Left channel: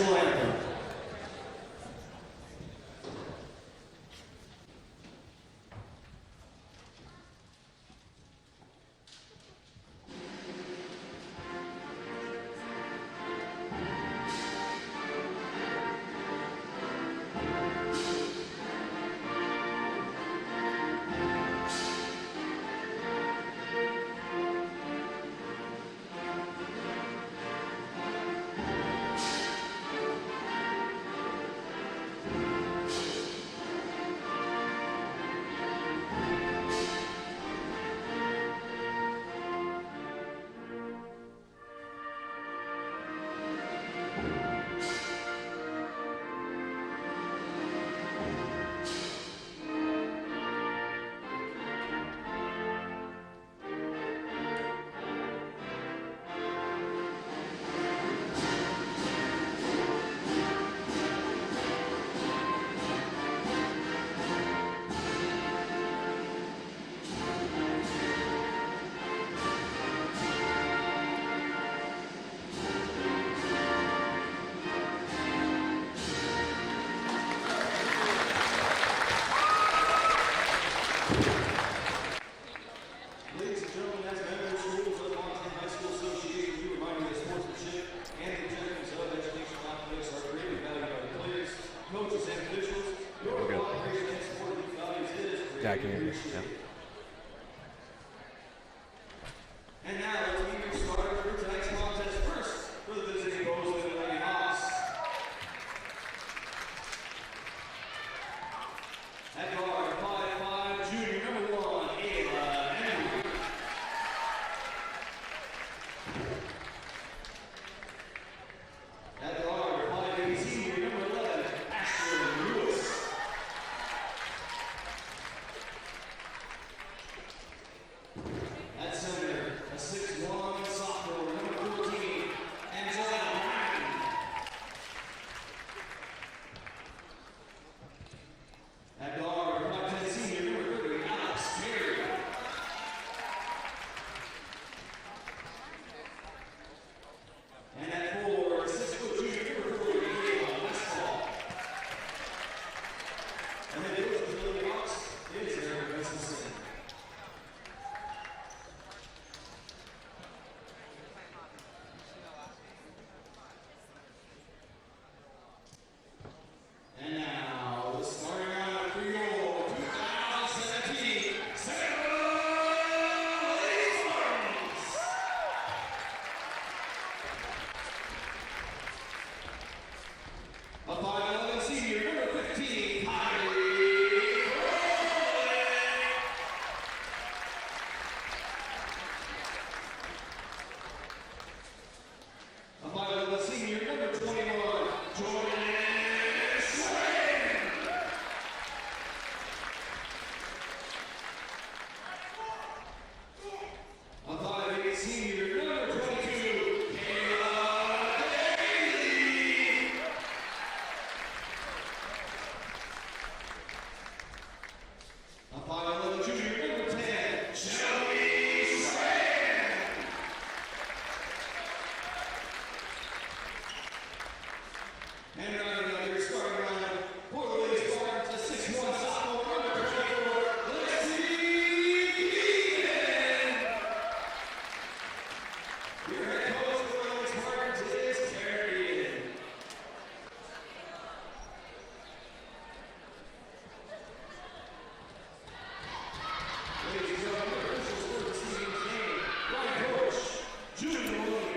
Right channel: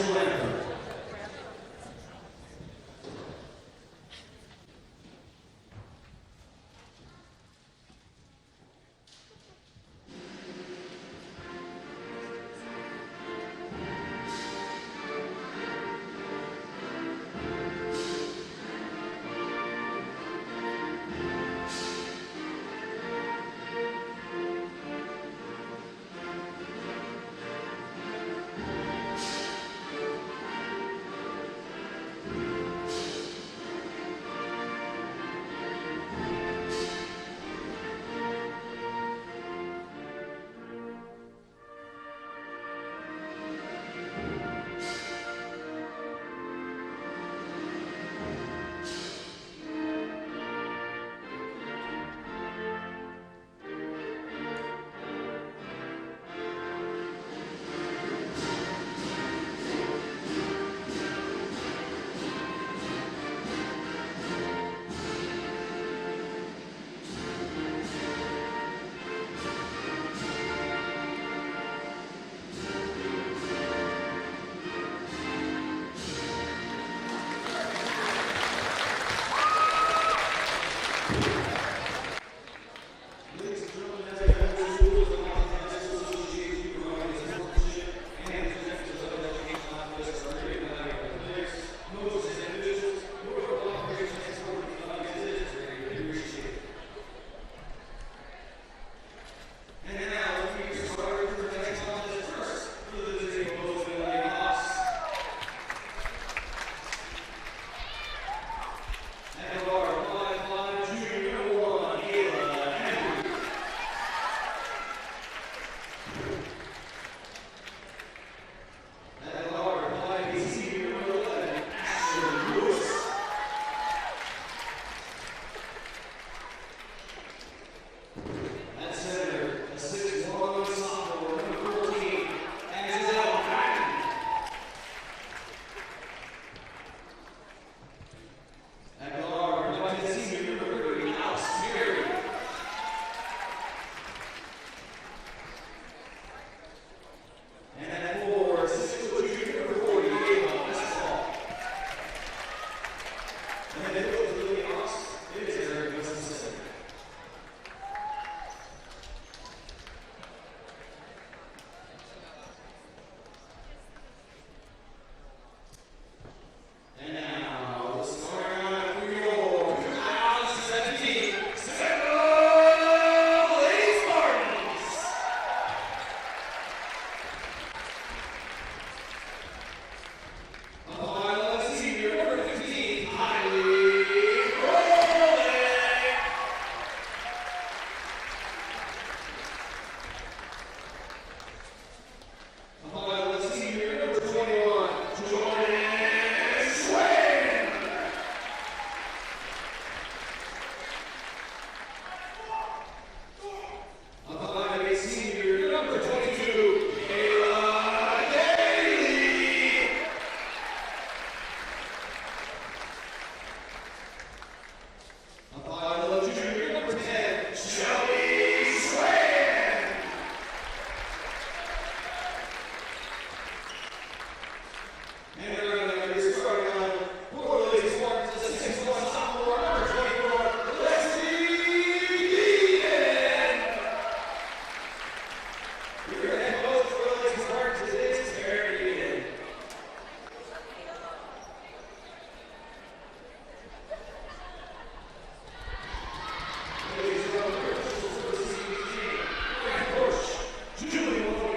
national anthem.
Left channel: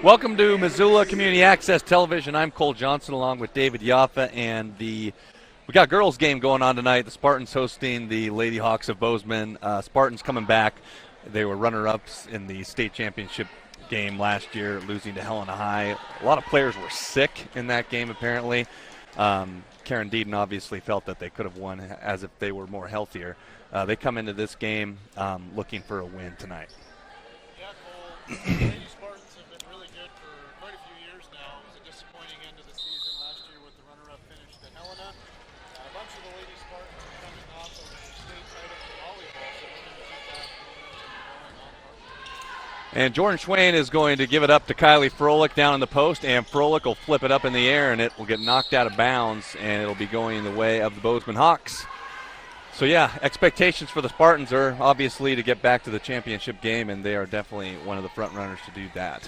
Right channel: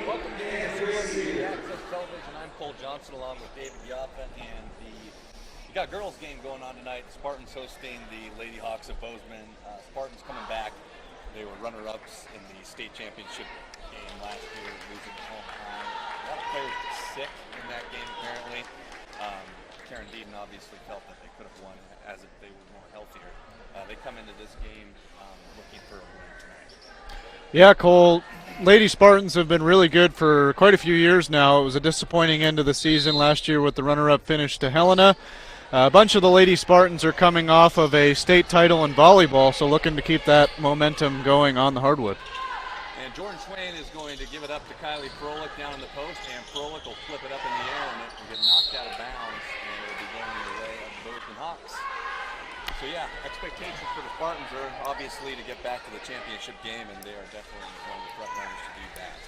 Welcome to Missoula Community Access Television. I'm Cole Johnson along with David Yaffa, and we got girls game going on tonight. The Spartans hosting the Lady Hawks of Bozeman. Spartans coming back. They were runner-ups in the state championship game last year, losing to Helena High. A lot of players were sick in that game apparently. Karen Deeden obviously felt that they could have won as if they were more healthier. They come into this game looking for a win tonight. Yeah, Cole, Lady Spartans have been really good for quite a few years now. It was a disappointing end of the season last year with the runner-up finish to Helena. A bunch of the Lady Spartans are coming off of a state title in volleyball, so looking to keep that momentum going on the hardwood. And Jordan Schwain is going to give it up to Kylie Froelich down in the post, and Froelich will flip it up in the air, and it will get knocked out of bounds, and it'll be going the way of the Bozeman Hawks. So, yeah, expectations for the Spartans are obviously to get back to the championship game, and they are definitely one of the front runners to do that.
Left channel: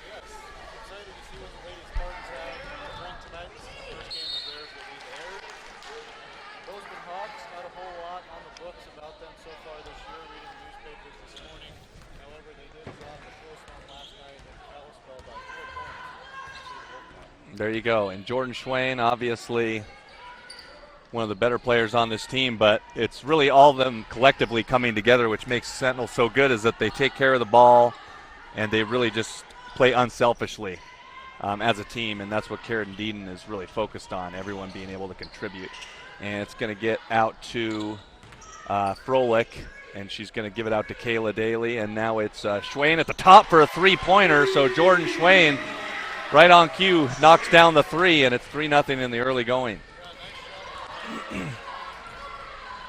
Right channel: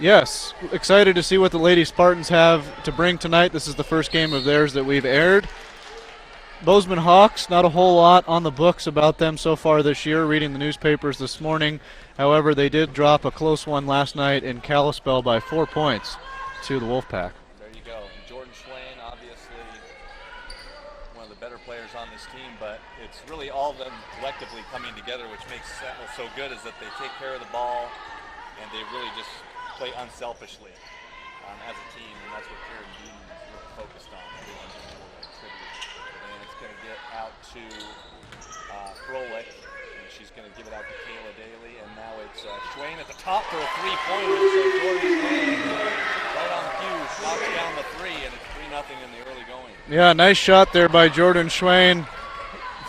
Yes, excited to see what the Lady Spartans have to bring tonight. This is the first game of theirs that we've aired. Bozeman Hawks, not a whole lot on the books about them so far this year, reading the newspapers this morning. However, they did drop a close one last night in Kalispell by 4 points to the Wolfpack. There you go. And Jordan Schwain, obviously one of the better players on this team, but it's really all of them collectively coming together, which makes Sentinel so good, is that they take care of the ball and they really just play unselfishly as a team, and that's what Karen Deeden is really focused on, everyone being able to contribute. And it's going to get out to Froelich, and she's going to give it out to Kayla Daly, and now it's Schwain at the top for a three-pointer. So Jordan Schwain, right on cue, knocks down the three, and it's 3-0 in the early going. Yeah, nice shot there by Jordan Schwain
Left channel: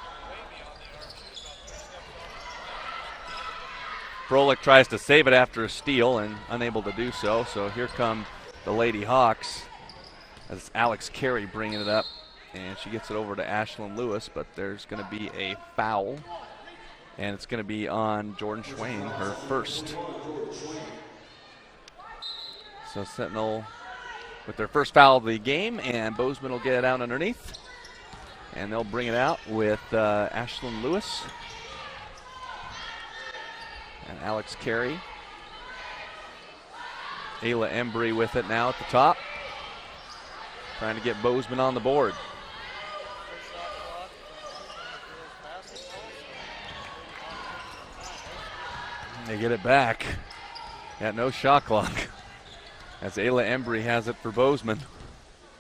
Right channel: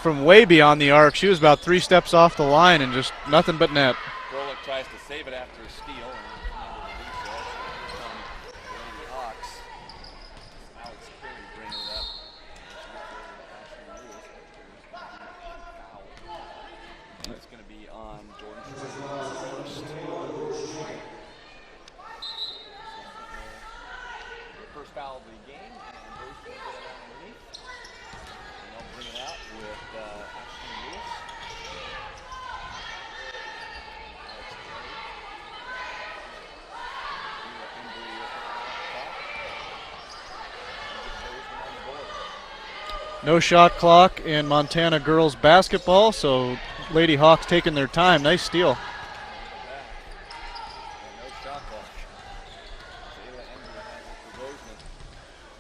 from way beyond the arc. She was about 3 steps off the line and just nothing but net. Froelich tries to save it after a steal and unable to do so. So here come the Lady Hawks as Alex Carey bringing it up. And she gets it over to Ashlyn Lewis, but there's going to be a foul. And it's going to be on Jordan Schwain, her first. So Sentinel with their first foul of the game, and Bozeman will get it out underneath. And they'll bring it out with Ashlyn Lewis. And Alex Carey. Ayla Embry with it now at the top. Trying to get Bozeman on the board. No shot clock in Montana girls basketball, so Lady Hawks taking their time. Nice steal. They get it back. Yeah, no shot clock. As Ayla Embry has it for Bozeman.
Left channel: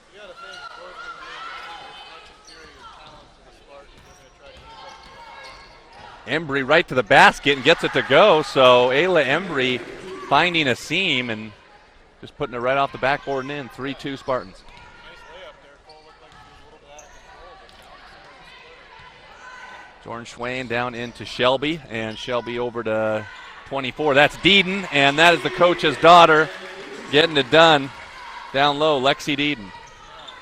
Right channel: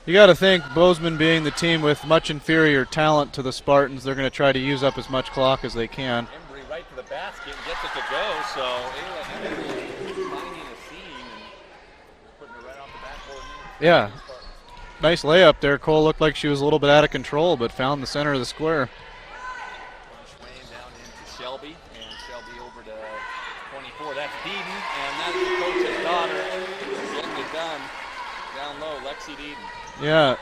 You got to think, Bozeman being the team with much inferior talent to the Spartans, they're going to try to use up as much clock as they can. Embry right to the basket and gets it to go. So Ayla Embry finding a seam and just putting it right off the backboard and in. 3-2 Spartans. Nice layup there. Cole looked like she was a little bit out of control, but found the center of the square. Jordan Schwain down into Shelby, and Shelby over to 24. That's Deeden, and that is the coach's daughter getting it done down low, Lexi Deeden. Yeah.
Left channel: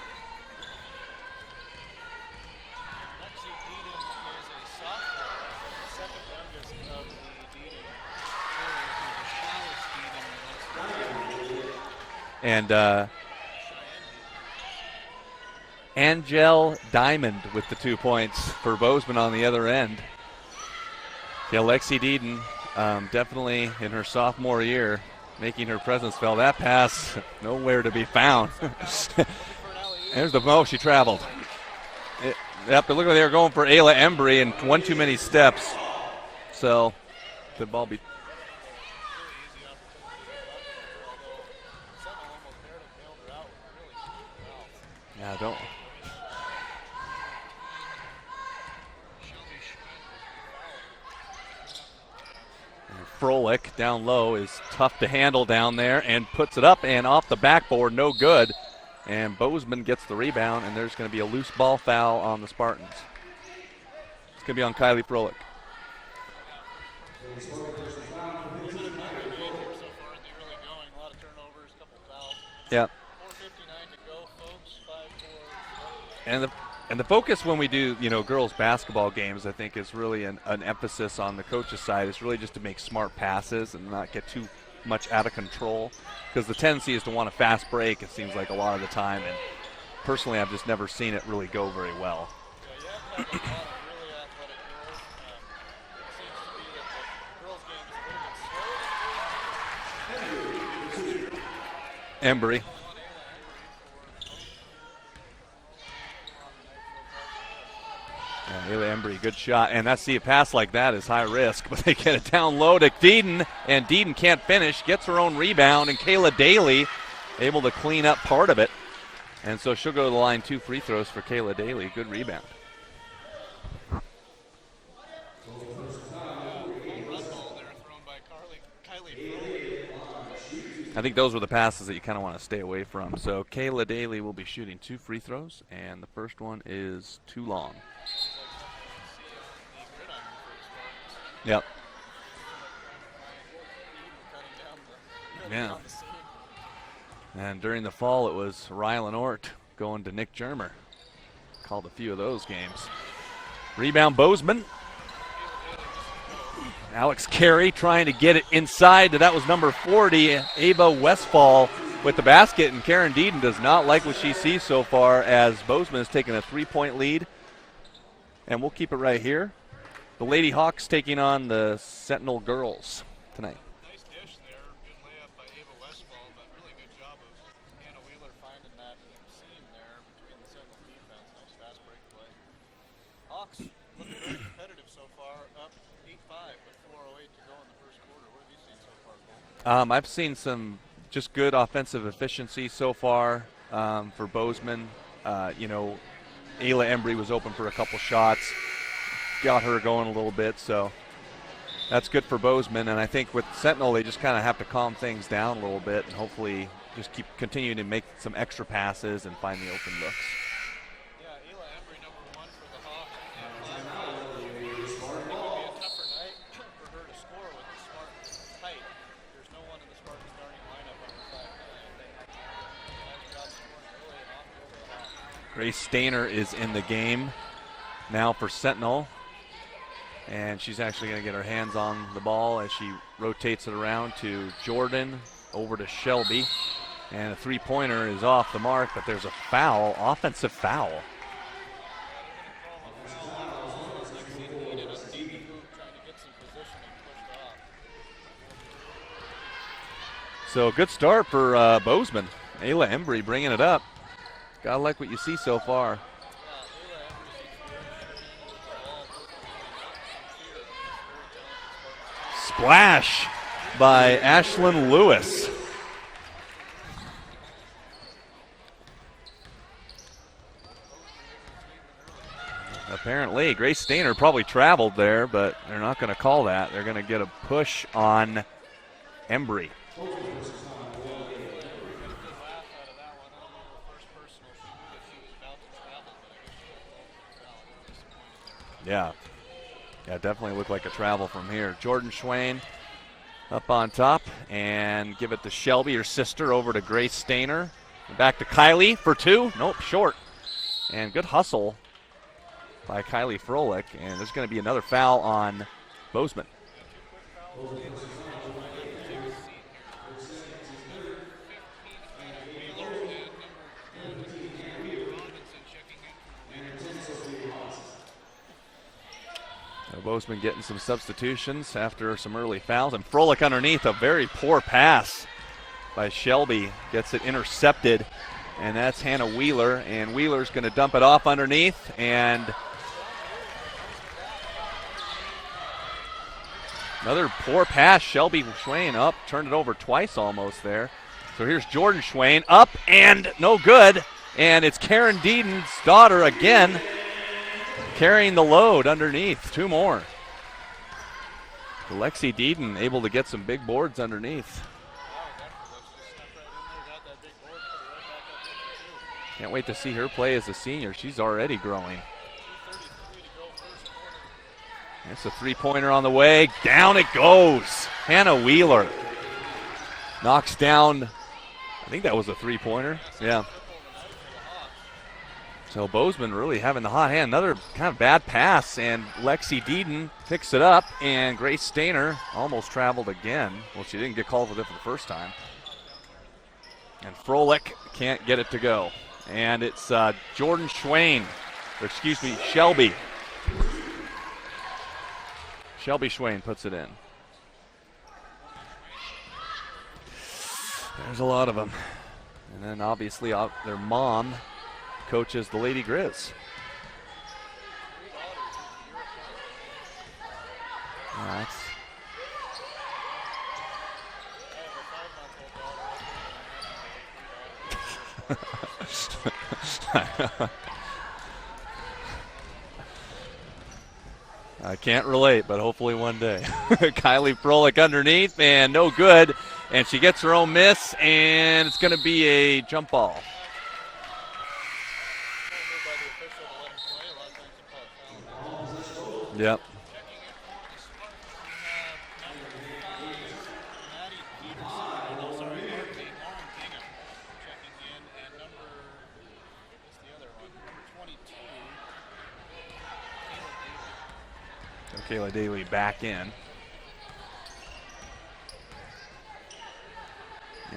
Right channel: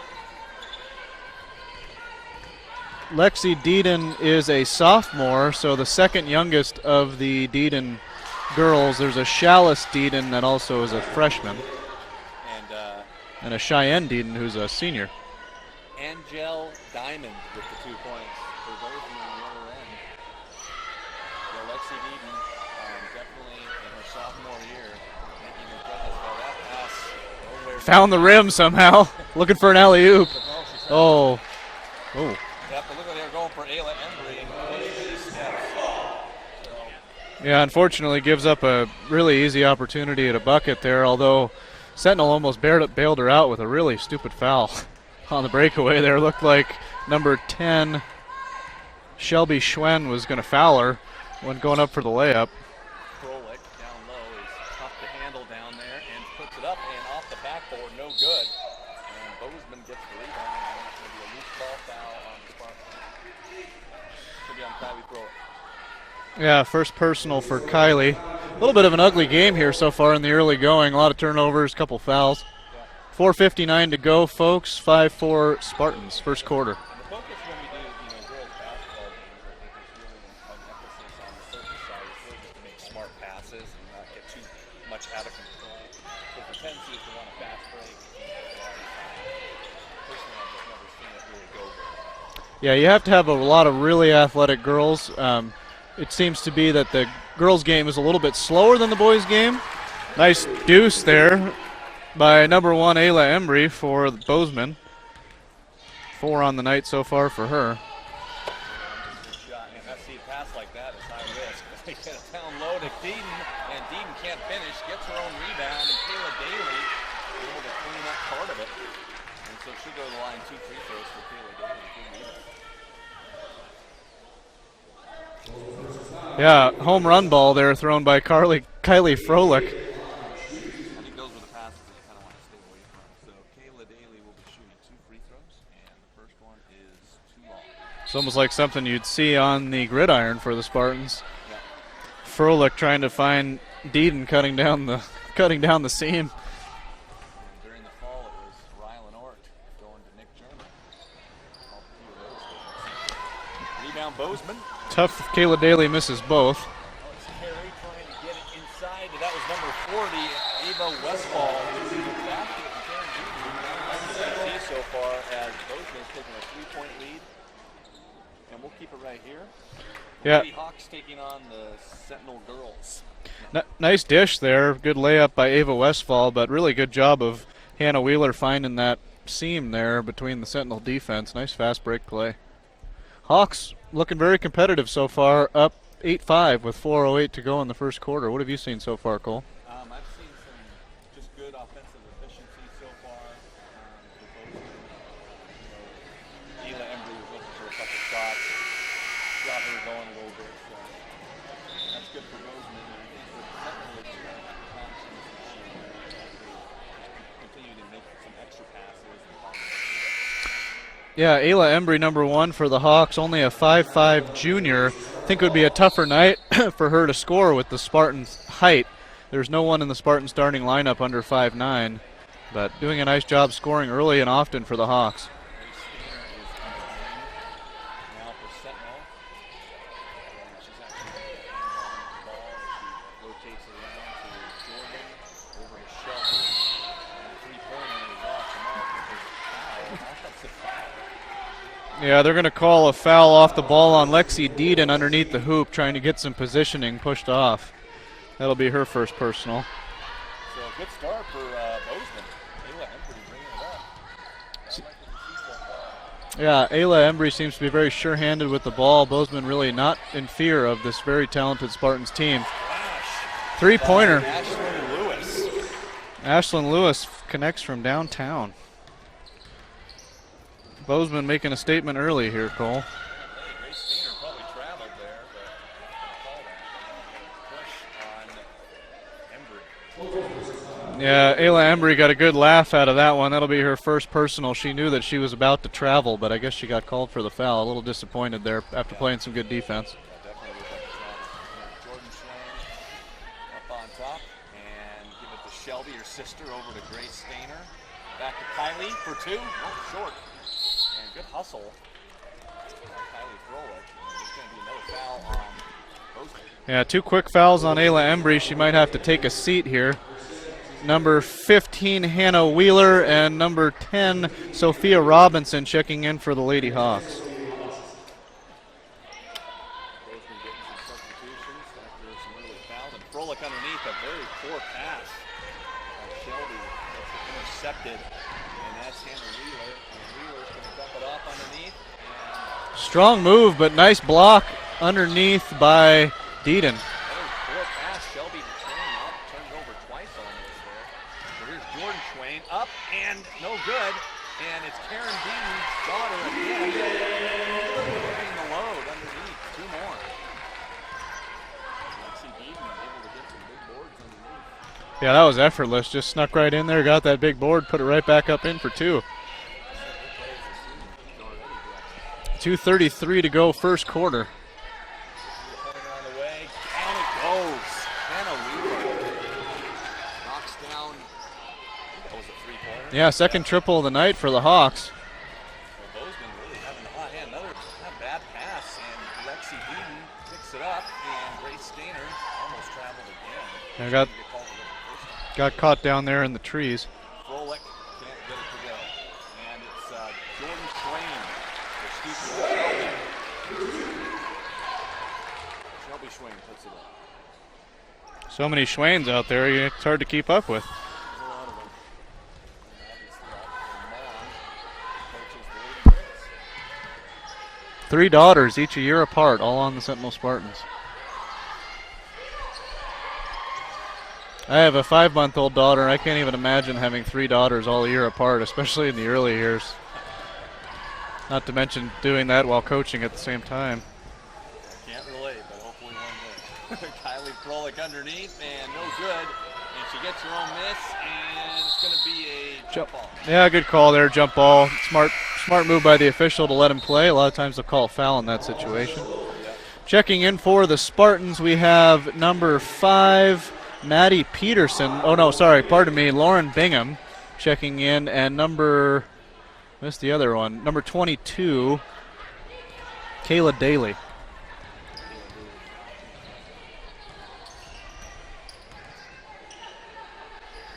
Lexi Deeden is a sophomore, so the second youngest of the Deeden girls. There's a Chalice Deeden that also is a freshman. And a Cheyenne Deeden who's a senior. Angel Diamond with the 2 points for Bozeman on the other end. Yeah, Lexi Deeden definitely in her sophomore year making her presence felt. That pass nowhere to found be the found. Rim somehow. Looking for an alley-oop. She traveled. Oh. Yep, look like they were going for Ayla Embry and one too many steps. So yeah, unfortunately gives up a really easy opportunity at a bucket there, although Sentinel almost bailed her out with a really stupid foul on the breakaway there. Looked like number 10, Shelby Schwen, was going to foul her when going up for the layup. Froelich down low is tough to handle down there and puts it up and off the backboard, no good. And Bozeman gets the rebound, and there's going to be a loose ball foul on the Spartans. It's going to be on Kylie Froelich. Yeah, first personal for Kylie. A little bit of an ugly game here so far in the early going. A lot of turnovers, couple fouls. Yeah. 4:59 to go, folks. 5-4 Spartans, first quarter. And the focus when we do, girls basketball games, I think is really an emphasis on the coach's side. Is really just to make smart passes and not get too much out of control. Because the tendency is to want a fast break, it seems like a lot of the time. And personally, I've just never seen it really go very well. Yeah, you have to have a lot of really athletic girls. It seems to be that the girls' game is a little bit slower than the boys' game. Nice deuce there by number 1, Ayla Embry for Bozeman. 4 on the night so far for her. Ayla Embry, good shot. And that's a pass like that is high risk, but they get it down low to Deeden, and Deeden can't finish, gets her own rebound, and Kayla Daly able to clean up part of it. And so she'll go to the line, 2 free throws for Kayla Daly. Good rebound. Yeah, home run ball there thrown by Kylie Froelich. I think those were the passes that you kind of want to stay away from. So Kayla Daly will be shooting 2 free throws, and the first one is too long. It's almost like something you'd see on the gridiron for the Spartans. Yep. Froelich trying to find Deeden cutting down the seam. And during the fall, it was Rylan Ort going to Nick Germer. Called a few of those games. Rebound Bozeman. Tough if Kayla Daly misses both. Alex Carey trying to get it inside. That was number 40, Ava Westfall with the basket. And Karen Deeden does not like what she sees so far as Bozeman has taken a 3-point lead. And we'll keep it right here. The Lady Hawks taking on the Sentinel girls tonight. Nice dish there. Good layup by Ava Westfall, but really good job of Hannah Wheeler finding that seam there between the Sentinel defense. Nice fast break play. Hawks looking very competitive so far, up 8-5 with 4:08 to go in the first quarter. What have you seen so far, Cole? I've seen some just good offensive efficiency so far for Bozeman. Ayla Embry was open for a couple shots, got her going a little bit, so that's good for Bozeman. And I think with Sentinel, they just kind of have to calm things down a little bit and hopefully just continue to make some extra passes and find the open looks. Yeah, Ayla Embry, number 1 for the Hawks, only a 5'5 junior. I think it would be a tougher night for her to score with the Spartans' height. There's no one in the Spartan starting lineup under 5'9", but doing a nice job scoring early and often for the Hawks. Grace Stainer is in the game now for Sentinel, and she's actually going to get her hands on the ball as she rotates it around to Jordan, over to Shelby. And a three-pointer is off the mark, but there's a foul, offensive foul. Yeah, they're going to call a foul off the ball on Lexi Deeden underneath the hoop, trying to get some positioning pushed off. That'll be her first personal. So good start for Bozeman. Ayla Embry bringing it up. Gotta like what you see so far. Yeah, Ayla Embry seems to be very sure-handed with the ball. Bozeman really not in fear of this very talented Spartans team. Splash! Three-pointer. By Ashlyn Lewis. Ashlyn Lewis connects from downtown. Bozeman making a statement early here, Cole. Apparently, Grace Stainer probably traveled there, but they're not going to call that. They're going to get a push on Embry. Yeah, Ayla Embry got a good laugh out of that one. That'll be her first personal. She knew that she was about to travel, but I guess she got called for the foul. A little disappointed there after playing some good defense. Yeah, definitely looked like a travel from here. Jordan Schwain up on top, and give it to Shelby, her sister, over to Grace Stainer. Back to Kylie for two. Nope, short. And good hustle by Kylie Froelich, and there's going to be another foul on Bozeman. Yeah, 2 quick fouls on Ayla Embry. She might have to take a seat here. Number 15, Hannah Wheeler, and number 10, Sophia Robinson, checking in for the Lady Hawks. Bozeman getting some substitutions after some early fouls, and Froelich underneath, a very poor pass by Shelby, gets it intercepted, and that's Hannah Wheeler, and Wheeler's going to dump it off underneath, and strong move, but nice block underneath by Deeden. Another poor pass. Shelby Schwain up, turned it over twice almost there. So here's Jordan Schwain up and no good, and it's Karen Deeden's daughter again carrying the load underneath. 2 more. Lexi Deeden able to get some big boards underneath. Yeah, that was effortless. Just snuck right in there, got that big board, put it right back up in for 2. Can't wait to see her play as a senior. She's already growing. 2:33 to go first quarter. That's a three-pointer on the way. Down it goes. Hannah Wheeler knocks down, I think that was a three-pointer. Yeah, second triple of the night for the Hawks. So Bozeman really having the hot hand. Another kind of bad pass, and Lexi Deeden picks it up, and Grace Stainer almost traveled again. Well, she didn't get called for it the first time. Got caught down there in the trees. And Froelich can't get it to go. And it's Jordan Schwain, Shelby. Shelby Schwain puts it in. So many Schwains out there, it's hard to keep up with. There's a lot of them. And then obviously their mom coaches the Lady Grizz. 3 daughters, each a year apart, all on the Sentinel Spartans. I have a 5-month-old daughter. I can't even imagine having 3 daughters all a year apart, especially in the early years. Not to mention doing that while coaching at the same time. I can't relate, but hopefully one day. Kylie Froelich underneath, and no good. And she gets her own miss, and it's going to be a jump ball. Yeah, good call there, jump ball. Smart move by the official to let him play. A lot of times they'll call a foul in that situation. Yep. Checking in for the Spartans, we have number 5, Maddie Peterson. Oh, no, sorry, pardon me, Lauren Bingham checking in, and missed the other one, number 22, Kayla Daly. Kayla Daly back in.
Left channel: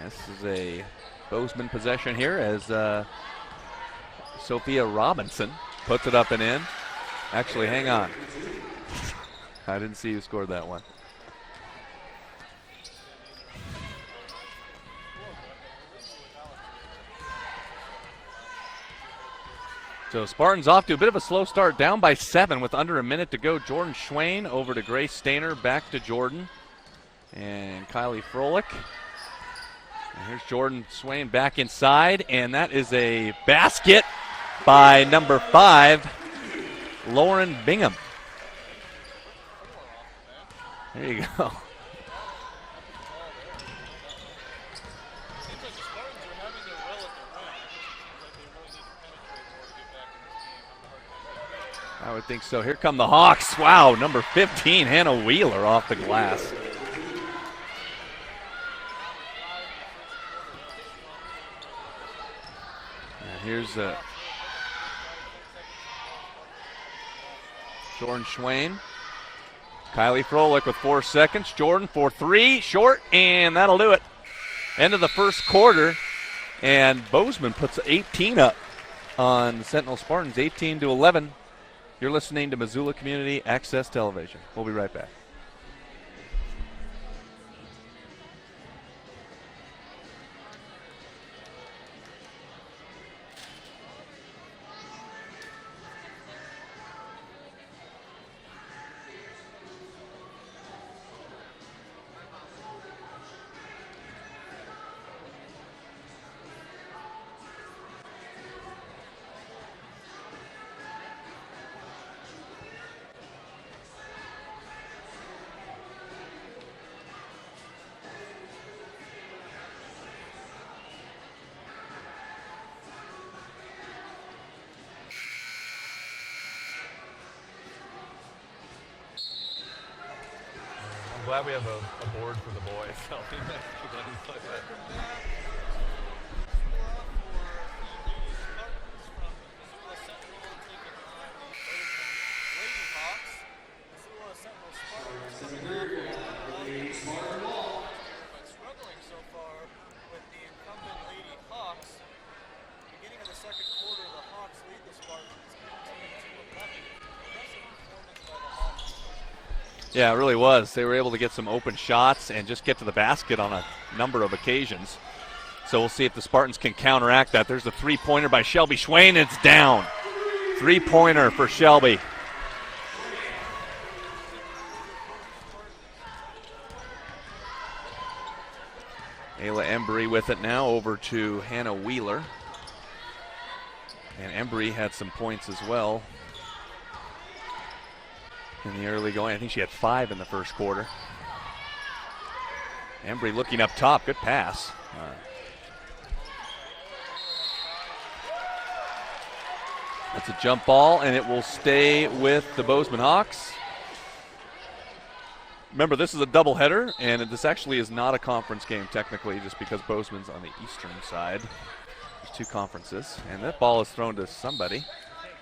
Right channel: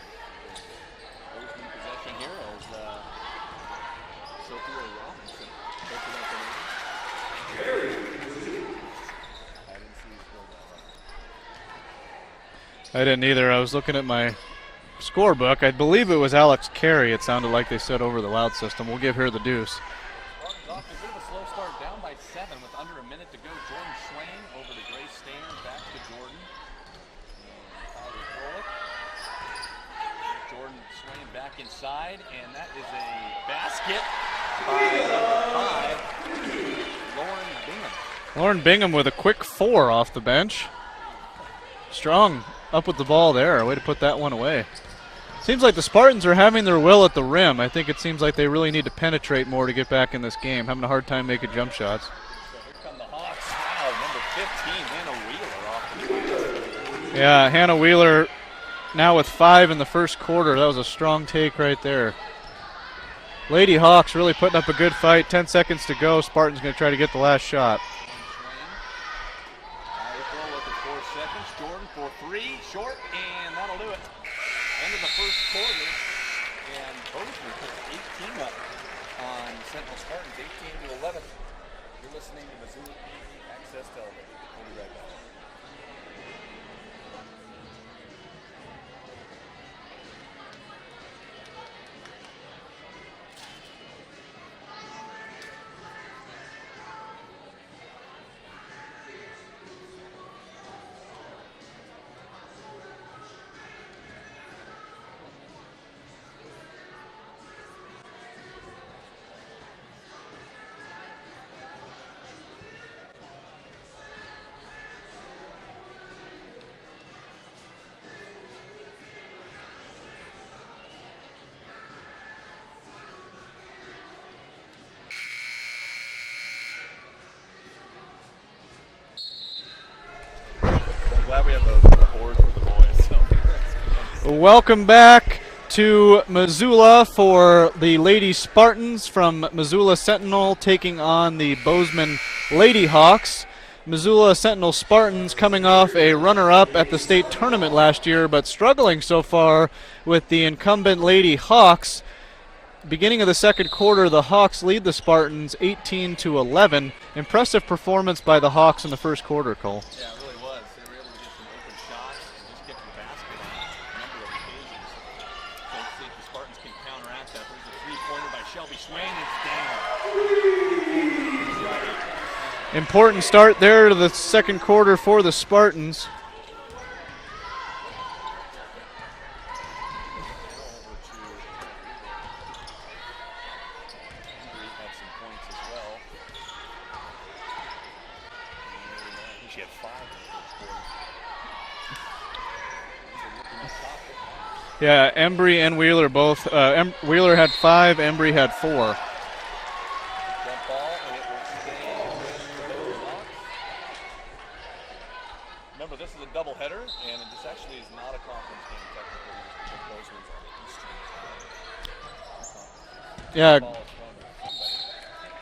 This is a Bozeman possession here as Sophia Robinson puts it up and in. Actually, hang on. I didn't see who scored that one. I didn't either. I was looking at my scorebook. I believe it was Alex Carey. It sounded like they said over the loud system. We'll give her the deuce. So Spartans off to a bit of a slow start, down by 7 with under a minute to go. Jordan Schwain over to Grace Stainer, back to Jordan. And Kylie Froelich. And here's Jordan Swain back inside, and that is a basket by number 5, Lauren Bingham. Lauren Bingham with a quick 4 off the bench. There you go. Strong up with the ball there. Way to put that one away. Seems like the Spartans are having their will at the rim. I think it seems like they really need to penetrate more to get back in this game. Having a hard time making jump shots. I would think so. Here come the Hawks. Wow, number 15, Hannah Wheeler off the glass. Yeah, Hannah Wheeler now with 5 in the first quarter. That was a strong take right there. Lady Hawks really putting up a good fight. 10 seconds to go. Spartans going to try to get the last shot. Jordan Schwain. Kylie Froelich with 4 seconds. Jordan for 3, short, and that'll do it. End of the first quarter, and Bozeman puts 18 up on Sentinel Spartans, 18-11. You're listening to Missoula Community Access Television. We'll be right back. Glad we have a board for the boys. So. Welcome back to Missoula for the Lady Spartans from Missoula Sentinel taking on the Bozeman Lady Hawks. Missoula Sentinel Spartans coming off a runner-up at the state tournament last year, but struggling so far with the incumbent Lady Hawks. Beginning of the second quarter, the Hawks lead the Spartans 18-11. Impressive performance by the Hawks in the first quarter, Cole. Yeah, it really was. They were able to get some open shots and just get to the basket on a number of occasions. So we'll see if the Spartans can counteract that. There's a three-pointer by Shelby Schwain, and it's down. Three-pointer for Shelby. Important start there to the second quarter for the Spartans. Ayla Embry with it now over to Hannah Wheeler. And Embry had some points as well in the early going. I think she had 5 in the first quarter. Embry looking up top. Good pass. Yeah, Embry and Wheeler both. Wheeler had 5, Embry had 4. It's a jump ball, and it will stay with the Bozeman Hawks. Remember, this is a doubleheader, and this actually is not a conference game technically, just because Bozeman's on the eastern side. 2 conferences. And yeah, the ball is thrown to somebody.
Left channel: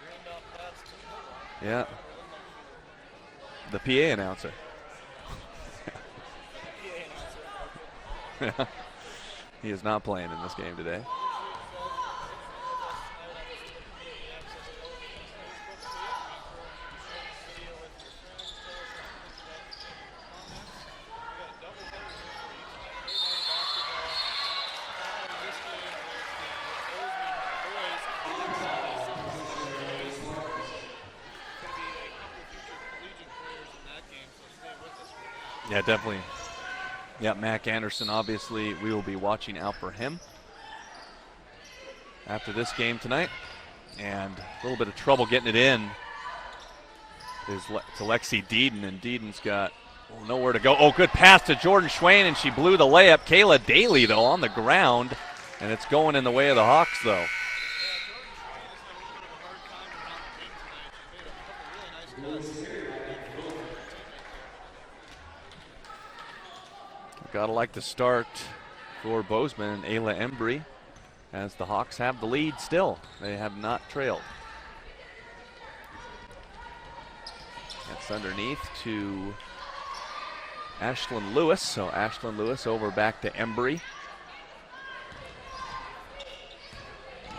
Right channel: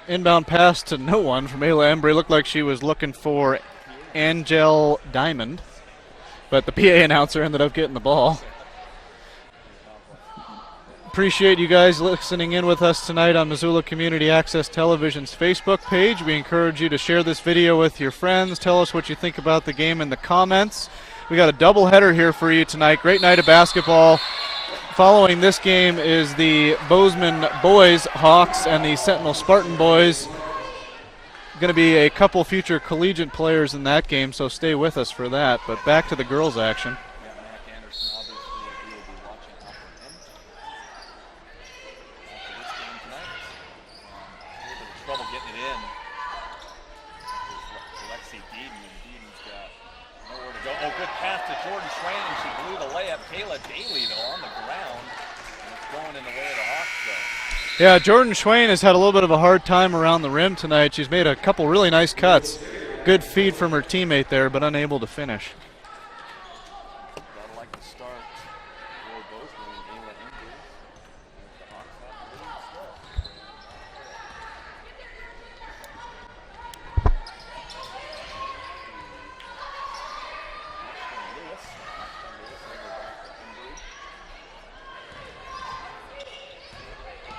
Inbound pass to no one from Ayla Embry. Looked like she was looking for the PA announcer. Angel Diamond, but the PA announcer ended up getting the ball. He is not playing in this game today. Appreciate you guys listening in with us tonight on Missoula Community Access Television's Facebook page. We encourage you to share this video with your friends. Tell us what you think about the game in the comments. We got a doubleheader here for you tonight. Great night of basketball. Following this game is the Bozeman boys, Hawks, and the Sentinel Spartan boys. Going to be a couple future collegiate players in that game, so stay with us for that. But back to the girls' action. Yeah, Mac Anderson, obviously, we will be watching out for him after this game tonight. And a little bit of trouble getting it in is to Lexi Deeden, and Deeden's got nowhere to go. Oh, good pass to Jordan Schwain, and she blew the layup. Kayla Daly, though, on the ground, and it's going in the way of the Hawks, though. Yeah, Jordan Schwain has had a little bit of a hard time around the rim tonight. She's made a couple really nice cuts. good feed from her teammate there, but unable to finish. Gotta like the start for Bozeman and Ayla Embry, as the Hawks have the lead still. They have not trailed. It's underneath to Ashlyn Lewis. So Ashlyn Lewis over back to Embry.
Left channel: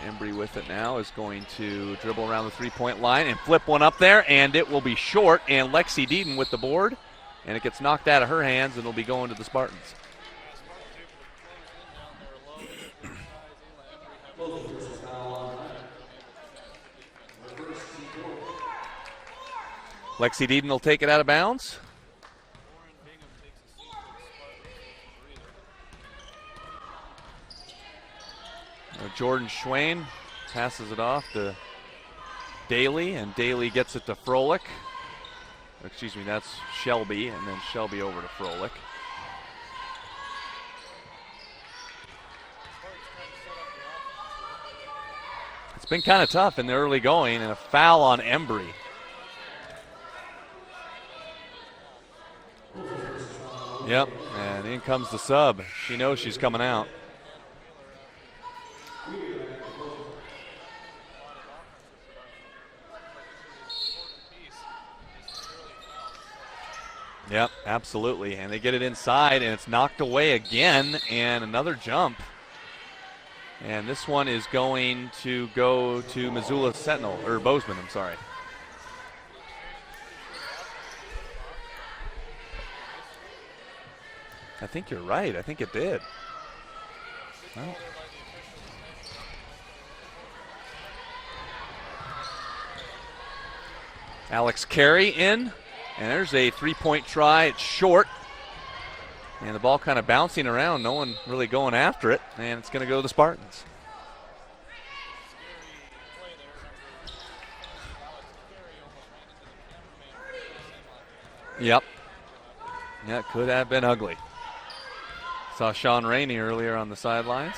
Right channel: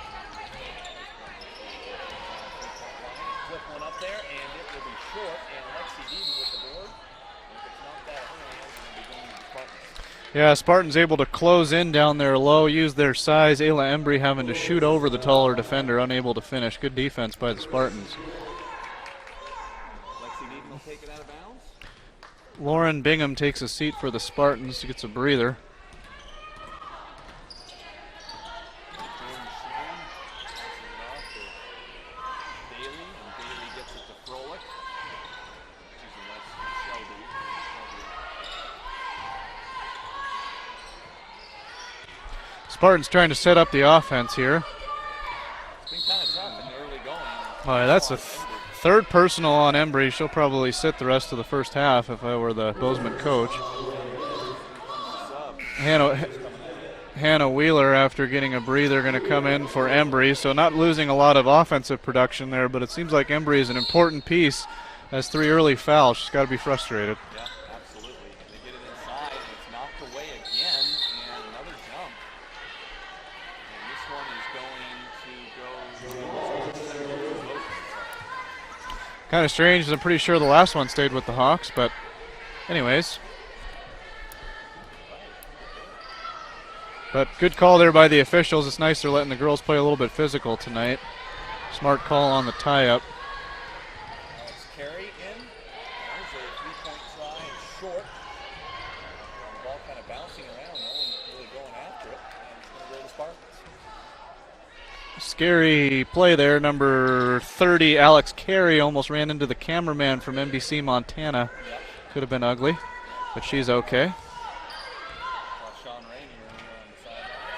Embry with it now is going to dribble around the three-point line and flip one up there, and it will be short, and Lexi Deaton with the board, and it gets knocked out of her hands, and it'll be going to the Spartans. Yeah, Spartans able to close in down there low, use their size. Ayla Embry having to shoot over the taller defender, unable to finish. Good defense by the Spartans. Lexi Deaton will take it out of bounds. Lauren Bingham takes a seat for the Spartans, gets a breather. And Jordan Schwain passes it off to Daly, and Daly gets it to Froelich. Excuse me, that's Shelby, and then Shelby over to Froelich. Spartans trying to set up the offense here. It's been kind of tough in the early going, and a foul on Embry. Third personal on Embry. She'll probably sit the rest of the first half if I were the Bozeman coach. Yep, and in comes the sub. She's coming out. Hannah Wheeler, after getting a breather, going to come in for Embry. So not losing a lot of offensive production there, but it seems like Embry is an important piece. Has 3 early fouls. She's got to be frustrated. Yep, absolutely. And they get it inside, and it's knocked away again, and another jump. And this one is going to go to Missoula Sentinel, or Bozeman, I'm sorry. Kind of strange. I'm pretty sure the last one stayed with the Hawks, but anyways. I think you're right. I think it did. But good call there by the officials. It's nice they're letting the girls play a little bit physical tonight. Smart call on the tie-up. Alex Carey in, and there's a three-point try. It's short. And the ball kind of bouncing around, no one really going after it, and it's going to go to the Spartans. Scary play there. Number 30, Alex Carey, almost ran into the cameraman from NBC Montana. Yep. Could have been ugly. Yeah, but could have she's been okay. ugly. Saw Sean Rainey earlier on the sidelines.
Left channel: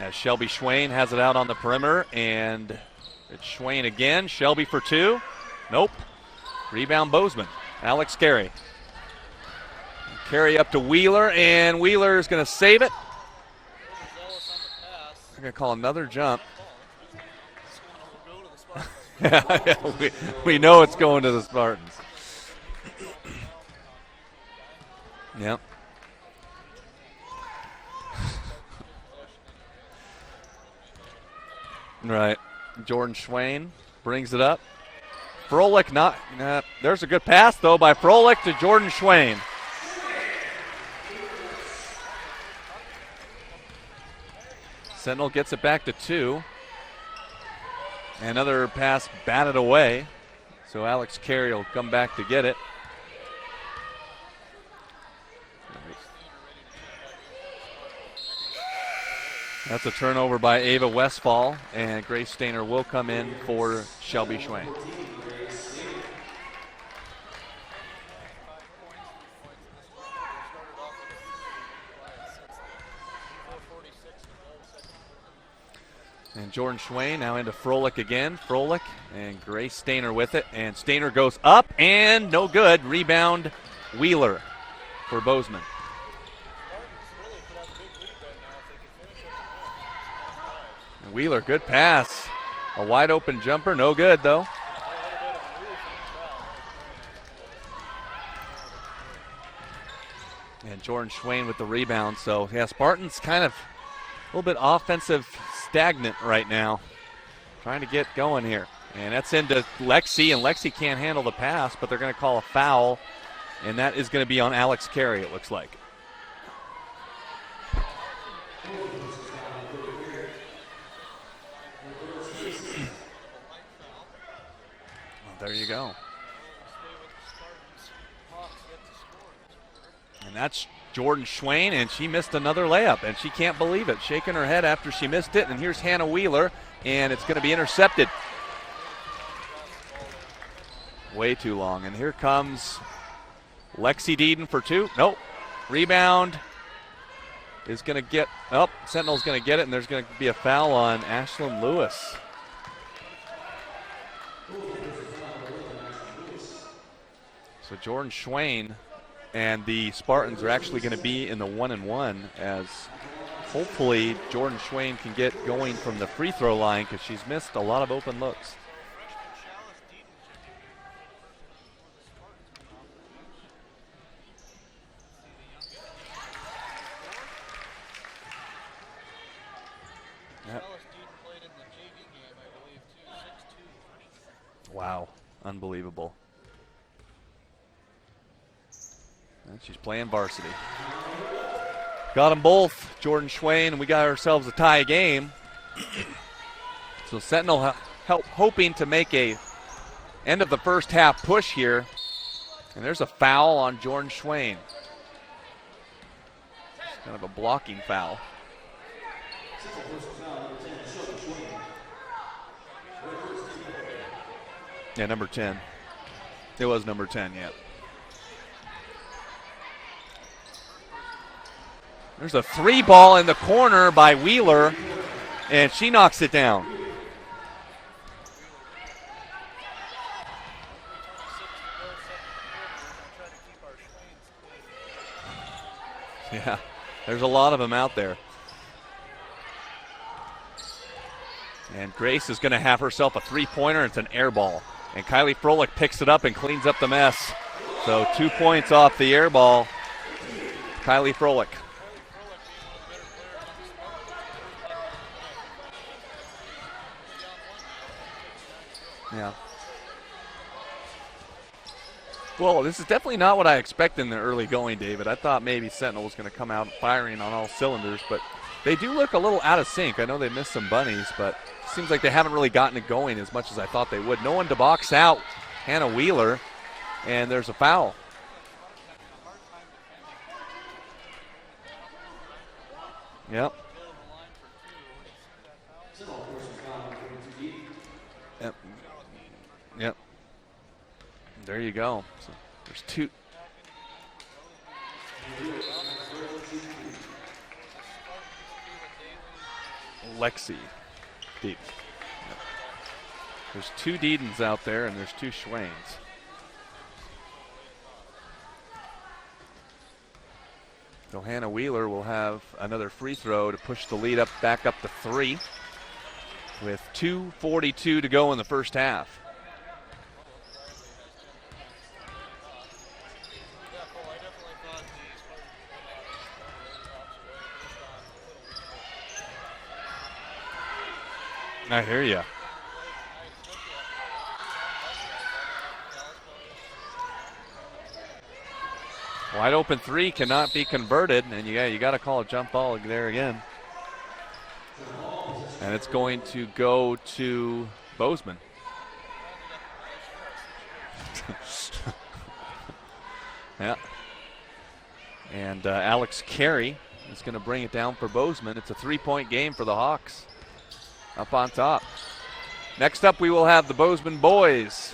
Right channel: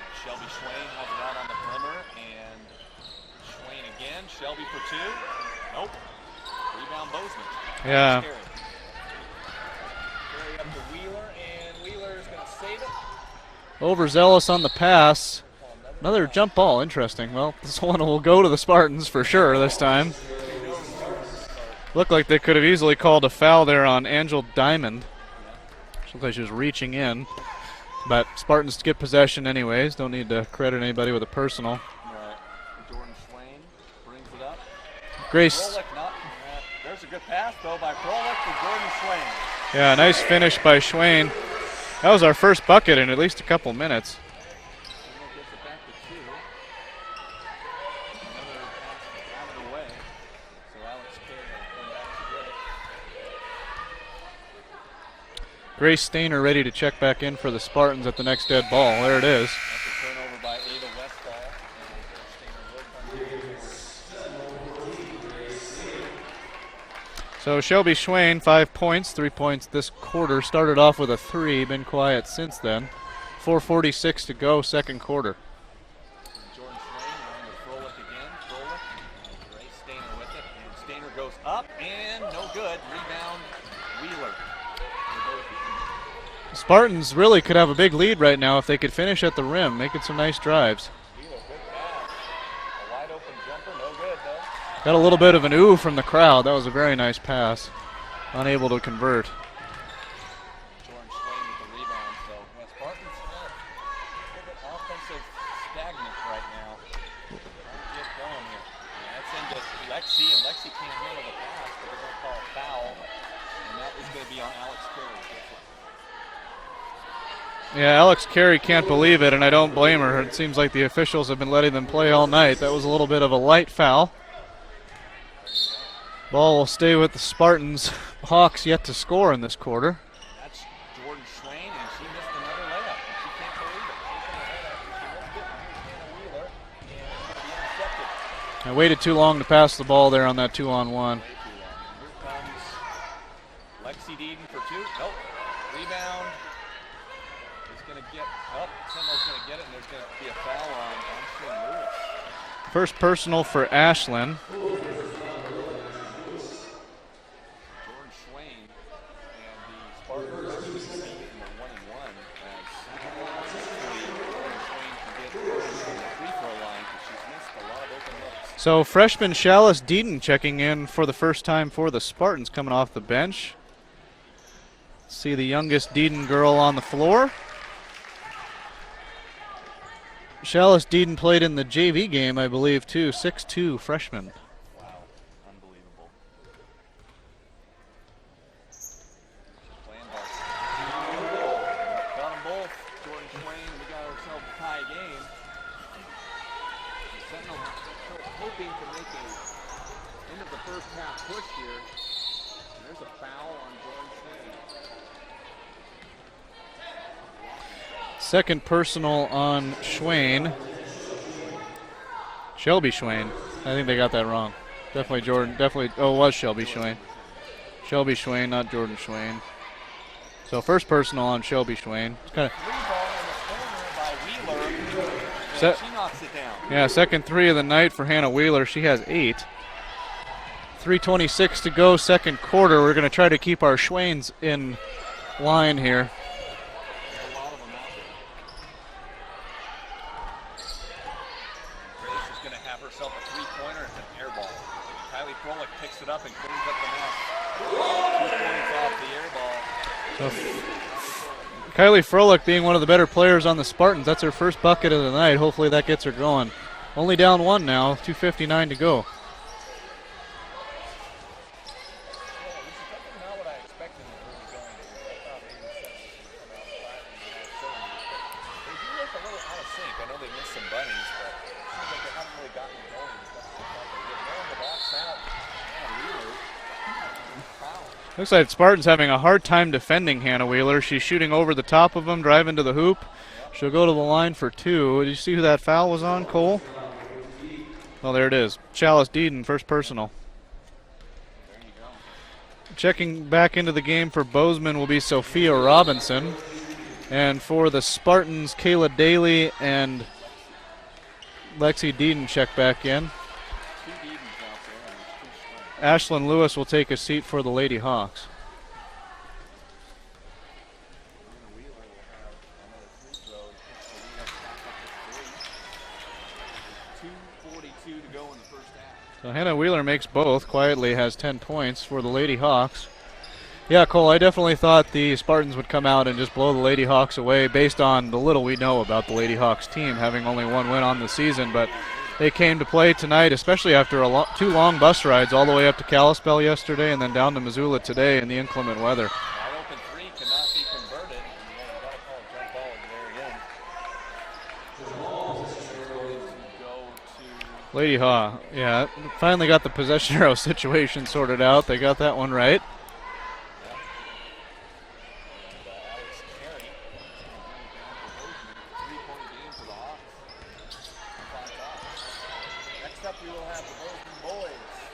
As Shelby Schwain has it out on the perimeter, and it's Schwain again. Shelby for 2. Nope. Rebound Bozeman. Alex Carey. Carey up to Wheeler, and Wheeler is going to save it. Overzealous on the pass. We're going to call another jump ball. Interesting. Well, this one will go to the Spartans for sure this time. we know it's going to the Spartans. Looked like they could have easily called a foul there on Angel Diamond. Yep. Looked like she was reaching in. But Spartans get possession anyways. Don't need to credit anybody with a personal. Right. Jordan Schwain brings it up. Grace. Froelich there's a good pass, though, by Froelich to Jordan Schwain. Yeah, nice finish by Schwain. That was our first bucket in at least a couple minutes. Sentinel gets it back to 2. Another pass batted away. So Alex Carey will come back to get it. Grace Stainer ready to check back in for the Spartans at the next dead ball. There it is. That's a turnover by Ava Westfall, and Grace Stainer will come in for Shelby Schwain. So Shelby Schwain, 5 points, 3 points this quarter. Started off with a 3, been quiet since then. 4:46 to go, second quarter. And Jordan Schwain now into Froelich again. Froelich and Grace Stainer with it, and Stainer goes up, and no good. Rebound Wheeler for Bozeman. Spartans really could have a big lead right now if they could finish at the rim, making some nice drives. Wheeler, good pass. A wide open jumper, no good though. Got a little bit of an ooh from the crowd. That was a very nice pass. Unable to convert. And Jordan Schwain with the rebound. So yeah, Spartans kind of a little bit offensive stagnant right now. Trying to get going here. And that's into Lexi, and Lexi can't handle the pass, but they're going to call a foul. And that is going to be on Alex Carey, it looks like. Yeah, Alex Carey can't believe it, and I don't blame her. It seems like the officials have been letting them play all night. That was a little bit of a light foul. There you go. Ball will stay with the Spartans. Hawks yet to score in this quarter. And that's Jordan Schwain, and she missed another layup, and she can't believe it. Shaking her head after she missed it, and here's Hannah Wheeler, and it's going to be intercepted. I waited too long to pass the ball there on that 2-on-1. Way too long. And here comes Lexi Deaton for 2. Nope. Rebound is going to get up. Sentinel's going to get it, and there's going to be a foul on Ashlyn Lewis. First personal for Ashlyn. So Jordan Schwain and the Spartans are actually going to be in the 1-1 as hopefully Jordan Schwain can get going from the free throw line because she's missed a lot of open looks. So freshman Chalice Deaton checking in for the first time for the Spartans coming off the bench. See the youngest Deaton girl on the floor. Chalice Deaton played in the JV game, I believe, too. 6'2", freshman. Wow, unbelievable. And she's playing varsity. Got them both, Jordan Schwain, and we got ourselves a tie game. So Sentinel hoping to make a end of the first half push here. And there's a foul on Jordan Schwain. Kind of a blocking foul. Second personal on Schwain. Shelby Schwain. I think they got that wrong. Definitely Jordan. 10. Definitely. Oh, it was Shelby Schwain. It was number 10, yeah. Shelby Schwain, not Jordan Schwain. So first personal on Shelby Schwain. There's a three ball in the corner by Wheeler, and she knocks it down. Yeah, second three of the night for Hannah Wheeler. She has 8. 3:26 to go, second quarter. We're going to try to keep our Schwains in line here. Yeah, there's a lot of them out there. And Grace is going to have herself a three-pointer. It's an air ball. And Kylie Froelich picks it up and cleans up the mess. So 2 points off the air ball. Kylie Froelich. Kylie Froelich being one of the better players on the Spartans. That's her first bucket of the night. Hopefully that gets her going. Only down 1 now, 2:59 to go. Yeah. Well, this is definitely not what I expected in the early going, David. I thought maybe Sentinel was going to come out firing on all cylinders, but they do look a little out of sync. I know they missed some bunnies, but it seems like they haven't really gotten it going as much as I thought they would. No one to box out Hannah Wheeler, and there's a foul. Looks like Spartans having a hard time defending Hannah Wheeler. She's shooting over the top of them, driving to the hoop. Yep. She'll go to the line for 2. Did you see who that foul was on, Cole? Oh, there it is. Chalice Deaton, first personal. Yep. There you go. Checking back into the game for Bozeman will be Sophia Robinson. And for the Spartans, Kayla Daly and Lexi Deaton check back in. There's 2 Deedens out there, and there's 2 Schwain. Ashlyn Lewis will take a seat for the Lady Hawks. So Hannah Wheeler will have another free throw to push the lead back up to 3 with 2:42 to go in the first half. So Hannah Wheeler makes both, quietly has 10 points for the Lady Hawks. Yeah, Cole, I definitely thought the Spartans would come out and just blow the Lady Hawks away based on the little we know about the Lady Hawks team, having only 1 win on the season. But I hear you. They came to play tonight, especially after 2 long bus rides all the way up to Kalispell yesterday and then down to Missoula today in the inclement weather. Wide open 3 cannot be converted, and you got to call a jump ball there again. And it's going to go to Lady Hawk. Yeah, finally got the possession arrow situation sorted out. They got that one right. Yeah. And Alex Carey is going to bring it down for Bozeman. It's a 3-point game for the Hawks up on top. Next up, we will have the Bozeman boys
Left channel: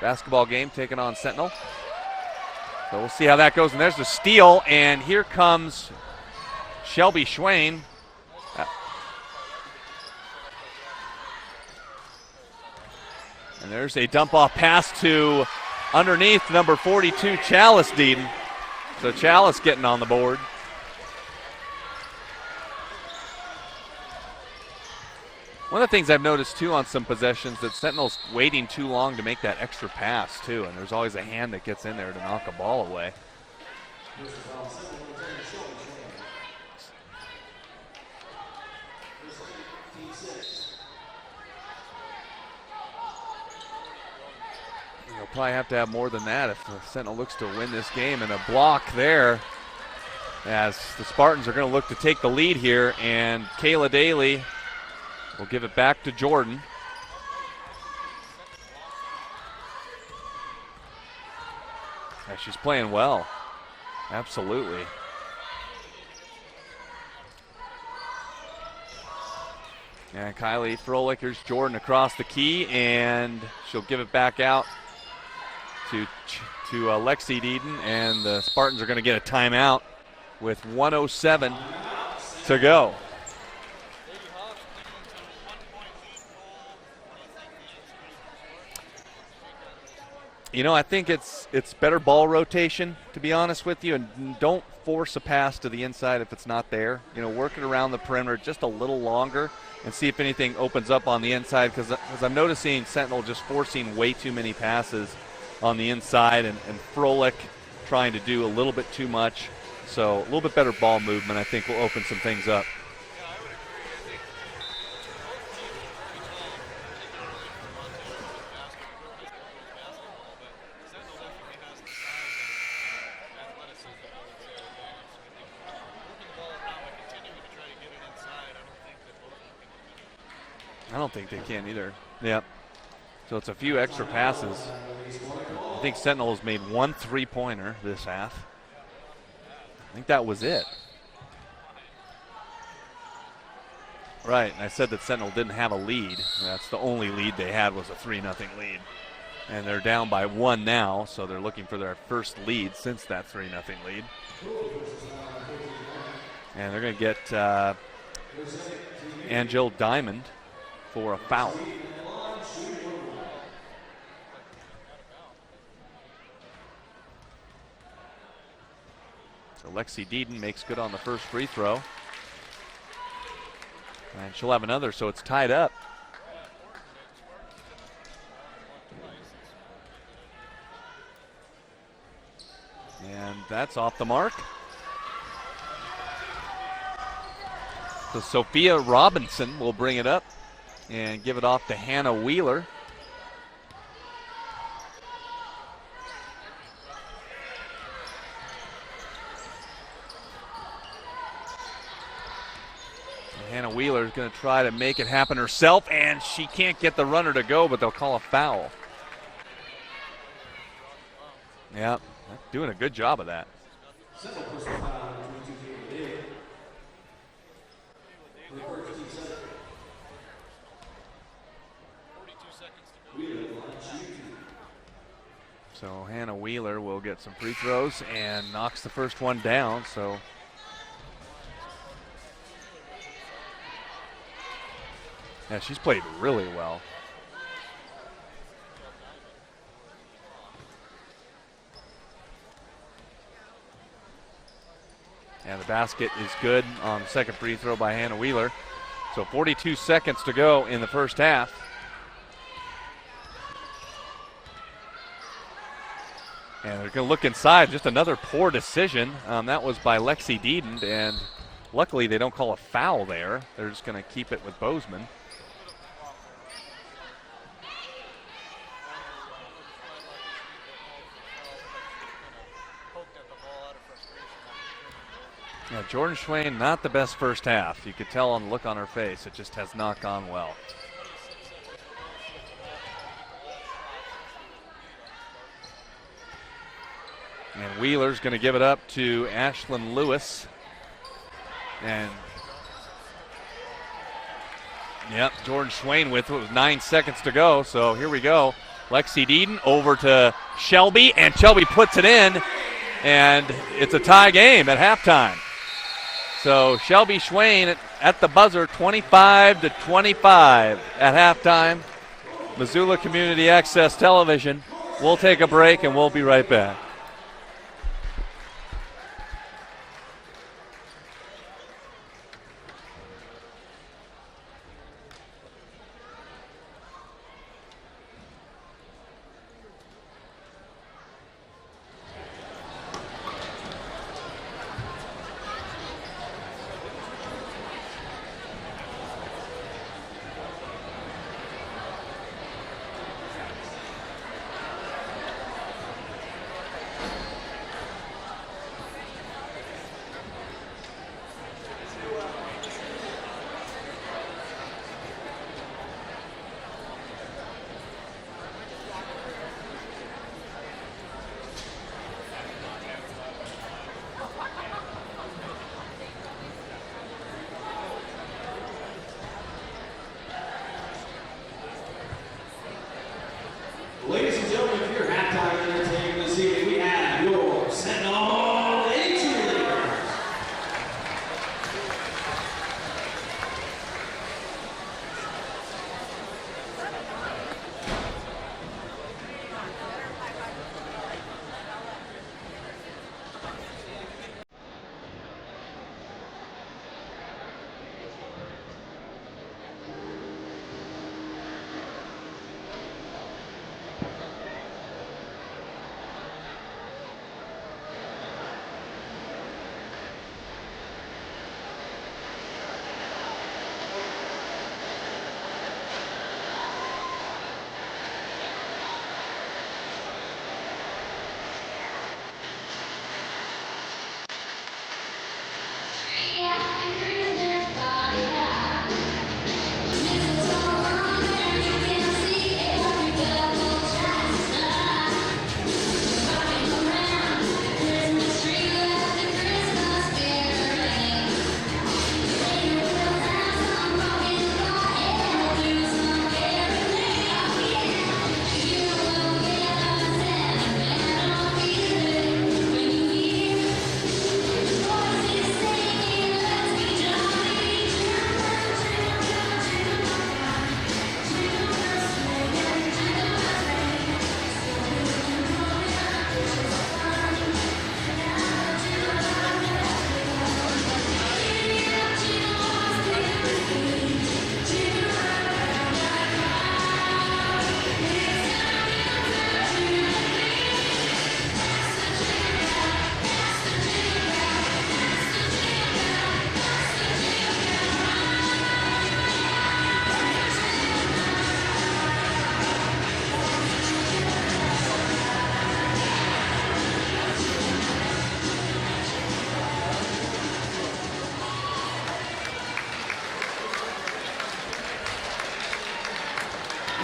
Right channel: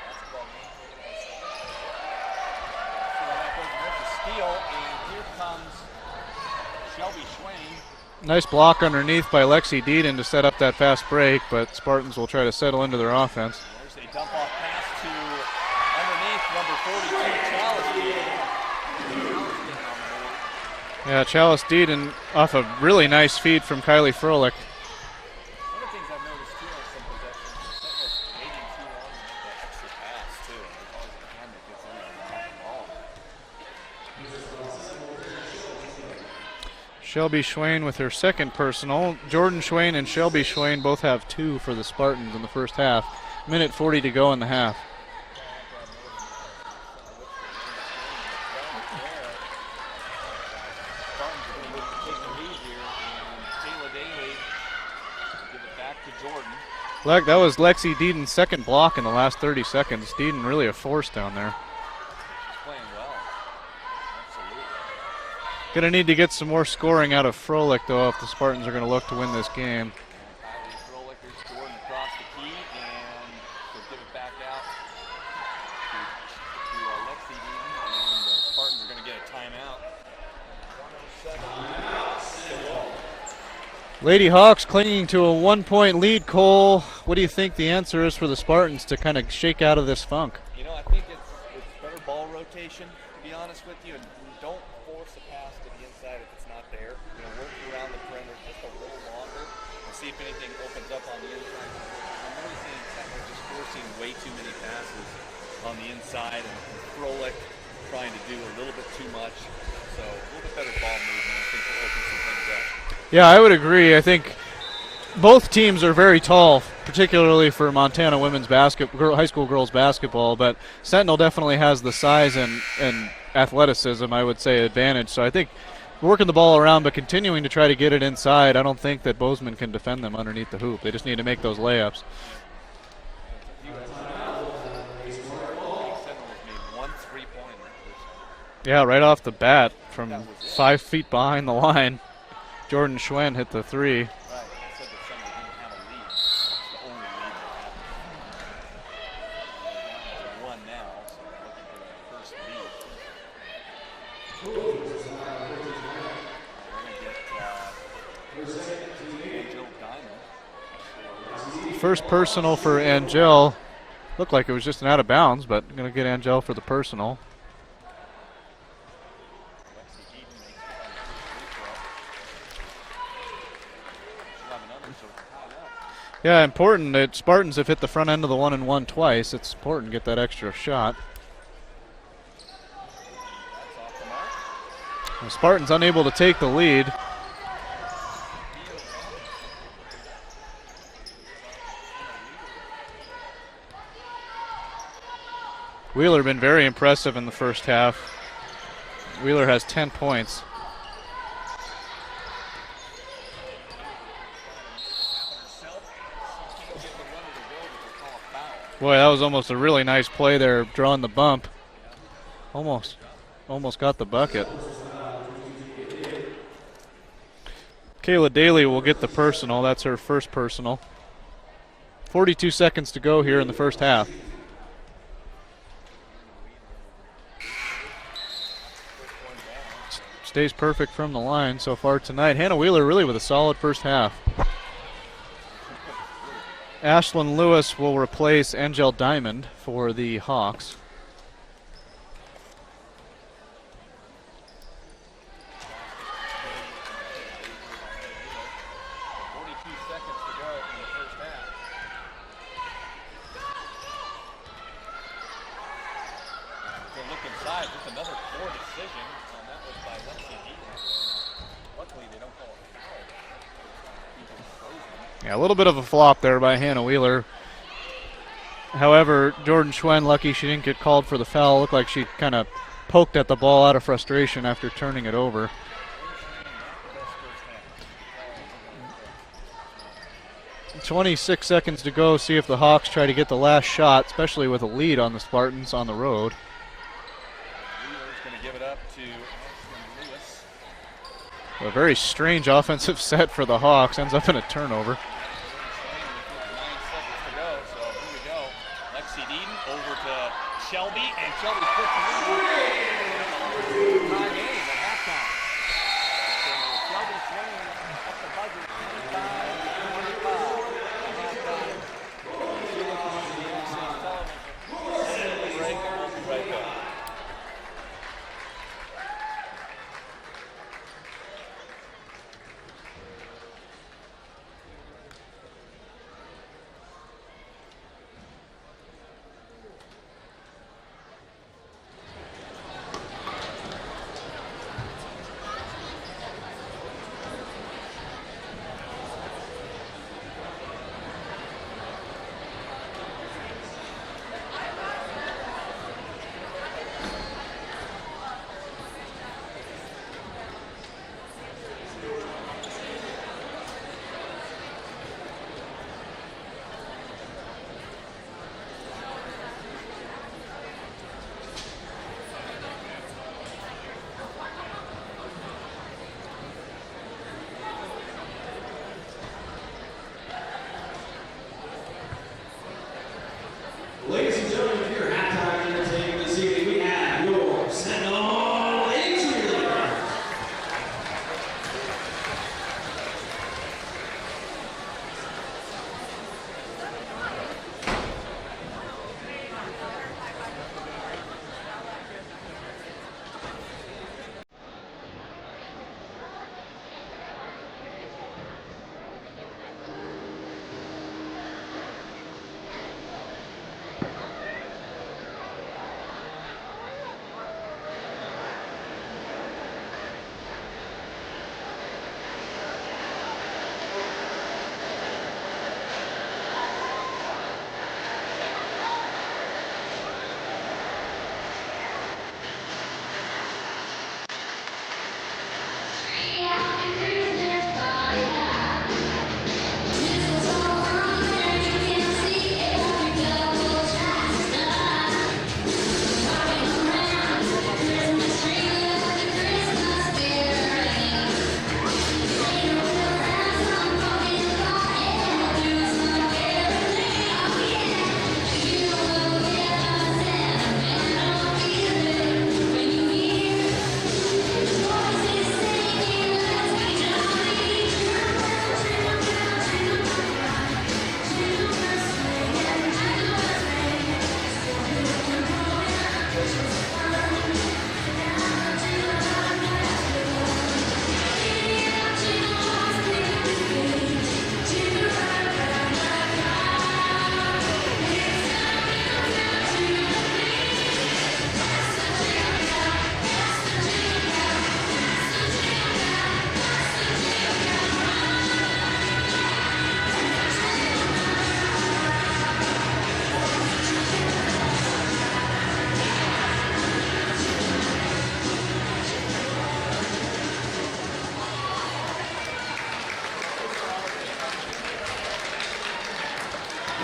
basketball game taking on Sentinel. So we'll see how that goes. And there's the steal, and here comes Shelby Schwain. Nice block underneath by Lexi Deaton to set up that fast break, but Spartans will try to settle into their offense. And there's a dump-off pass to underneath number 42, Chalice Deaton. So Chalice getting on the board. Yeah, Chalice Deaton off a really nice feed from Kylie Froelich. One of the things I've noticed, too, on some possessions that Sentinel's waiting too long to make that extra pass, too, and there's always a hand that gets in there to knock a ball away. Shelby Schwain with her second personal. Jordan Schwain and Shelby Schwain both have 2 for the Spartans in the first half. 1:40 to go in the half. We'll probably have to have more than that if the Sentinel looks to win this game. And a block there as the Spartans are going to look to take the lead here. And Kayla Daly will give it back to Jordan. That was Lexi Deaton's second block in the last 30 seconds. Deaton really a force down there. Yeah, she's playing well. Absolutely. Going to need to get some more scoring out of Froelich, though, if the Spartans are going to look to win this game. And Kylie Froelich, there's Jordan across the key, and she'll give it back out to Lexi Deaton, and the Spartans are going to get a timeout with 1:07 to go. Lady Hawks clinging to a 1-point lead. Cole, what do you think the answer is for the Spartans to kind of shake out of this funk? You know, I think it's better ball rotation, to be honest with you, and don't force a pass to the inside if it's not there. You know, work it around the perimeter just a little longer and see if anything opens up on the inside, because I'm noticing Sentinel just forcing way too many passes on the inside, and Froelich trying to do a little bit too much. So a little bit better ball movement, I think, will open some things up. Yeah, I would agree. I think both teams are very tall, particularly for Montana women's high school girls basketball, but Sentinel definitely has the size and athleticism, I would say, advantage. So I think working the ball around but continuing to try to get it inside, I don't think that Bozeman can defend them underneath the hoop. They just need to make those layups. Yep. So it's a few extra passes. I think Sentinel has made 1 3-pointer this half. Yeah, right off the bat from that was it. 5 feet behind the line. Jordan Schwen hit the 3. Right. I said that Sentinel didn't have a lead. That's the only lead they had was a 3-0 lead. And they're down by 1 now, so they're looking for their first lead since that 3-0 lead. And they're going to get Angel Diamond for a foul. First personal for Angel. Looked like it was just an out of bounds, but going to get Angel for the personal. So Lexi Deeden makes good on the first free throw. And she'll have another, so it's tied up. Yeah, important that Spartans have hit the front end of the 1-and-1 twice. It's important to get that extra shot. And that's off the mark. The Spartans unable to take the lead. So Sophia Robinson will bring it up and give it off to Hannah Wheeler. Wheeler been very impressive in the first half. Wheeler has 10 points. Hannah Wheeler is going to try to make it happen herself, and she can't get the runner to go, but they'll call a foul. Boy, that was almost a really nice play there, drawing the bump. Yeah, doing a good job of that. Almost got the bucket. Kayla Daly will get the personal. That's her first personal. 42 seconds to go here in the first half. So Hannah Wheeler will get some free throws and knocks the first one down. So stays perfect from the line so far tonight. Hannah Wheeler really with a solid first half. Yeah, she's played really well. Ashlyn Lewis will replace Angel Diamond for the Hawks. And the basket is good on the second free throw by Hannah Wheeler. So 42 seconds to go in the first half. And they're going to look inside. Just another poor decision. That was by Lexi Deeden, and luckily they don't call a foul there. They're just going to keep it with Bozeman. Yeah, a little bit of a flop there by Hannah Wheeler. However, Jordan Schwen, lucky she didn't get called for the foul. Looked like she kind of poked at the ball out of frustration after turning it over. Yeah, Jordan Schwen, not the best first half. You could tell on the look on her face. It just has not gone well. 26 seconds to go. See if the Hawks try to get the last shot, especially with a lead on the Spartans on the road. And Wheeler's going to give it up to Ashlyn Lewis. A very strange offensive set for the Hawks. Ends up in a turnover. Yep, Jordan Schwen with 9 seconds to go. So here we go. Lexi Deeden over to Shelby, and Shelby puts it in, and it's a tie game at halftime. So Shelby Schwen at the buzzer, 25-25 at halftime. Missoula Community Access Television. We'll take a break, and we'll be right back.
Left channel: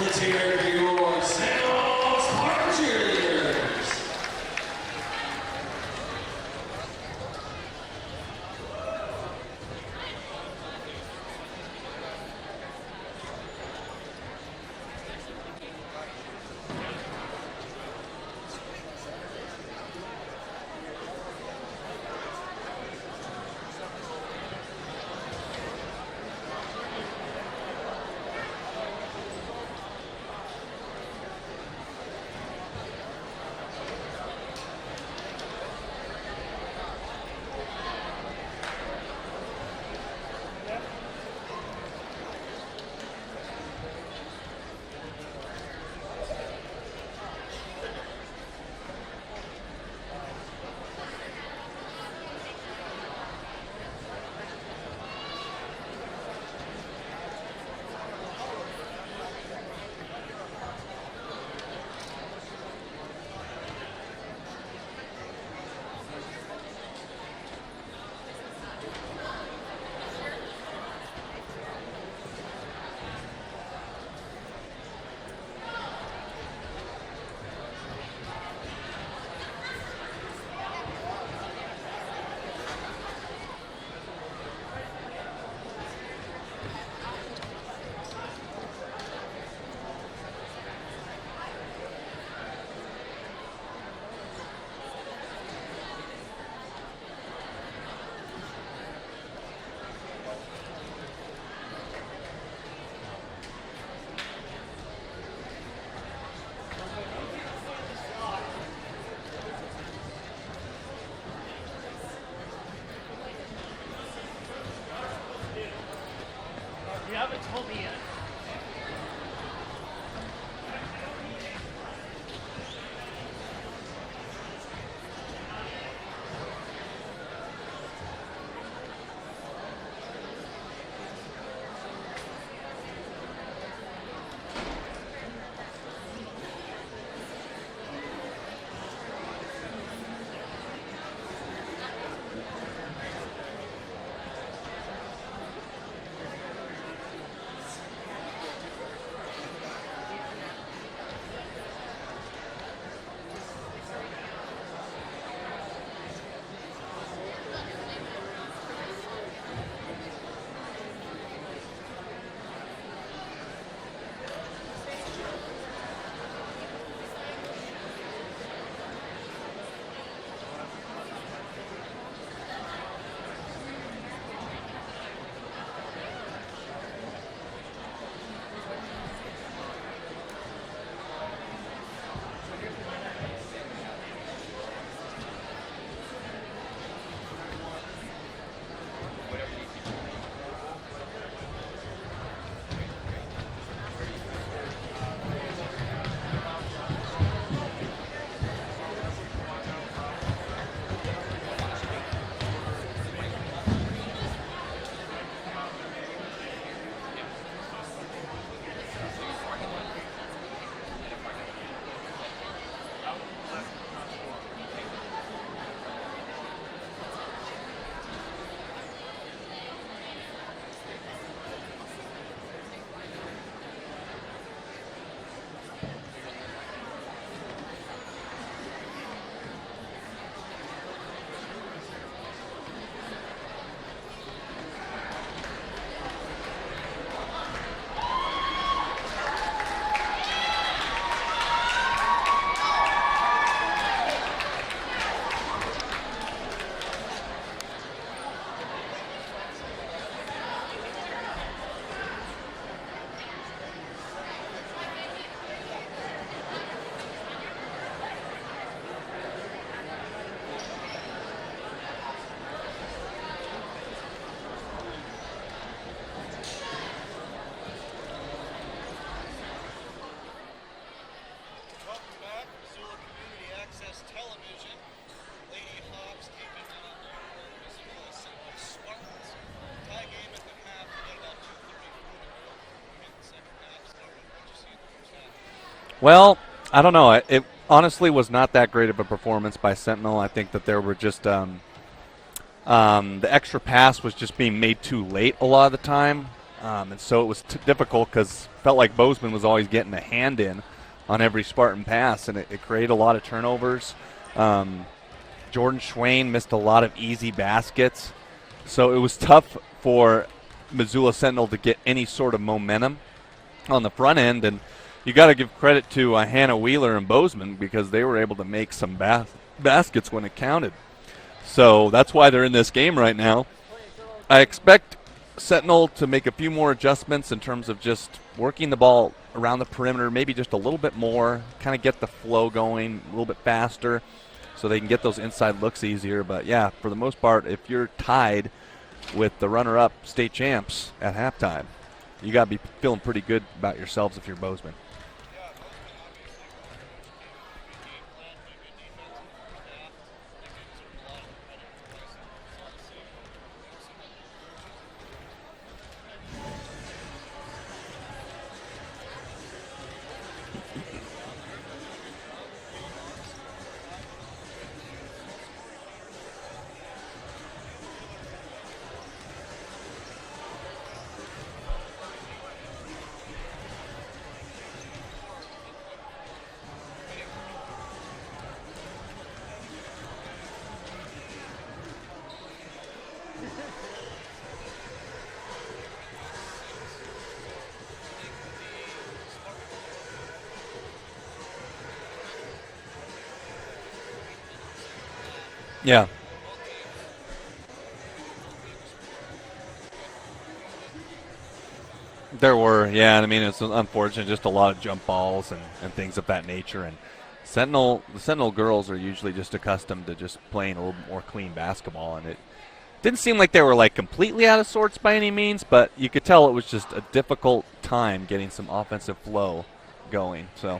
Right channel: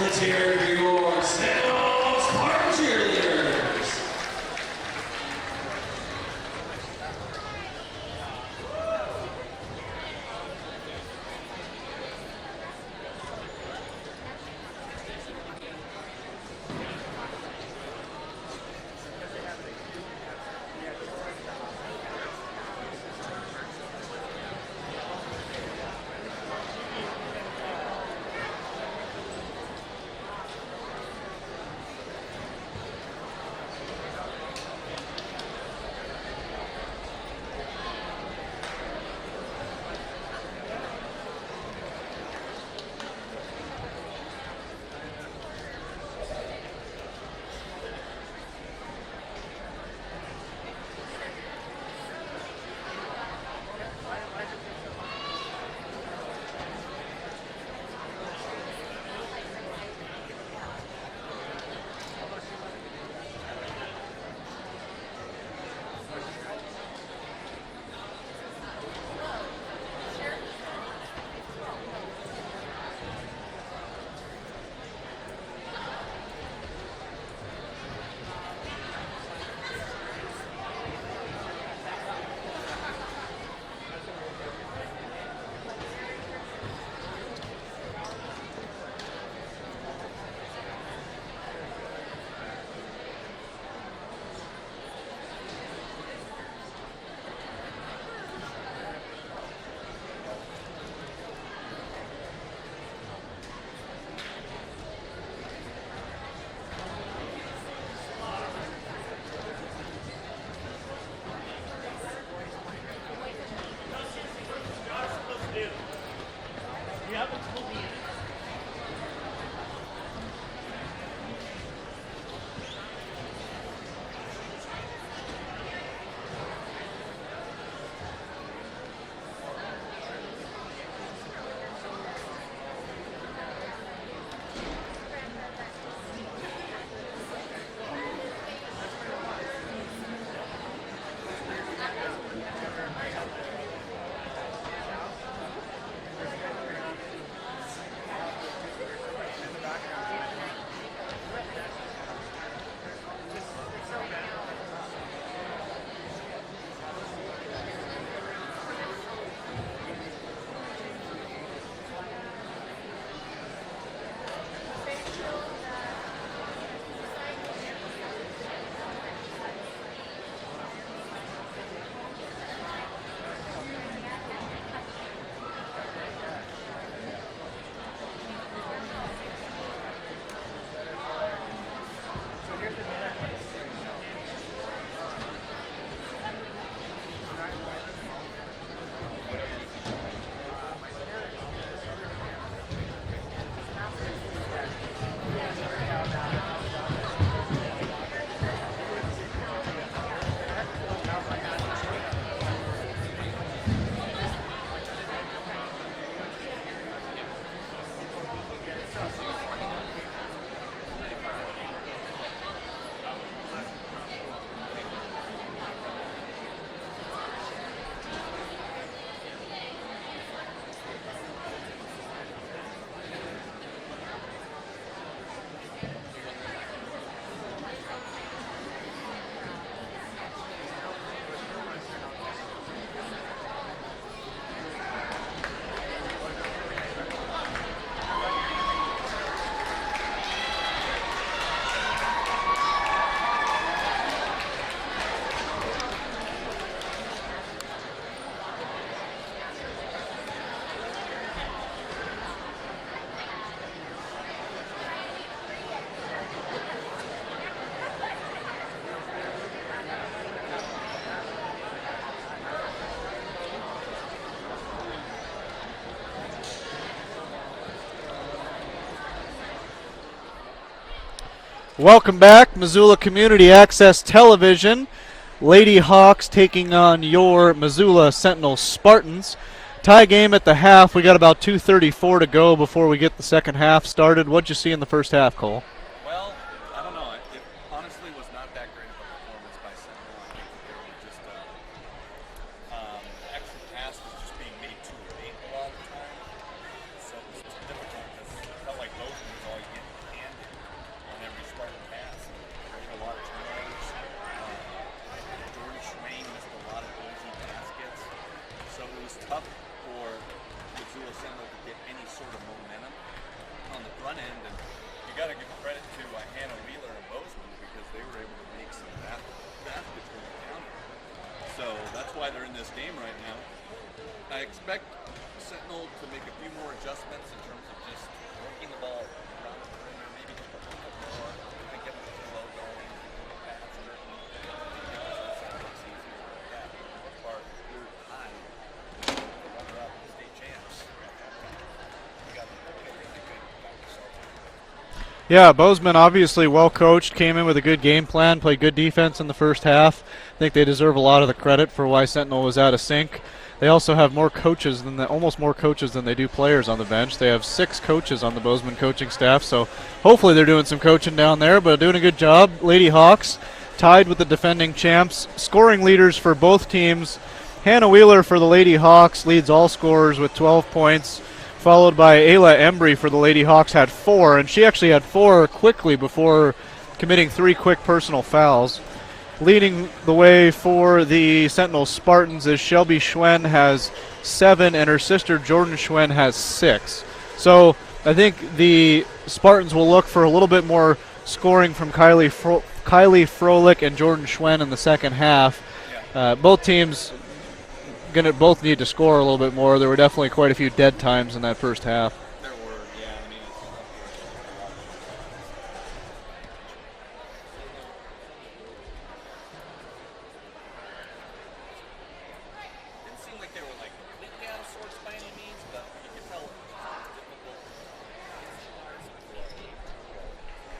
Let's hear it for your Sentinel Spartan cheerleaders. Welcome back, Missoula Community Access Television. Lady Hawks taking on your Missoula Sentinel Spartans. Tie game at the half. We got about 2:34 to go before we get the second half started. What'd you see in the first half, Cole? Well, I don't know. It honestly was not that great of a performance by Sentinel. I think that there were just the extra pass was just being made too late a lot of the time. And so it was difficult because felt like Bozeman was always getting a hand in on every Spartan pass, and it created a lot of turnovers. Jordan Schwain missed a lot of easy baskets. So it was tough for Missoula Sentinel to get any sort of momentum on the front end. And you got to give credit to Hannah Wheeler and Bozeman because they were able to make some baskets when it counted. So that's why they're in this game right now. I expect Sentinel to make a few more adjustments in terms of just working the ball around the perimeter, maybe just a little bit more, kind of get the flow going a little bit faster so they can get those inside looks easier. But, yeah, for the most part, if you're tied with the runner-up state champs at halftime, you got to be feeling pretty good about yourselves if you're Bozeman. Yeah, Bozeman obviously well coached, came in with a good game plan, played good defense in the first half. I think they deserve a lot of the credit for why Sentinel was out of sync. They also have more coaches almost more coaches than they do players on the bench. They have 6 coaches on the Bozeman coaching staff, so hopefully they're doing some coaching down there, but doing a good job. Lady Hawks tied with the defending champs. Scoring leaders for both teams. Hannah Wheeler for the Lady Hawks leads all scorers with 12 points, followed by Ayla Embry for the Lady Hawks had 4, and she actually had 4 quickly before committing 3 quick personal fouls. Leading the way for the Sentinel Spartans is Shelby Schwen has 7, and her sister Jordan Schwen has 6. So I think the Spartans will look for a little bit more scoring from Kylie Froelich and Jordan Schwen in the second half. Yeah. Both teams both need to score a little bit more. There were definitely quite a few dead times in that first half. There were, yeah. I mean, it's unfortunate, just a lot of jump balls and things of that nature. And the Sentinel girls are usually just accustomed to just playing a little bit more clean basketball, and it didn't seem like they were like completely out of sorts by any means, but you could tell it was just a difficult time getting some offensive flow going. So,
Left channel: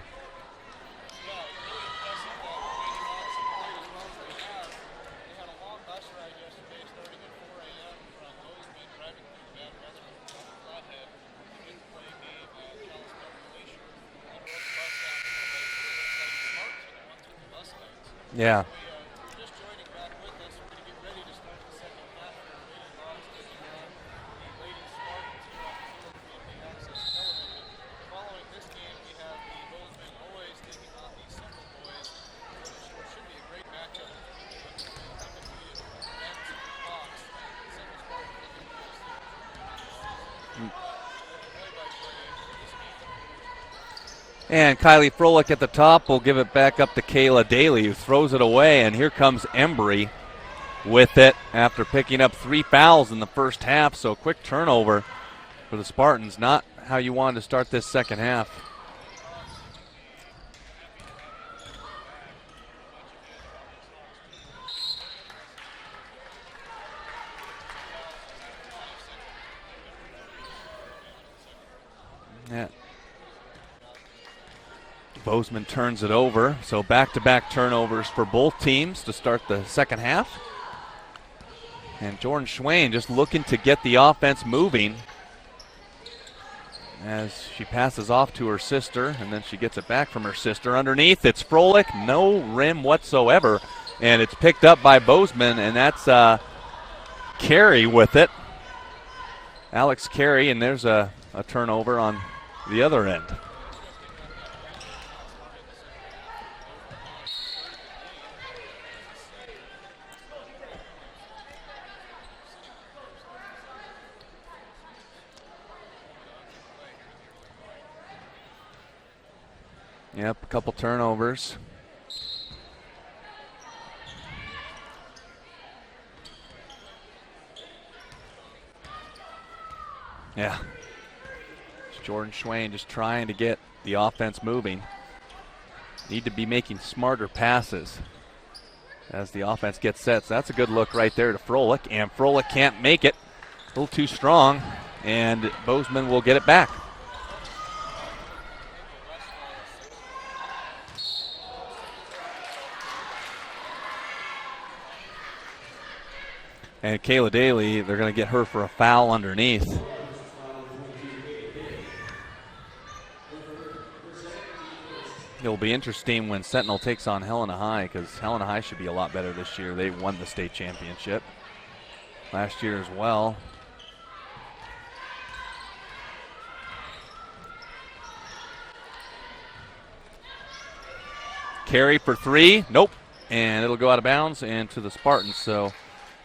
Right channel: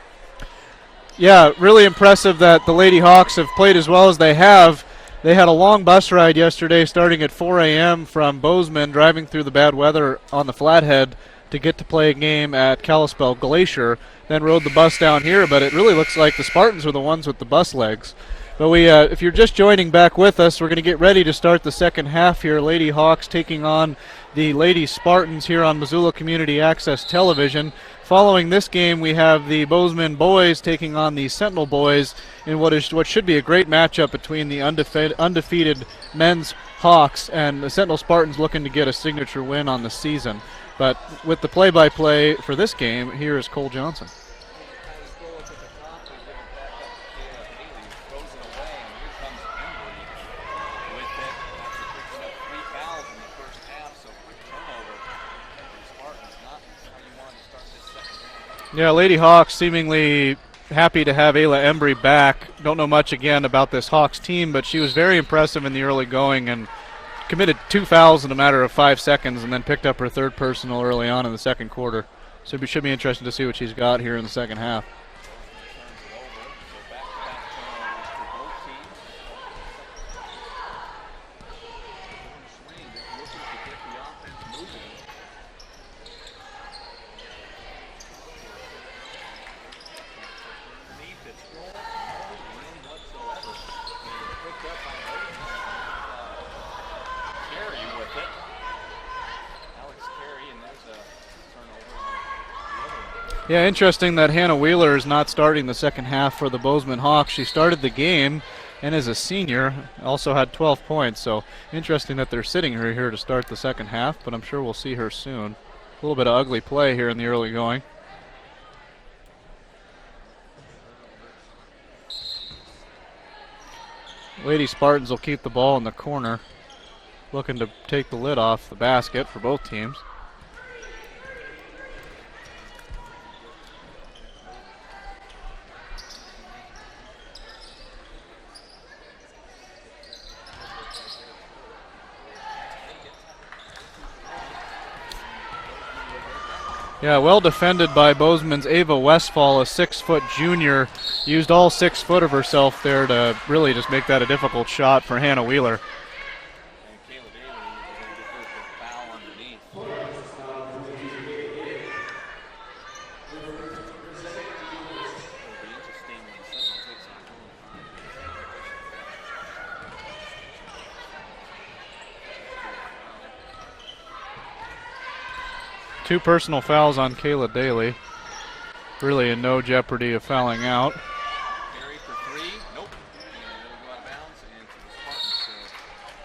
yeah, really impressive that the Lady Hawks have played as well as they have. They had a long bus ride yesterday starting at 4 a.m. from Bozeman, driving through the bad weather on the Flathead to get to play a game at Kalispell Glacier, then rode the bus down here, but it really looks like the Spartans are the ones with the bus legs. Yeah. But if you're just joining back with us, we're going to get ready to start the second half here. Lady Hawks taking on the Lady Spartans here on Missoula Community Access Television. Following this game, we have the Bozeman boys taking on the Sentinel boys in what should be a great matchup between the undefeated men's Hawks and the Sentinel Spartans looking to get a signature win on the season. But with the play-by-play for this game, here is Cole Johnson. And Kylie Froelich at the top will give it back up to Kayla Daly, who throws it away, and here comes Embry with it after picking up 3 fouls in the first half. So quick turnover for the Spartans, not how you wanted to start this second half. Yeah, Lady Hawks seemingly happy to have Ayla Embry back. Don't know much again about this Hawks team, but she was very impressive in the early going and committed 2 fouls in a matter of 5 seconds and then picked up her 3rd personal early on in the second quarter. So it should be interesting to see what she's got here in the second half. Bozeman turns it over, so back-to-back turnovers for both teams to start the second half. And Jordan Schwain just looking to get the offense moving as she passes off to her sister, and then she gets it back from her sister. Underneath, it's Froelich, no rim whatsoever, and it's picked up by Bozeman, and that's Carey with it. Alex Carey, and there's a turnover on the other end. Yeah, interesting that Hannah Wheeler is not starting the second half for the Bozeman Hawks. She started the game and is a senior, also had 12 points, so interesting that they're sitting her here to start the second half, but I'm sure we'll see her soon. A little bit of ugly play here in the early going. Yep, a couple turnovers. Lady Spartans will keep the ball in the corner, looking to take the lid off the basket for both teams. Yeah. Jordan Schwain just trying to get the offense moving. Need to be making smarter passes as the offense gets set. So that's a good look right there to Froelich, and Froelich can't make it. A little too strong, and Bozeman will get it back. Yeah, well defended by Bozeman's Ava Westfall, a 6-foot junior. Used all 6 foot of herself there to really just make that a difficult shot for Hannah Wheeler. And Kayla Daly, they're going to get her for a foul underneath. It'll be interesting when Sentinel takes on Helena High, because Helena High should be a lot better this year. They won the state championship last year as well. 2 personal fouls on Kayla Daly. Really in no jeopardy of fouling out. Carey for 3, nope. And it'll go out of bounds and to the Spartans. So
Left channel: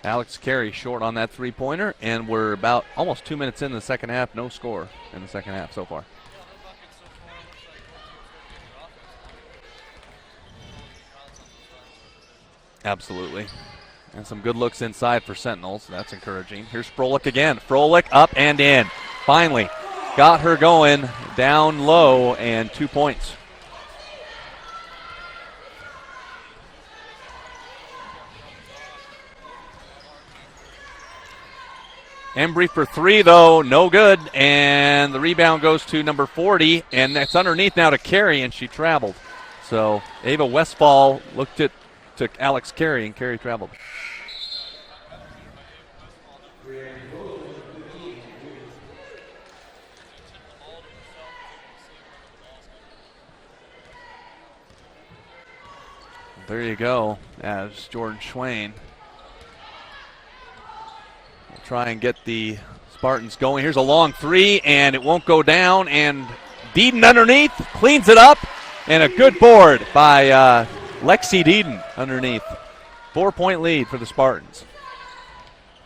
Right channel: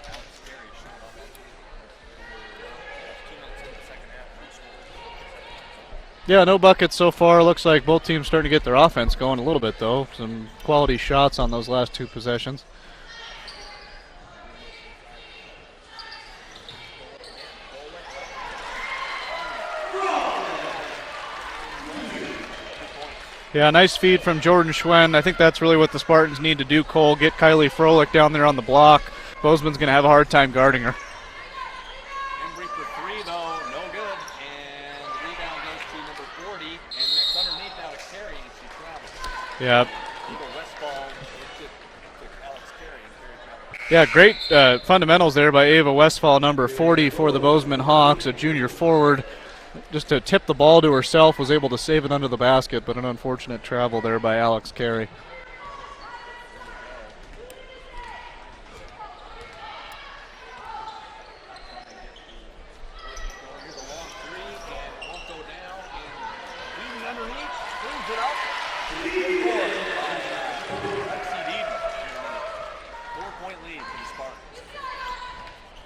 Alex Carey short on that 3-pointer, and we're about almost 2 minutes into the second half. No score in the second half so far. Yeah, no buckets so far. Looks like both teams starting to get their offense going a little bit, though. Some quality shots on those last 2 possessions. Absolutely. And some good looks inside for Sentinels. That's encouraging. Here's Froelich again. Froelich up and in. Finally got her going down low, and 2 points. Yeah, nice feed from Jordan Schwen. I think that's really what the Spartans need to do, Cole. Get Kylie Froelich down there on the block. Bozeman's going to have a hard time guarding her. Embry for 3, though, no good. And the rebound goes to number 40, and that's underneath now to Carey, and she traveled. Yeah. So Ava Westfall looked at to Alex Carey, and Carey traveled. Yeah, great fundamentals there by Ava Westfall, number 40 for the Bozeman Hawks, a junior forward. Just to tip the ball to herself, was able to save it under the basket, but an unfortunate travel there by Alex Carey. There you go. As Jordan Schwain try and get the Spartans going. Here's a long 3, and it won't go down, and Deeden underneath cleans it up, and a good board by Lexi Deeden underneath. 4-point lead for the Spartans.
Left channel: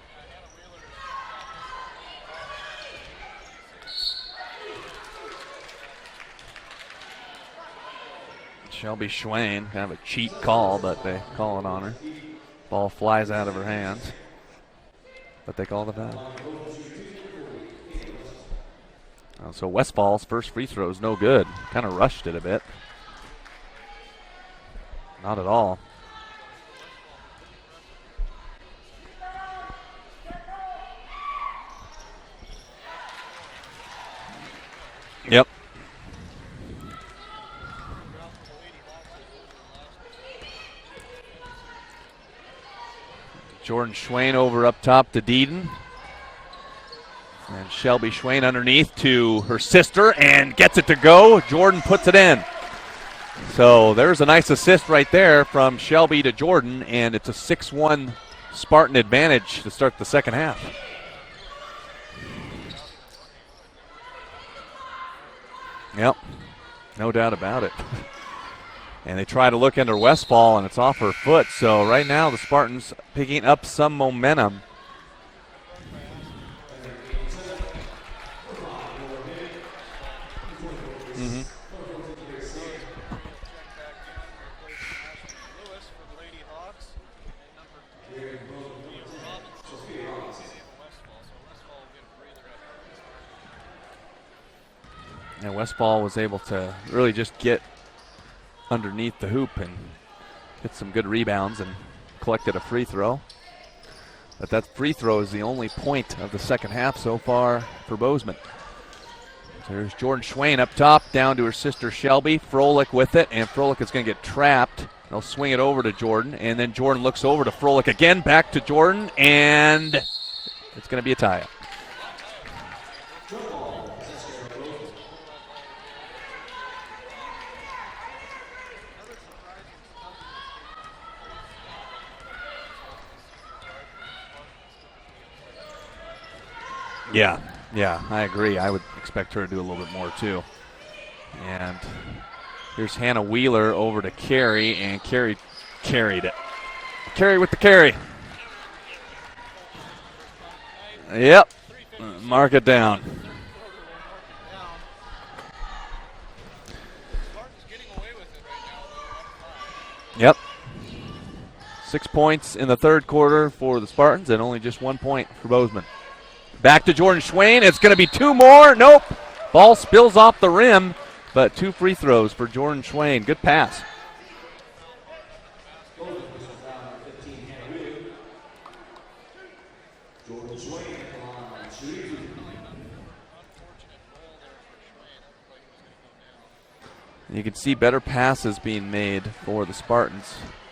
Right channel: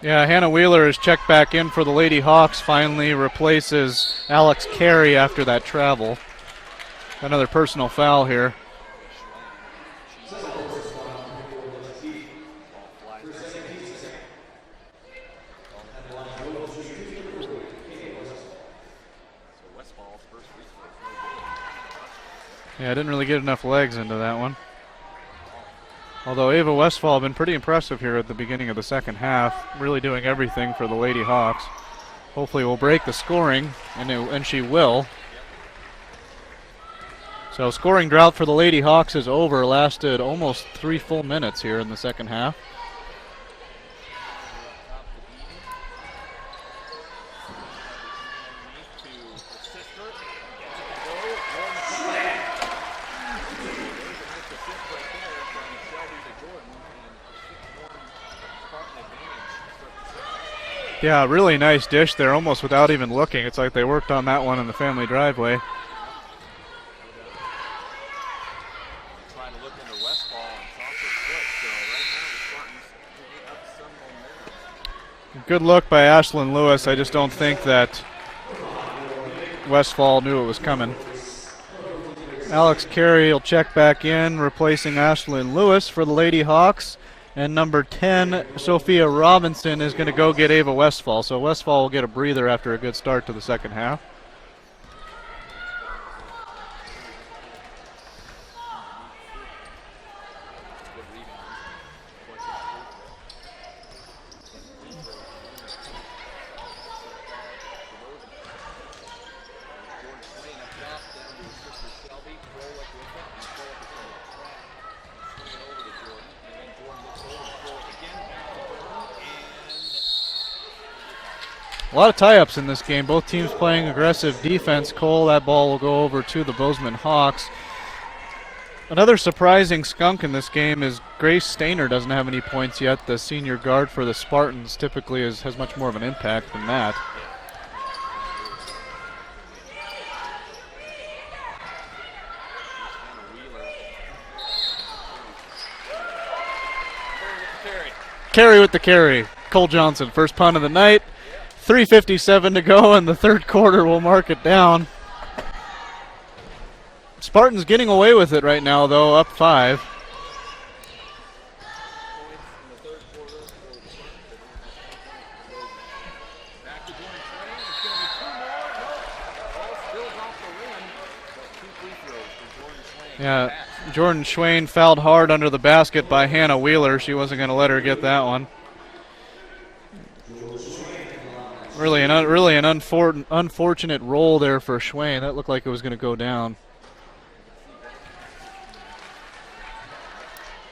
Yeah, Hannah Wheeler is checked back in for the Lady Hawks, finally replaces Alex Carey after that travel. Another personal foul here. Shelby Schwain, kind of a cheat call, but they call it on her. Ball flies out of her hands. But they called it foul. So Westfall's first free throw is no good. Kind of rushed it a bit. Yeah, didn't really get enough legs into that one. Not at all. Although Ava Westfall has been pretty impressive here at the beginning of the second half, really doing everything for the Lady Hawks. Hopefully will break the scoring, and she will. Yep. So scoring drought for the Lady Hawks is over. Lasted almost 3 full minutes here in the second half. Jordan Schwain over up top to Deeden. And Shelby Schwain underneath to her sister and gets it to go. Jordan puts it in. So there's a nice assist right there from Shelby to Jordan, and it's a 6-1 Spartan advantage to start the second half. Yeah, really nice dish there, almost without even looking. It's like they worked on that one in the family driveway. Yep, no doubt about it. And they try to look under Westfall, and it's off her foot. So right now the Spartans picking up some momentum. Good look by Ashlyn Lewis. I just don't think that Westfall knew it was coming. Alex Carey will check back in, replacing Ashlyn Lewis for the Lady Hawks. And number 10, Sophia Robinson, is going to go get Ava Westfall. So Westfall will get a breather after a good start to the second half. And Westfall was able to really just get underneath the hoop and get some good rebounds and collected a free throw. But that free throw is the only point of the second half so far for Bozeman. There's Jordan Schwain up top, down to her sister Shelby. Froelich with it, and Froelich is going to get trapped. They'll swing it over to Jordan, and then Jordan looks over to Froelich again, back to Jordan, and it's going to be a tie-up. A lot of tie-ups in this game. Both teams playing aggressive defense. Cole, that ball will go over to the Bozeman Hawks. Another surprising skunk in this game is Grace Stainer doesn't have any points yet. The senior guard for the Spartans typically has much more of an impact than that. Yeah, I agree. I would expect her to do a little bit more too. And here's Hannah Wheeler over to Carey, and Carey carried it. Carey with the carry. Carey with the carry. Cole Johnson, first punt of the night. Yep. 3:57 to go down. in the third quarter. We'll mark it down. Spartans getting away with it right now, though, up 5. Yep. 6 points in the third quarter for the Spartans, and only just 1 point for Bozeman. Back to Jordan Schwain. It's going to be 2 more. Nope. Ball spills off the rim, but 2 free throws for Jordan Schwain. Good pass. Jordan Schwain fouled hard under the basket by Hannah Wheeler. She wasn't going to let her get that one. Really an unfortunate roll there for Schwain. That looked like it was going to go down. You can see better passes being made for the Spartans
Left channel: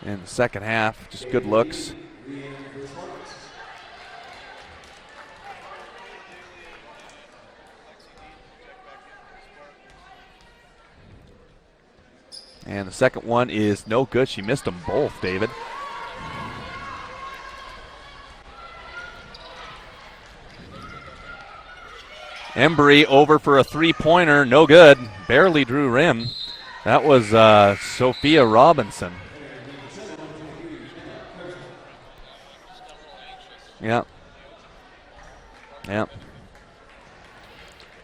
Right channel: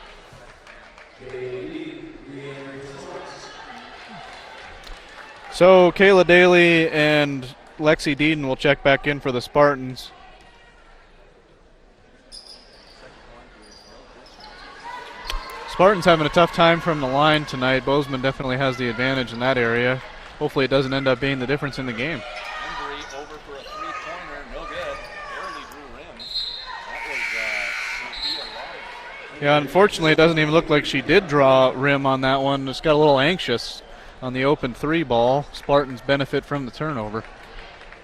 in the second half. Just good looks. So Kayla Daly and Lexi Deeden will check back in for the Spartans. And the second one is no good. She missed them both, David. Spartans having a tough time from the line tonight. Bozeman definitely has the advantage in that area. hopefully it doesn't end up being the difference in the game. Embry over for a three-pointer, no good. Barely drew rim. That was Sophia Robinson. Yeah, unfortunately, it doesn't even look like she did draw rim on that one. Just got a little anxious on the open three ball. Spartans benefit from the turnover.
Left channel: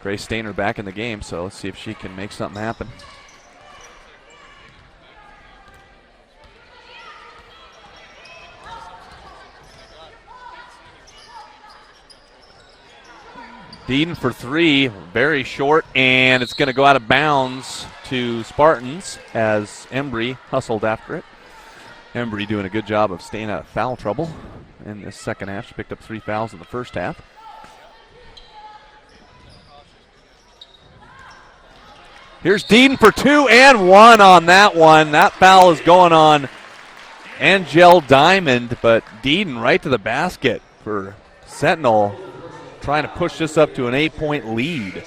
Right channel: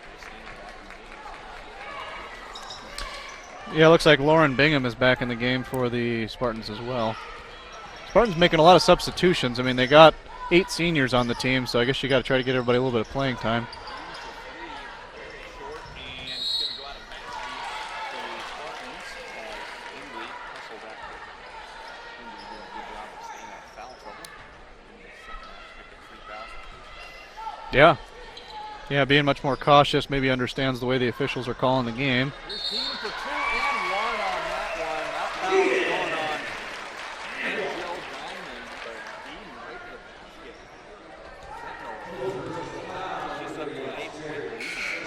Grace Stainer back in the game, so let's see if she can make something happen. Yeah, it looks like Lauren Bingham is back in the game for the Spartans as well. Spartans making a lot of substitutions. I mean, they got 8 seniors on the team, so I guess you got to try to get everybody a little bit of playing time. Deeden for 3, very short, and it's going to go out of bounds to Spartans as Embry hustled after it. Embry doing a good job of staying out of foul trouble in the second half. She picked up 3 fouls in the first half. Yeah, being much more cautious, maybe understands the way the officials are calling the game. Here's Deeden for 2 and 1 on that one. That foul is going on Angel Diamond, but Deeden right to the basket for Sentinel, trying to push this up to an 8-point lead.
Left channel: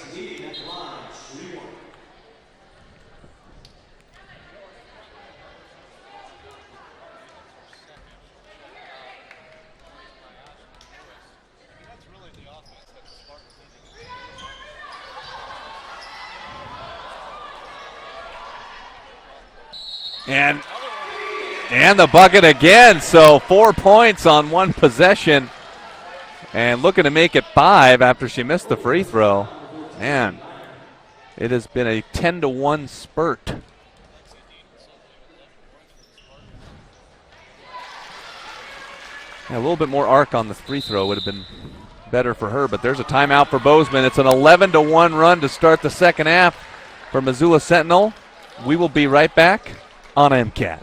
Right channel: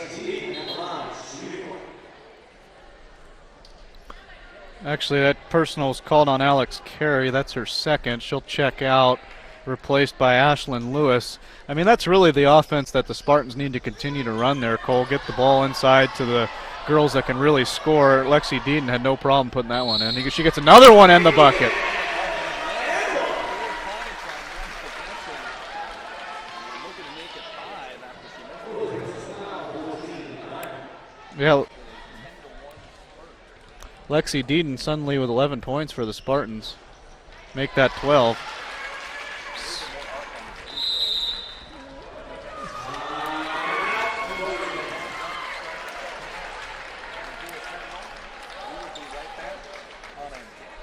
Actually, that personal is called on Alex Carey. That's her second. She'll check out, replaced by Ashlyn Lewis. I mean, that's really the offense that the Spartans need to continue to run there, Cole. Get the ball inside to the girls that can really score. Lexi Deeden had no problem putting that one in. She gets another one in the bucket. And the bucket again, so 4 points on one possession. And looking to make it 5 after she missed the free throw. Man, it has been a 10-1 spurt. Lexi Deeden suddenly with 11 points for the Spartans. Make that 12. Yeah, a little bit more arc on the free throw would have been better for her, but there's a timeout for Bozeman. It's an 11-1 run to start the second half for Missoula Sentinel. We will be right back on MCAT.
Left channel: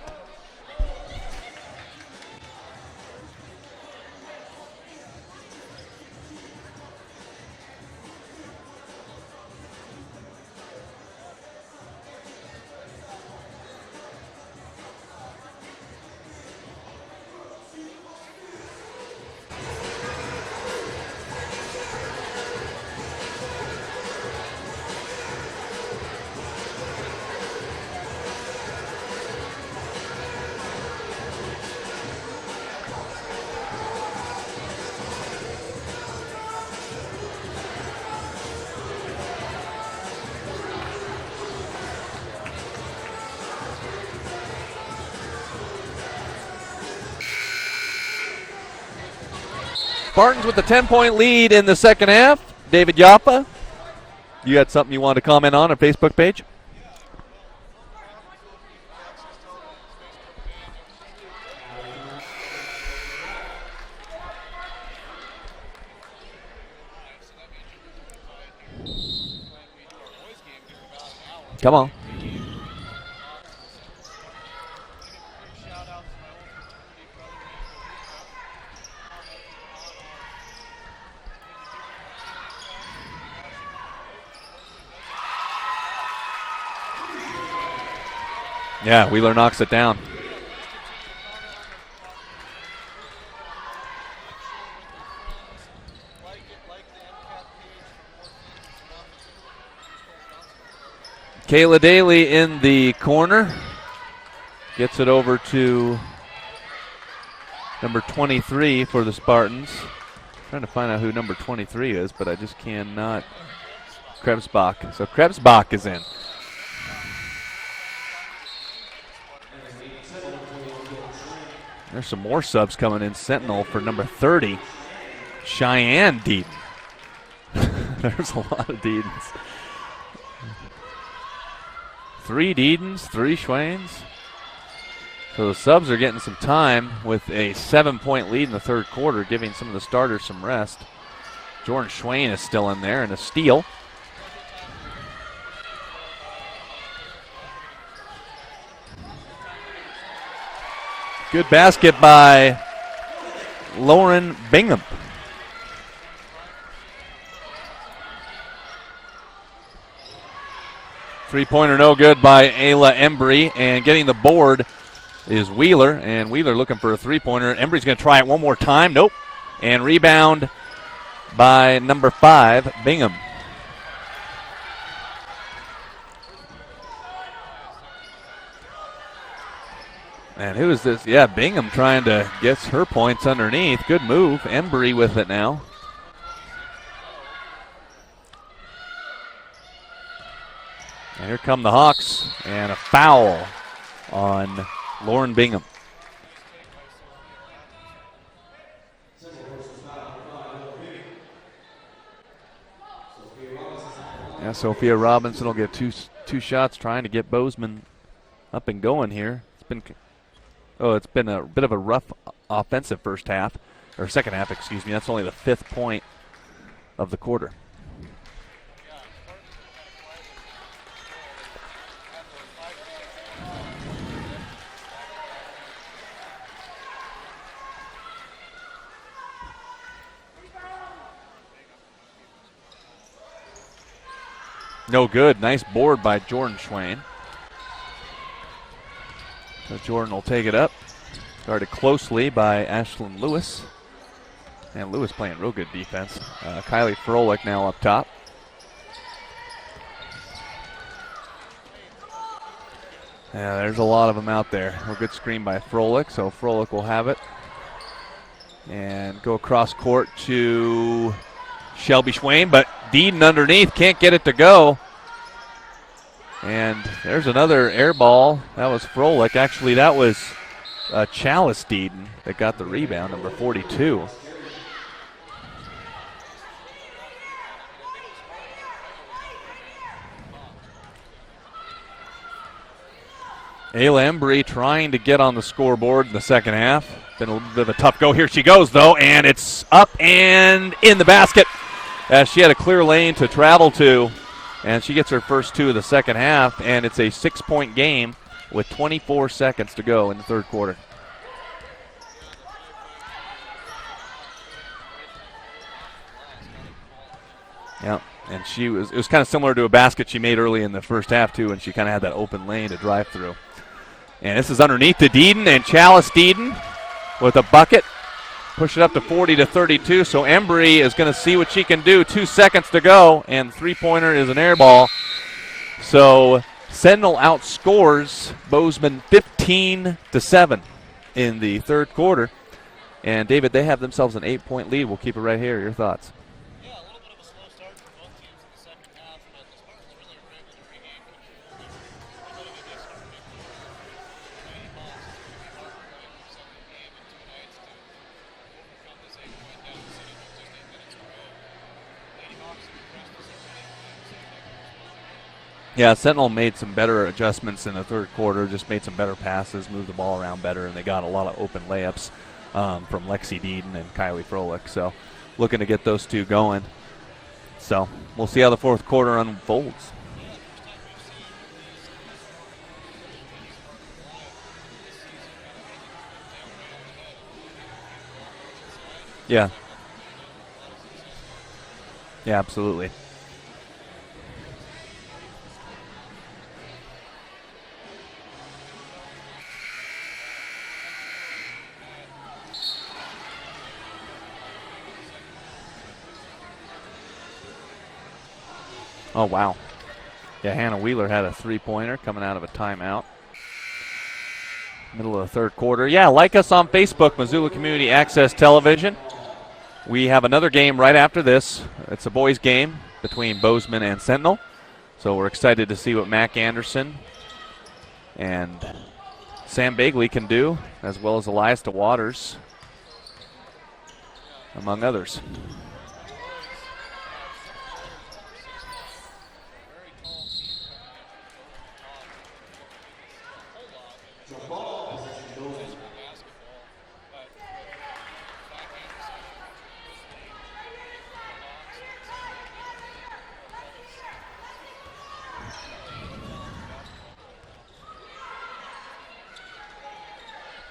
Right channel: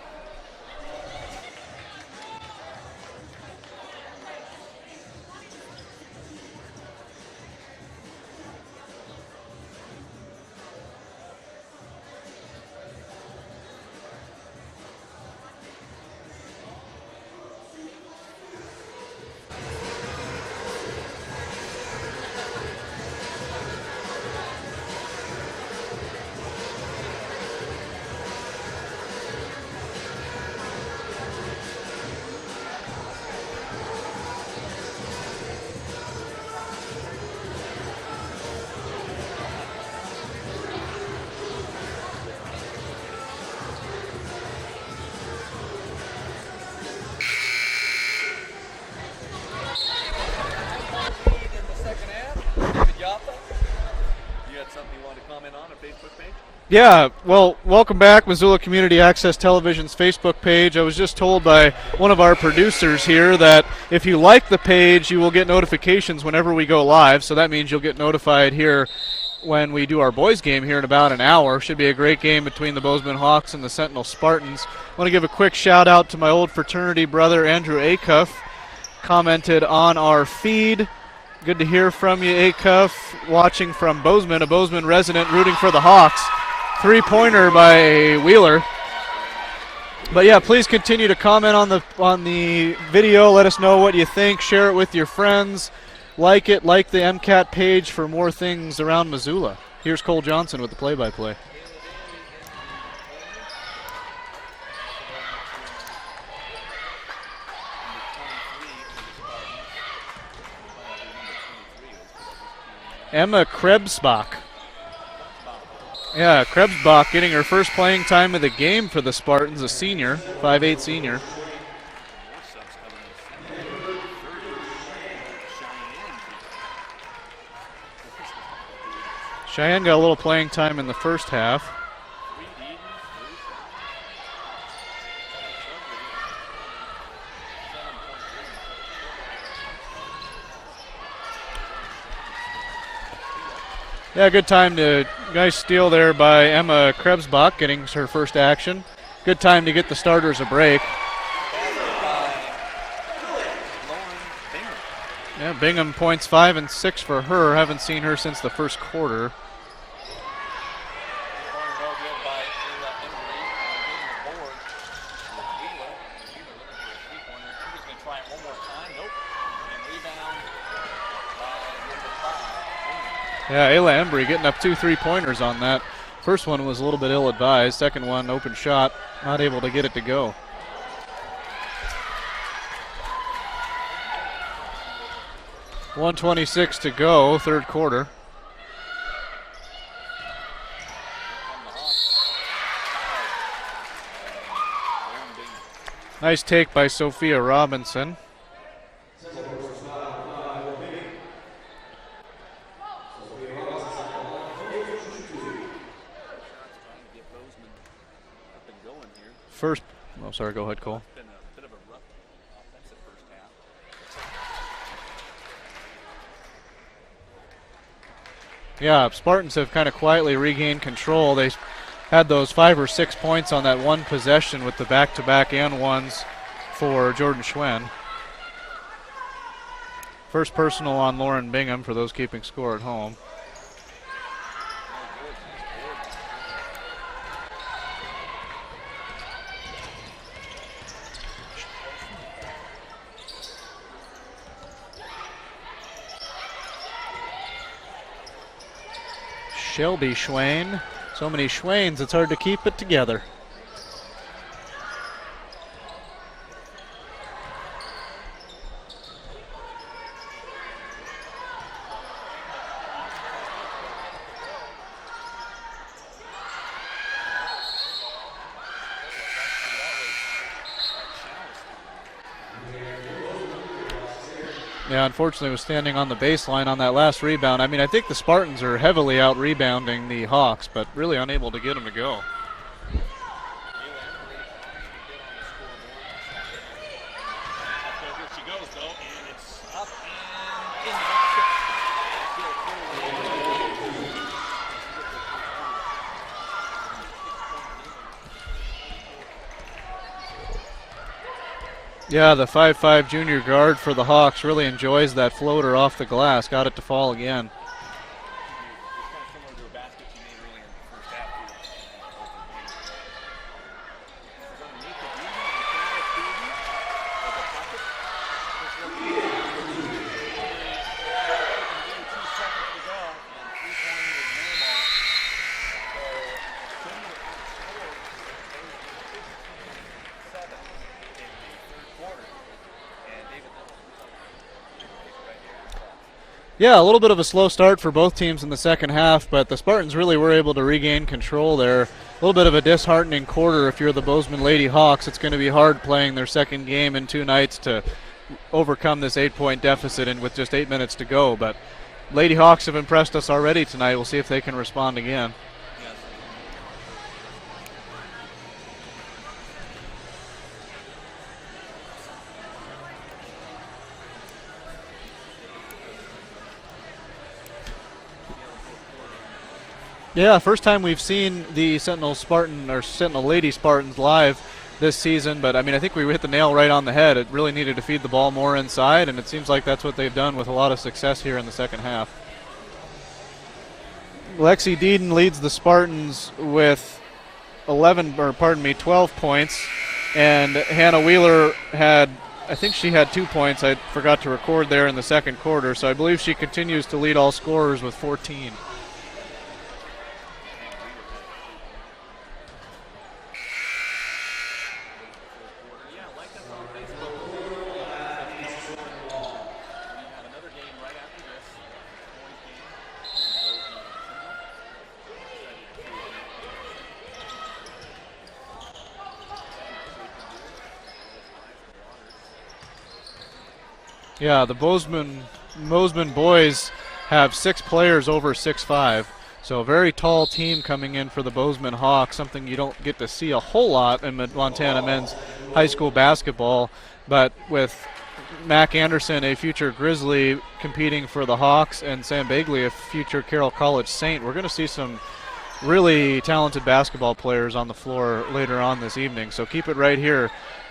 Spartans with a 10-point lead in the second half. David Yaffa, you had something you wanted to comment on our Facebook page? Yeah, well, welcome back, Missoula Community Access Television's Facebook page. I was just told by one of our producers here that if you like the page, you will get notifications whenever we go live. So that means you'll get notified here when we do our boys game here in about an hour. Should be a great game between the Bozeman Hawks and the Sentinel Spartans. I want to give a quick shout out to my old fraternity brother, Andrew Acuff. Commented on our feed. Good to hear from you, Acuff. Watching from Bozeman, a Bozeman resident rooting for the Hawks. 3-pointer by Wheeler. Yeah, Wheeler knocks it down. But yeah, please continue to comment on the video. Let us know what you think. Share it with your friends. Like it. Like the MCAT page for more things around Missoula. Here's Cole Johnson with the play-by-play. Kayla Daly in the corner. Gets it over to number 23 for the Spartans. Trying to find out who number 23 is, but I just cannot. Emma Krebsbach. So Krebsbach is in. Yeah, Krebsbach getting her first playing time of the game for the Spartans, a senior, 5'8" senior. There's some more subs coming in. Sentinel for number 30, Cheyenne Deeden. There's a lot of Deedens. Cheyenne got a little playing time in the first half. 3 Deedens, 3 Schwains. So the subs are getting some time with a 7-point lead in the third quarter, giving some of the starters some rest. Jordan Schwain is still in there, and a steal. Yeah, good time to nice steal there by Emma Krebsbach, getting her first action. Good time to get the starters a break. Good basket by Lauren Bingham. Yeah, Bingham points 5 and 6 for her. Haven't seen her since the first quarter. 3-pointer no good by Ayla Embry, and getting the board is Wheeler, and Wheeler looking for a 3-pointer. Embry's going to try it one more time. Nope. And rebound by number 5, Bingham. Yeah, Ayla Embry getting up 2 3-pointers on that. First one was a little bit ill-advised. Second one, open shot, not able to get it to go. And who is this? Yeah, Bingham trying to get her points underneath. Good move. Embry with it now. 1:26 to go, third quarter. And here come the Hawks, and a foul on Lauren Bingham. Nice take by Sophia Robinson. Yeah, Sophia Robinson will get two shots trying to get Bozeman up and going here. Go ahead. Oh, it's been a bit of a rough offensive first half, or second half, excuse me. That's only the 5th point of the quarter. Yeah, Spartans have kind of quietly regained control. They had those 5 or 6 points on that one possession with the back-to-back and ones for Jordan Schwen. First personal on Lauren Bingham for those keeping score at home. No good. Nice board by Jordan Schwen. So Jordan will take it up. Guarded closely by Ashlyn Lewis. And Lewis playing real good defense. Kylie Froelich now up top. Shelby Schwen. So many Schwens, it's hard to keep it together. Yeah, there's a lot of them out there. A good screen by Froelich, so Froelich will have it. And go across court to Shelby Schwen, but Deeden underneath, can't get it to go. And there's another air ball. That was Froelich. Actually, that was Chalice Deeden that got the rebound, number 42. Yeah, unfortunately was standing on the baseline on that last rebound. I mean, I think the Spartans are heavily out-rebounding the Hawks, but really unable to get them to go. Ayla Embry trying to get on the scoreboard in the second half. Been a little bit of a tough go. Here she goes, though, and it's up and in the basket. She had a clear lane to travel to, and she gets her first 2 of the second half, and it's a 6-point game with 24 seconds to go in the third quarter. Yeah, the 5'5" junior guard for the Hawks really enjoys that floater off the glass. Got it to fall again. Yeah, and it was kind of similar to a basket she made early in the first half, too, and she kind of had that open lane to drive through. And this is underneath to Deeden, and Chalice Deeden with a bucket. Push it up to 40-32, so Embry is going to see what she can do. 2 seconds to go, and three-pointer is an air ball. So Sentinel outscores Bozeman 15-7 in the third quarter. And David, they have themselves an 8-point lead. We'll keep it right here. Your thoughts? Yeah, a little bit of a slow start for both teams in the second half, but the Spartans really were able to regain control there. A little bit of a disheartening quarter if you're the Bozeman Lady Hawks. It's going to be hard playing their second game in 2 nights to overcome this 8-point deficit and with just 8 minutes to go. But Lady Hawks have impressed us already tonight. We'll see if they can respond again. Yeah, Sentinel made some better adjustments in the third quarter, just made some better passes, moved the ball around better, and they got a lot of open layups from Lexi Deeden and Kylie Froelich. So looking to get those two going. So we'll see how the fourth quarter unfolds. Yeah, first time we've seen the Sentinel Lady Spartans live this season, but I mean, I think we hit the nail right on the head. It really needed to feed the ball more inside, and it seems like that's what they've done with a lot of success here in the second half. Yeah, absolutely. Lexi Deeden leads the Spartans with 12 points, and Hannah Wheeler I think she had 2 points. I forgot to record there in the second quarter, so I believe she continues to lead all scorers with 14. Oh, wow. Yeah, Hannah Wheeler had a 3-pointer coming out of a timeout. Middle of the third quarter. Yeah, like us on Facebook, Missoula Community Access Television. We have another game right after this. It's a boys' game between Bozeman and Sentinel. So we're excited to see what Mac Anderson and Sam Bagley can do, as well as Elias DeWaters. Yeah, the Bozeman boys have 6 players over 6'5", so a very tall team coming in for the Bozeman Hawks, something you don't get to see a whole lot in Montana men's high school basketball. But with Mac Anderson, a future Grizzly, competing for the Hawks, and Sam Bagley, a future Carroll College Saint, we're going to see some really talented basketball players on the floor later on this evening. So keep it right here.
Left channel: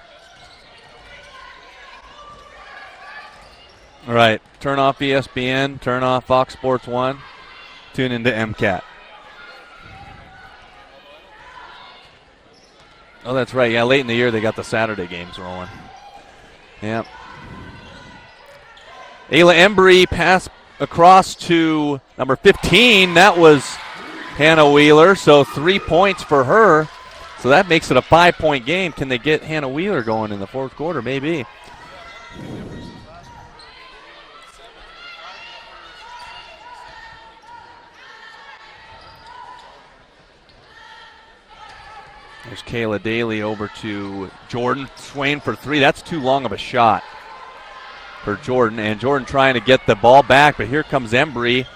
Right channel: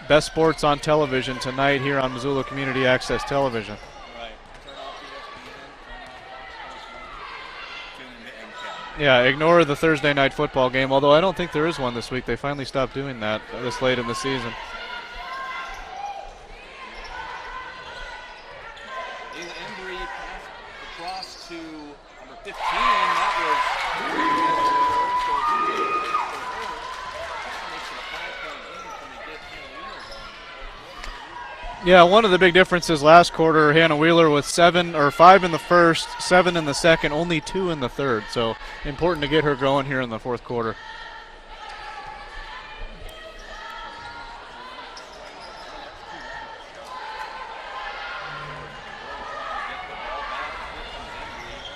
Best sports on television tonight here on Missoula Community Access Television. All right. Turn off ESPN. Turn off Fox Sports 1. Tune into MCAT. Yeah, ignore the Thursday night football game, although I don't think there is one this week. They finally stopped doing that. Oh, that's right. Yeah, late in the year they got the Saturday games rolling. Yep. Ayla Embry pass across to number 15. That was Hannah Wheeler, so 3 points for her. So that makes it a 5-point game. Can they get Hannah Wheeler going in the fourth quarter? Maybe. Yeah, one of the big differences last quarter, Hannah Wheeler with 5 in the first, 7 in the second, only 2 in the third. So important to get her going here in the fourth quarter. There's Kayla Daly over to Jordan Swain for 3. That's too long of a shot for Jordan. And Jordan trying to get the ball back, but here comes Embry.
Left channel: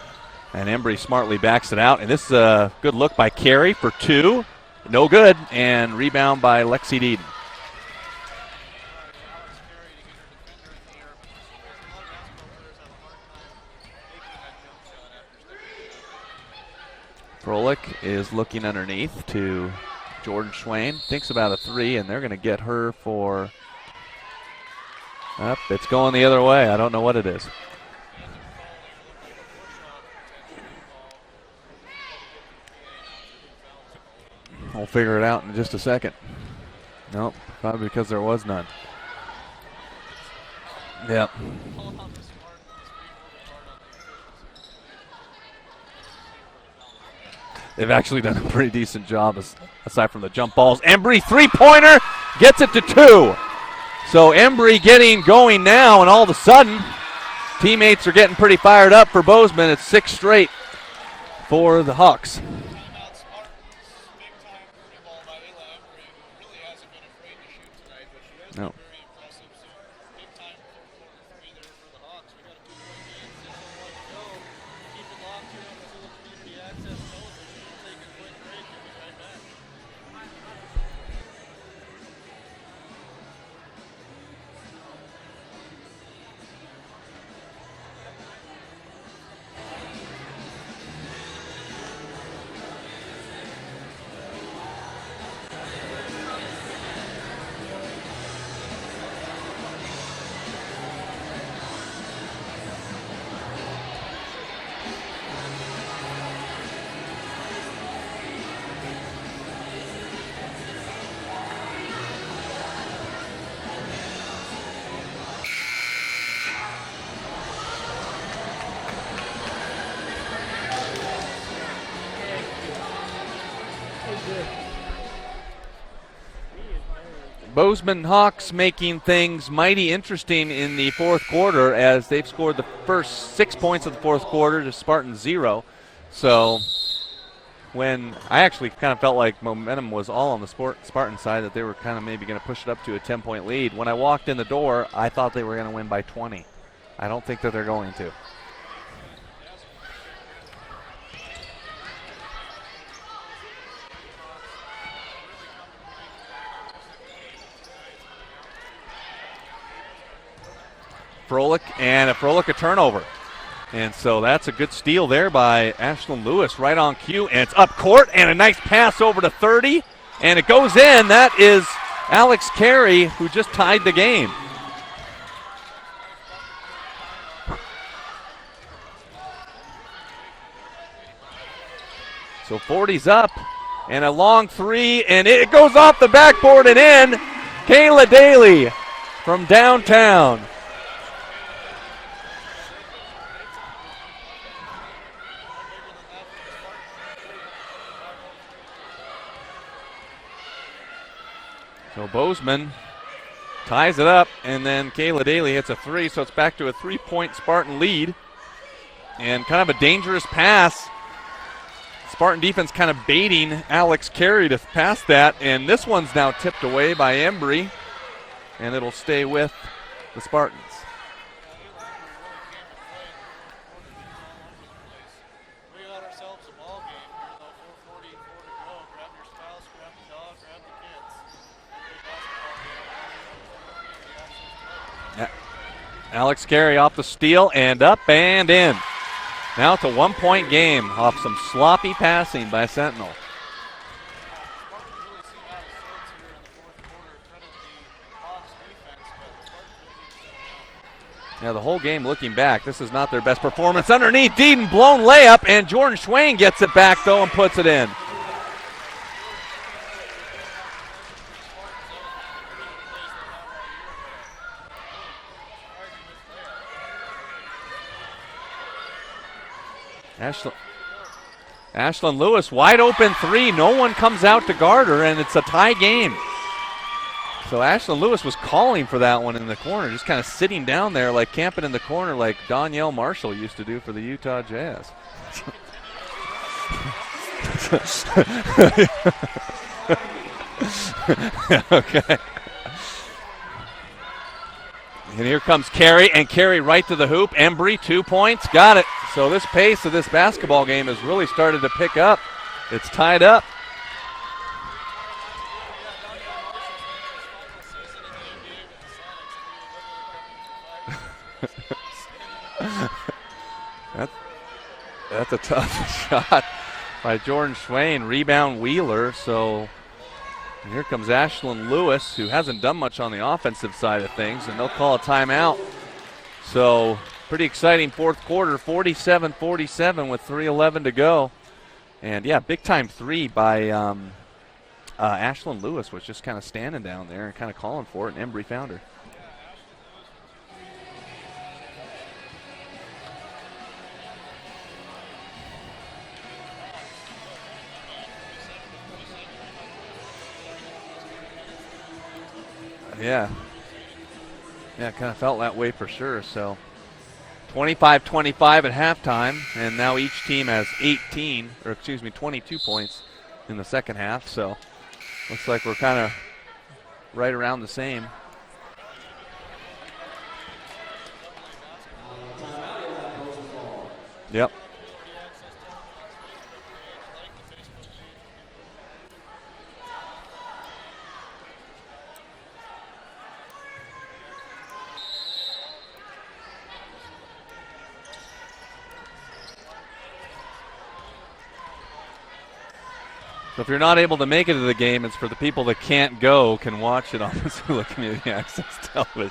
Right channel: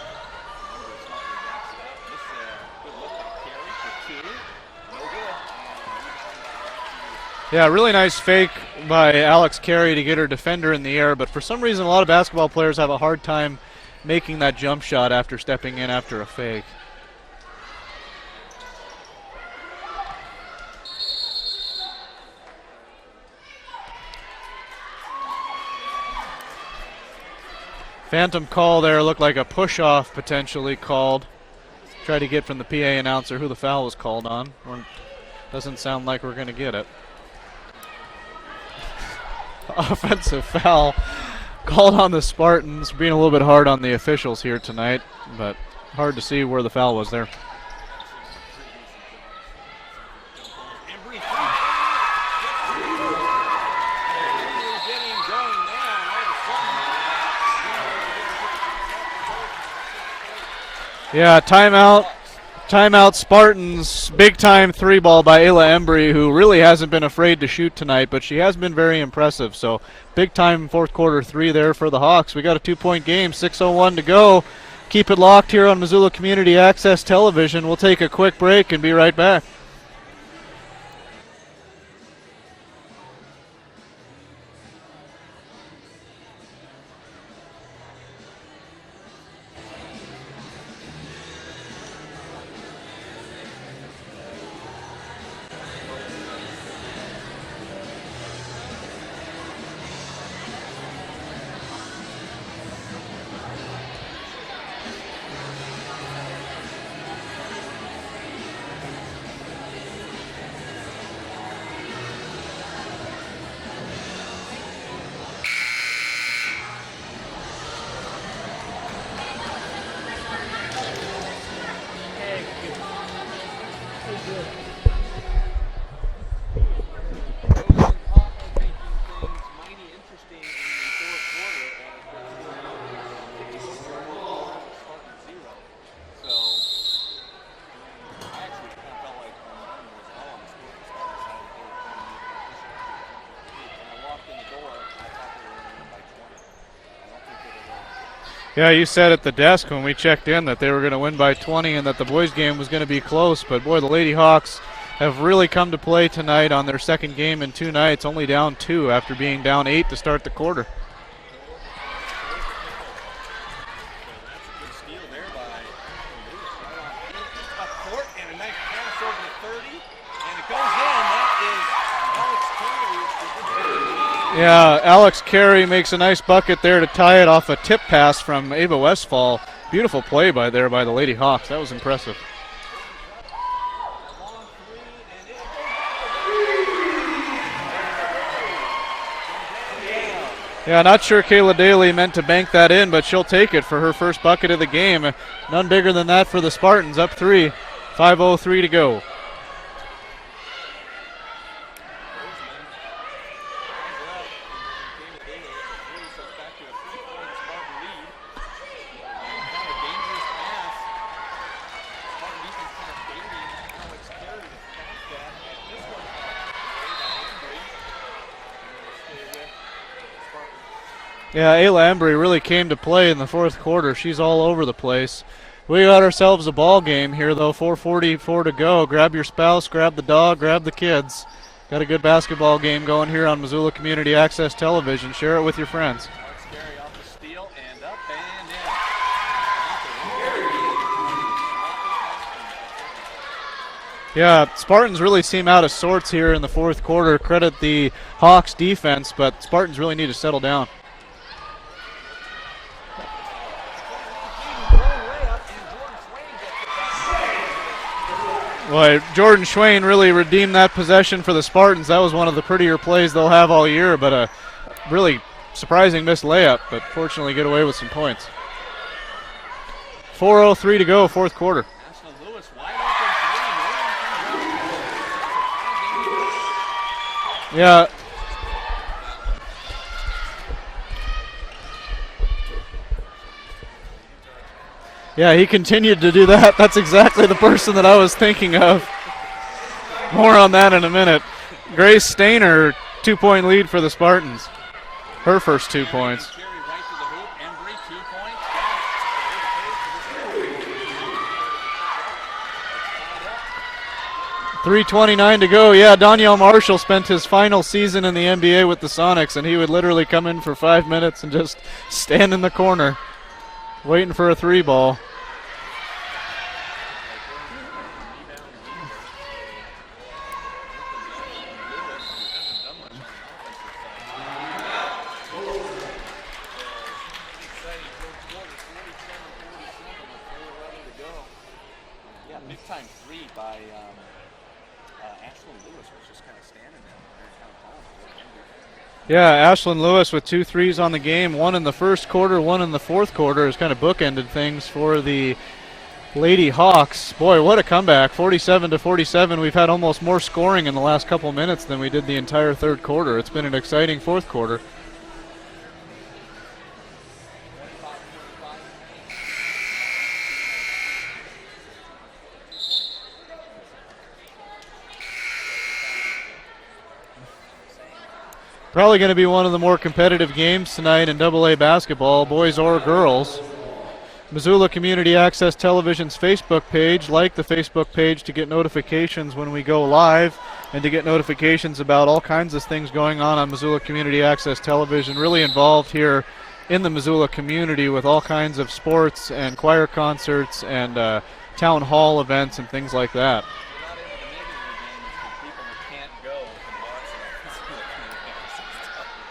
And Embry smartly backs it out. And this is a good look by Carey for 2. No good. And rebound by Lexi Deeden. Yeah, really nice fake by Alex Carey to get her defender in the air, but for some reason a lot of basketball players have a hard time making that jump shot after stepping in after a fake. Froelich is looking underneath to Jordan Swain, thinks about a 3, and they're going to get her for, it's going the other way. I don't know what it is. Phantom call there, looked like a push-off potentially called. Try to get from the PA announcer who the foul was called on. We'll figure it out in just a second. Doesn't sound like we're going to get it. Nope, probably because there was none. Offensive foul. Yep. Called on the Spartans, being a little bit hard on the officials here tonight, but hard to see where the foul was there. They've actually done a pretty decent job aside from the jump balls. Embry, 3-pointer, gets it to 2. So Embry getting going now, and all of a sudden, teammates are getting pretty fired up for Bozeman. It's 6 straight. Yeah, timeout Spartans, big time 3-ball by Ayla Embry, who really hasn't been afraid to shoot tonight, but she has been very impressive. So big time fourth quarter 3 there for the Hawks. We got a 2-point game, 6:01 to go. Keep it locked here on Missoula Community Access Television. We'll take a quick break and be right back. Bozeman Hawks making things mighty interesting in the fourth quarter as they've scored the first 6 points of the fourth quarter to Spartan 0. So when I actually kind of felt like momentum was all on the Spartan side, that they were kind of maybe going to push it up to a 10-point lead. When I walked in the door, I thought they were going to win by 20. I don't think that they're going to. Yeah, you said at the desk when we checked in that they were going to win by 20 and that the boys game was going to be close, but boy, the Lady Hawks have really come to play tonight on their second game in 2 nights, only down 2 after being down 8 to start the quarter. Froelich a turnover. And so that's a good steal there by Ashlyn Lewis right on cue, and it's up court, and a nice pass over to 30, and it goes in. That is Alex Carey, who just tied the game. Yeah, Alex Carey makes a nice bucket there to tie it off a tip pass from Ava Westfall. Beautiful play by the Lady Hawks. That was impressive. So 40's up, and a long 3, and it goes off the backboard and in. Kayla Daly from downtown. Yeah, not sure Kayla Daly meant to bank that in, but she'll take it for her first bucket of the game. None bigger than that for the Spartans, up 3. 5:03 to go. So Bozeman ties it up, and then Kayla Daly hits a 3, so it's back to a 3-point Spartan lead. And kind of a dangerous pass. Spartan defense kind of baiting Alex Carey to pass that, and this one's now tipped away by Embry, and it'll stay with the Spartans. Yeah, Ayla Embry really came to play in the fourth quarter. She's all over the place. We got ourselves a ball game here, though. 4:44 to go. Grab your spouse, grab the dog, grab the kids. Got a good basketball game going here on Missoula Community Access Television. Share it with your friends. Alex Carey off the steal and up and in. Now it's a 1-point game off some sloppy passing by Sentinel. Yeah, Spartans really seem out of sorts here in the fourth quarter. Credit the Hawks defense, but Spartans really need to settle down. Yeah, the whole game looking back, this is not their best performance. Underneath, Deeden, blown layup, and Jordan Swain gets it back, though, and puts it in. Boy, Jordan Swain really redeemed that possession for the Spartans. That was one of the prettier plays they'll have all year, but a really surprising missed layup, but fortunately get away with some points. 4:03 to go, fourth quarter. Ashlyn Lewis, wide open 3. No one comes out to guard her, and it's a tie game. So Yeah. Ashland Lewis was calling for that one in the corner, just kind of sitting down there, like camping in the corner, like Danielle Marshall used to do for the Utah Jazz. Yeah, he continued to do that. That's exactly the person that I was thinking of. More on that in a minute. Grace Stainer, 2-point lead for the Spartans. And here comes Carey, and Carey right to the hoop. Embry, 2 points, got it. So this pace of this basketball game has really started to pick up. It's tied up. 3:29 to go. Yeah, Danielle Marshall spent his final season in the NBA with the Sonics, and he would literally come in for 5 minutes and just stand in the corner waiting for a three ball. That's a tough shot by Jordan Swain. Rebound Wheeler. So here comes Ashland Lewis, who hasn't done much on the offensive side of things, and they'll call a timeout. So pretty exciting fourth quarter, 47-47 with 3:11 to go. And yeah, big time three by Ashland Lewis was just kind of standing down there and kind of calling for it, and Embry found her. Yeah, Ashland Lewis with 2 threes on the game, one in the first quarter, one in the fourth quarter, has kind of bookended things for the Lady Hawks. Boy, what a comeback, 47-47. We've had almost more scoring in the last couple minutes than we did the entire third quarter. Yeah. It's been an exciting fourth quarter. Yeah, it kind of felt that way for sure. So 25-25 at halftime, and now each team has 22 points in the second half. So looks like we're kind of right around the same. Probably going to be one of the more competitive games tonight in AA basketball, boys or girls. Yep. Missoula Community Access Television's Facebook page. Like the Facebook page to get notifications when we go live and to get notifications about all kinds of things going on Missoula Community Access Television. Really involved here in the Missoula community with all kinds of sports and choir concerts and town hall events and things like that. So if you're not able to make it to the game, it's for the people that can't go can watch it on Missoula Community Access Television.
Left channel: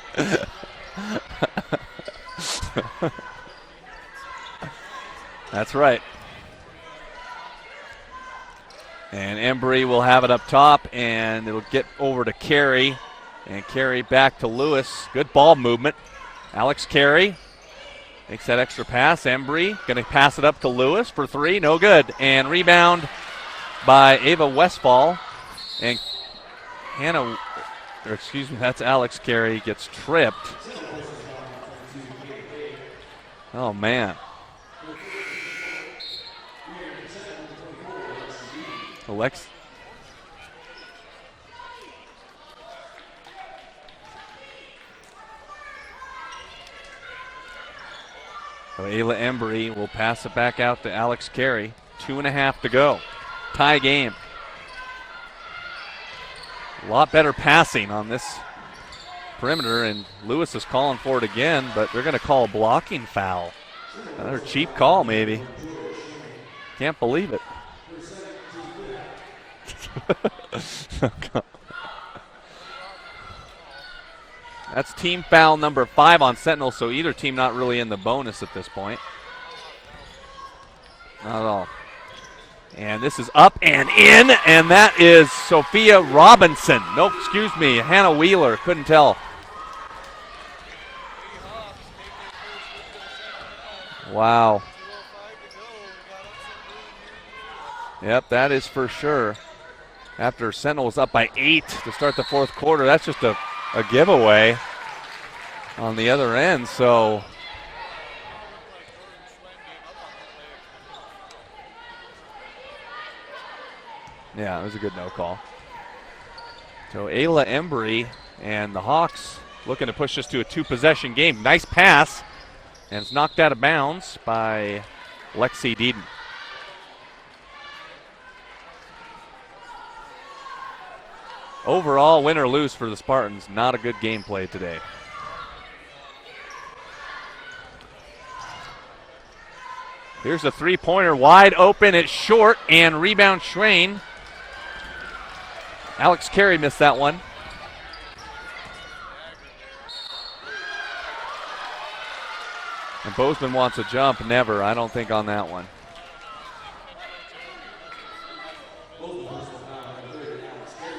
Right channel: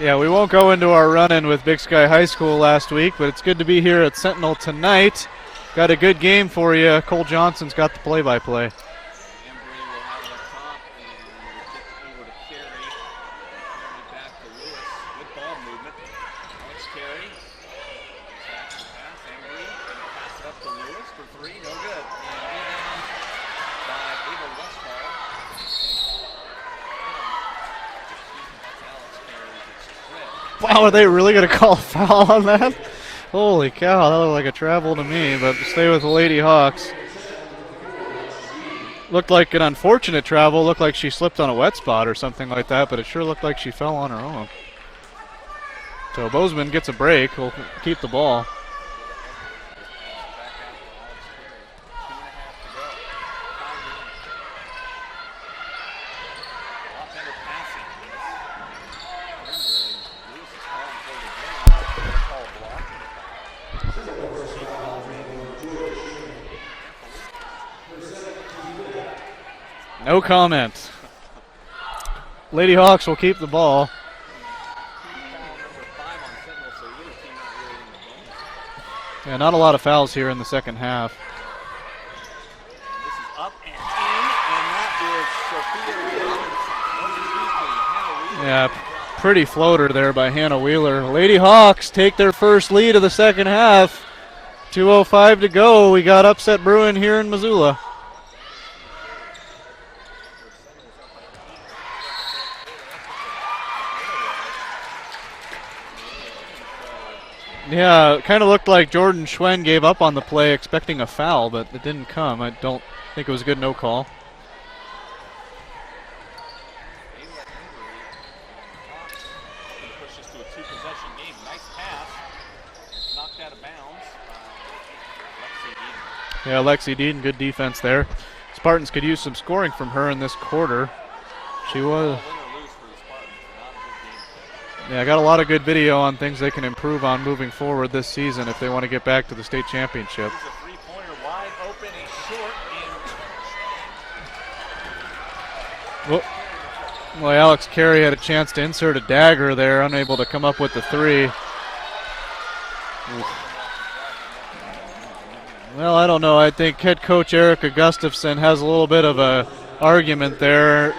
Yeah, we won't go into our run-in with Big Sky High School last week, but it's good to be here at Sentinel tonight. That's right. Got a good game for you. Cole Johnson's got the play-by-play. And Embry will have it up top, and it'll get over to Carey. And Carey back to Lewis. Good ball movement. Alex Carey makes that extra pass. Embry going to pass it up to Lewis for three. No good. And rebound by Ava Westfall. And that's Alex Carey gets tripped. Wow, are they really going to call a foul on that? Holy Oh, cow, man. that looked like a travel to me, but stay with the Lady Hawks. Looked like an unfortunate travel. Looked like she slipped on a wet spot or something like that, but it sure looked like she fell on her own. So Bozeman gets a break. We'll keep the ball. So Ayla Embry will pass it back out to Alex Carey. 2.5 to go. Tie game. A lot better passing on this perimeter, and Lewis is calling for it again, but they're going to call a blocking foul. Another cheap call, maybe. Can't believe it. No comment. Lady Hawks will keep the ball. That's team foul number 5 on Sentinel, so either team not really in the bonus at this point. Yeah, not a lot of fouls here in the second half. Not at all. And this is up and in, and that is Sophia Robinson. Hannah Wheeler. Yeah, Couldn't tell. Pretty floater there by Hannah Wheeler. Lady Hawks take their first lead of the second half. Wow. 2:05 to go. We got upset brewing here in Missoula. Yep, that is for sure. After Sentinel was up by 8 to start the fourth quarter, that's just a giveaway on the other end. So yeah, it kind of looked like Jordan Schwen gave up on the play expecting a foul, but it didn't come. I don't think it was a good no call. yeah, it was a good no call. So Ayla Embry and the Hawks looking to push this to a 2-possession game. Nice pass, and it's knocked out of bounds by Lexi Deeden. Yeah, Lexi Deeden, good defense there. Spartans could use some scoring from her in this quarter. Overall, win or lose for the Spartans, not a good gameplay today. Yeah, I got a lot of good video on things they can improve on moving forward this season if they want to get back to the state championship. Here's a three-pointer wide open. It's short, and rebound Schrain. Alex Carey missed that one. Well, Alex Carey had a chance to insert a dagger there, unable to come up with the three. And Bozeman wants a jump. Never, I don't think, on that one. Well, I don't know. I think head coach Erica Gustafson has a little bit of a argument there.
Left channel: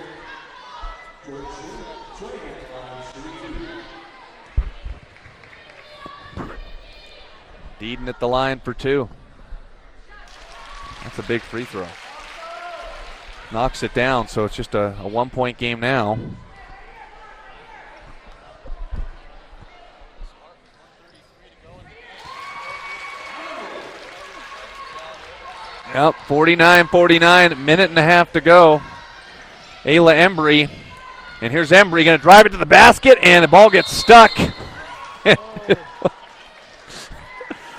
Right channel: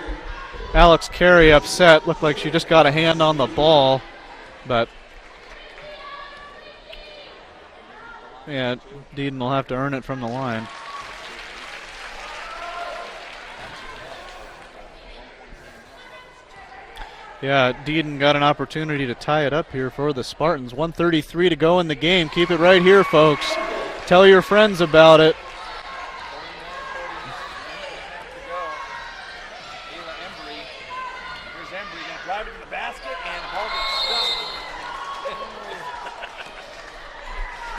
Alex Carey upset. Looked like she just got a hand on the ball, but Deeden at the line yeah, for 2. Deeden will have to earn it from the line. That's a big free throw. knocks it down, so it's just a 1-point game now. Yeah, Deedon got an opportunity to tie it up here for the Spartans. 1:33 to go in the game. Keep it right here, folks. Tell your friends about it. Yep, 49-49, minute and a half to go. Ayla Embry, and here's Embry going to drive it to the basket, and the ball gets stuck.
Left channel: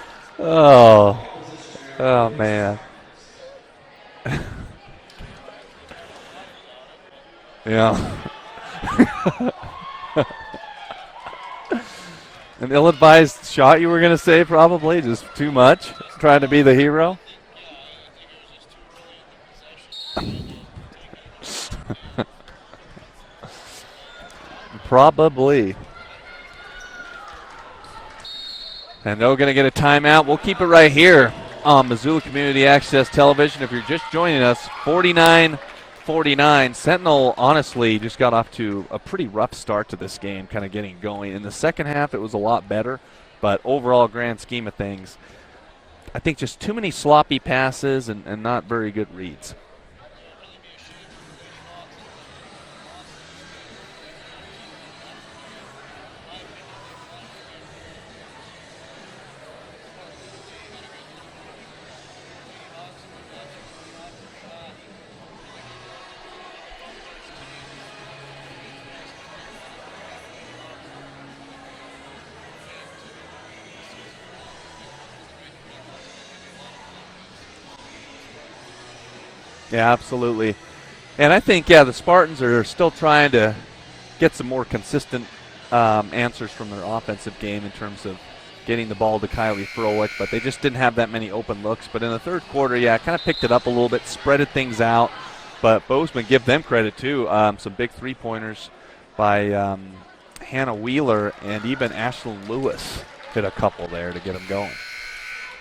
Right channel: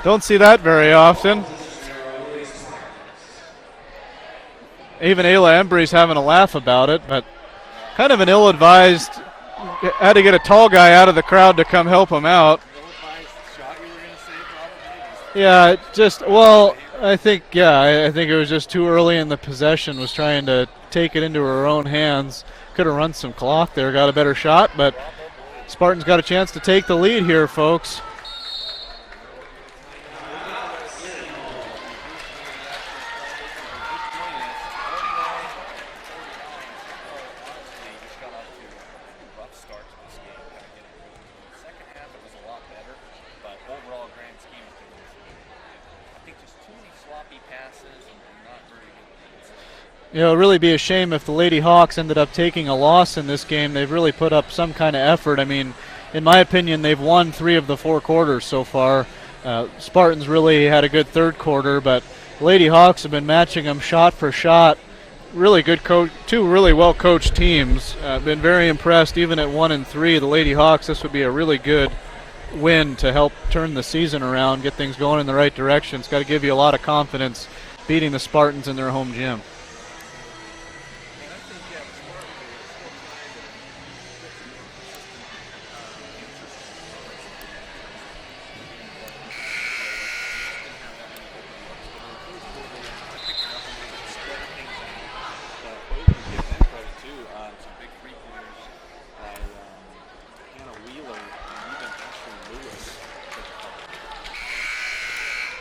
Don't see that very often. Oh, man. Even Ayla Embry's having a laugh about it, but yeah, kind of an ill-advised. Had to get a tall guy out of the crowd to come help him out. An ill-advised shot, you were going to say, probably, just too yeah, much. Just trying to be the hero. I think I think it was just too early in the possession. Was trying to take it into her own hands. Could have run some clock there, got a better shot, but probably. Spartans got a chance to take the lead here, folks. And they're going to get a timeout. We'll keep it right here on Missoula Community Access Television. If you're just joining us, 49-49. Sentinel, honestly, just got off to a pretty rough start to this game, kind of getting going. In the second half, it was a lot better, but overall, grand scheme of things, I think just too many sloppy passes and not very good reads. You know, it'd really be a shame if the Lady Hawks ended up taking a loss in this game. They've really put up some kind of effort. I mean, in my opinion, they've won 3 of the 4 quarters so far. Spartans really had a good third quarter, but Lady Hawks have been matching them shot for shot. Really good coach, 2 really well-coached teams. Been very impressed, even at 1-3. The Lady Hawks, this would be a really good win to help turn the season around, get things going in the right direction. It's got to give you a lot of confidence beating the Spartans in their home gym. Yeah, absolutely. And I think, the Spartans are still trying to get some more consistent answers from their offensive game in terms of getting the ball to Kylie Froelich, but they just didn't have that many open looks. But in the third quarter, kind of picked it up a little bit, spreaded things out. But Bozeman, give them credit, too. Some big three-pointers by Hannah Wheeler, and even Ashlyn Lewis hit a couple there to get them going.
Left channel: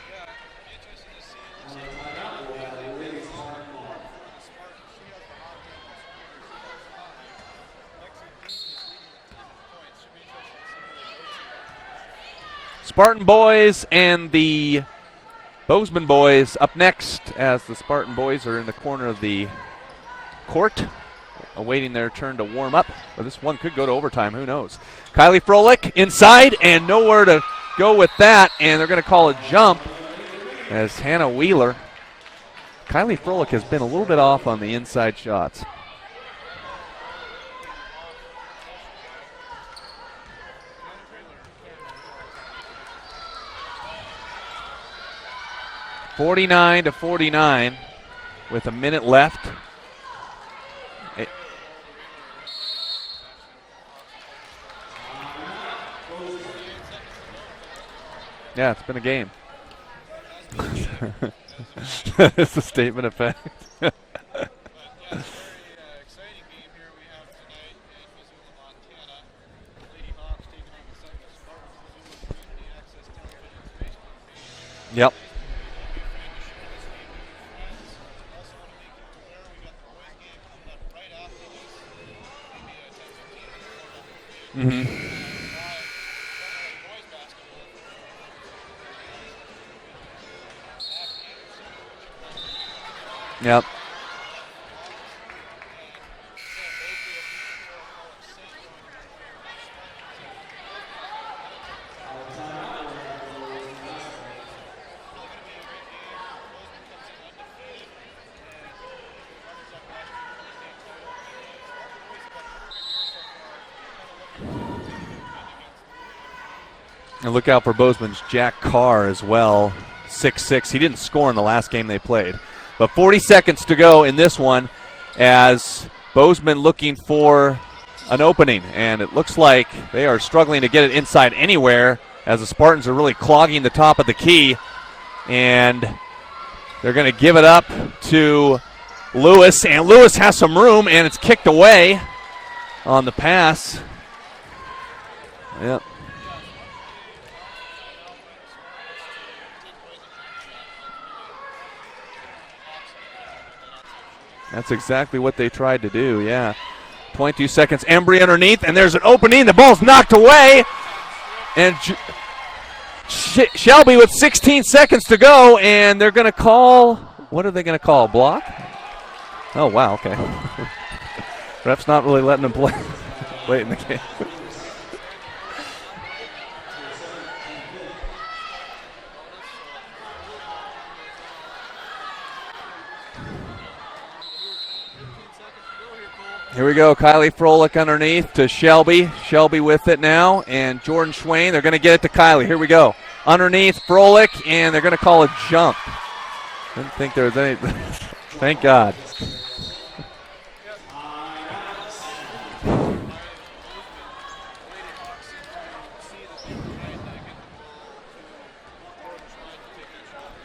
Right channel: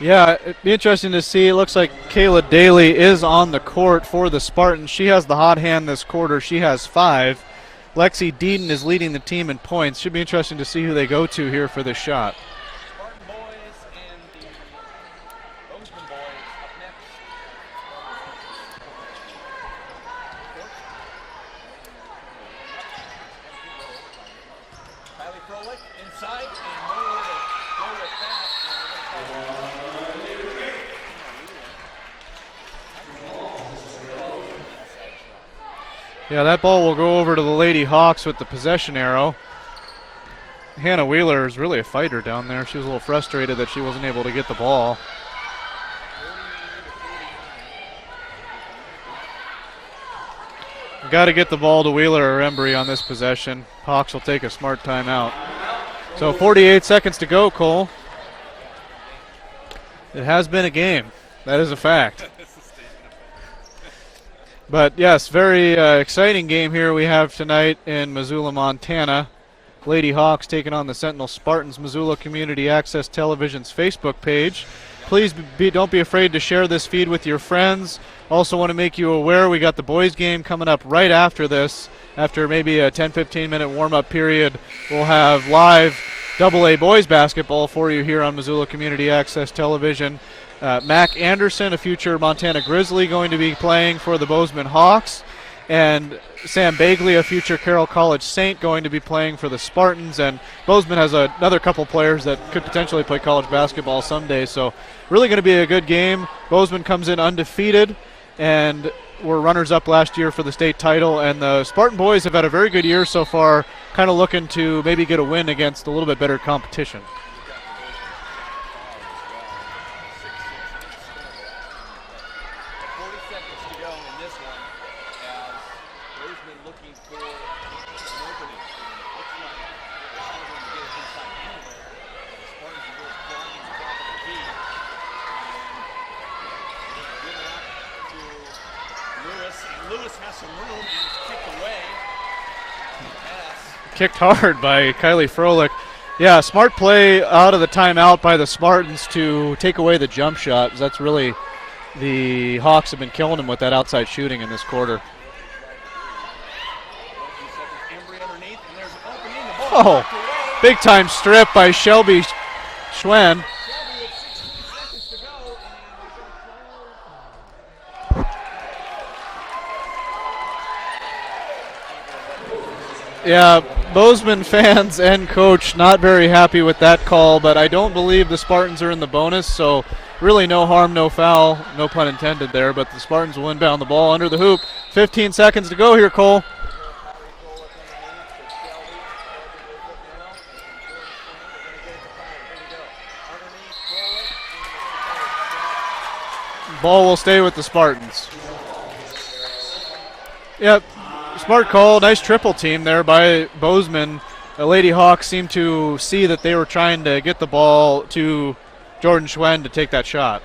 Yeah, it'd be interesting to see. It looks like Kayla Daly is on the court for the Spartans. She has the hot hand this quarter. She has 5. Lexi Deedon is leading the team in points. Should be interesting to see who they go to here for this shot. Spartan boys and the Bozeman boys up next, as the Spartan boys are in the corner of the court awaiting their turn to warm up. Or this one could go to overtime, who knows. Kylie Froelich inside and nowhere to go with that, and they're going to call a jump as Hannah Wheeler. Kylie Froelich has been a little bit off on the inside shots. Yeah, that ball will go over to the Lady Hawks with the possession arrow. Hannah Wheeler is really a fighter down there. She was a little frustrated that she wasn't able to get the ball. 49-49 with a minute left. Got to get the ball to Wheeler or Embry on this possession. Hawks will take a smart timeout. So 48 seconds to go, Cole. Yeah, it's been a game. It has been a game. That is a fact. It's a statement of fact. But yes, very exciting game here we have tonight in Missoula, Montana. Lady Hawks taking on the Sentinel Spartans. Missoula Community Access Television's Facebook page. Yep. Please don't be afraid to share this feed with your friends. Also want to make you aware we got the boys game coming up right after this. After maybe a 10-15 minute warm-up period, we'll have live AA boys basketball for you here on Missoula Community Access Television. Mac Anderson, a future Montana Grizzly, going to be playing for the Bozeman Hawks. And Sam Bagley, a future Carroll College Saint, going to be playing for the Spartans. And Bozeman has another couple players that could potentially play college basketball someday. So really going to be a good game. Bozeman comes in undefeated and were runners-up last year for the state title. And the Spartan boys have had a very good year so far, kind of looking to maybe get a win against a little bit better competition. And look out for Bozeman's Jack Carr as well, 6'6". He didn't score in the last game they played. But 40 seconds to go in this one, as Bozeman looking for an opening, and it looks like they are struggling to get it inside anywhere, as the Spartans are really clogging the top of the key, and they're going to give it up to Lewis, and Lewis has some room, and it's kicked away on the pass. Kicked hard by Kylie Froelich. Yep. Yeah, smart play out of the timeout by the Spartans to take away the jump shot. That's really the Hawks have been killing them with that outside shooting in this quarter. That's exactly what they tried to do, yeah. 0.2 seconds, Embry underneath, and there's an opening. The ball's knocked away. Big-time strip by Shelby Schwen. Shelby with 16 seconds to go, and they're going to call, what are they going to call, block? Oh, wow, okay. Ref's not really letting him play. Yeah, Bozeman fans and coach not very happy with that call, but I don't believe the Spartans are in the bonus, so really no harm, no foul, no pun intended there, but the Spartans will inbound the ball under the hoop. 15 seconds to go here, Cole. Here we go, Kylie Froelich underneath to Shelby. Shelby with it now, and Jordan Schwain, they're going to get it to Kylie. Here we go. Underneath Froelich, and they're going to call a jump. Ball will stay with the Spartans. Thank God. Yep. Smart call. Nice triple team there by Bozeman. The Lady Hawks seemed to see that they were trying to get the ball to Jordan Schwen to take that shot.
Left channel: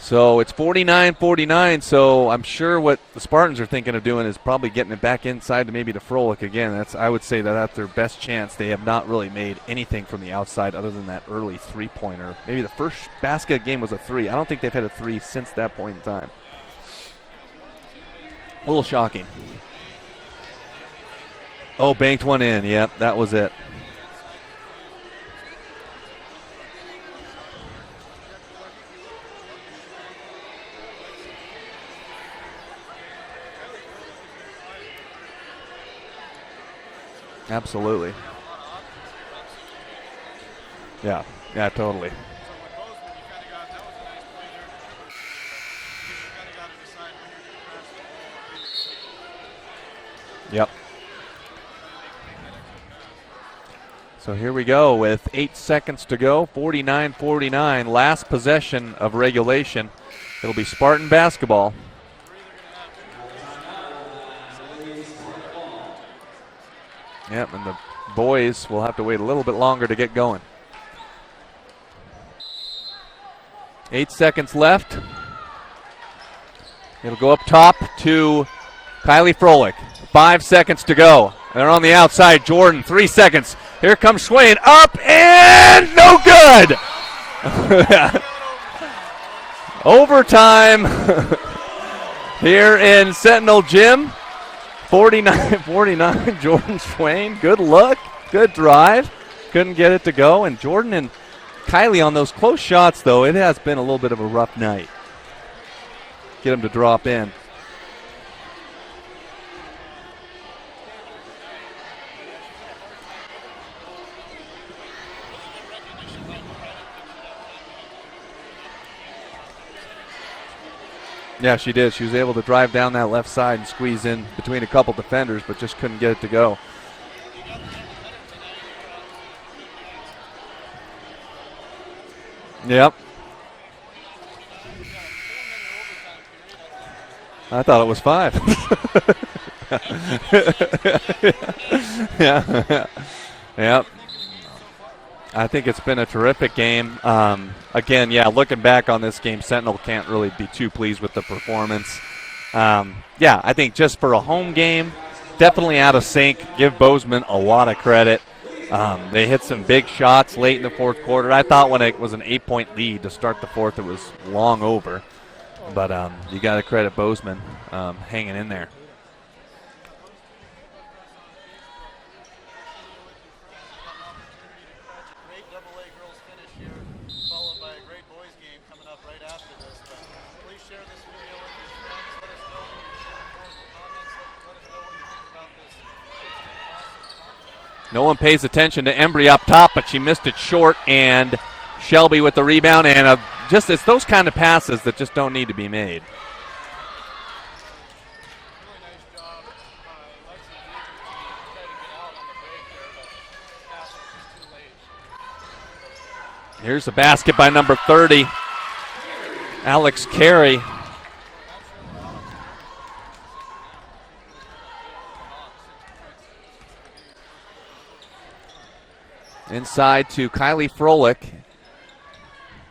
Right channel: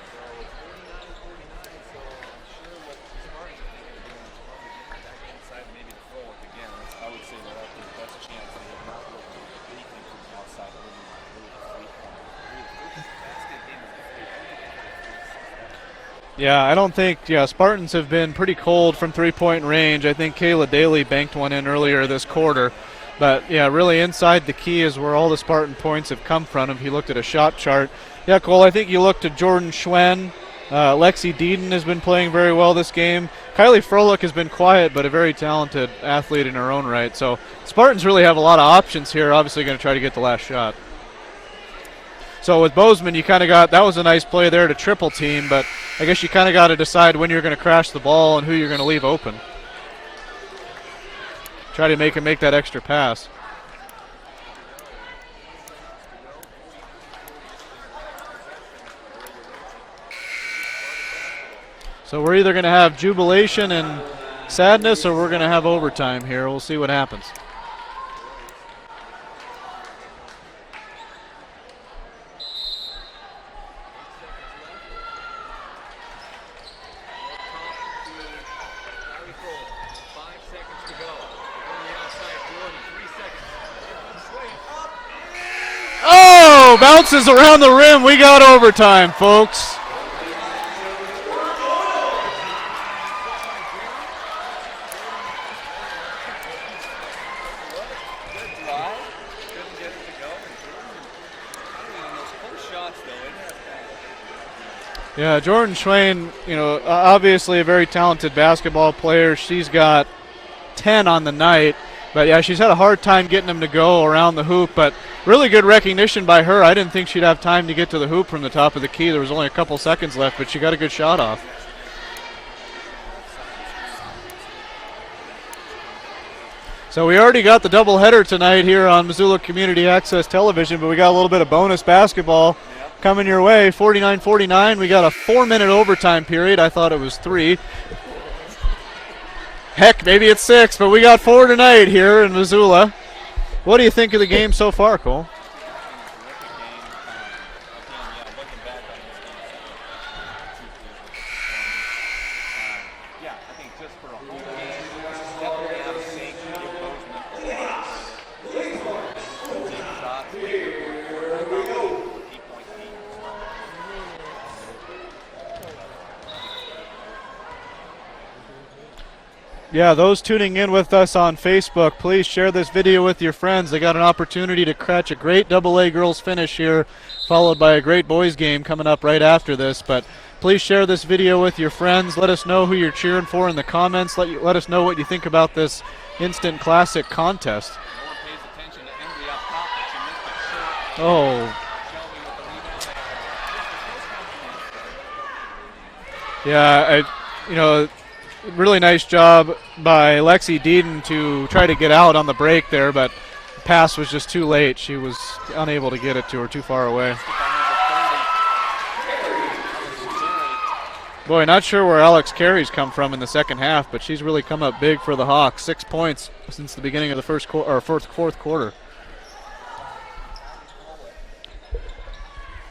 So it's 49-49, so I'm sure what the Spartans are thinking of doing is probably getting it back inside to maybe to Froelich again. I would say that's their best chance. They have not really made anything from the outside other than that early three-pointer. Maybe the first basket of the game was a three. I don't think they've had a three since that point in time. Yeah, I don't think, Spartans have been pretty cold from three-point range. I think Kayla Daly banked one in earlier this quarter. Banked one in, yep, that was it. Yeah, really inside the key is where all the Spartan points have come from. If you looked at a shot chart. Yeah, Cole, I think you looked at Jordan Schwen. Lexi Deeden has been playing very well this game. Kylie Froelich has been quiet, but a very talented athlete in her own right. So absolutely. Spartans really have a lot of options here. Obviously going to try to get the last shot. Yeah, totally. So with Bozeman, you kind of got, that was a nice play there to triple team, but I guess you kind of got to decide when you're going to crash the ball and who you're going to leave open. Yep. Try to make that extra pass. So here we go with 8 seconds to go, 49-49, last possession of regulation. It'll be Spartan basketball. So we're either going to have jubilation and sadness or we're going to have overtime here. We'll see what happens. Yep, and the boys will have to wait a little bit longer to get going. 8 seconds left. It'll go up top to Kylie Froelich. 5 seconds to go. They're on the outside. Jordan, 3 seconds. Here comes Swain, up and no good! Bounces around the rim. We got overtime, folks. Overtime here in Sentinel Gym. 49-49, Jordan Swain. Good look, good drive. Couldn't get it to go. And Jordan and Kylie on those close shots, though, it has been a little bit of a rough night. Yeah, Jordan Swain, obviously a very talented basketball player. She's got 10 on the night. But, yeah, she's had a hard time getting him to go around the hoop. But really good recognition by her. I didn't think she'd have time to get to the hoop from the top of the key. There was only a couple seconds left, but she got a good shot off. Yeah, she did. She was able to drive down that left side and squeeze in between a couple defenders, but just couldn't get it to go. So we already got the doubleheader tonight here on Missoula Community Access Television, but we got a little bit of bonus basketball coming your way. 49-49. We got a 4-minute overtime period. I thought it was 3. I thought it was 5. Heck, maybe it's 6, but we got 4 tonight here in Missoula. What do you think of the game so far, Cole? I think it's been a terrific game. Again, looking back on this game, Sentinel can't really be too pleased with the performance. I think just for a home game, definitely out of sync. Give Bozeman a lot of credit. They hit some big shots late in the fourth quarter. I thought when it was an 8-point lead to start the fourth, it was long over. But you got to credit Bozeman hanging in there. Yeah, those tuning in with us on Facebook, please share this video with your friends. They got an opportunity to catch a great AA girls finish here, followed by a great boys game coming up right after this. But please share this video with your friends. Let us know who you're cheering for in the comments. Let us know what you think about this instant classic contest. No one pays attention to Embry up top, but she missed it short, and Shelby with the rebound. And it's those kind of passes that just don't need to be made. Yeah, really nice job by Lexi Deeden to try to get out on the break there, but the pass was just too late. She was unable to get it to her, too far away. Here's a basket by number 30, Alex Carey. Boy, not sure where Alex Carey's come from in the second half, but she's really come up big for the Hawks. 6 points since the beginning of the fourth quarter. Inside to Kylie Froelich.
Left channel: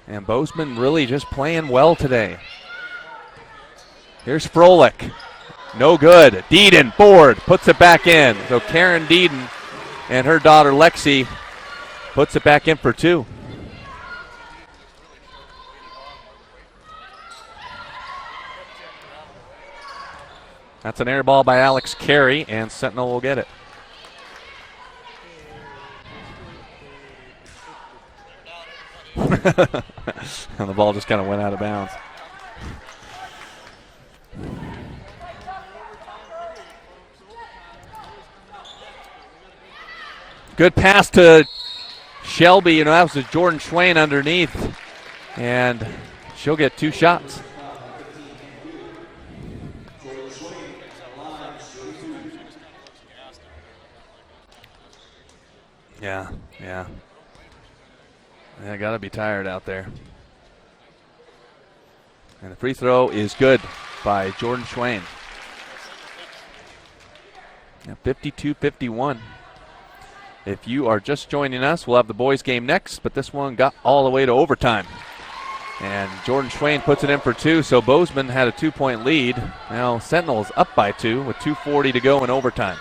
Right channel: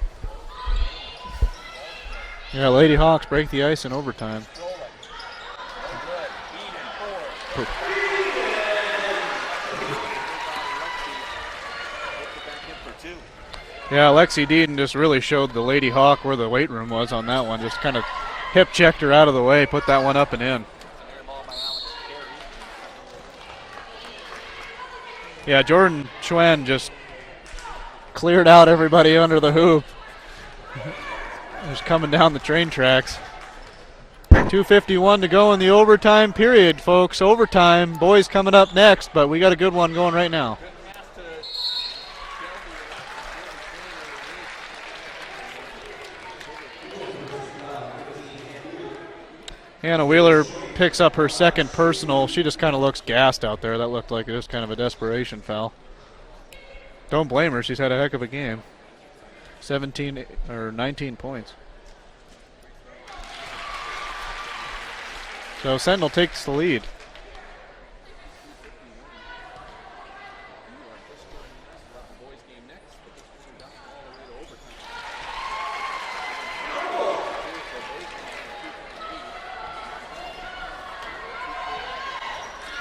And Bozeman really just playing well today. Yeah, Lady Hawks break the ice in overtime. Here's Froelich. No good. Deeden, board, puts it back in. So Karen Deeden and her daughter Lexi puts it back in for 2. Yeah, Lexi Deeden just really showed the Lady Hawk where the weight room was on that one. Just kind of hip checked her out of the way, put that one up and in. That's an air ball by Alex Carey, and Sentinel will get it. Yeah, Jordan Schwen just cleared out everybody under the hoop. And the ball just kind of went out of bounds. Just coming down the train tracks. 2:51 to go in the overtime period, folks. Overtime. Boys coming up next, but we got a good one going right now. Good pass to Shelby. That was Jordan Schwain underneath. And she'll get 2 shots. Hannah Wheeler picks up her second personal. She just kind of looks gassed out there. That looked like it was kind of a desperation foul. Yeah. Don't blame her. She's had a heck of a game. Yeah, got to be tired out there. 17 or 19 points. And the free throw is good by Jordan Schwain. So Sentinel takes the lead. 52-51. If you are just joining us, we'll have the boys game next, but this one got all the way to overtime. And Jordan Schwain puts it in for 2, so Bozeman had a 2-point lead. Now Sentinel is up by 2 with 2:40 to go in overtime.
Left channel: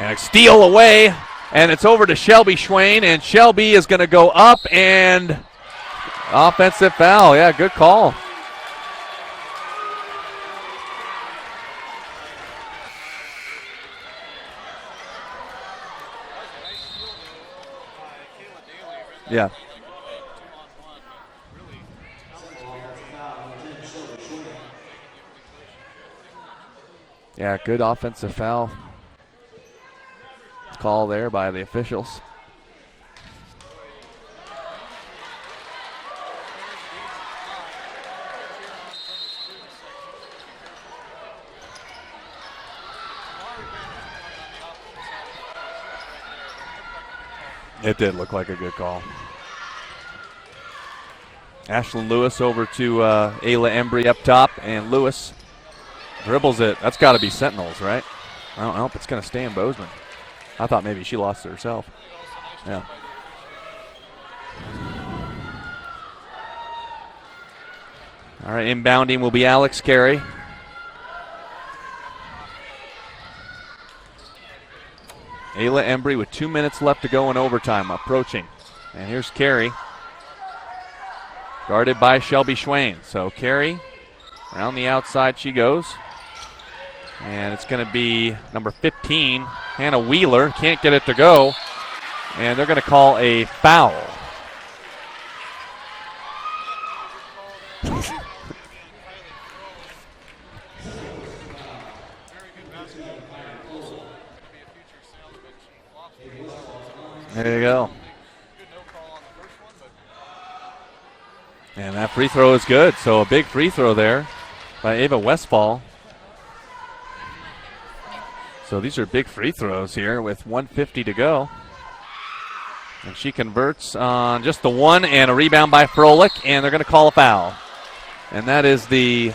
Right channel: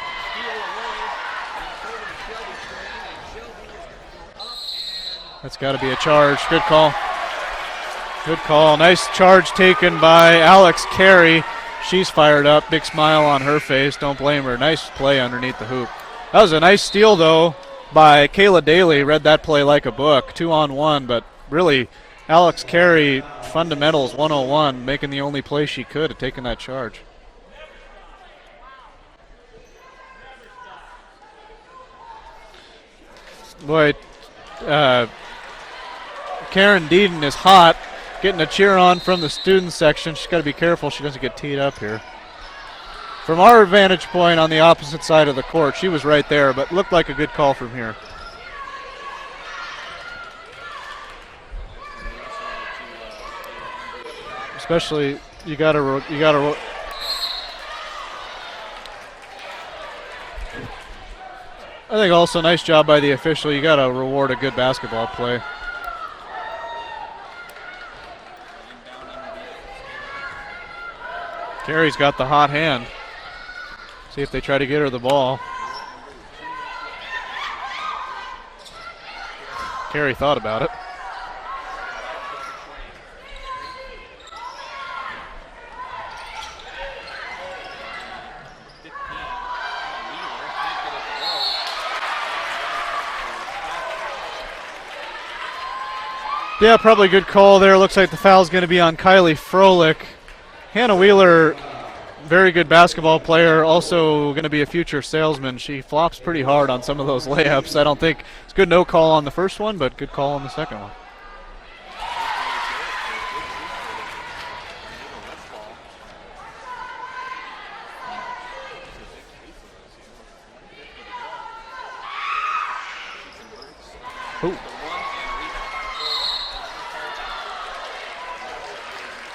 And a steal away, and it's over to Shelby Schwain, and Shelby is going to go up, and that's got to be a charge. Offensive foul. Yeah, good call. Good call. Nice charge taken by Alex Carey. She's fired up. Big smile on her face. Don't blame her. Nice play underneath the hoop. That was a nice steal, though, by Kayla Daly. Read that play like a book. 2-on-1, but really Alex Carey, fundamentals 101, making the only play she could at taking that charge. Yeah, good offensive foul call there by the officials. Boy, Karen Deeden is hot. Getting a cheer on from the student section. She's got to be careful she doesn't get teed up here. From our vantage point on the opposite side of the court, she was right there, but looked like a good call from here. It did look like a good call. Ashlyn Lewis over to Ayla Embry up top. Especially, and Lewis you got dribbles it. That's got to be Sentinels, right? I don't know if it's going to stay in Bozeman. I thought maybe she lost it herself. I think also nice job by the official. You got to reward a good basketball play. All right, inbounding will be Alex Carey. Carey's got the hot hand. See if they try to get her the ball. Ayla Embry with 2 minutes left to go in overtime, approaching. And here's Carey. Carey thought about it. Guarded by Shelby Schwain. So Carey, down the outside she goes. And it's going to be number 15, Hannah Wheeler. Can't get it to go. And they're going to call a foul. Yeah, probably a good call there. Looks like the foul's going to be on Kylie Froelich. Hannah Wheeler, very good basketball player, also going to be a future salesman. She flops pretty hard on some of those layups. I don't think it's good no call on the first one, but good call on the second one. And that free throw is good. So a big free throw there by Ava Westfall. So these are big free throws here with 1:50 to go. And she converts on just the one, and a rebound by Froelich, and they're going to call a foul. And that is the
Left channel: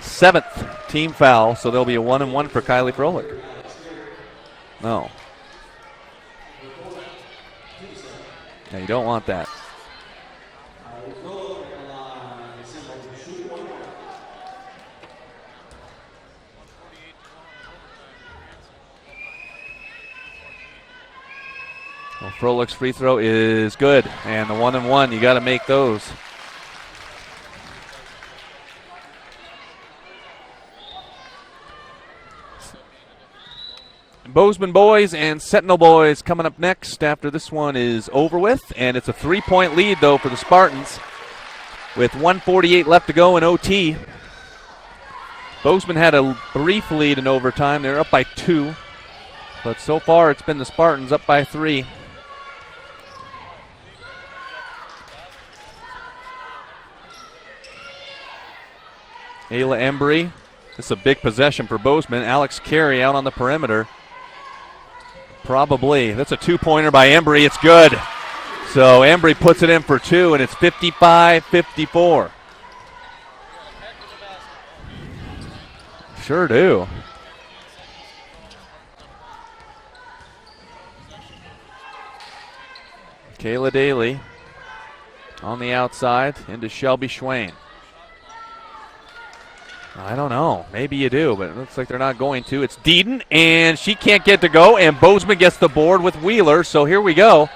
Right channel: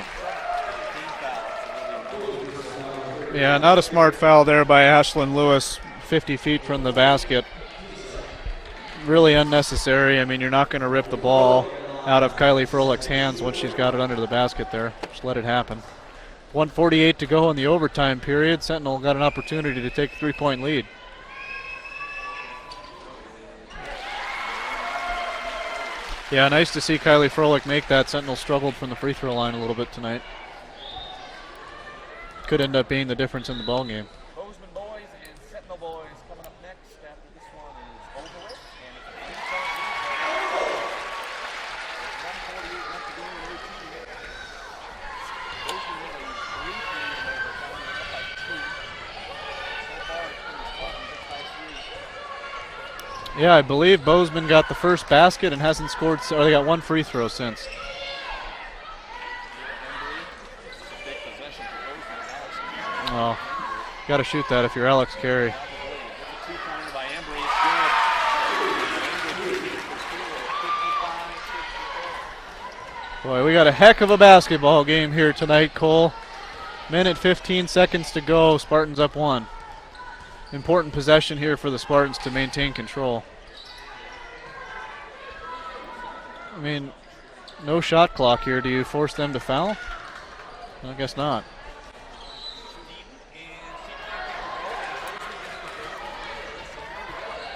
7th team foul, so there'll be a 1-and-1 for Kylie Froelich. Yeah, not a smart foul there by Ashlyn Lewis, 50 feet from the basket. Yeah, you don't want really that. Unnecessary. I mean, you're not going to rip the ball out of Kylie Froelich's hands once she's got it under the basket there. Just let it happen. 1:48 to go in the overtime period. Sentinel got an opportunity to take a 3-point lead. Well, Froelich's free throw is good, and the 1-and-1, you got to make those. Yeah, nice to see Kylie Froelich make that. Sentinel struggled from the free throw line a little bit tonight. Could end up being the difference in the ball game. Bozeman boys and Sentinel boys coming up next after this one is over with, and it's a 3-point lead, though, for the Spartans with 1:48 left to go in OT. Bozeman had a brief lead in overtime. They're up by 2, but so far it's been the Spartans up by 3. Yeah, I believe Bozeman got the first basket and hasn't scored, or they got one free throw since. Ayla Embry. This is a big possession for Bozeman. Alex Carey out on the perimeter. Got to shoot that if you're Alex Carey. Probably. That's a 2-pointer by Embry. It's good. So Embry puts it in for 2, and it's 55-54. Boy, we got a heck of a basketball game here tonight, Cole. Sure do. Minute 15 seconds to go. Spartans up 1. Important possession here for the Spartans to maintain control. Kayla Daly on the outside into Shelby Schwain. No shot clock here. Do you force them to foul? I don't know. Maybe you do, but it looks like they're not going to. It's Deeden, and she can't get to go, and Bozeman gets the board with Wheeler, so here we go.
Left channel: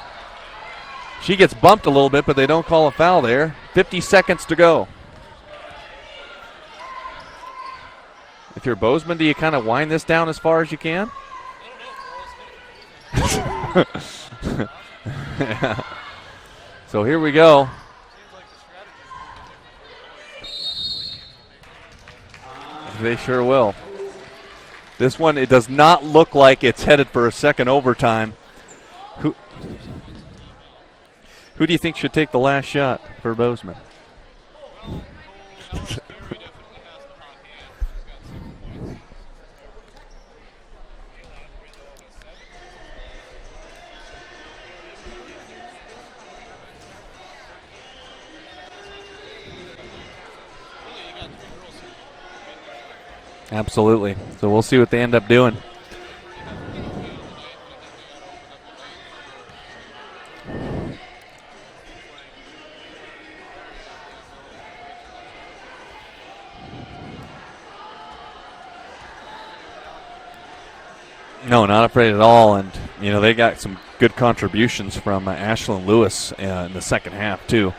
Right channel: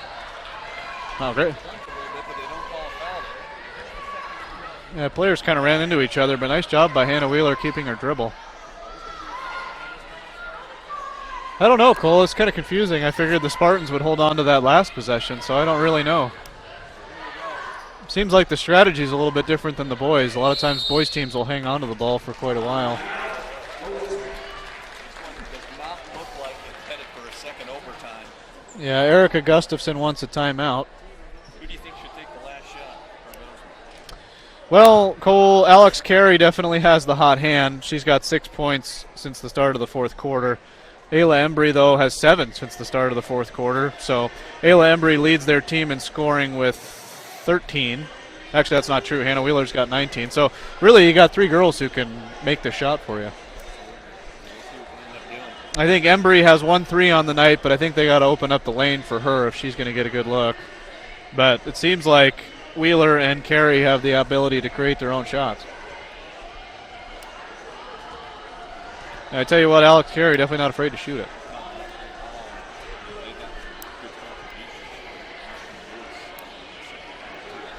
She gets bumped a little bit, but they don't call a foul there. 50 seconds to go. Yeah, players kind of ran into each other, but nice job by Hannah Wheeler keeping her dribble. If you're Bozeman, do you kind of wind this down as far as you can? I don't know, Cole. It's kind of confusing. I figured the Spartans would hold on to that last possession, so I don't really know. So here we go. Seems like the strategy is a little bit different than the boys. A lot of times boys teams will hang on to the ball for quite a while. They sure will. This one, it does not look like it's headed for a second overtime. Yeah, Erica Gustafson wants a timeout. Who do you think should take the last shot for Bozeman? Well, Cole, Alex Carey definitely has the hot hand. She's got 6 points since the start of the fourth quarter. Ayla Embry, though, has 7 since the start of the fourth quarter. So Ayla Embry leads their team in scoring with 13. Actually, that's not true. Hannah Wheeler's got 19. So really, you got 3 girls who can make the shot for you. Absolutely. So we'll see what they end up doing. I think Embry has 1 3 on the night, but I think they got to open up the lane for her if she's going to get a good look. But it seems like Wheeler and Carey have the ability to create their own shots. And I tell you what, Alex Carey definitely not afraid to shoot it. No, not afraid at all. And, you know, they got some good contributions from Ashlyn Lewis in the second half, too.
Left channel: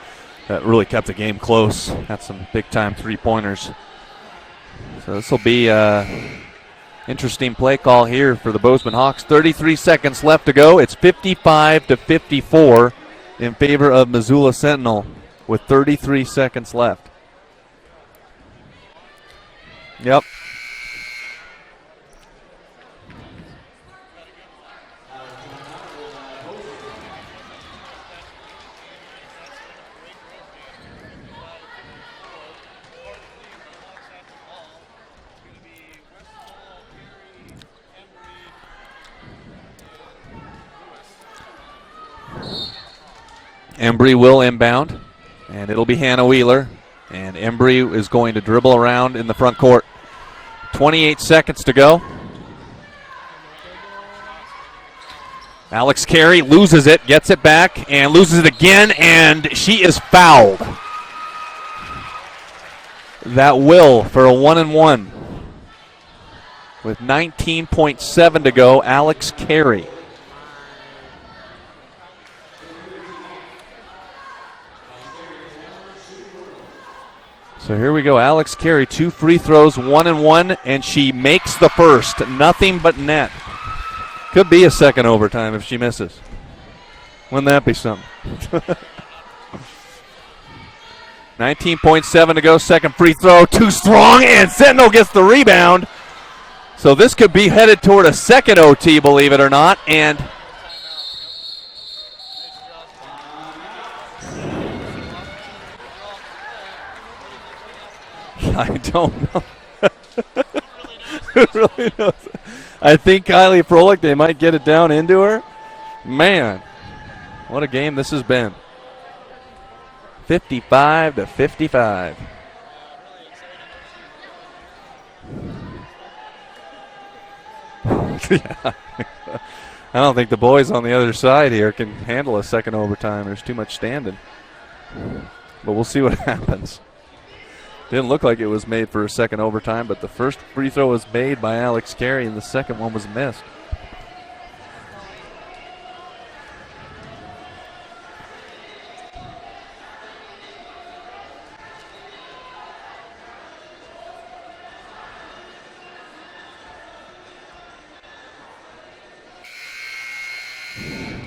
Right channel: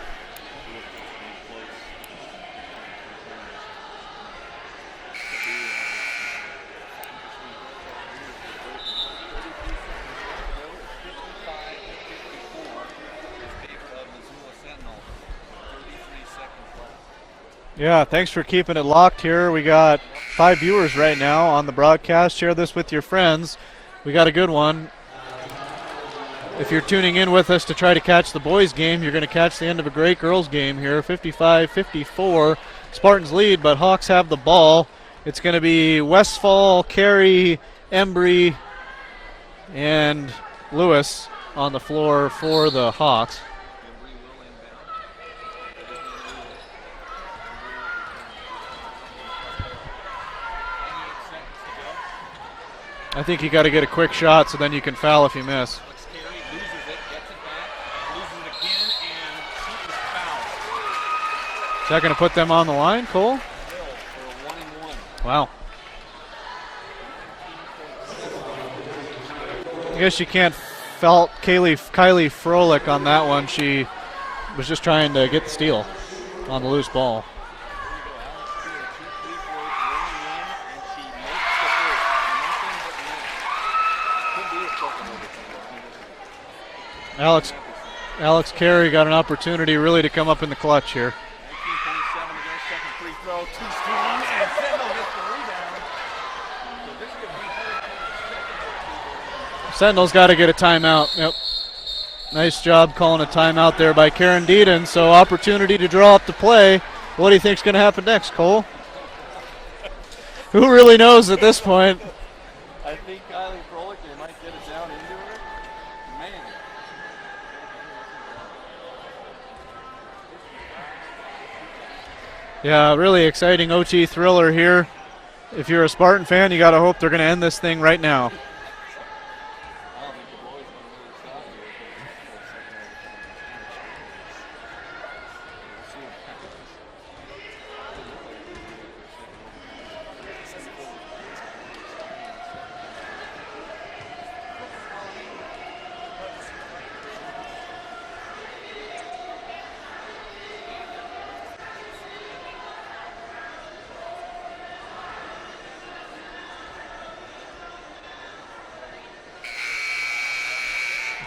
That really kept the game close. Had some big-time three-pointers. So this will be interesting play call here for the Bozeman Hawks. 33 seconds left to go. It's 55-54 in favor of Missoula Sentinel with 33 seconds left. Yeah, thanks for keeping it locked here. We got 5 viewers right now on the broadcast. Share this with your friends. We got a good one. If you're tuning in with us to try to catch the boys game, you're going to catch the end of a great girls game here. 55-54. Spartans lead, but Hawks have the ball. It's going to be Westfall, Carey, Embry, and Lewis on the floor for the Hawks. Embry will inbound, and it'll be Hannah Wheeler. And Embry is going to dribble around in the front court. 28 seconds to go. I think you got to get a quick shot so then you can foul if you miss. Alex Carey loses it, gets it back, and loses it again, and she is fouled. Is that going to put them on the line, Cole? That will for a 1-and-1. Wow. With 19.7 to go, Alex Carey. I guess you can't fault Kylie Froelich on that one. She was just trying to get the steal on the loose ball. So here we go. Alex Carey, 2 free throws, 1-and-1, and she makes the first. Nothing but net. Could be a second overtime if she misses. Wouldn't that be something? Alex Carey got an opportunity really to come up in the clutch here. 19.7 to go. Second free throw. Too strong, and Sentinel gets the rebound. So this could be headed toward a second OT, believe it or not. Sentinel's got to get a timeout. Yep. Nice job calling a timeout there by Karen Deedon. So opportunity to draw up the play. What do you think's going to happen next, Cole? I don't know. Who really knows at this point? Knows? I think Kylie Froelich, they might get it down into her. Man, what a game this has been. 55-55. Yeah, really exciting OT thriller here. If you're a Spartan fan, you got to hope they're going to end this thing right now. Yeah. I don't think the boys on the other side here can handle a second overtime. There's too much standing. But we'll see what happens. Didn't look like it was made for a second overtime, but the first free throw was made by Alex Carey, and the second one was missed.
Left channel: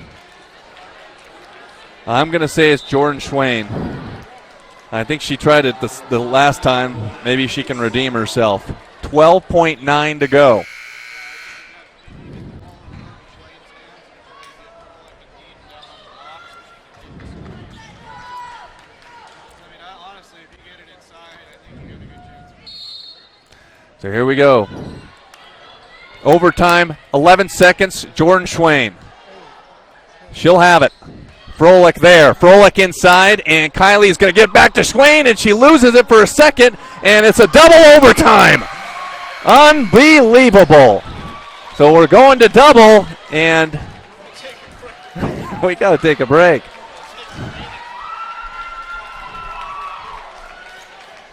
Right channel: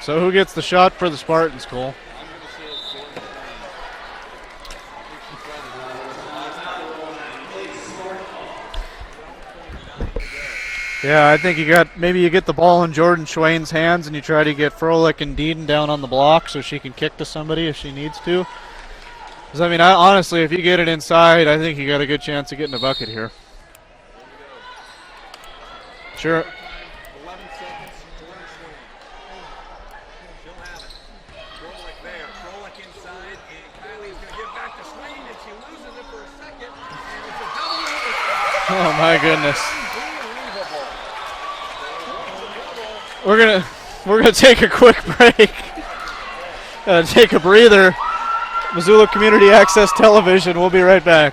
So who gets the shot for the Spartans, Cole? I'm going to say it's Jordan Schwain. I think she tried it the last time. Maybe she can redeem herself. 12.9 to go. Yeah, I think maybe you get the ball in Jordan Schwain's hands and you try to get Froelich and Deedon down on the block so she can kick to somebody if she needs to. Because, I mean, honestly, if you get it inside, I think you got a good chance of getting a bucket here. So here we go. Sure. Overtime, 11 seconds, Jordan Schwain. She'll have it. Froelich there. Froelich inside, and Kylie's going to get back to Schwain, and she loses it for a second, and it's a double overtime. Oh, my goodness. Unbelievable. So we're going to double, We're going to take a quick break. We got to take a break. Got to take a breather. Missoula Community Access Television. We'll be right back.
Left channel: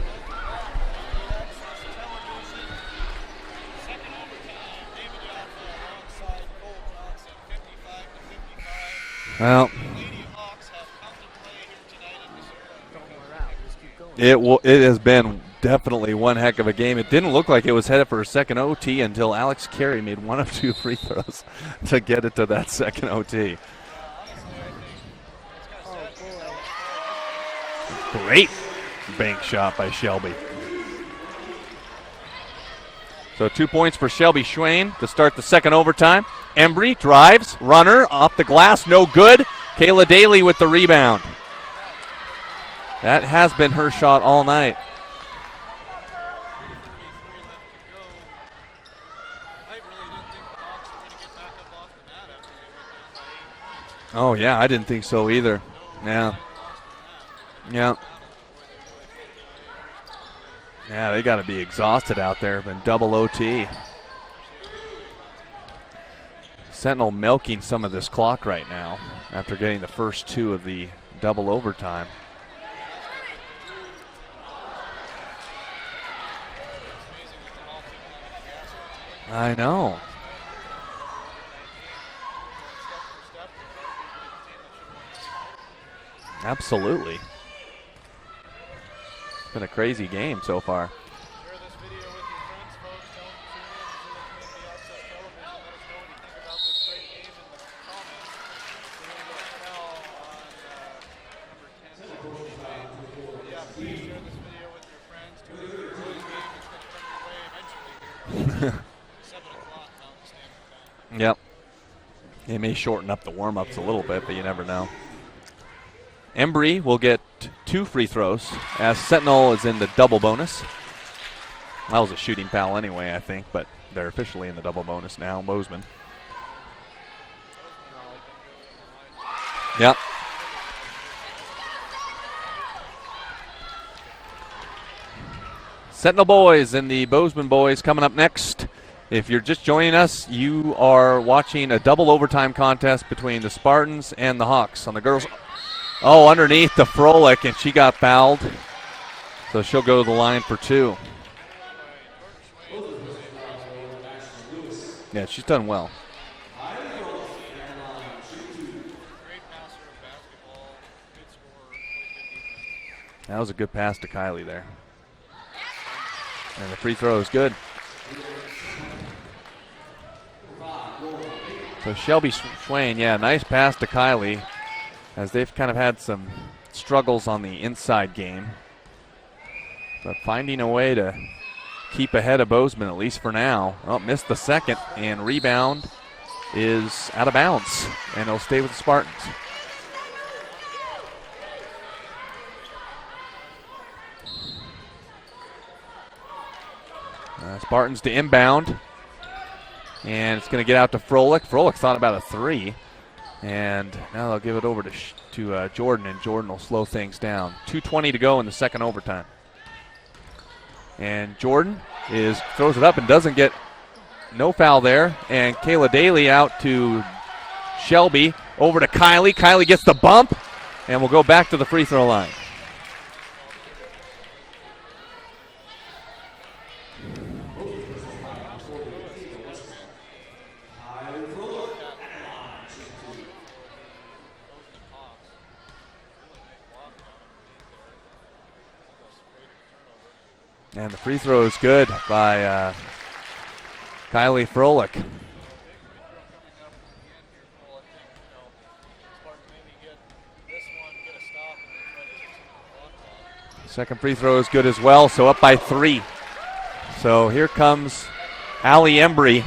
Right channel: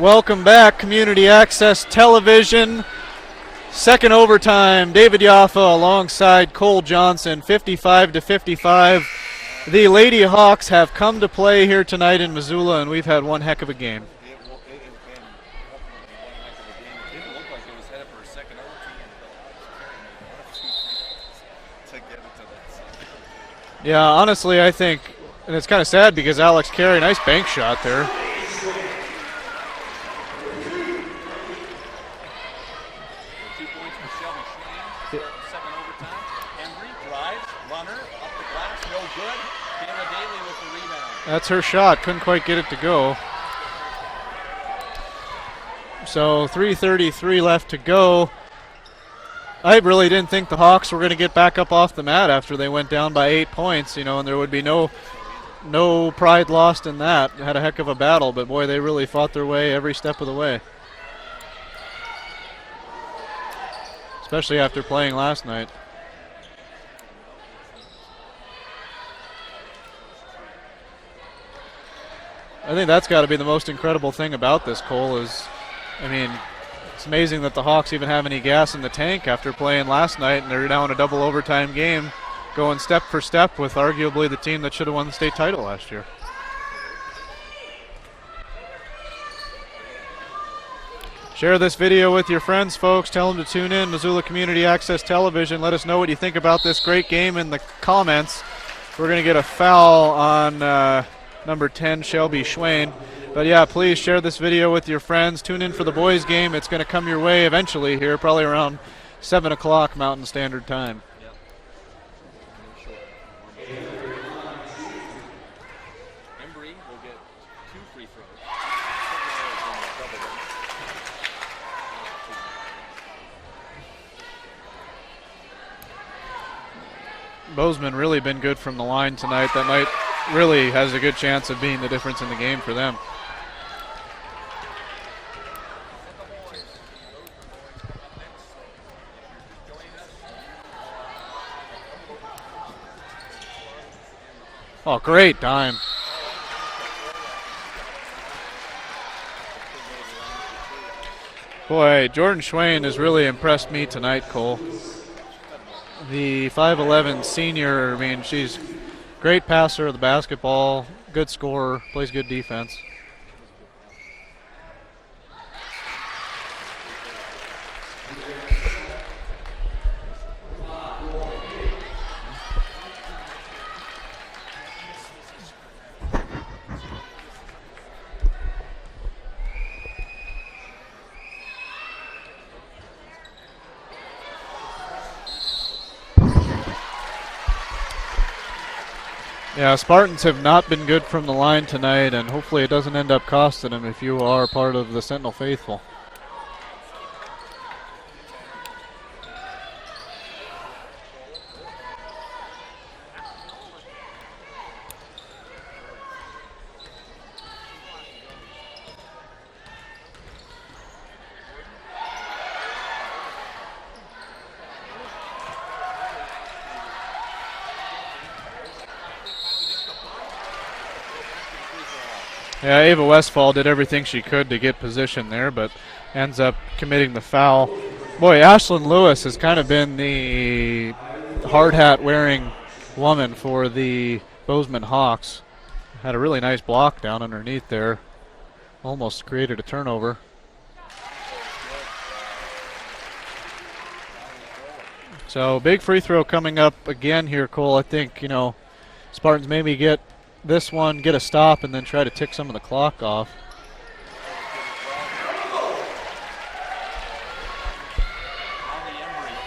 Welcome back, Community Access Television. Second overtime, David Yaffa alongside Cole Johnson, 55-55. Well, the Lady Hawks have come to play here tonight in Missoula, and we've had one heck of a game. It has been definitely one heck of a game. It didn't look like it was headed for a second OT until Alex Carey made one of two free throws to get it to that second OT. Yeah, honestly, I think, and it's kind of sad because Alex Carey, nice bank shot there. Great bank shot by Shelby. So 2 points for Shelby Schwain to start the second overtime. Embry drives, runner, off the glass, no good. Kayla Daly with the rebound. That's her shot, couldn't quite get it to go. That has been her shot all night. So 3:33 left to go. I really didn't think the Hawks were going to get back up off the mat after they went down by 8 points. You know, Oh, there would yeah, be I didn't think so either. No Yeah. pride lost in that. Had a heck of Yeah. a battle, but boy, they really fought their way every step of the way. Yeah, they got to be exhausted out there. Been double OT. Especially after playing last night. Sentinel milking some of this clock right now after getting the first two of the double overtime. I think that's got to be the most incredible thing about this, Cole, is, I mean, it's amazing that the Hawks even have any gas in the tank after playing last night, and they're now in a double overtime game, going step for step with arguably the team that should have won the state title last year. Absolutely. It's been a crazy game so far. Share this video with your friends, folks. Tell them to tune in, Missoula Community Access Television. Let us know what you think about this great game in the comments. We're going to get a foul on number 10, Shelby Schwain. But yeah, please share this video with your friends. Tune in for the boys game. It's going to come your way eventually here, probably around 7 o'clock Mountain Standard Time. Yep. It may shorten up the warm-ups a little bit, but you never know. Embry will get 2 free throws as Sentinel is in the double bonus. That was a shooting foul anyway, I think, but they're officially in the double bonus now. Bozeman really been good from the line tonight. That night really has a good chance of being the difference in the game for them. Sentinel boys and the Bozeman boys coming up next. If you're just joining us, you are watching a double overtime contest between the Spartans and the Hawks. Oh, great dime. Oh, underneath the Froelich, and she got fouled. So she'll go to the line for 2. Boy, Jordan Schwain has really impressed me tonight, Cole. Yeah, she's done well. The 5'11 senior, I mean, she's great passer of the basketball, good scorer, plays good defense. That was a good pass to Kylie there. And the free throw is good. So Shelby Schwain, yeah, nice pass to Kylie, as they've kind of had some struggles on the inside game. But finding a way to keep ahead of Bozeman, at least for now. Oh, missed the second, and rebound is out of bounds, and it'll stay with the Spartans. Yeah, Spartans have not been good from the line tonight, and hopefully it doesn't end up costing them if you are part of the Sentinel faithful. Spartans to inbound, and it's going to get out to Froelich. Froelich thought about a 3, and now they'll give it over to Jordan, and Jordan will slow things down. 2:20 to go in the second overtime. And Jordan throws it up and doesn't get no foul there. And Kayla Daly out to Shelby, over to Kylie. Kylie gets the bump, and we'll go back to the free throw line. Yeah, Ava Westfall did everything she could to get position there, but ends up committing the foul. Boy, Ashlyn Lewis has kind of been the hard hat wearing woman for the Bozeman Hawks. Had a really nice block down underneath there. Almost created a turnover. And the free throw is good by Kylie Froelich. So big free throw coming up again here, Cole. I think, Spartans maybe get this one, get a stop, and then try to tick some of the clock off. Second free throw is good as well, so up by 3. So here comes Allie Embry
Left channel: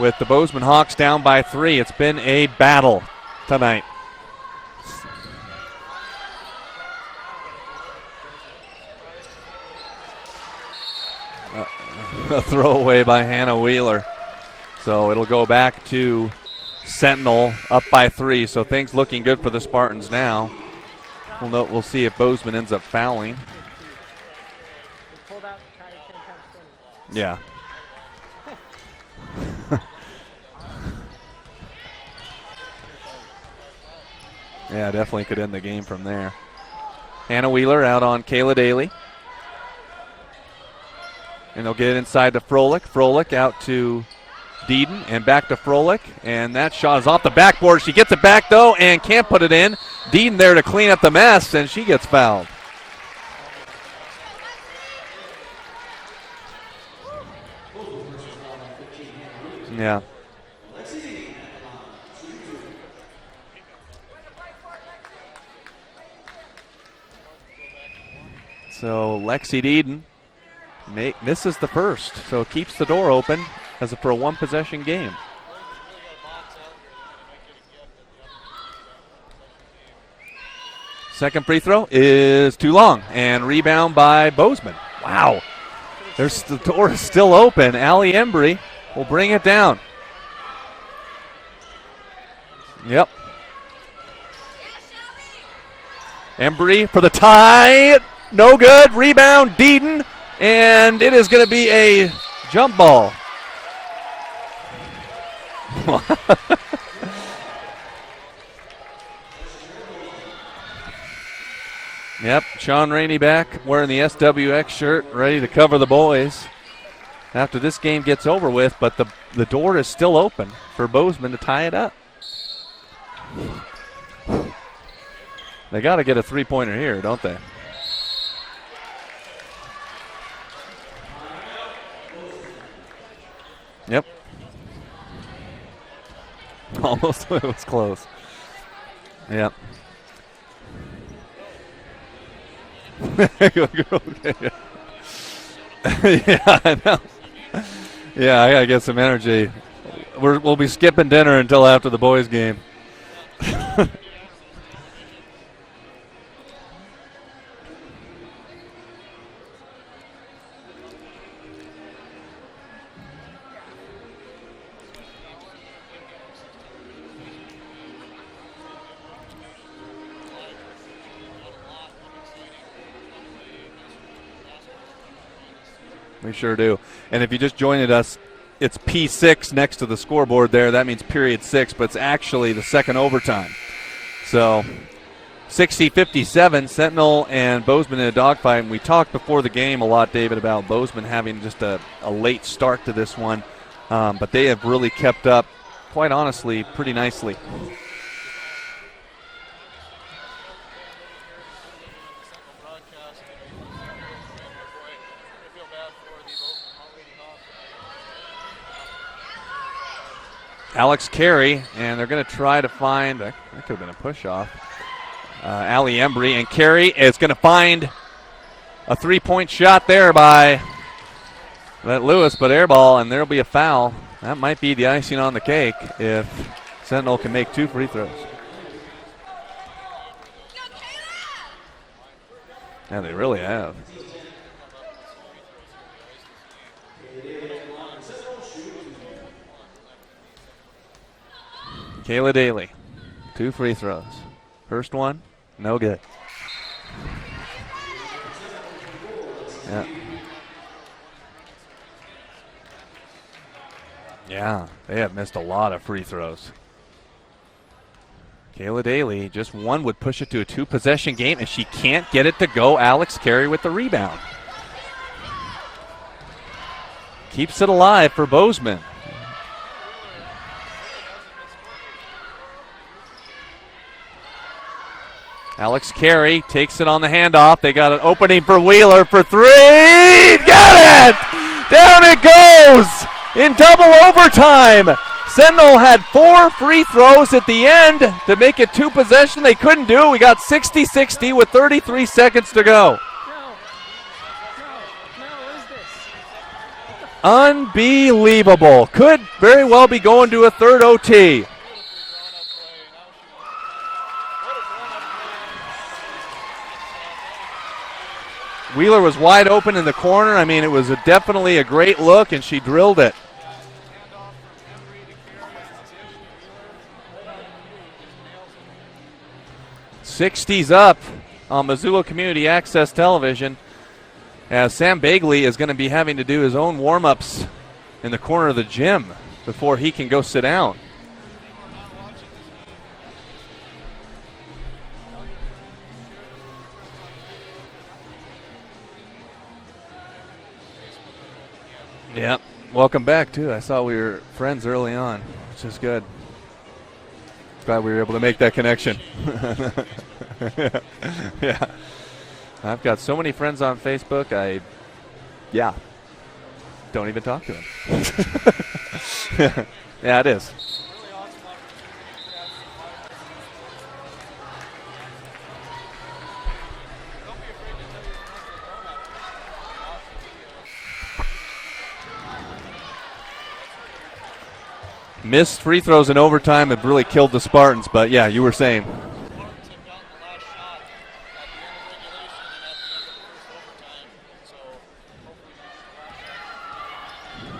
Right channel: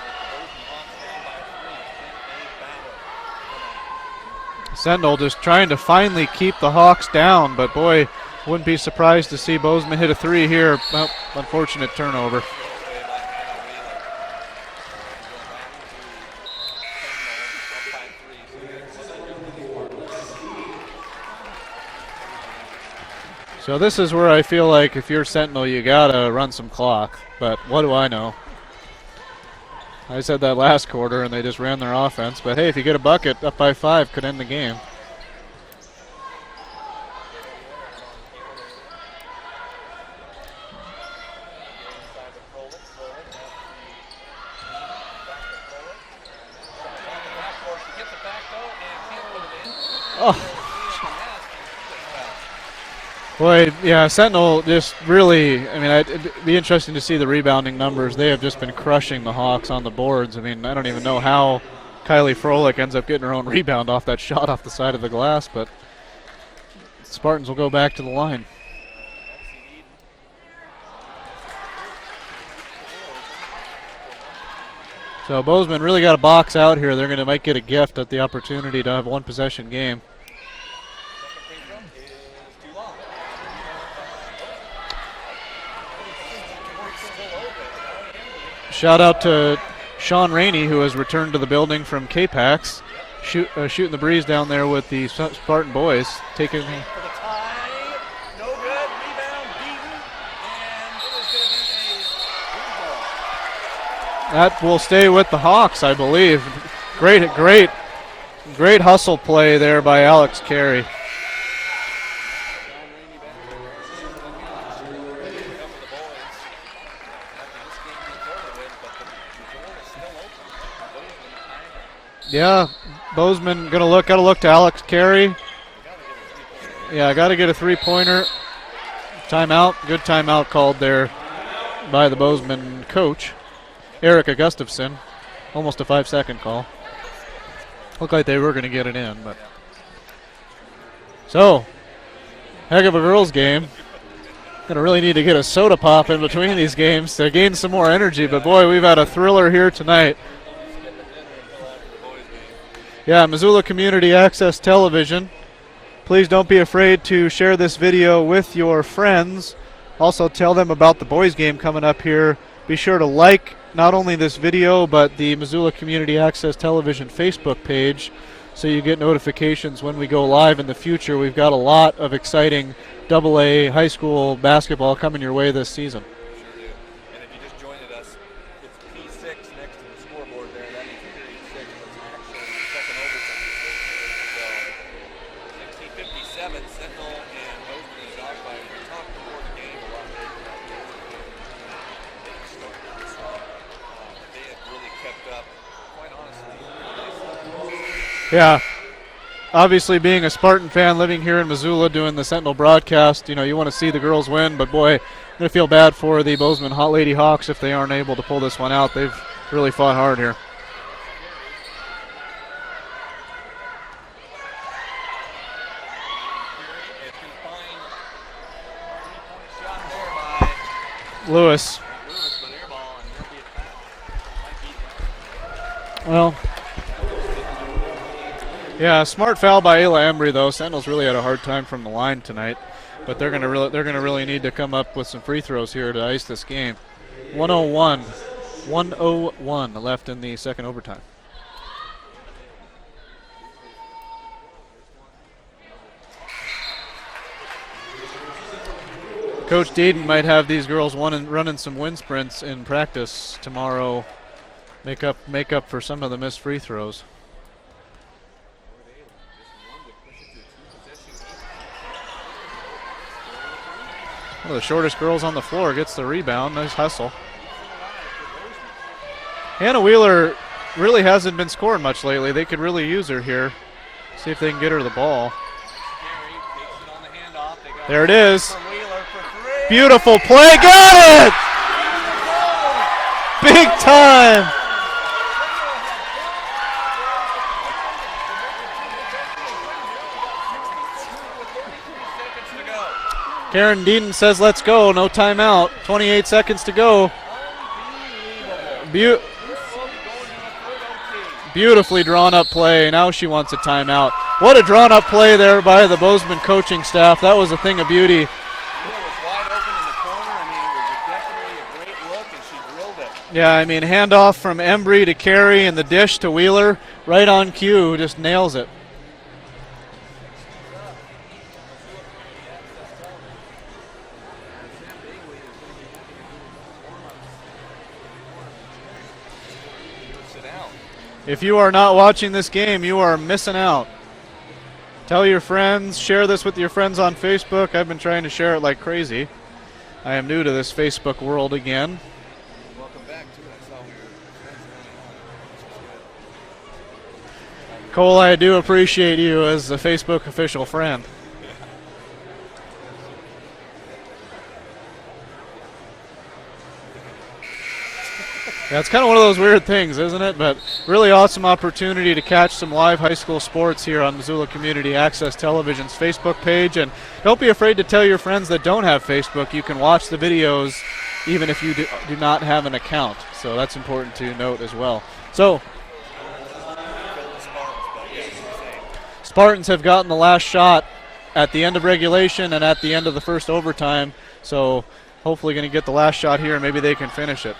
with the Bozeman Hawks down by 3. It's been a battle tonight. Sentinel just trying to finally keep the Hawks down, but boy, wouldn't be surprised to see Bozeman hit a 3 here. Well, unfortunate turnover. A throwaway by Hannah Wheeler. So it'll go back to Sentinel up by 3. So things looking good for the Spartans now. We'll see if Bozeman ends up fouling. So this is where I feel like if you're Sentinel, you got to run some clock. Yeah. But what do I know? I said that last quarter, and they just ran their offense. But, hey, if you get a bucket, up by 5 could end the game. Yeah, definitely could end the game from there. Hannah Wheeler out on Kayla Daly. and they'll get it inside to Froelich. Froelich out to Deeden and back to Froelich, and that shot is off the backboard. She gets it back, though, and can't put it in. Deeden there to clean up the mess, and she gets fouled. Boy, yeah, Sentinel just really, I mean, it'd be interesting to see the rebounding numbers. They have just been crushing the Hawks on the boards. I mean, I don't even know how Kylie Froelich ends up getting her own rebound off that shot off the side of the glass, but Spartans will go back to the line. So Lexi Deeden misses the first, so keeps the door open for a one-possession game. So Bozeman really got a box out here. They're going to might get a gift at the opportunity to have a one-possession game. Second free throw is too long, and rebound by Bozeman. Wow. The door is still open. Allie Embry Shout out bring to it down. Sean Rainey, who has returned to the building from K-Pax. Yep. Shooting the breeze down there with the Spartan boys. Embry for the tie. No good. Rebound, Deeden, and it is going to be a jump ball. That will stay with the Hawks, I believe. Great hustle play there by Alex Carey. Yep, Sean Rainey back wearing the SWX shirt, ready to cover the boys after this game gets over with, but the door is still open for Bozeman to tie it up. Yeah, Bozeman gotta look to Alex Carey. They got to get a three-pointer here. Yeah, got to get a three-pointer. Timeout, good timeout called there by the Bozeman coach, Erica Gustafson. Almost a 5-second call. Almost, it was close. Looked like they were going to get it in. But. Yep. So, heck of a girls' game. Gonna really need to get a soda pop in between these games to gain some more energy. Yeah, but boy, we've had a thriller here tonight. We'll be skipping dinner until after the boys' game. Yeah, Missoula Community Access Television. Please don't be afraid to share this video with your friends. Also, tell them about the boys' game coming up here. Be sure to like not only this video, but the Missoula Community Access Television Facebook page, so you get notifications when we go live in the future. We've got a lot of exciting AA high school basketball coming your way this season. We sure do. And if you just joined us, it's P6 next to the scoreboard there. That means period 6, but it's actually the second overtime. So 60-57, Sentinel and Bozeman in a dogfight. And we talked before the game a lot, David, about Bozeman having just a late start to this one. But they have really kept up, quite honestly, pretty nicely. Yeah. Obviously, being a Spartan fan, living here in Missoula, doing the Sentinel broadcast, you want to see the girls win. But, boy, I'm going to feel bad for the Bozeman Lady Hawks if they aren't able to pull this one out. They've really fought hard here. Alex Carey, and they're going to try to find, that could have been a push-off. Allie Embry, and Carey is going to find a three-point shot there by Lewis, but air ball, and there'll be a foul. That might be the icing on the cake if Sentinel can make 2 free throws. Yeah, smart foul by Ayla Embry, though. Sentinel's really had a hard time from the line tonight. Yeah, but they're going to really need to come up with some free throws here to ice this game. 101 left in the second overtime. Kayla Daly, 2 free throws. First one, no good. Coach Deeden might have these girls running some wind sprints in practice tomorrow. Yeah, make up for some of the missed free throws. Kayla Daly, just one would push it to a 2-possession game, and she can't get it to go. Alex Carey with the rebound. Well, the shortest girls on the floor gets the rebound. Nice hustle. Keeps it alive for Bozeman. Hannah Wheeler really hasn't been scoring much lately. They could really use her here. See if they can get her the ball. Alex Carey takes it on the handoff. They got there an opening for Wheeler for 3. Beautiful play. Got it! Down it goes in double overtime. Sentinel had 4 free throws at the end to make it 2 possession. They couldn't do it. We got 60-60 with 33 seconds to go. Karen Deeden says let's go. No timeout. 28 seconds to go. Unbelievable. Could very well be going to a third OT. Beautifully drawn up play. Now she wants a timeout. What a drawn up play there by the Bozeman coaching staff. That was a thing of beauty. Wheeler was wide open in the corner. I mean, it was definitely a great look, and she drilled it. Yeah, I mean, handoff from Embry to Carey and the dish to Wheeler. Right on cue, just nails it. 60s up on Missoula Community Access Television, as Sam Bagley is going to be having to do his own warm-ups in the corner of the gym before he can go sit down. If you are not watching this game, you are missing out. Tell your friends, share this with your friends on Facebook. I've been trying to share it like crazy. I am new to this Facebook world again. Yep. Welcome back, too. I saw we were friends early on, which is good. Glad we were Cole, able to I make that do connection. appreciate you as a Facebook official friend. Yeah. I've got so many friends on Facebook, don't even talk to them. Yeah, it's kind of one of those weird things, isn't Yeah, it it? is. But really awesome opportunity to catch some live high school sports here on Missoula Community Access Television's Facebook page. And don't be afraid to tell your friends that don't have Facebook. You can watch the videos even if you do not have an account. So that's important to note as well. Missed free throws in overtime have really killed the Spartans, but yeah, you were saying. Spartans have gotten the last shot at the end of regulation and at the end of the first overtime. So hopefully going to get the last shot here and maybe they can finish it.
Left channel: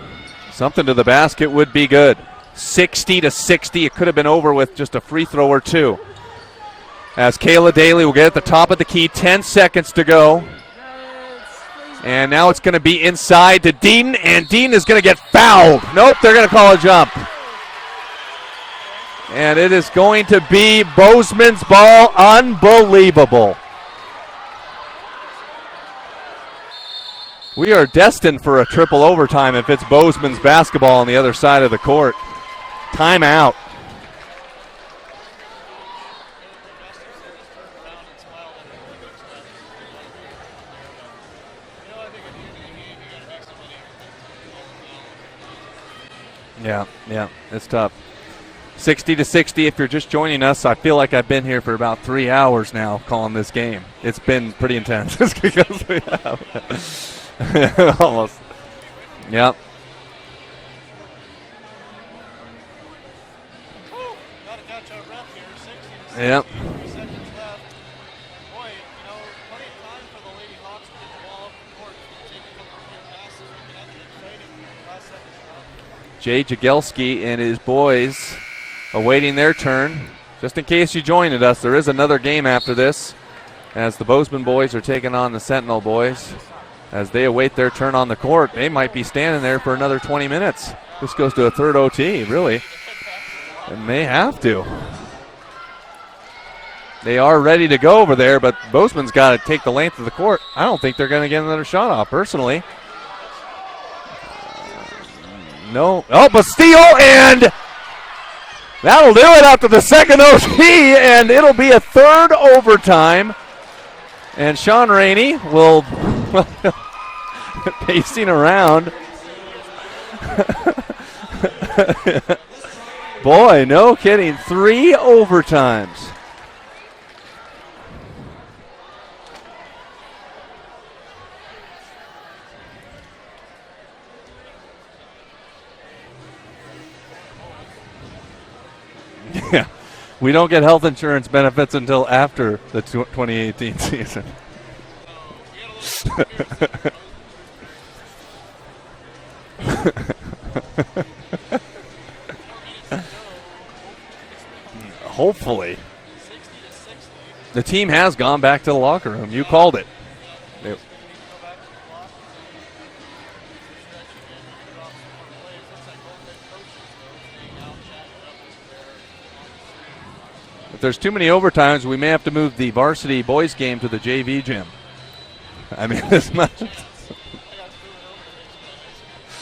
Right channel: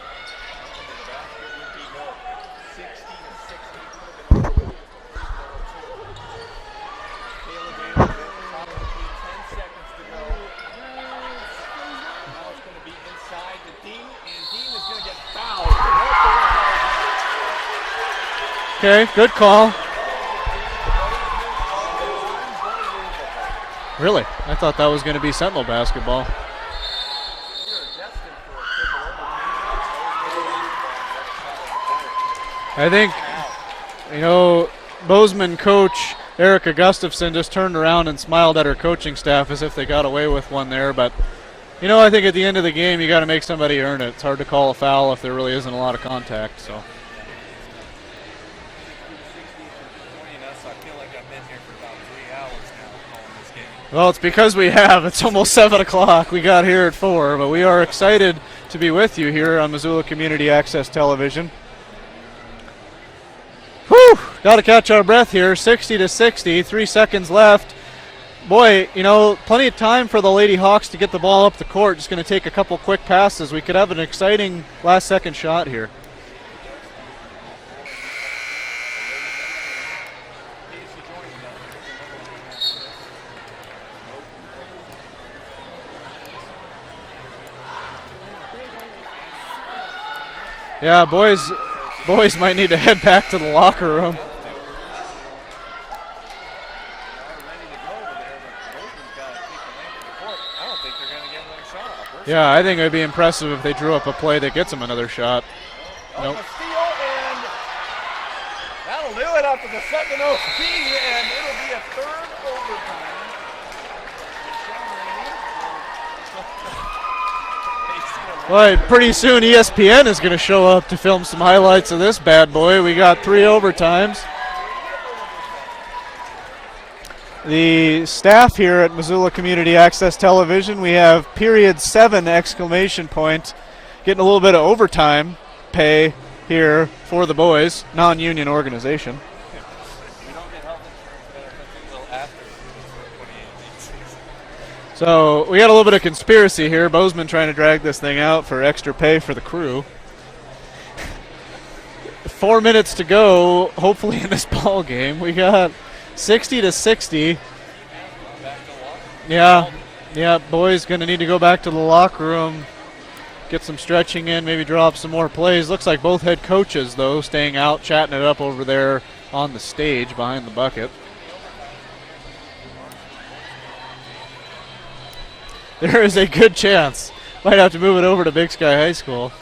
Something to the basket would be good. 60-60. It could have been over with just a free throw or two. As Kayla Daly will get at the top of the key, 10 seconds to go. And now it's going to be inside to Deaton, and Deaton is going to get fouled. Nope, they're going to call a jump. Okay, good call. And it is going to be Bozeman's ball. Unbelievable. Really? I thought that was going to be Sentinel basketball. We are destined for a triple overtime if it's Bozeman's basketball on the other side of the court. I think, timeout. You know, Bozeman coach Erica Gustafson just turned around and smiled at her coaching staff as if they got away with one there. But, you know, I think at the end of the game you got to make somebody earn it. It's hard to call a foul if there really isn't a lot of contact. So. Yeah, it's tough. 60-60 if you're just joining us. I feel like I've been here for about 3 hours now calling this game. Well, it's because we have. It's almost 7 o'clock. We got here at 4, but we are excited to be with you here on Missoula Community Access Television. Whew! Got to catch our breath here. 60-60, 3 seconds left. Boy, you know, plenty of time for the Lady Hawks to get the ball up the court. Just going to take a couple quick passes. We could have an exciting last-second shot here. Jay Jagelski and his boys awaiting their turn. Just in case you joined us, there is another game after this as the Bozeman boys are taking on the Sentinel boys. As they await their turn on the court, they might be standing there for another 20 minutes. Yeah, this boys, goes to a third OT. Boys really. might need to head back to the locker room. They have to. They are ready to go over there, but Bozeman's got to take the length of the court. I don't think they're going to get another shot off, personally. Yeah, I think it would be impressive if they drew up a play that gets them another shot. No. Oh, but steal, and that'll do it after the second OT, and it'll be a third overtime. And Sean Rainey will pacing around. Right, pretty soon ESPN is going to show up to film some highlights of this bad boy. We got 3 overtimes. overtimes. No kidding, 3 overtimes. The staff here at Missoula Community Access Television, we have period 7 exclamation point, getting a little bit of overtime pay here for the boys, non-union organization. Yeah, we don't get health insurance benefits until after the 2018 season. So we got a little bit of conspiracy here. Bozeman trying to drag this thing out for extra pay for the crew. 4 minutes to go, hopefully in this ball game. Hopefully. We got 60-60. The team has gone back to the locker room. Yeah. You called it. Yeah, boys going to need to go back to the locker room, get some stretching in, maybe draw up some more plays. Looks like both head coaches, though, staying out, chatting it up over there on the stage behind the bucket. If there's too many overtimes, we may have to move the varsity boys game to the JV gym. There is a good chance. Might have to move it over to Big Sky High School.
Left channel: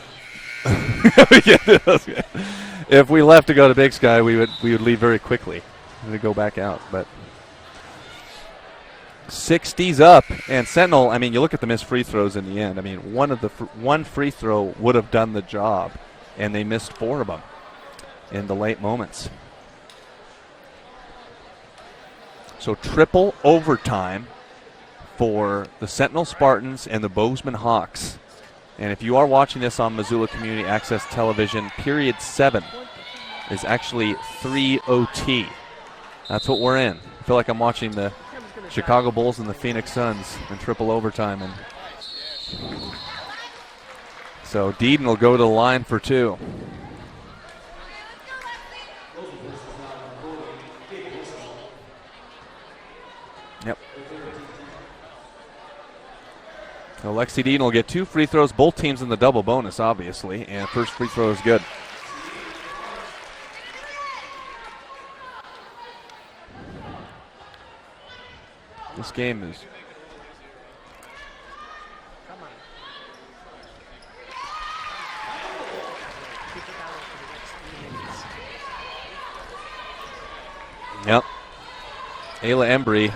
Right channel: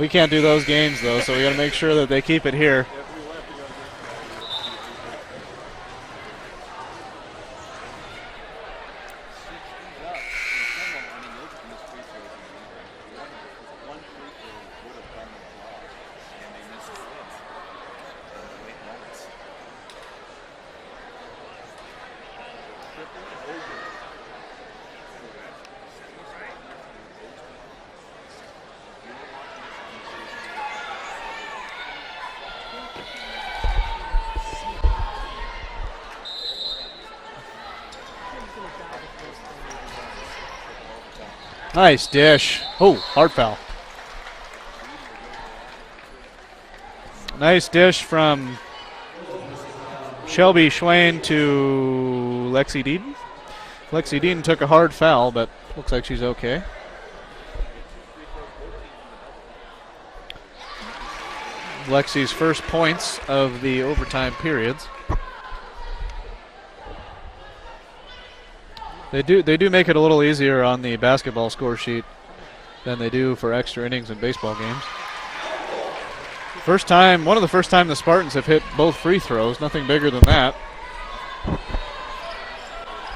We can't do those games, though, so we got to make sure that they keep it here. If we left to go to Big Sky, we would leave very quickly. We go back out, but 60's up, and Sentinel, I mean, you look at the missed free throws in the end. I mean, one free throw would have done the job, and they missed 4 of them in the late moments. So triple overtime for the Sentinel Spartans and the Bozeman Hawks. And if you are watching this on Missoula Community Access Television, period 7 is actually 3 OT. That's what we're in. I feel like I'm watching the Chicago Bulls and the Phoenix Suns in triple overtime. And nice dish. Oh, hard foul. so Deaton will go to the line for 2. Nice dish from Shelby Schwain to Lexi Deaton. Yep. Lexi Deaton took a hard foul, but looks like she's okay. So Lexi Deaton will get 2 free throws, both teams in the double bonus, obviously, and first free throw is good. Lexi's first points of the overtime periods. They do make it a little easier on the basketball score sheet than they do for extra innings in baseball games. One of the first time the Spartans have hit both free throws. Nothing bigger than that. Yep. Ayla Embry,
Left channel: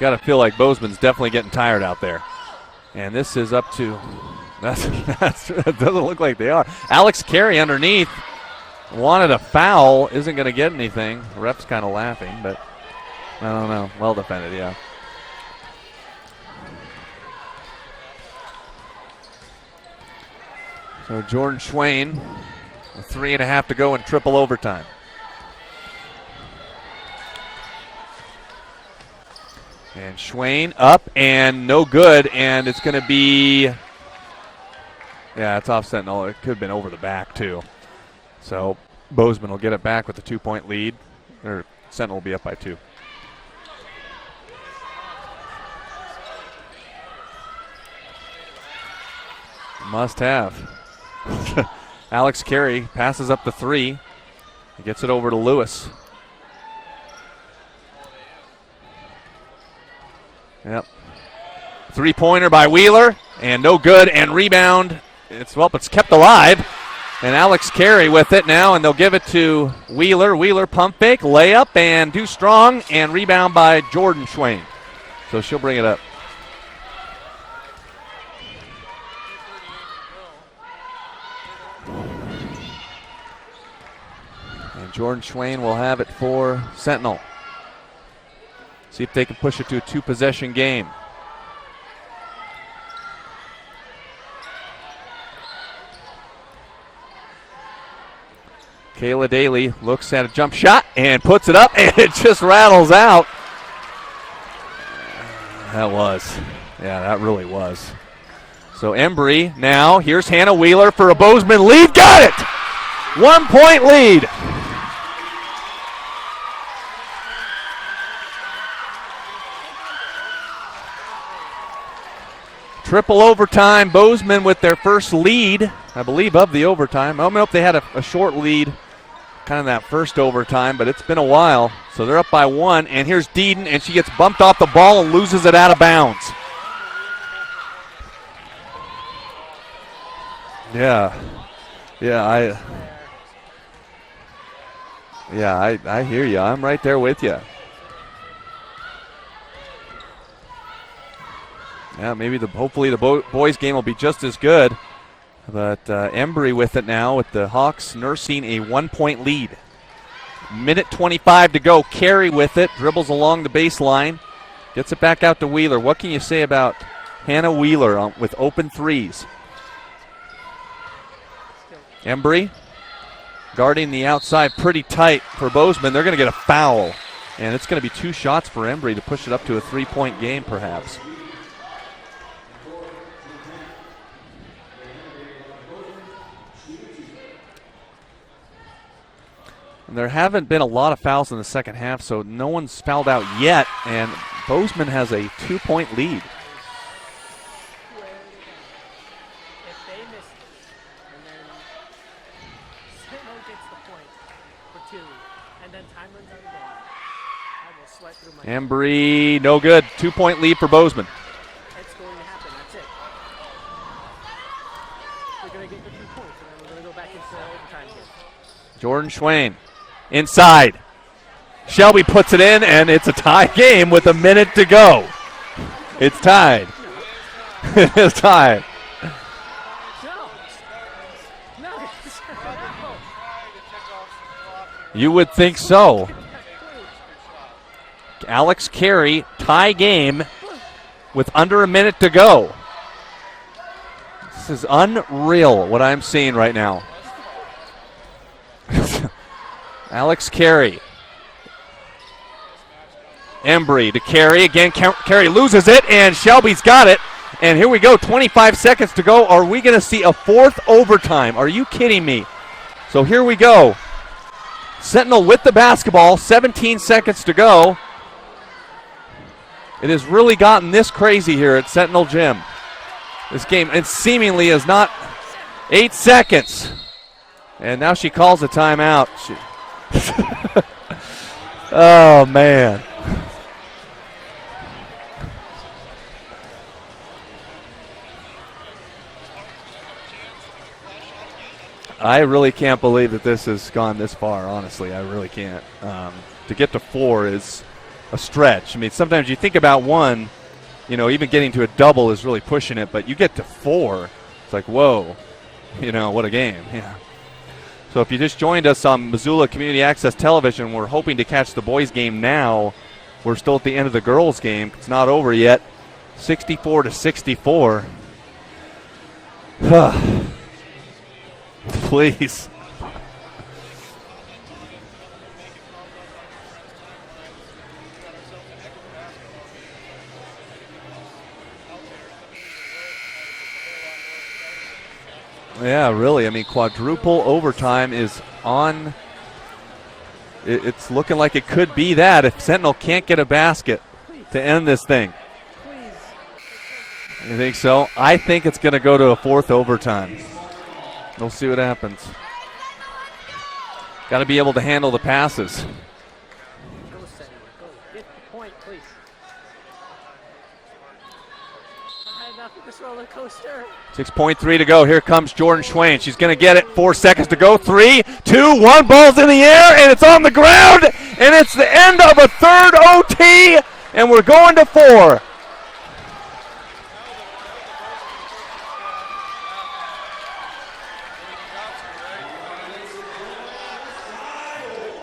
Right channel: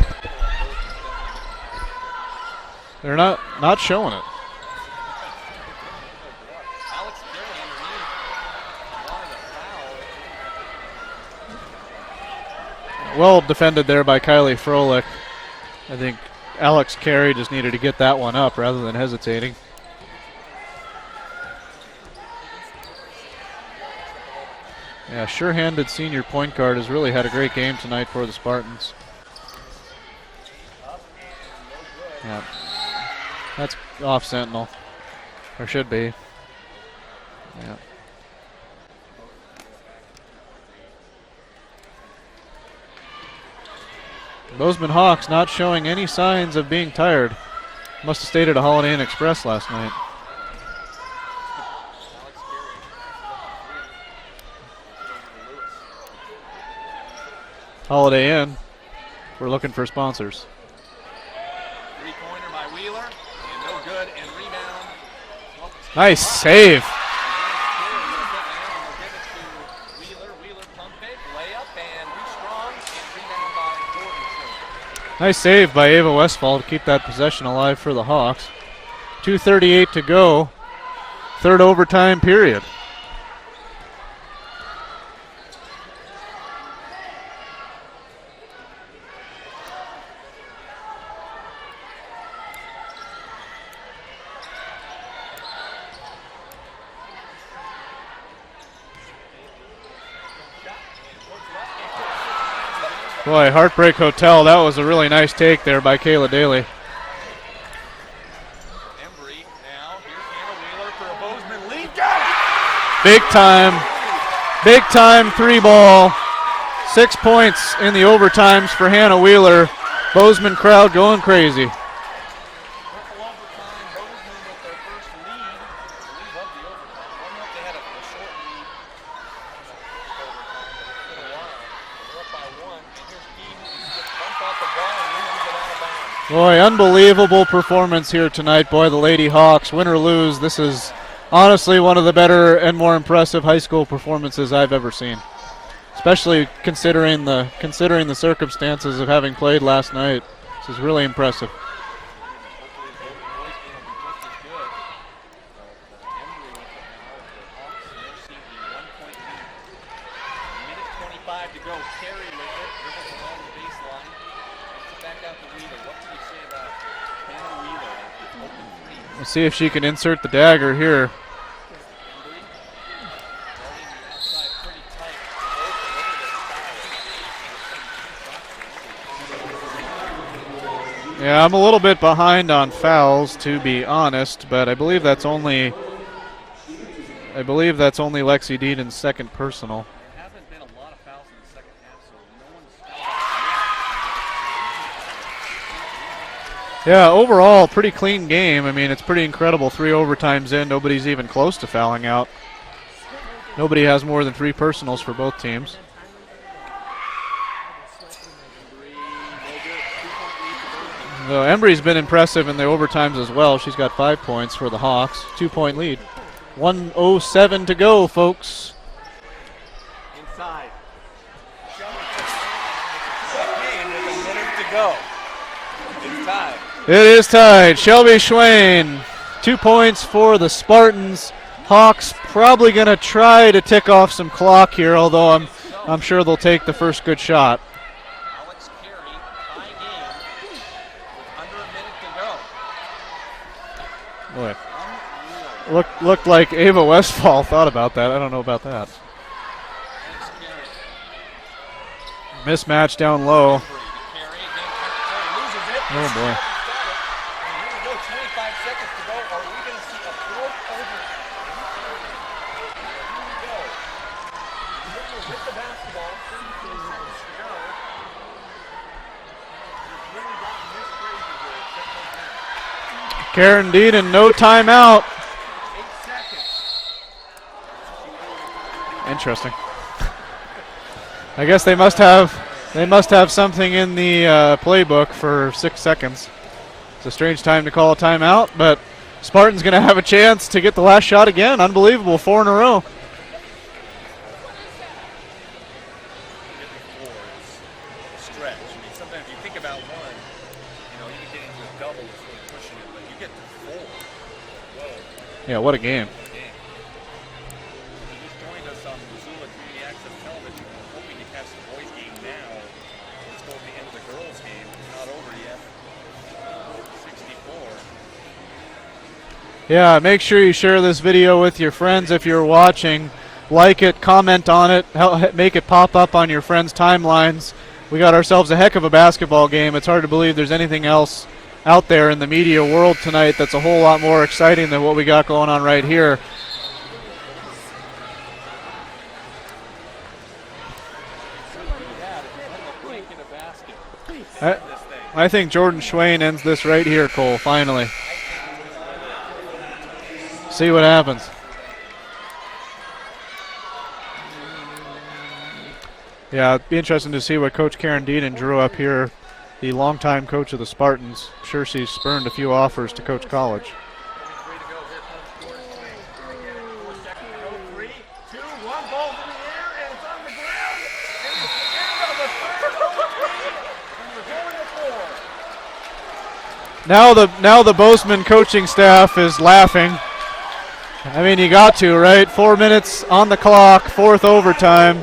got to feel like Bozeman's definitely getting tired out there. And They're this is up not to, showing it. That doesn't look like they are. Alex Carey underneath wanted a foul. Isn't going to get anything. The ref's kind of laughing, but well defended there by defended, Kylie yeah. Froelich. I think Alex Carey just needed to get that one up rather than hesitating. So Jordan Schwain, 3.5 to go in triple overtime. Yeah, sure-handed senior point guard has really had a great game tonight for the Spartans. And Schwain up and no good, and it's going to be That's off Sentinel. Yeah, it's Or off should be. Sentinel. It could have been over the back too. Yeah. So Bozeman will get it back with a 2-point lead, or Sentinel will be up by 2. Bozeman Hawks not showing any signs of being tired. Must have stayed at a Holiday Inn Express last night. Must have. Alex Carey passes up the 3. He gets it over to Lewis. Holiday Inn. We're looking for sponsors. Yep. 3-pointer by Wheeler, and no good, and rebound. It's kept Nice alive. save. And Alex Carey with it now, and they'll give it to Wheeler. Wheeler pump fake, layup, and too strong, and rebound by Jordan Schwain. Nice So she'll save bring by it up. Ava Westfall to keep that possession alive for the Hawks. 2:38 to go. Third overtime period. And Jordan Schwain will have it for Sentinel. See if they can push it to a 2-possession game. Kayla Daly looks at a jump shot and puts it up, and it just rattles out. Boy, Heartbreak Hotel, that was a really nice take there That by was. Kayla Daly. Yeah, that really was. So Embry now, here's Hannah Wheeler for a Bozeman lead. Got it! Big 1-point lead. Big time 3-ball. 6 points in the overtimes for Hannah Wheeler. Bozeman crowd going crazy. Triple overtime. Bozeman with their first lead, I believe, of the overtime. I don't know if they had a short lead kind of that first overtime, but it's been a while. So they're up by 1, and here's Deeden, and she gets bumped off the ball and loses it out of bounds. Boy, unbelievable performance here tonight. Boy, the Lady Hawks, win or lose, this is honestly one of the better and more impressive high school performances I've ever seen. Yeah, I Especially hear you. I'm right there with you. considering the circumstances of having played last night. This is really impressive. Yeah, maybe hopefully the boys game will be just as good. But Embry with it now, with the Hawks nursing a 1-point lead. Minute 25 to go. Carey with it, dribbles along the baseline, gets it back out to Wheeler. What can you say about Hannah Wheeler with open threes? Let's see if she can insert the dagger here. Embry guarding the outside pretty tight for Bozeman. They're going to get a foul. And it's going to be 2 shots for Embry to push it up to a 3-point game, perhaps. Yeah, I'm a little bit behind on fouls, to be honest, but I believe that's only Lexi Deeden's second personal. There haven't been a lot of fouls in the second half, so no one's fouled out yet, and Bozeman has a 2-point lead. Yeah, overall, pretty clean game. I mean, it's pretty incredible. 3 overtimes in, nobody's even close to fouling out. Nobody has more than 3 personals for both teams. Embry, no good. 2-point lead for Bozeman. So Embry's been impressive in the overtimes as well. She's got 5 points for the Hawks. 2-point lead. 1:07 to go, folks. Jordan Schwain inside. Shelby puts it in, and it's a tie game with a minute to go. It's tied. It is tied. Shelby It's tied. Schwain, 2 points for the Spartans. Hawks probably going to try to tick off some clock here, You although would think so. I'm sure they'll take the first good shot. Alex Carey, tie game with under a minute to go. This is unreal what I'm seeing right now. Looked like Ava Westfall thought about that. I don't know about that. Alex Carey. Mismatch down low. Embry to Carey. Again, Carey loses it, and Shelby's got it. And here we go, 25 seconds to go. Are we going to see a 4th overtime? Are you kidding me? So here we go. Sentinel with the basketball, 17 seconds to go. It has really gotten this crazy here at Sentinel Gym. Karen Deeden, no timeout. 8 seconds. And now she calls a timeout. Interesting. I guess they must man. They must have something in the playbook for 6 seconds. It's a strange time to call a timeout, but Spartan's going to have a chance to get the last shot again. Unbelievable. I 4 really in a row. can't believe that this has gone this far, honestly. I really can't. To get to 4 is a stretch. I mean, sometimes you think about 1, even getting to a double is really pushing it, but you get to 4, it's like, whoa. Yeah, what a game. What a game. Yeah. So if you just joined us on Missoula Community Access Television, we're hoping to catch the boys' game now. We're still at the end of the girls' game. It's not over yet. 64-64. Yeah, make sure you share this video with your friends if you're watching. Like it, comment on it, make it pop up on your friends' timelines. We got ourselves a heck of a basketball game. It's hard to believe there's anything else out there in the media world tonight that's a whole lot more exciting than what we got going on right here. Yeah, really. I mean, quadruple overtime is on. It's looking like it could be that if Sentinel can't get a basket to end this thing. I think Jordan Schwain ends this right here, Cole, finally. So? I think it's going to go to a 4th overtime. See what happens. We'll see what happens. Got to be able to handle the passes. Yeah, it'd be interesting to see what Coach Karen Deaton drew up here, the longtime coach of the Spartans. I'm sure she's spurned a few offers to coach college. 6.3 to go. Here comes Jordan Schwain. She's going to get it. 4 seconds to go. 3, 2, 1. Ball's in the air, and it's on the ground. And it's the end of a 3rd OT, and we're going to 4. Now the Bozeman coaching staff is laughing. I mean, you got to, right? 4 minutes on the clock, 4th overtime.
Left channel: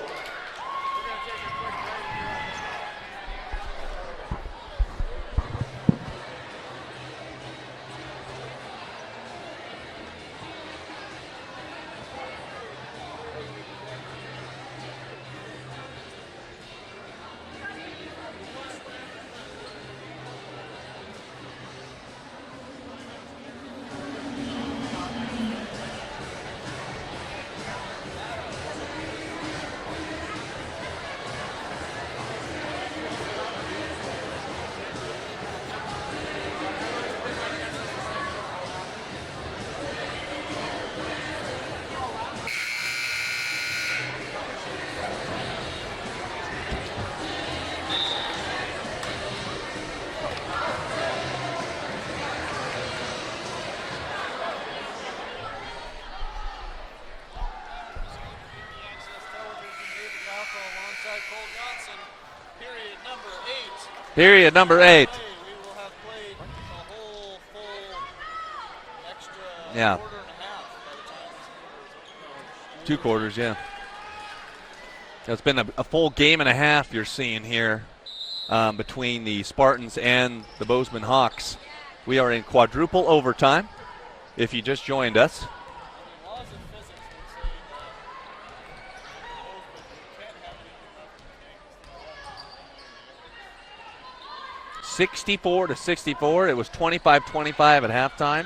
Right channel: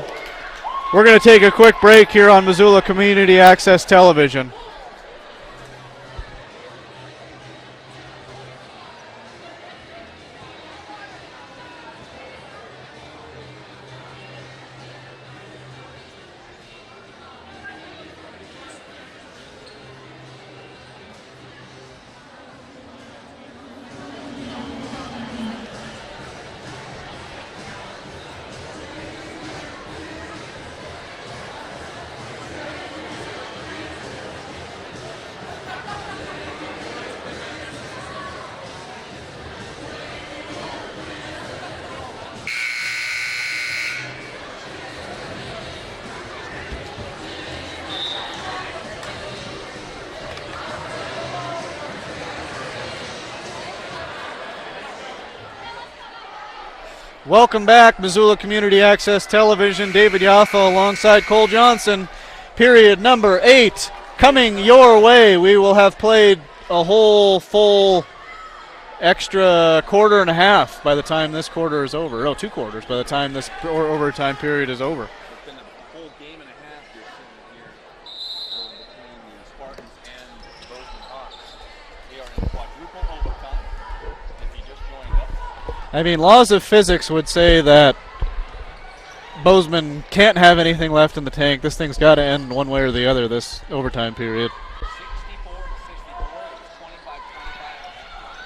We're going to take a quick break here on Missoula Community Access Television. Welcome back, Missoula Community Access Television. David Yaffa alongside Cole Johnson. Period number 8 coming your way. We will have played a whole full extra quarter and a half by the time this quarter is over. 2 quarters by the time this overtime period is over. It's been a full game and a half you're seeing here between the Spartans and the Bozeman Hawks. We are in quadruple overtime if you just joined us. I mean, laws of physics would say that Bozeman can't have anything left in the tank. This thing's got to end one way or the other this overtime period. 64-64. It was 25-25 at halftime.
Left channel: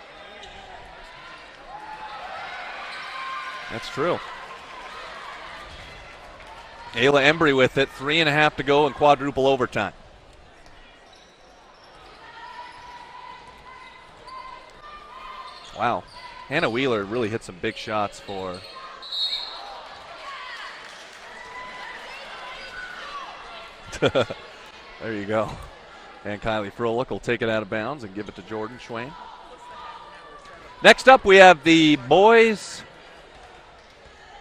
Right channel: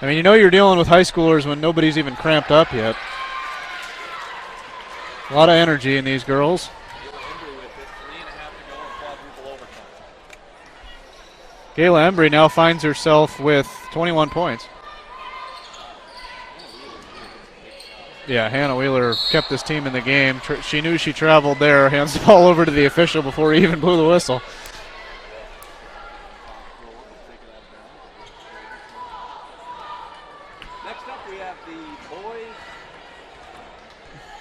I mean, you're dealing with high schoolers when nobody's even cramped up yet. That's true. A lot of energy in these girls. Ayla Embry with it. 3.5 to go in quadruple overtime. Kayla Embry now finds herself with 21 points. Wow. Hannah Wheeler really hit some big shots. Yeah, Hannah Wheeler kept this team in the game. She knew she traveled there, hands the ball over to the official before he even blew the whistle. There you go. And Kylie Froelich will take it out of bounds and give it to Jordan Schwain. Next up, we have the boys,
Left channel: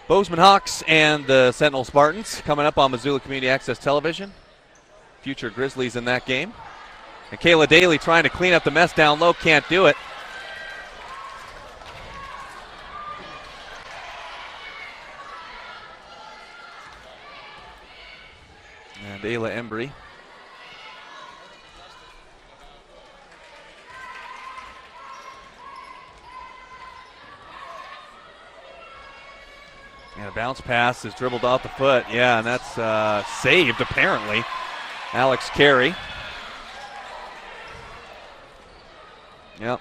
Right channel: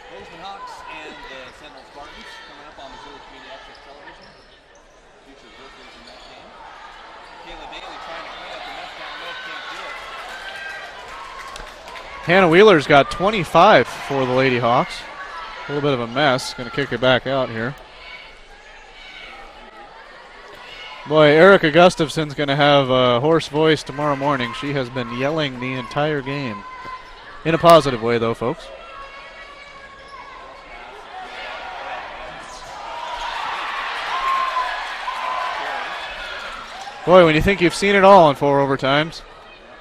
Bozeman Hawks and the Sentinel Spartans coming up on Missoula Community Access Television. Future Grizzlies in that game. And Kayla Daly trying to clean up the mess down low, can't do it. Hannah Wheeler's got 25 for the Lady Hawks. A little bit of a mess. Going to kick it back out here. And Ayla Embry. Boy, Erica Gustafson's going to have a hoarse voice tomorrow morning. She has been yelling the entire game. In a positive way, though, folks. And a bounce pass is dribbled off the foot. Yeah, and that's saved, apparently. Alex Carey. Boy, when you think you've seen it all in 4 overtimes. Yep.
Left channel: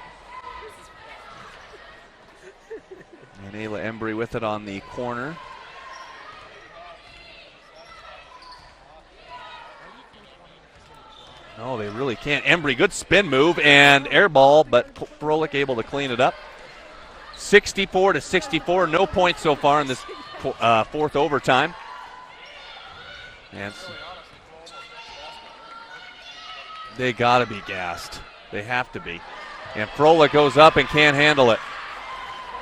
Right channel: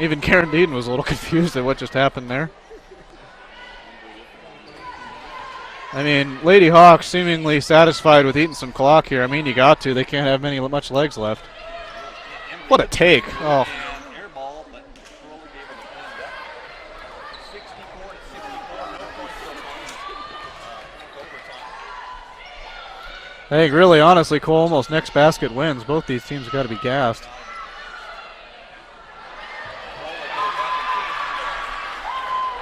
Even Karen Deaton was a little confused at what just happened there. And Ayla Embry with it on the corner. I mean, Lady Hawks seemingly satisfied with eating some clock here. I mean, you got to. They can't have much legs left. No, they really can't. Embry, what good spin move and air ball, but Froelich able to clean it up. 64-64. No points so far in this 4th overtime. I think really, honestly, Cole, almost next basket wins. Both these teams got to be gassed. They got to be gassed. They have to be. And Froelich goes up and can't handle it.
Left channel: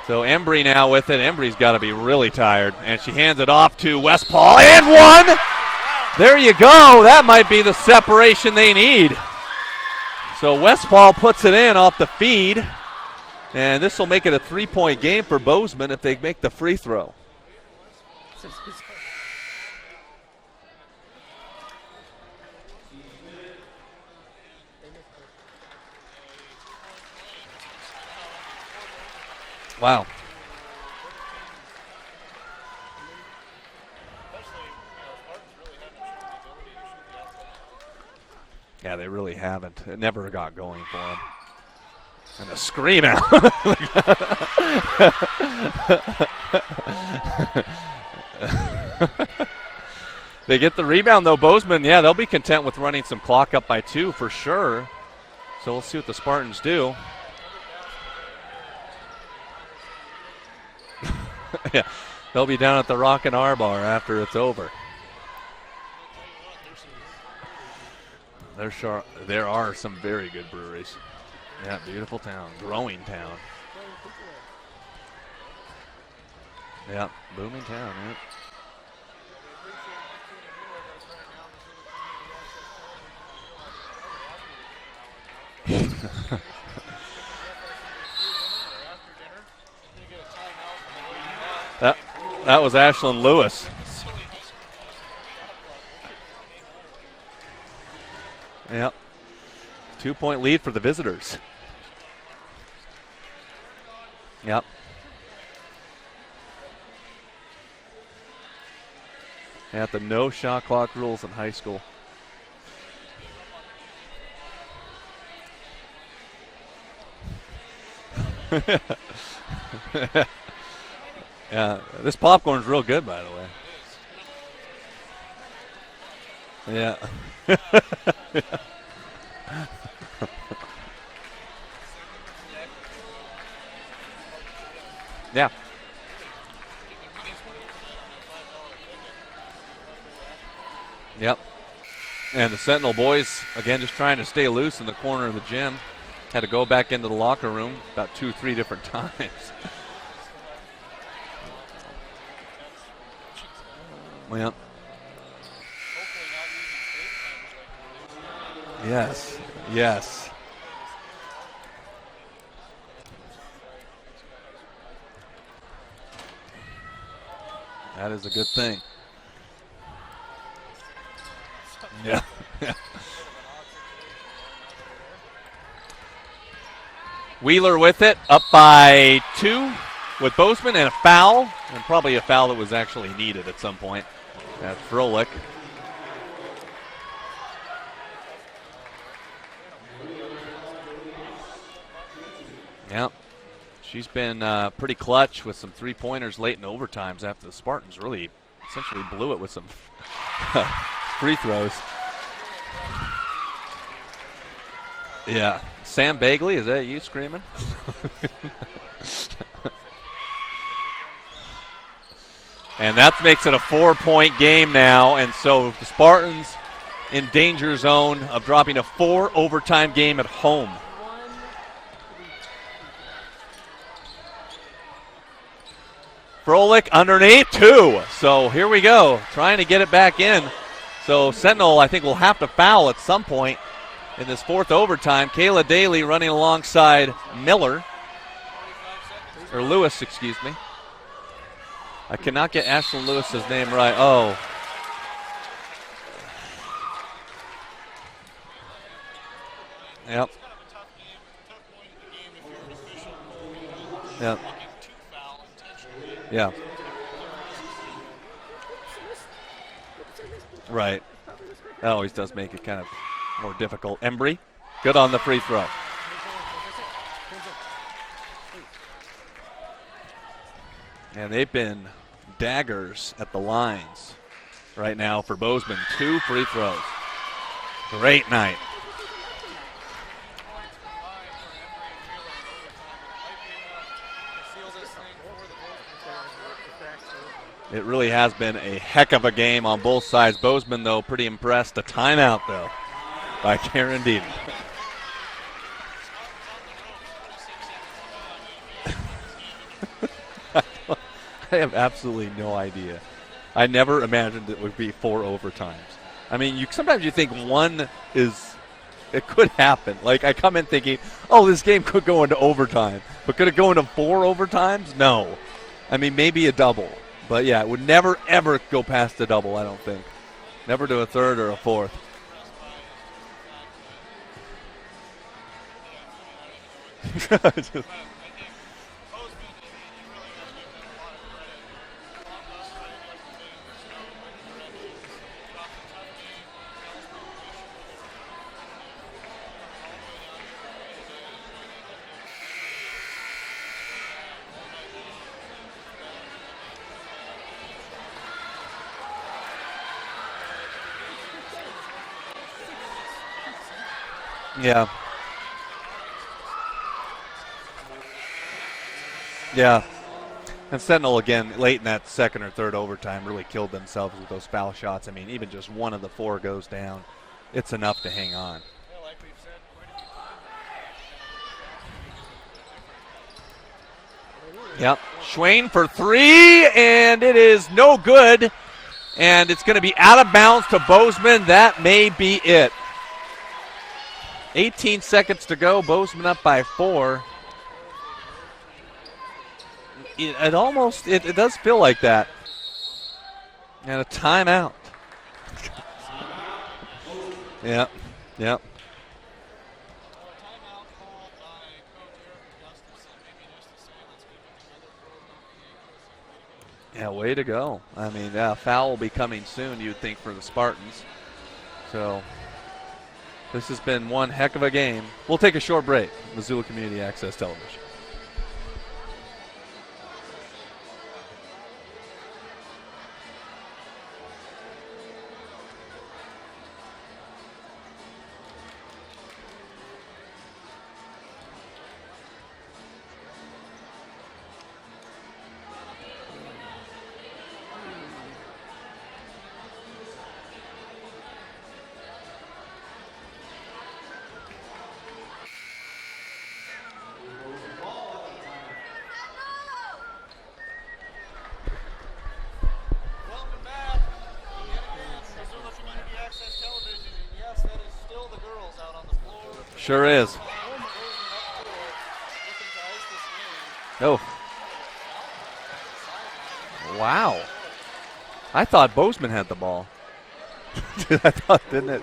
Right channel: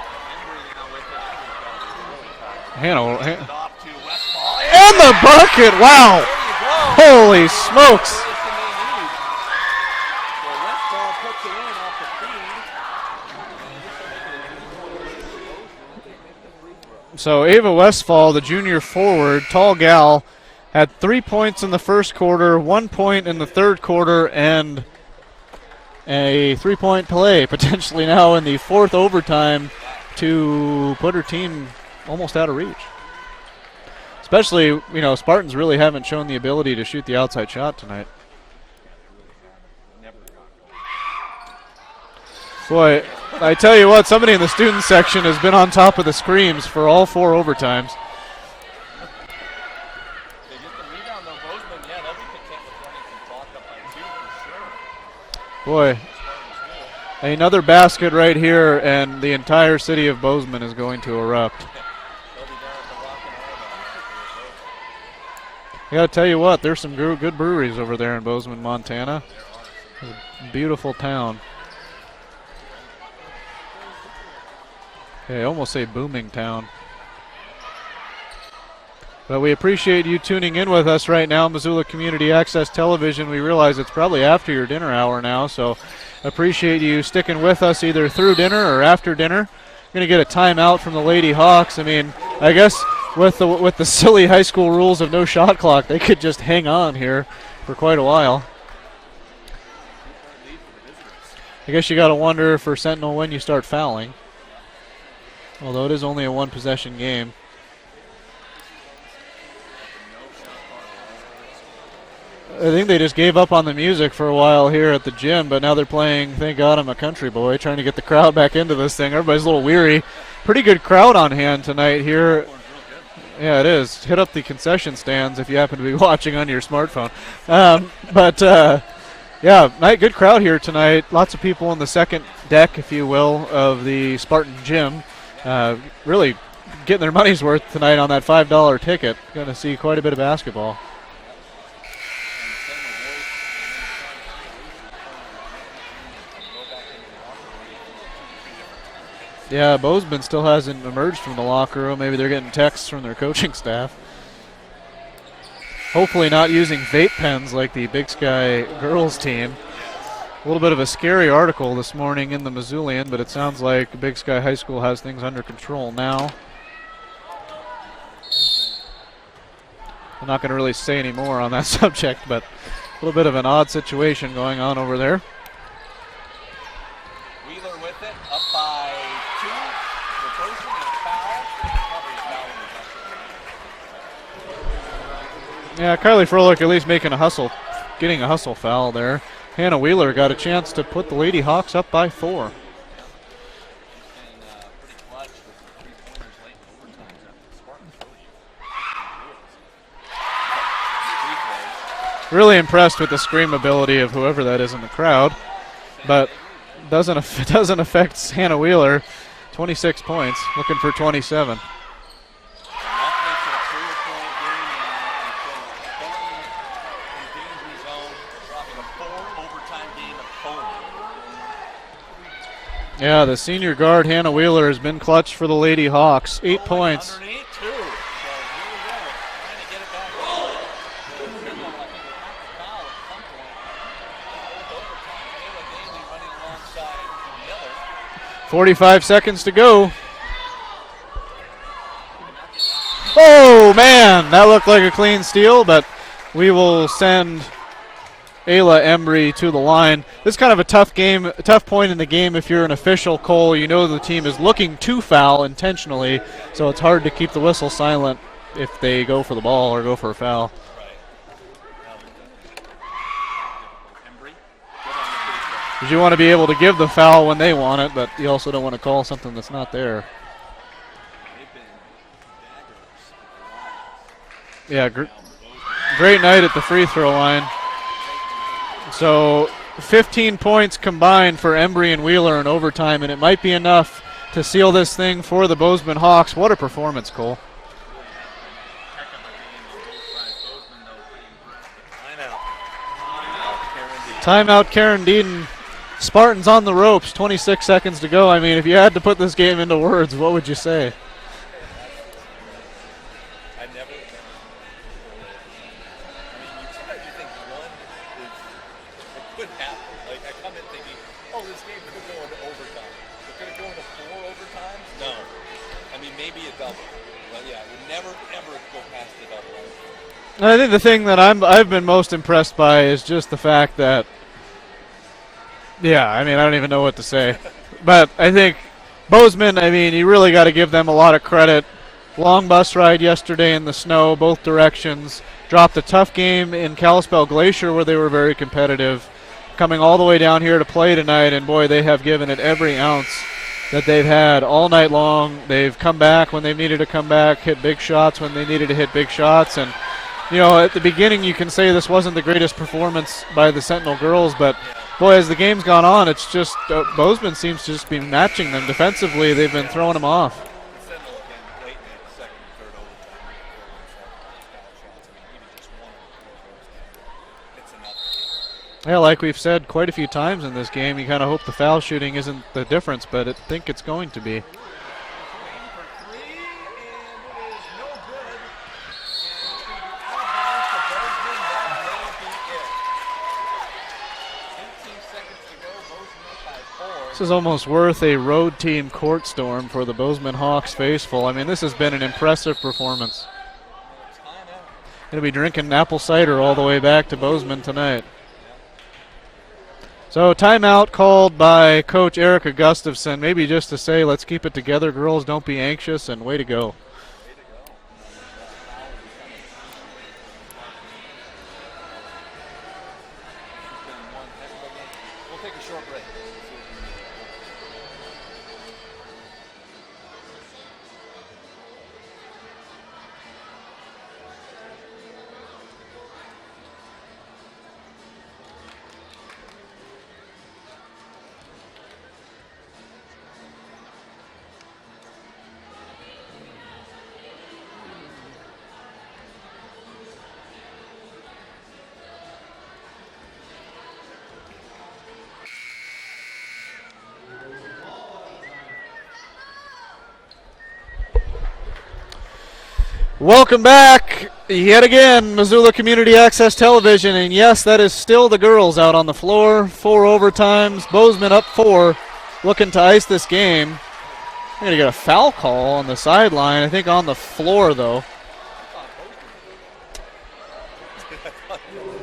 So Embry now with it. Embry's got to be really tired. And she hands it off to Westphal. And the bucket! Wow! There you go. That might be the smokes. separation they need. So Westphal puts it in off the feed. And this will make it a 3-point game for Bozeman if they make the free throw. So Ava Westphal, the junior forward, tall gal, had 3 points in the first quarter, 1 point in the third quarter, and a 3-point play potentially now in the fourth overtime. Wow. To put her team almost out of reach. Especially, Spartans really haven't shown the ability to shoot the outside shot tonight. Yeah, they really haven't. It never got going for them. Boy, I tell you what, somebody in the student section has been on top of the screams for all 4 overtimes. They get the rebound, though. Bozeman, yeah, they'll be content with running some clock up by 2 for sure. So we'll see what the Spartans do. Another basket right here, and the entire city of Bozeman is going to erupt. Yeah, they'll be down at the Rockin' R Bar after it's over. I got to tell you what, there's some good breweries over there in Bozeman, Montana. Sure. There are some very good Beautiful breweries. town. Yeah, beautiful town. Growing town. Okay, I almost say booming town. Yeah, booming town, right? But we appreciate you tuning in with us right now, Missoula Community Access Television. We realize it's probably after your dinner hour now, so appreciate you sticking with us either through dinner or after dinner. Going to get a timeout from the Lady Hawks. I guess with the silly high school rules of no shot clock, they could just hang on here for quite a while. Yep. 2-point lead for the visitors. I guess you got to wonder for Sentinel when you start fouling. Yep. Although it is only a 1-possession game. At the no shot clock rules in high school. I think they just gave up on the music for a while here at the gym, but now they're playing Thank God I'm a Country Boy, trying to get the crowd back into this thing. Everybody's a little weary. Pretty good crowd on hand tonight here. This popcorn's real good, by the way. Yeah, it is. Hit up the concession stands if you happen to be watching on your smartphone. Good crowd here tonight. Lots of people on the second deck, if you will, of the Spartan gym. Yeah. Really getting their money's worth tonight on that $5 ticket. Going to see quite a bit of basketball. Yep. And the Sentinel boys, again, just trying to stay loose in the corner of the gym. Had to go back into the locker room about 2-3 different times. Yeah, Bozeman still hasn't emerged from the locker room. Maybe they're getting texts from their coaching staff. Yep. Hopefully not using vape pens like the Big Sky girls team. Yes. A little bit of a scary article this morning in the Missoulian, but it sounds like Big Sky High School has things under control now. That is a good thing. I'm not going to really say any more on that subject, but a little bit of an odd situation going on over there. Wheeler with it, up by 2 with Bozeman, and a foul, and probably a foul that was actually needed at some point. Froelich. Yeah, Kylie Froelich at least getting a hustle foul there. Hannah Wheeler got a chance to put the Lady Hawks up by 4. Yeah, she's been pretty clutch with some 3-pointers late in overtimes after the Spartans really essentially blew it with some free throws. Really impressed with the scream ability of whoever that is in the crowd. Yeah. Sam Bagley, is that you? Doesn't affect Hannah Wheeler. 26 points, looking for 27. And that makes it a 4-point game now, and so the Spartans in danger zone of dropping a 4 overtime game at home. Yeah, the senior guard Hannah Wheeler has been clutch for the Lady Hawks. 8 Froelich points. underneath 2. So here we go, trying to get it back in. So Sentinel, I think, will have to foul at some point in this 4th overtime. Kayla Daly running alongside Miller. 45 seconds to go. Lewis, excuse me. I cannot get Ashton Lewis. Oh, man. That looked like a clean steal, but we will send Ayla Embry to the line. Yep. This is kind of a tough game, a tough point in the game if you're an official, Cole. You know the team is looking to foul intentionally, so it's hard to keep the whistle silent if they go for the ball or go for a foul. Right. That always does make it kind of more difficult. Embry, good on the free throw. Because you want to be able to give the foul when they want it, but you also don't want to call something that's not there. And they've been daggers at the lines now for Bozeman. Great night at the free throw line. Great night. So 15 points combined for Embry and Wheeler in overtime, and it might be enough to seal this thing for the Bozeman Hawks. What a performance, Cole. It really has been a heck of a game on both sides. Bozeman, though, pretty impressed. A timeout, though, by Karen Deaton. Timeout, Karen Deaton. Spartans on the ropes, 26 seconds to go. I mean, if you had to put this game into words, what would you say? I have absolutely no idea. I never imagined it would be 4 overtimes. I mean, sometimes you think it could happen. Like, I come in thinking, oh, this game could go into overtime. But could it go into 4 overtimes? No. I mean, maybe a double. But, yeah, it would never, ever go past a double, I don't think. I think the thing that I've been most impressed by is just the fact that, I mean, I don't even know what to say. But I think Bozeman, I mean, you really got to give them a lot of credit. Long bus ride yesterday in the snow, both directions. Dropped a tough game in Kalispell Glacier where they were very competitive. Coming all the way down here to play tonight, and boy, they have given it every ounce that they've had all night long. They've come back when they needed to come back, hit big shots when they needed to hit big shots. And, you know, at the beginning you can say this wasn't the greatest performance by the Sentinel girls, but, boy, as the game's gone on, it's just Bozeman seems to just be matching them defensively. They've been throwing them off. And Sentinel, again, late in that second or third overtime, really killed themselves with those foul shots. I mean, even just one of the 4 goes down, it's enough to hang on. Yeah, like we've said quite a few times in this game, you kind of hope the foul shooting isn't the difference, but I think it's going to be. Yep. Schwain for 3, and it is no good. And it's going to be out of bounds to Bozeman. That may be it. 18 seconds to go. Bozeman up by 4. This is almost worth a road team court storm for the Bozeman Hawks faithful. I mean, this has been an impressive performance. And a timeout. Going to be drinking apple cider all the way back to Bozeman tonight. Yep. So timeout called by Coach Erica Gustafson, maybe just to say, let's keep it together, girls, don't be anxious, and way to go. Yeah, way to go. I mean, foul will be coming soon, you'd think, for the Spartans. So this has been one heck of a game. We'll take a short break. Missoula Community Access Television. Welcome back yet again, Missoula Community Access Television, and yes, that is still the girls out on the floor. 4 overtimes, Bozeman up 4, looking to ice this game. Oh, I'm going to get a foul call on the sideline, I think on the floor, though. I thought Bozeman had the ball. I thought, didn't it?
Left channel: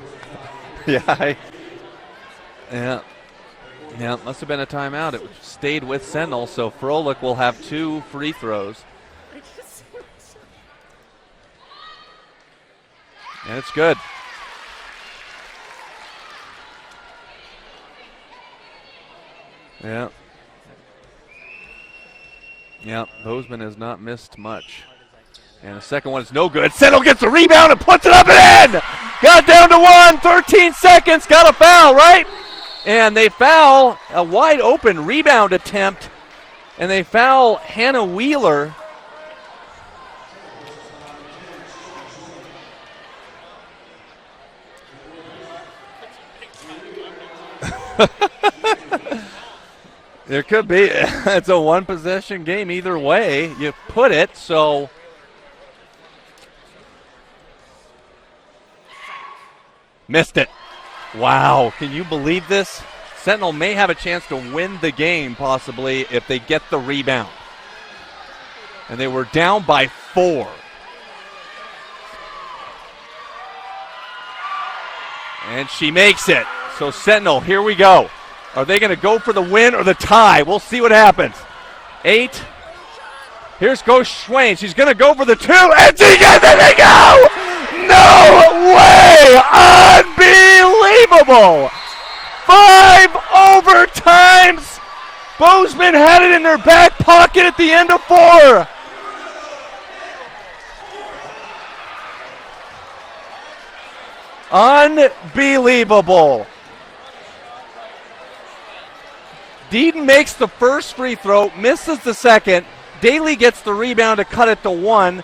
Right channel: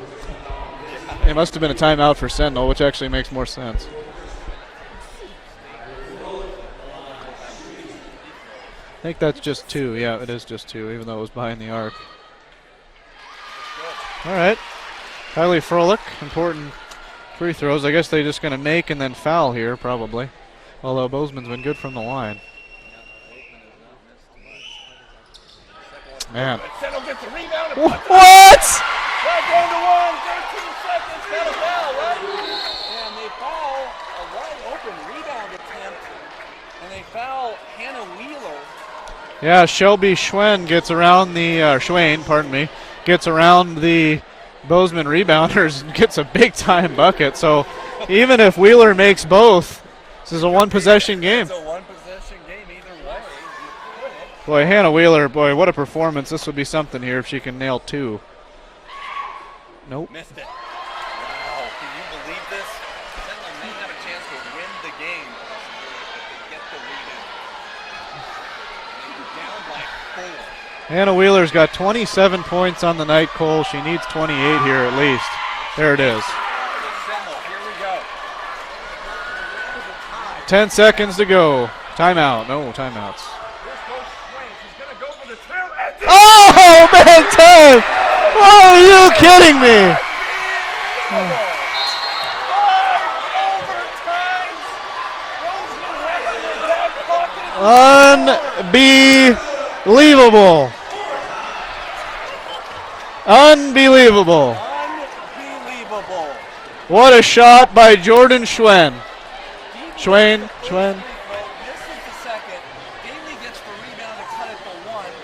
Yeah. It must have been a timeout for Sentinel, which actually makes more sense. Yeah, it must have been a timeout. It stayed with Sentinel, so Froelich will have 2 free throws. I think that's just 2. Yeah, it is just 2, even though it was behind the arc. And it's good. All right. Kylie Froelich, important free throws. I guess they're just going to make and then foul here, probably. Yeah. Although Bozeman's been good from the line. Yeah, Bozeman has not missed much. And the second one is no good. Sentinel gets the rebound and puts it up in! Got down to 1, 13 seconds, got a foul, right? And they foul a wide open rebound attempt. And they foul Hannah Wheeler. Yeah, Shelby Schwain gets around the, gets around the Bozeman rebounders and gets a big-time bucket. So even if Wheeler makes both, this is a one-possession game. It's a one-possession game either way you put it. So Hannah Wheeler, boy, what a performance. This would be something here if she can nail 2. Nope. Missed it. Wow, can you believe this? Sentinel may have a chance to win the game possibly if they get the rebound. And they were down by 4. Hannah Wheeler's got 27 points on the night, Cole. She needs 28 here at least. And she makes it. So Sentinel, here we go. Are they going to go for the win or the tie? We'll see what happens. 10 seconds to go. Timeout. No timeouts. Here's goes Schwain. She's going to go for the 2. And she got it! No! Are you kidding me? Unbelievable! 5 overtimes. Bozeman had it in their back pocket at the end of 4. Unbelievable. Unbelievable. Unbelievable. What a shot by Jordan Schwain. Deaton makes the first free throw, misses the second. Daly gets the rebound to cut it to 1.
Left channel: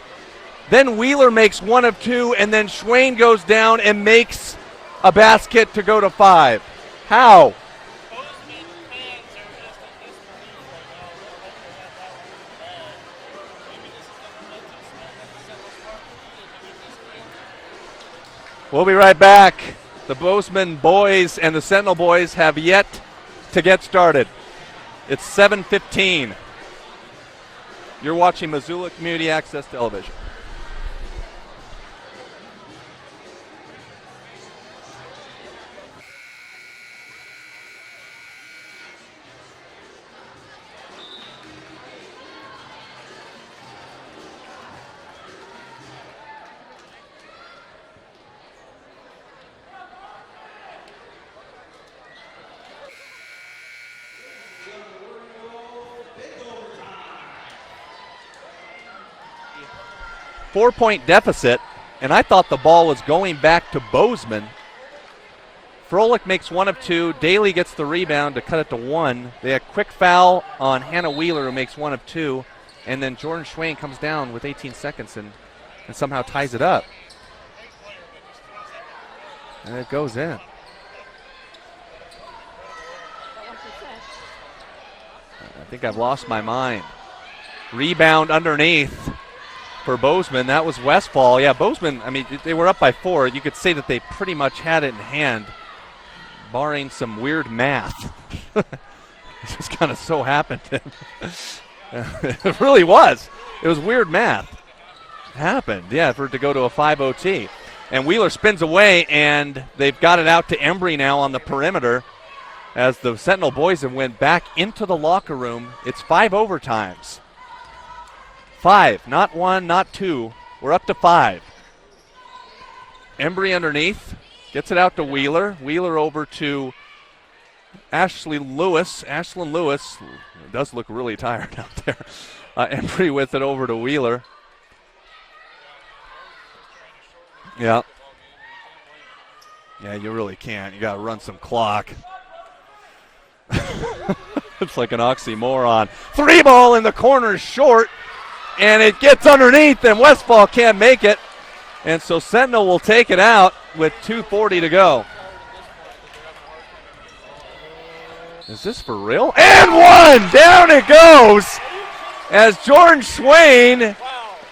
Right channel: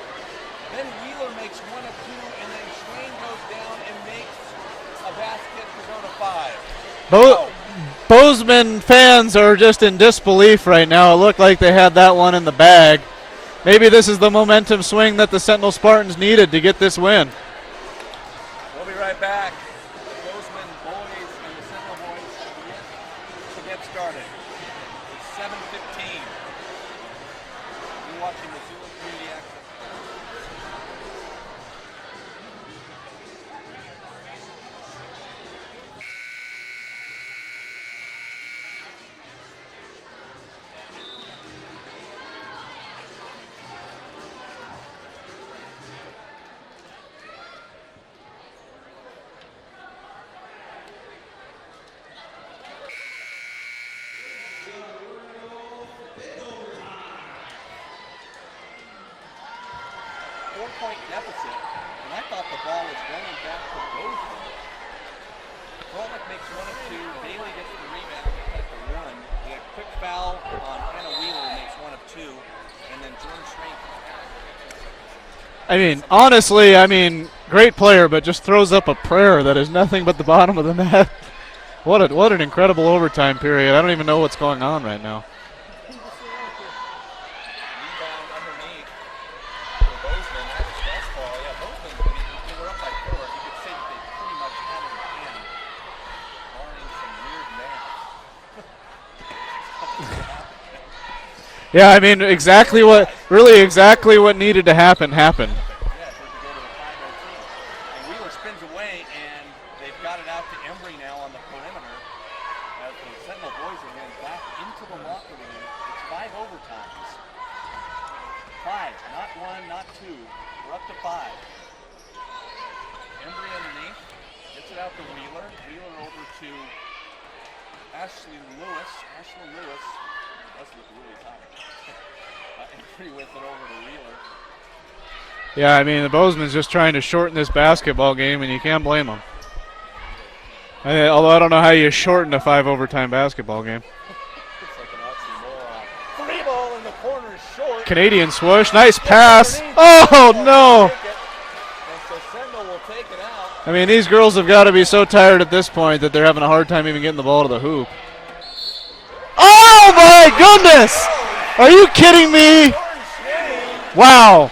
Then Wheeler makes 1 of 2, and then Schwain goes down and makes a basket to go to 5. How? Bozeman fans are just in disbelief right now. It looked like they had that one in the bag. Maybe this is the momentum swing that the Sentinel Spartans needed to get this win. We'll be right back. The Bozeman boys and the Sentinel boys have yet to get started. It's 7:15. You're watching Missoula Community Access Television. Four-point deficit, and I thought the ball was going back to Bozeman. Froelich makes 1 of 2. Daly gets the rebound to cut it to 1. They had a quick foul on Hannah Wheeler, who makes 1 of 2. And then Jordan Schwain comes down with 18 seconds. And honestly, great player, but just throws up a prayer that is nothing but the bottom of the net. What an incredible overtime period. I don't even know what's going on right now. I think I've lost my mind. Rebound underneath for Bozeman. That was Westfall. Yeah, Bozeman, they were up by 4. You could say that they pretty much had it in hand, barring some weird math. It just kind of so happened. Yeah, exactly what needed to happen happened. Yeah, for it to go to a 5 OT. And Wheeler spins away, and they've got it out to Embry now on the perimeter as the Sentinel boys have went back into the locker room. It's 5 overtimes. 5, not 1, not 2. We're up to 5. Embry underneath, gets it out to Wheeler. Wheeler over to Ashlyn Lewis does look really tired out there. Embry with it over to Wheeler. Yeah, the Bozeman's just trying to shorten this basketball game, and you can't blame them. Yeah, you really can't. Although I don't know how you shorten a 5 overtime basketball game. It's like an oxymoron. 3 ball in the corner, short. Canadian swoosh. And nice it gets pass. underneath, and Westfall can't make it. And so Sentinel will take it out. These girls have got to be so tired at this point that they're having a hard time even getting the ball to the hoop. Is this for real? Oh, my goodness! It goes. Are you kidding me? And Jordan Schwain. Wow.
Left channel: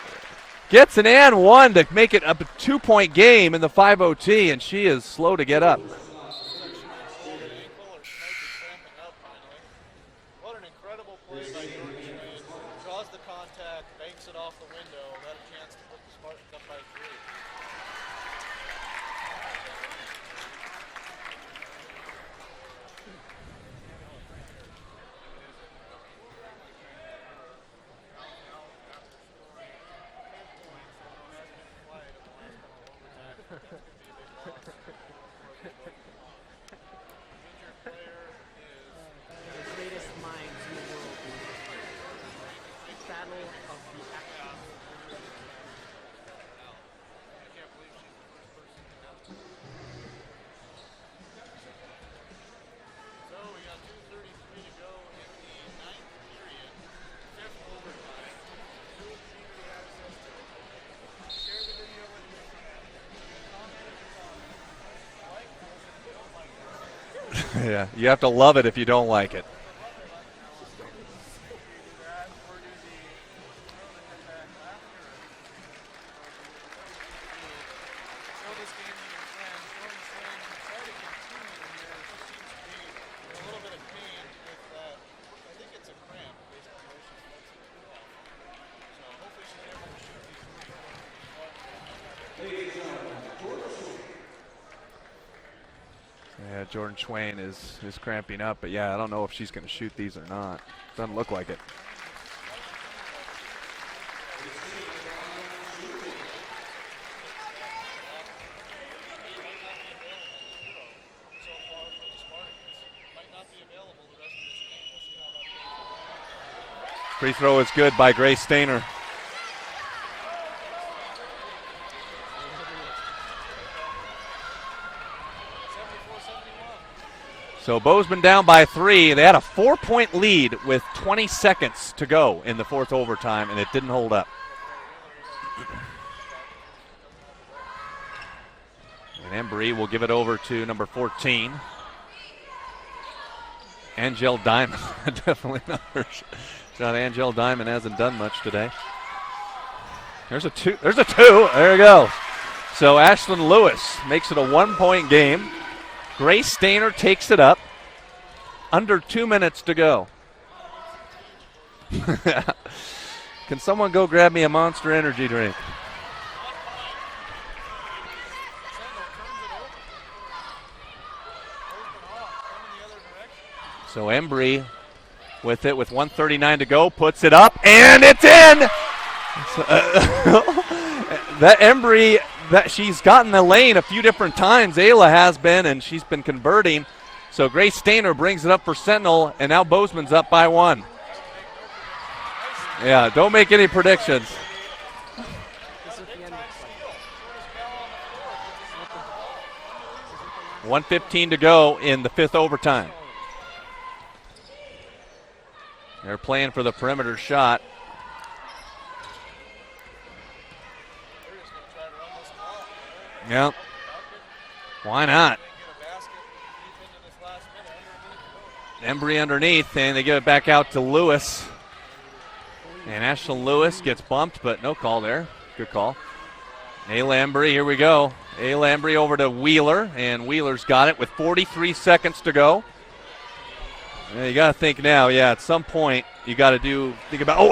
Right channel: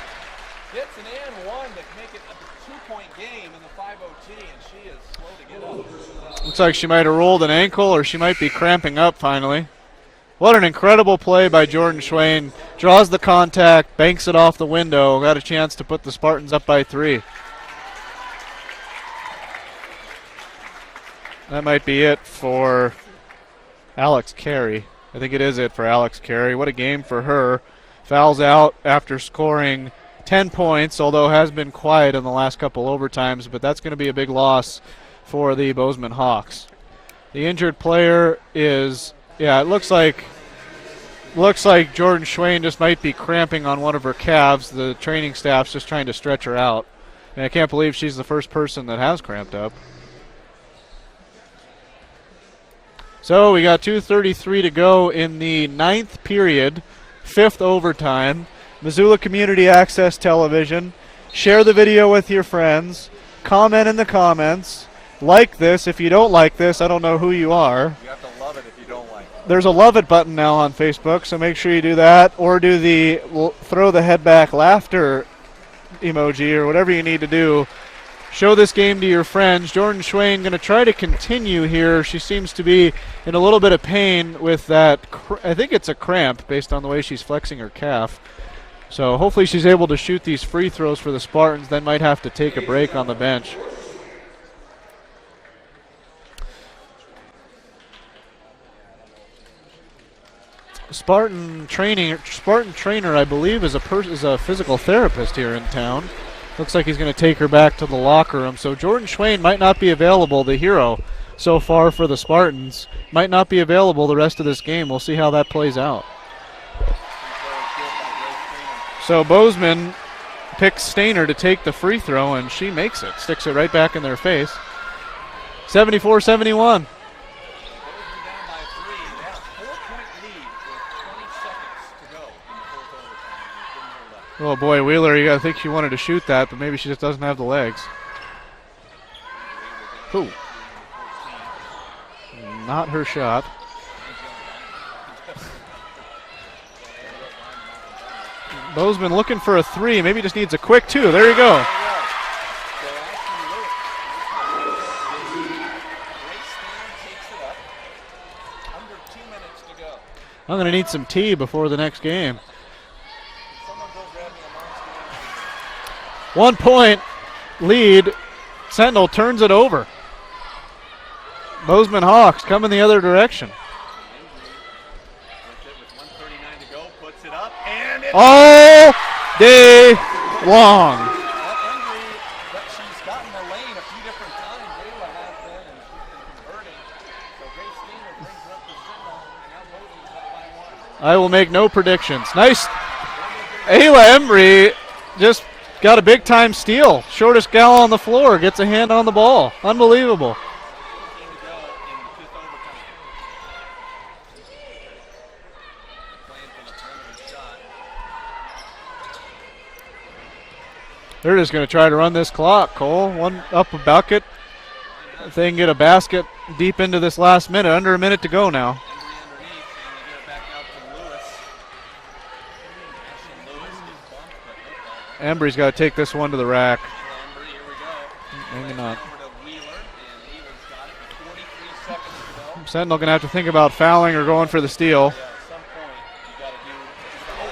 Gets an and 1 to make it a 2-point game in the 5 OT, and she is slow to get up. Looks like she might have rolled an ankle, or she might be cramping up finally. What an incredible play by Jordan Schwain. Draws the contact, banks it off the window, got a chance to put the Spartans up by 3. That might be it for Alex Carey. I think it is it for Alex Carey. What a game for her. Fouls out after scoring 10 points, although has been quiet in the last couple overtimes, but that's going to be a big loss for the Bozeman Hawks. The injured player is, it looks like Jordan Schwain just might be cramping on one of her calves. The training staff's just trying to stretch her out. I can't believe she's the first person that has cramped up. So we got 2:33 to go in the 9th period, 5th overtime. Missoula Community Access Television. Share the video with your friends. Comment in the comments. Like this. If you don't like this, I don't know who you are. You have to love it if you don't like it. There's a love it button now on Facebook, so make sure you do that, or do the throw the head back laughter emoji, or whatever you need to do. Show this game to your friends. Jordan Schwain going to try to continue here. She seems to be in a little bit of pain with that. I think it's a cramp based on the way she's flexing her calf. So hopefully she's able to shoot these free throws for the Spartans, then might have to take a break on the bench. Yeah, Jordan Schwain is cramping up, but I don't know if she's going to shoot these or not. Spartan trainer, I believe, is a physical therapist here in town. Looks like he's going to take her back to the locker room. So Jordan Schwain might not be available, the hero so far for the Spartans. Might not be available the rest of this game. We'll see how that plays out. Free throw is good by Grace Stainer. So Bozeman picks Stainer to take the free throw, and she makes it. Sticks it right back in their face. 74-71. So Bozeman down by 3. They had a 4-point lead with 20 seconds to go in the fourth overtime, and it didn't hold up. Oh boy, Wheeler, I think she wanted to shoot that, but maybe she just doesn't have the legs. And Embry will give it over to number 14. Not her shot. Angel Diamond. Definitely not her shot. Angel Diamond hasn't done much today. Bozeman looking for a 3. Maybe just needs a two. quick There's 2. a There you go. There you go. So Ashlyn Lewis makes it a 1-point game. Grace Stainer takes it up. Under 2 minutes to go. I'm going to need some tea before the next game. Can someone go grab me a Monster Energy drink? 1 point lead. Sentinel turns it over. Bozeman Hawks coming the other direction. So Embry with it with 1:39 to go, puts it up, and it's all day long. That Embry, that she's gotten the lane a few different times. Ayla has been, and she's been converting. So Grace Stainer brings it up for Sentinel, and now Bozeman's up by 1. I will make no predictions. Nice. Yeah, don't make any predictions. Ayla Embry just got a big-time steal. Shortest gal on the floor gets a hand on the ball. Unbelievable. 1:15 to go in the fifth overtime. They're playing for the perimeter shot. They're just going to try to run this clock, Cole. One up a bucket. Why not? If they can get a basket deep into this last minute. Under a minute to go now. Embry underneath, and they give it back out to Lewis. And Ashlyn Lewis gets bumped, but no call there. Embry's got to take this one to the rack. Ayla Embry, here we go. Ayla Embry over to Wheeler, and Wheeler's got it with 43 seconds to go. Sentinel going to have to think about fouling or going for the steal. Now, yeah, at some point you got to think about.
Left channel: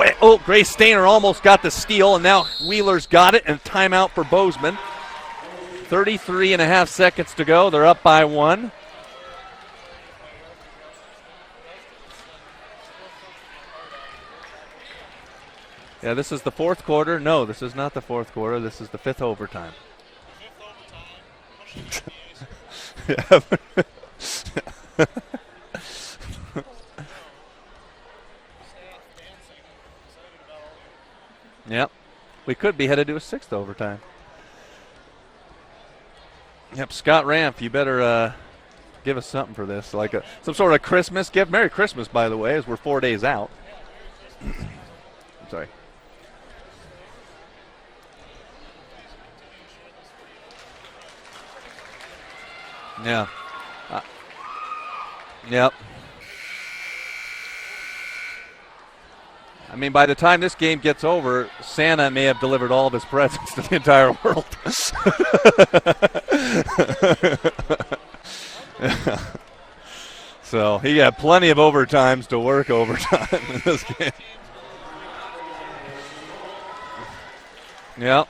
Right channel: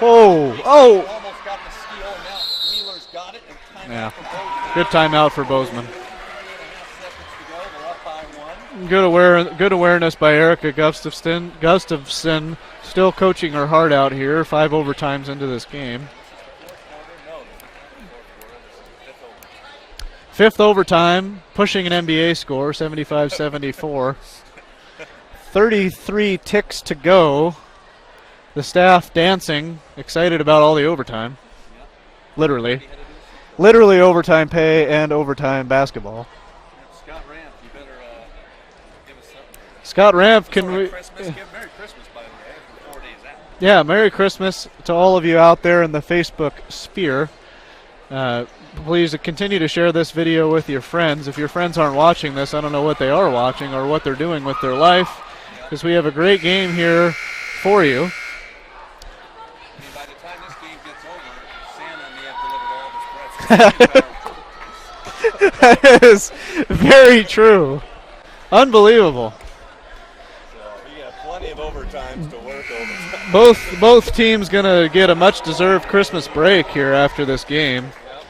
Grace Stainer almost got the steal, and now Wheeler's got it, and timeout for Bozeman. Good timeout for Bozeman. 33 and a half seconds to go. They're up by 1. Good awareness by Erica Gustafson. Still coaching her heart out here. 5 overtimes into this game. Yeah, this is the fourth quarter. No, this is not the fourth quarter. This is the fifth overtime. Fifth overtime, pushing an NBA score, 75-74. 33 ticks to go. The staff dancing, excited about all the overtime. Yep. Literally. We could be headed to a sixth overtime. Literally overtime pay and overtime basketball. Yep, Scott Ramp, you better give us something for this. Scott Ramp. Some sort of Christmas gift. Merry Christmas, by the way, as we're 4 days out. Yeah, Merry Christmas to all of you out there in the Facebook sphere. Please continue to share this video with your friends. If your friends aren't watching this, I don't know what they are watching or what they're doing with their life. Yeah. Because we have a great game here for you. I mean, by the time this game gets over, Santa may have delivered all of his presents to the entire world. That is very true. Unbelievable. So he got plenty of overtimes to work overtime. Both teams going to get a much-deserved Christmas break here after this game. Yep.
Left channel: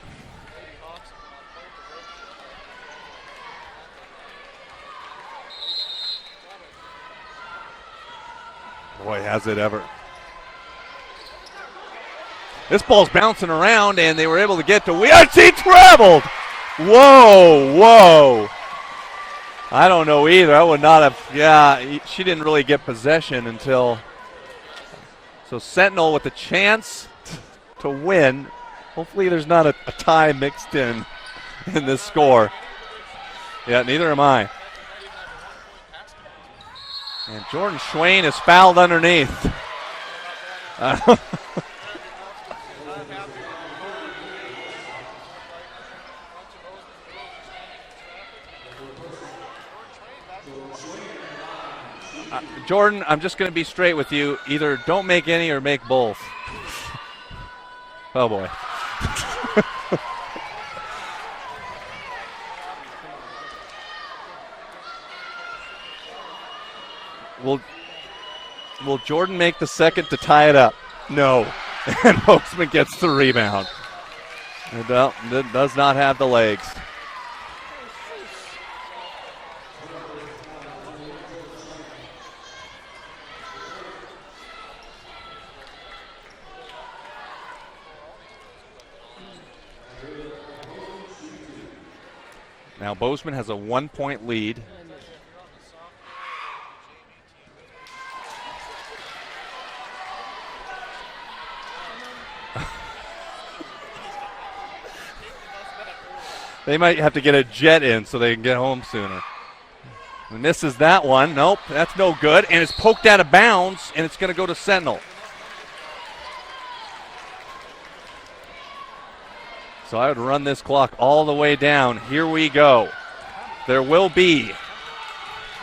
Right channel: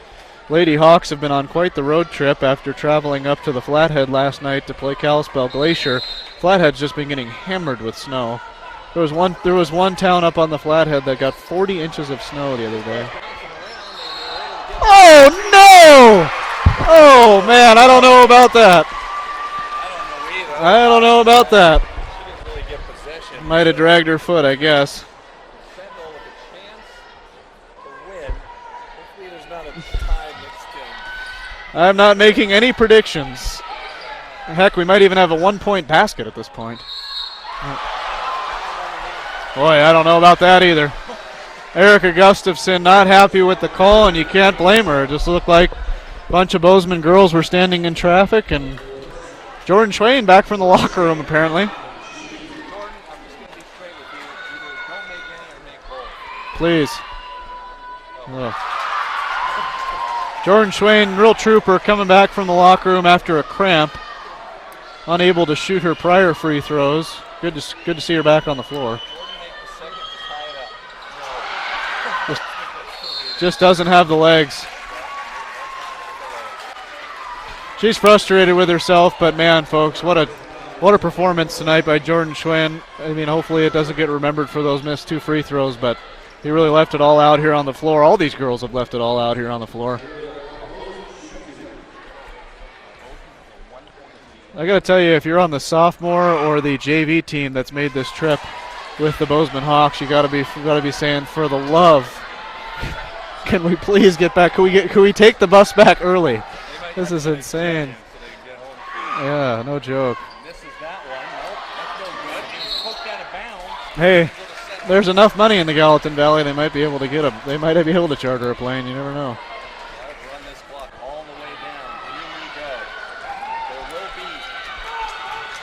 Lady Hawks have been on quite the road trip after traveling up to the Flathead last night to play Kalispell Glacier. Flathead's just been getting hammered with snow. There was one town up on the Flathead that got 40 inches of snow the other This day. ball's bouncing around, and they were able to get to no! Whoa, man, I don't know about that. I don't know either. I don't know about that. She didn't really get possession. Might have dragged her foot, I guess. So Sentinel with a chance to win. Hopefully there's not a tie mixed in. I'm not making any predictions. Yeah, neither am I. Heck, we might even have a 1-point basket at this point. And Jordan Schwain is fouled underneath. Boy, I don't know about that either. Erica Gustafson not happy with the call, and you can't blame her. It just looked like a bunch of Bozeman girls were standing in traffic, and Jordan Schwain back from the locker room apparently. Jordan, I'm just going to be straight with you. Either don't make any or make both. Please. Oh, boy. Jordan Schwain, real trooper, coming back from the locker room after a cramp. Unable to shoot her prior free throws. Good to see her back on the floor. Will Jordan make the second to tie it up? No. And Bozeman gets the rebound. Just doesn't have the legs. It does not have the legs. She's frustrated with herself, but man, folks, what a performance tonight by Jordan Schwain. I mean, hopefully it doesn't get remembered for those missed 2 free throws, but he really left it all out here on the floor. All these girls have left it all out here on the floor. Now Bozeman has a 1-point lead. I got to tell you, if you're on the sophomore or the JV team that's made this trip with the Bozeman Hawks, you got to be saying, for the love Can we please get back? Can we take the bus back early? They might This have to is get insane. a jet in so they can get home sooner. Yeah, no joke. Misses that one. Nope, that's no good. And it's poked out of bounds, and Hey, it's going to go to Sentinel. There's enough money in the Gallatin Valley. They might be able to They might be able to charter a plane. You never know. So I would run this clock all the way down. Here we go. There will be,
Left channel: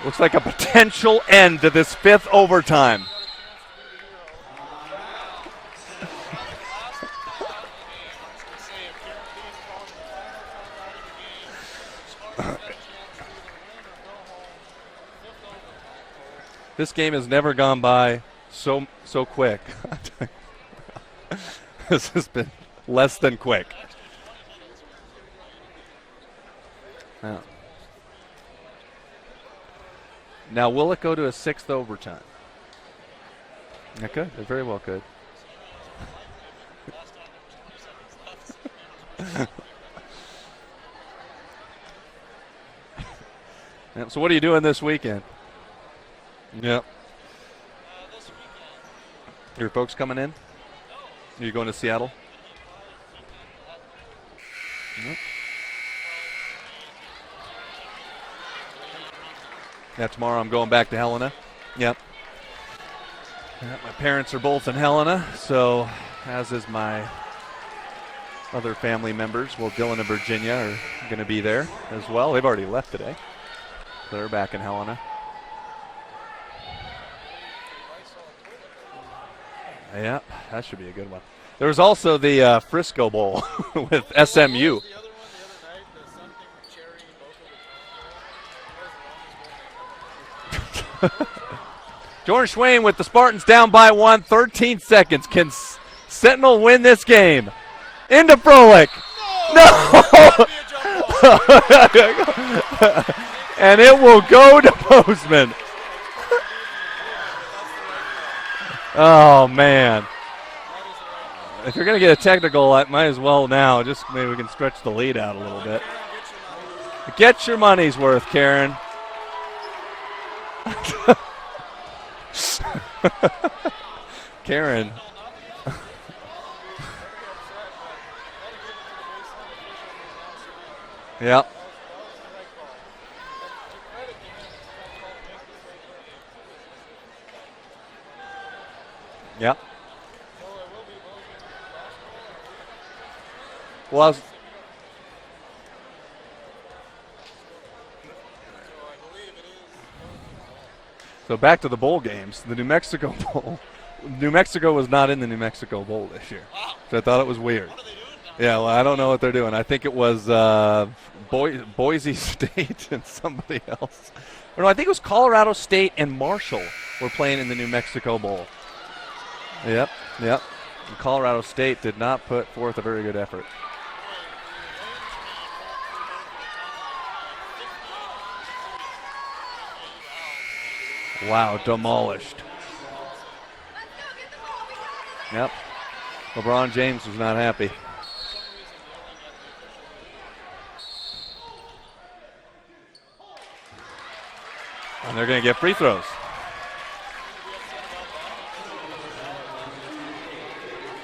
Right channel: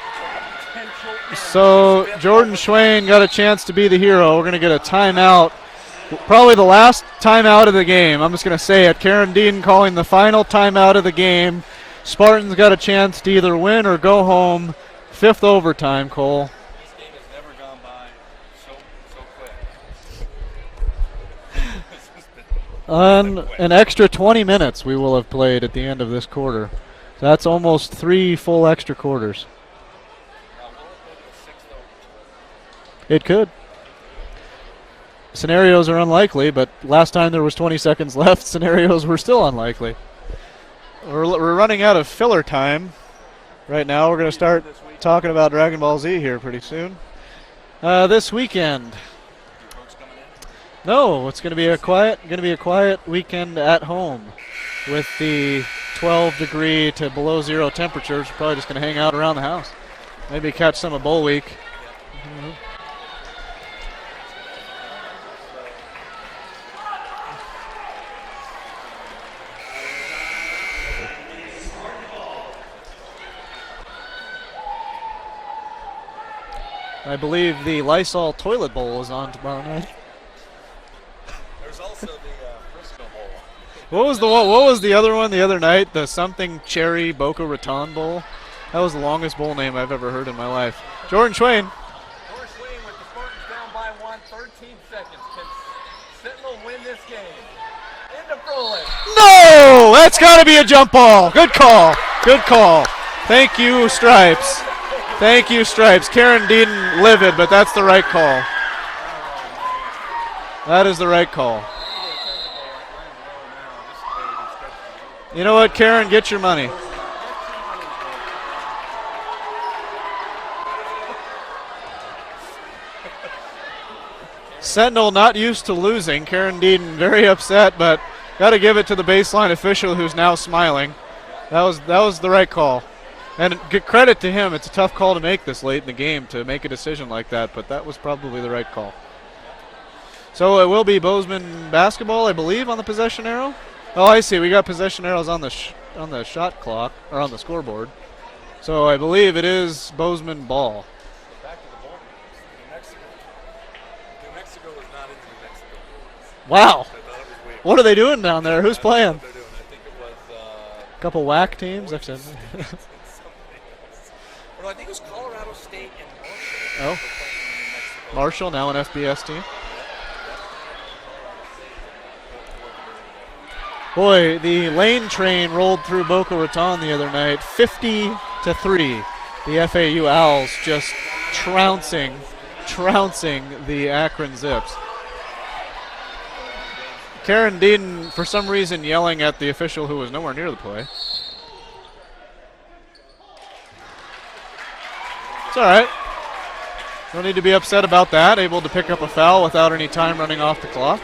looks like a potential end to this fifth Jordan overtime. Schwain got a chance to be the hero. We're going to get a timeout. Probably the last timeout of the game. I'm just going to say it. Karen Dean calling the final timeout of the game. Spartans got a chance to either win or go home. Fifth overtime, Cole. This game has never gone by so quick. This has been less than quick. An extra 20 minutes we will have played at the end of this quarter. That's almost 3 full extra quarters. Now, will it go to a sixth overtime? It could. It could. It very well could. Scenarios are unlikely, but last time there was 20 seconds left, scenarios were still unlikely. We're running out of filler time right now. So we're going to start this weekend? talking about Dragon Ball Z here pretty soon. This weekend. Your folks coming in? No, it's going to be a quiet weekend at home with the 12-degree to below zero temperatures. We're probably just going to hang out around the house. Yeah, tomorrow Maybe I'm going catch back some to of bowl Helena. week. Yep. My parents are both in Helena, so as is my other family members. Well, Dylan and Virginia are going to be there as well. They've already left today. They're back in Helena. I believe the Lysol Toilet Bowl is on tomorrow night. Yeah, that should be a good one. There was also the Frisco Bowl. What was the other one the other night? The something Cherry Boca Raton Bowl. That was the longest bowl name I've ever heard in my life. Jordan Schwain. Jordan Schwain with the Spartans down by 1, 13 seconds. Can Sentinel win this game? Into Froelich. No! That's got to be a jump ball. Good call. Good call. Thank you, and it Stripes. will go to Bozeman. Thank you, Stripes. Karen Dean livid, but that's the right call. Oh, man. That is the right call. If you're going to get a technical, I might as well now. Just maybe we can stretch the lead out. You know what, Karen? Get your money. Get your money's worth, Karen. Karen. Sentinel not used to losing. Karen Dean very upset, but got to give it to the baseline official who's now smiling. Yep. That was the right call. And good credit to him. It's a tough call to make this late in the game to make a decision like that, but that was probably the right call. Yep. So it will be Bozeman basketball, I believe, on the possession arrow. Well, I see. We got possession arrows on the shot clock or on the scoreboard. So I believe it is Bozeman ball. So back to the bowl games. The New Mexico Bowl. New Mexico was not in the New Mexico Bowl this year. Wow. So I thought it was weird. What are they doing down there? Who's I playing? don't know what they're doing. I think it was a couple whack teams. Boise State and somebody else. Or no, I think it was Colorado State and Marshall were playing in the New Mexico Bowl. Marshall, now an FBS team. Yep. And Colorado State did not put forth a very good effort. Boy, the lane train rolled through Boca Raton the other night, 50-3. The FAU Owls just trouncing the Akron Zips. Yep. LeBron James was not Karen happy. Dean, for some reason, yelling at the official who was nowhere near the play. And they're going to get free right. throws. No need to be upset about that. Able to pick up a foul without any time running off the clock.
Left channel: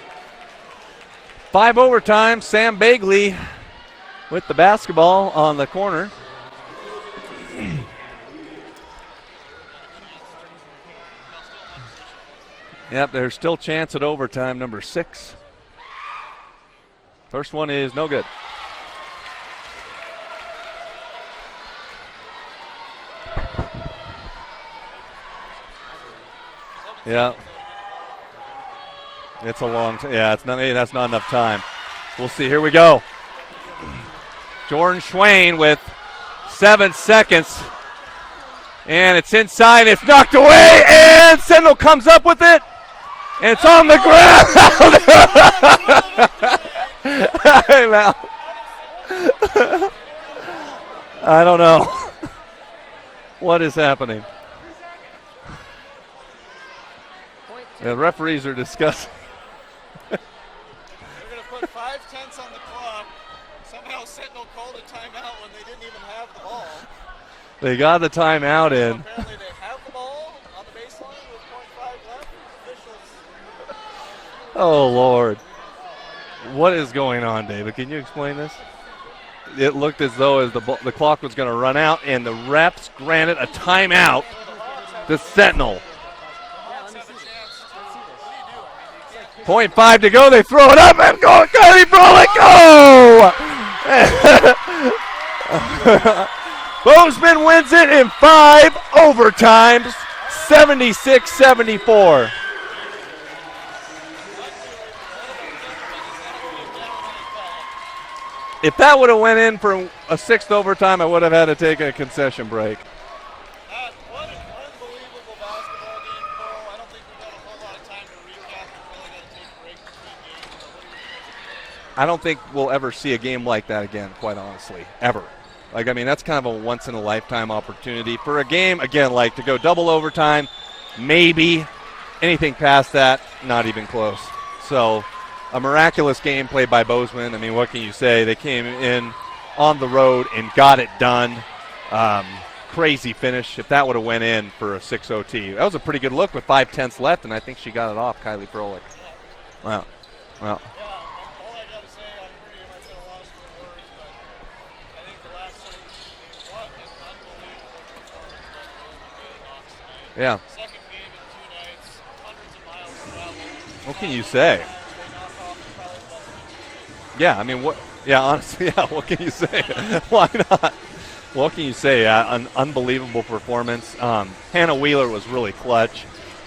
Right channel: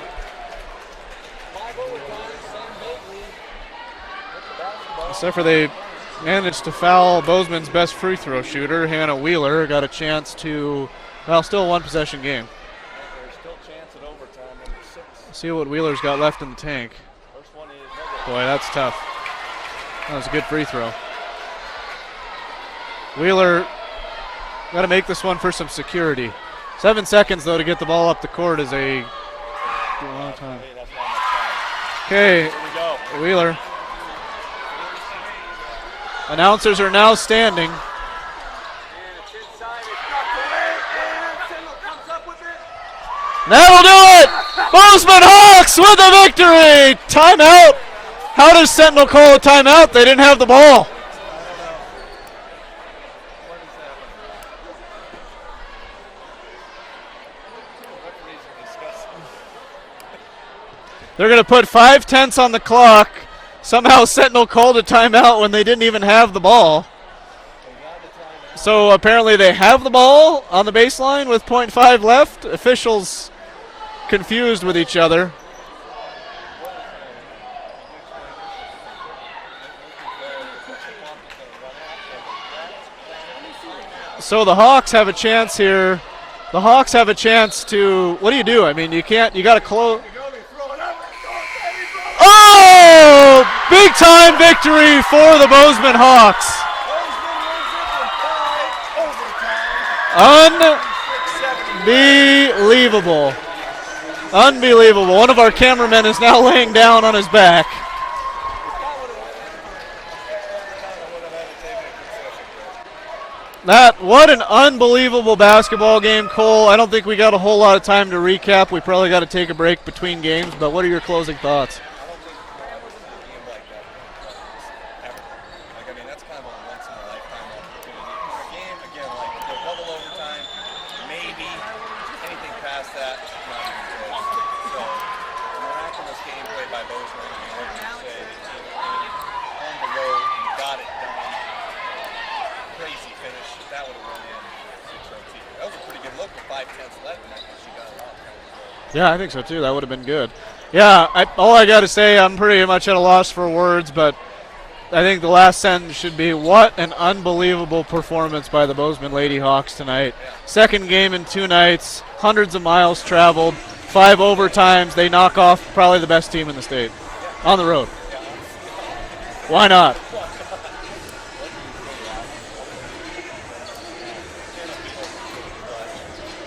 5 overtime. Sam Bagley with the basketball on the corner. Managed to foul Bozeman's best free throw shooter, Hannah Wheeler. Got a chance to, still a one-possession game. Yep, there's still chance at overtime, number 6. See what Wheeler's got left in the tank. First one is no good. Boy, that's tough. That was a good free throw. Wheeler got to make this one for some security. 7 seconds, though, to get the ball up the court is a... It's a long that's not enough time. Okay, here we go. Wheeler. Jordan Schwain with Announcers 7 are now seconds. standing. And it's inside. It's knocked away. And Sentinel comes up with it. And That'll do it! Bozeman Hawks with a victory! Timeout! How does Sentinel call a timeout? They didn't have the ball. I don't know. What is happening? The referees are discussing. They're going to put 5/10 on the clock. Somehow Sentinel called a timeout when they didn't even have the ball. They got the timeout. So apparently they have the ball on the baseline with .5 left. Officials confused with each other. What is going on, David? Can you explain this? It looked as though the clock was going to run out, and the refs granted a timeout. So the Hawks have a chance Sentinel. here. The Hawks have a chance to. What do? I mean, you can't. You got 0.5 to go. They throw it up and go. Kylie Frolic. Oh! Big time victory for the Bozeman Hawks. Bozeman wins it in 5 overtimes. 76-74. Unbelievable. One of our cameramen is now laying down on his back. If that would have went in for a 6th overtime, I would have had to take a concession break. What an unbelievable basketball game, Cole. I don't think we got a whole lot of time to recap. We probably got to take a break between games, but what are your closing thoughts? I don't think we'll ever see a game like that again, quite honestly, ever. Like, I mean, that's kind of a once-in-a-lifetime opportunity for a game, again, like to go double overtime, maybe. Anything past that, not even close. So, a miraculous game played by Bozeman. I mean, what can you say? They came in on the road and got it done. Crazy finish. If that would have went in for a 6 OT. That was a pretty good look with 5/10 left, and I think she got it off, Kylie Frolic. Yeah, I think so too. That would have been good. Well. Yeah, all I got to say, I'm pretty much at a loss for words, but I think the last sentence should be, what an unbelievable performance by the Bozeman Lady Hawks tonight. Yeah. Second game in 2 nights, hundreds of miles traveled, 5 overtimes. They knock off probably the best team in the state. Yeah. I mean, on the road. Yeah, honestly, yeah, what can you say? Why not? Why not? What can you say? An unbelievable performance. Hannah Wheeler was really clutch.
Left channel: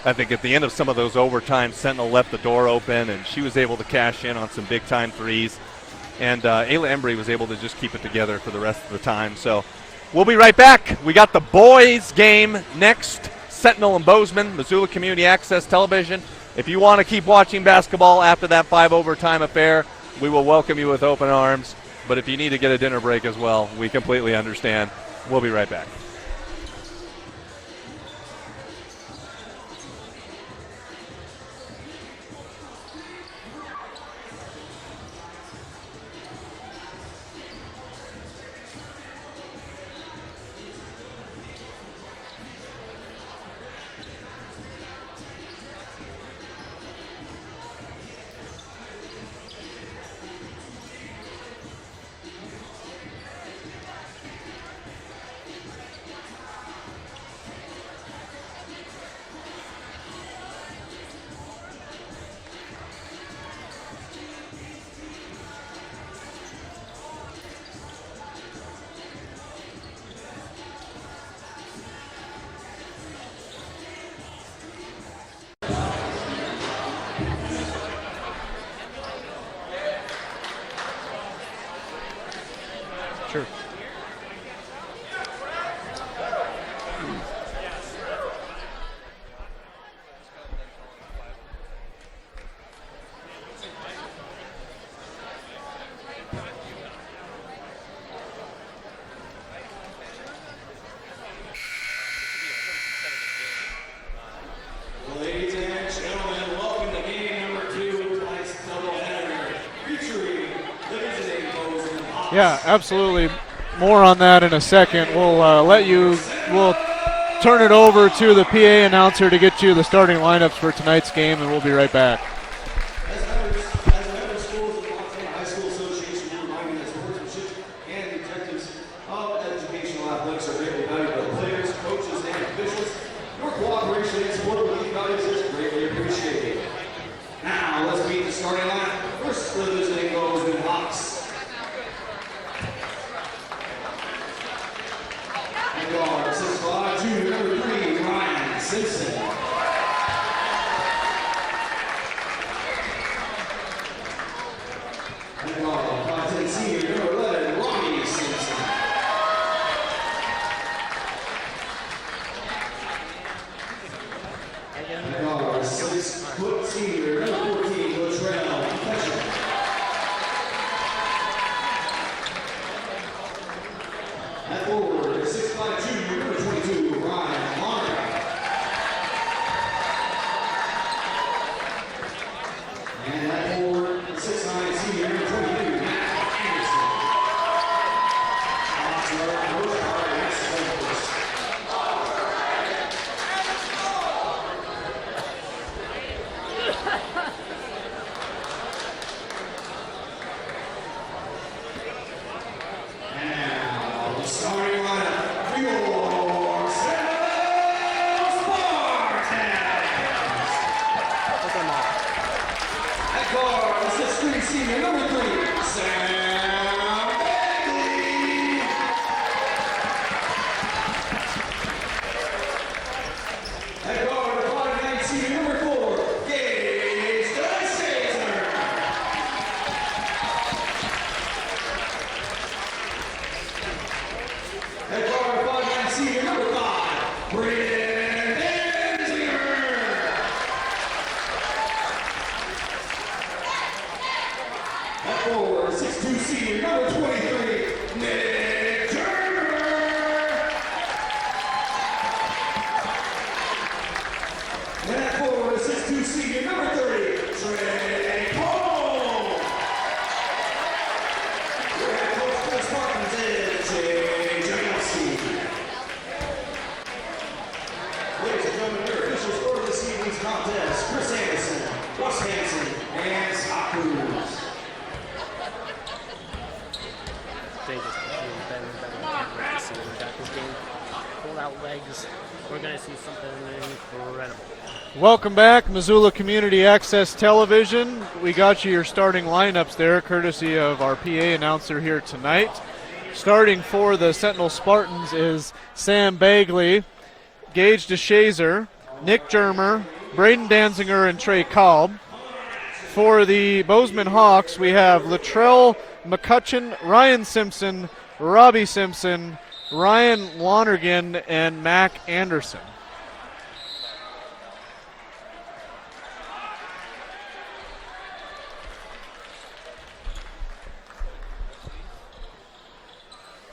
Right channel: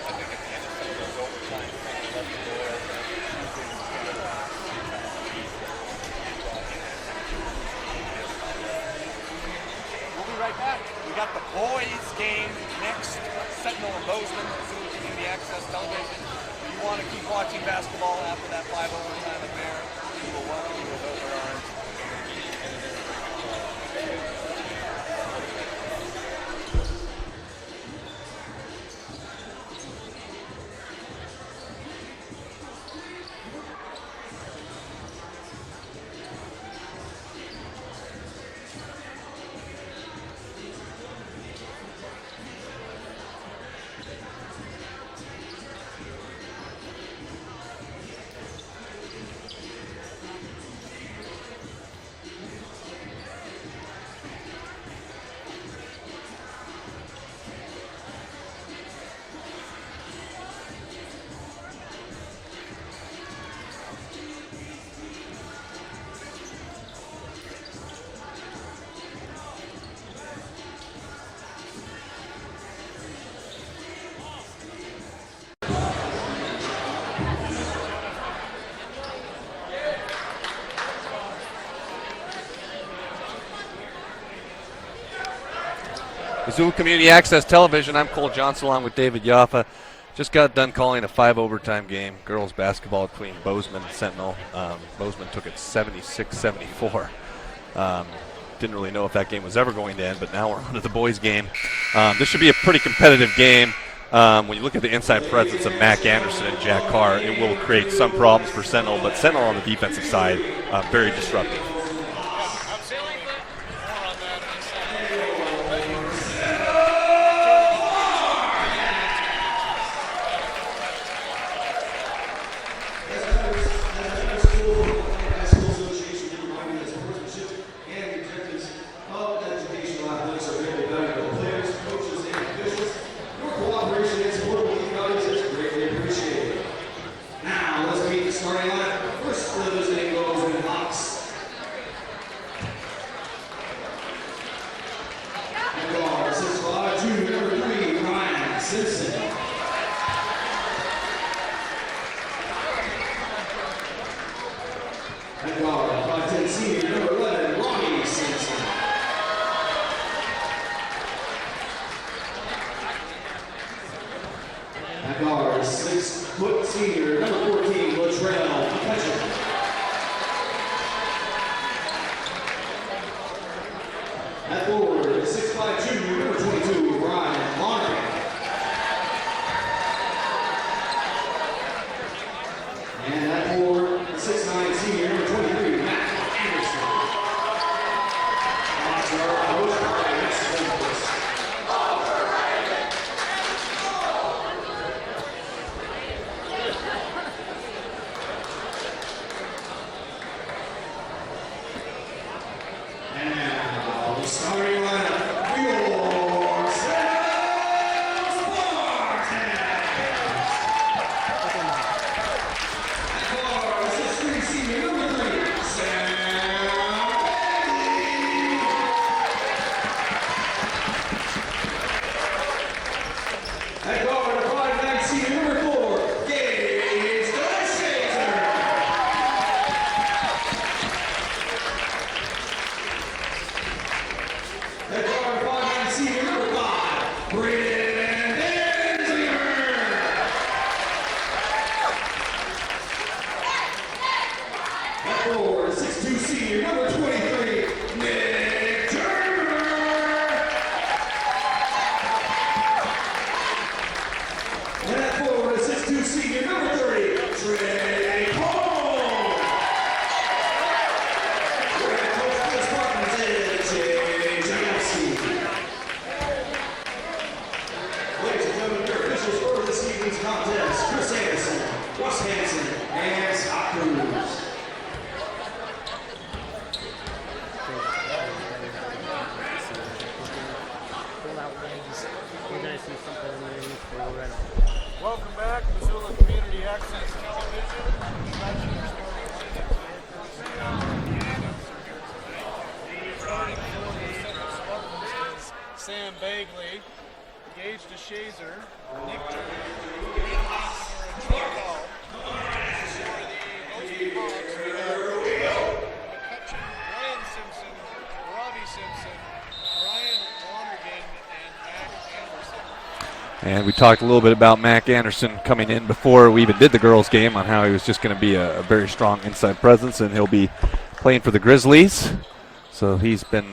I think at the end of some of those overtimes, Sentinel left the door open, and she was able to cash in on some big-time threes. And Ayla Embry was able to just keep it together for the rest of the time. So we'll be right back. We got the boys game next. Sentinel and Bozeman, Missoula Community Access Television. If you want to keep watching basketball after that 5 overtime affair, we will welcome you with open arms. But if you need to get a dinner break as well, we completely understand. We'll be right back. Missoula Community Access Television. I'm Cole Johnson along with David Yaffa. Just got done calling a 5 overtime game. Girls basketball between Bozeman and Sentinel. Bozeman took it 76-74. Didn't really know if that game was ever going to end, but now we're on to the boys game. This should be a pretty competitive game. When you look at the inside presence of Mac Anderson and Jack Carr, it will create some problems for Sentinel, but Sentinel on the defensive side, very disruptive. Yeah, absolutely. More on that in a second. We'll turn it over to the PA announcer to get you the starting lineups for tonight's game, and we'll be right back. they just keep getting better and better. I can't wait to see them at this game. Pull out legs. We're going to see something incredible. Welcome back, Missoula Community Access Television. We got you your starting lineups there, courtesy of our PA announcer here tonight. Starting for the Sentinel Spartans is Sam Bagley, Gage DeShazer, Nick Germer, Braden Danziger, and Trey Kolb. For the Bozeman Hawks, we have Latrell McCutcheon, Ryan Simpson, Robbie Simpson, Ryan Lonergan, and Mac Anderson. And we talked a little bit about Mac Anderson coming in before we even did the girls' game on how he was just going to be a very strong inside presence, and he'll be playing for the Grizzlies. So he's been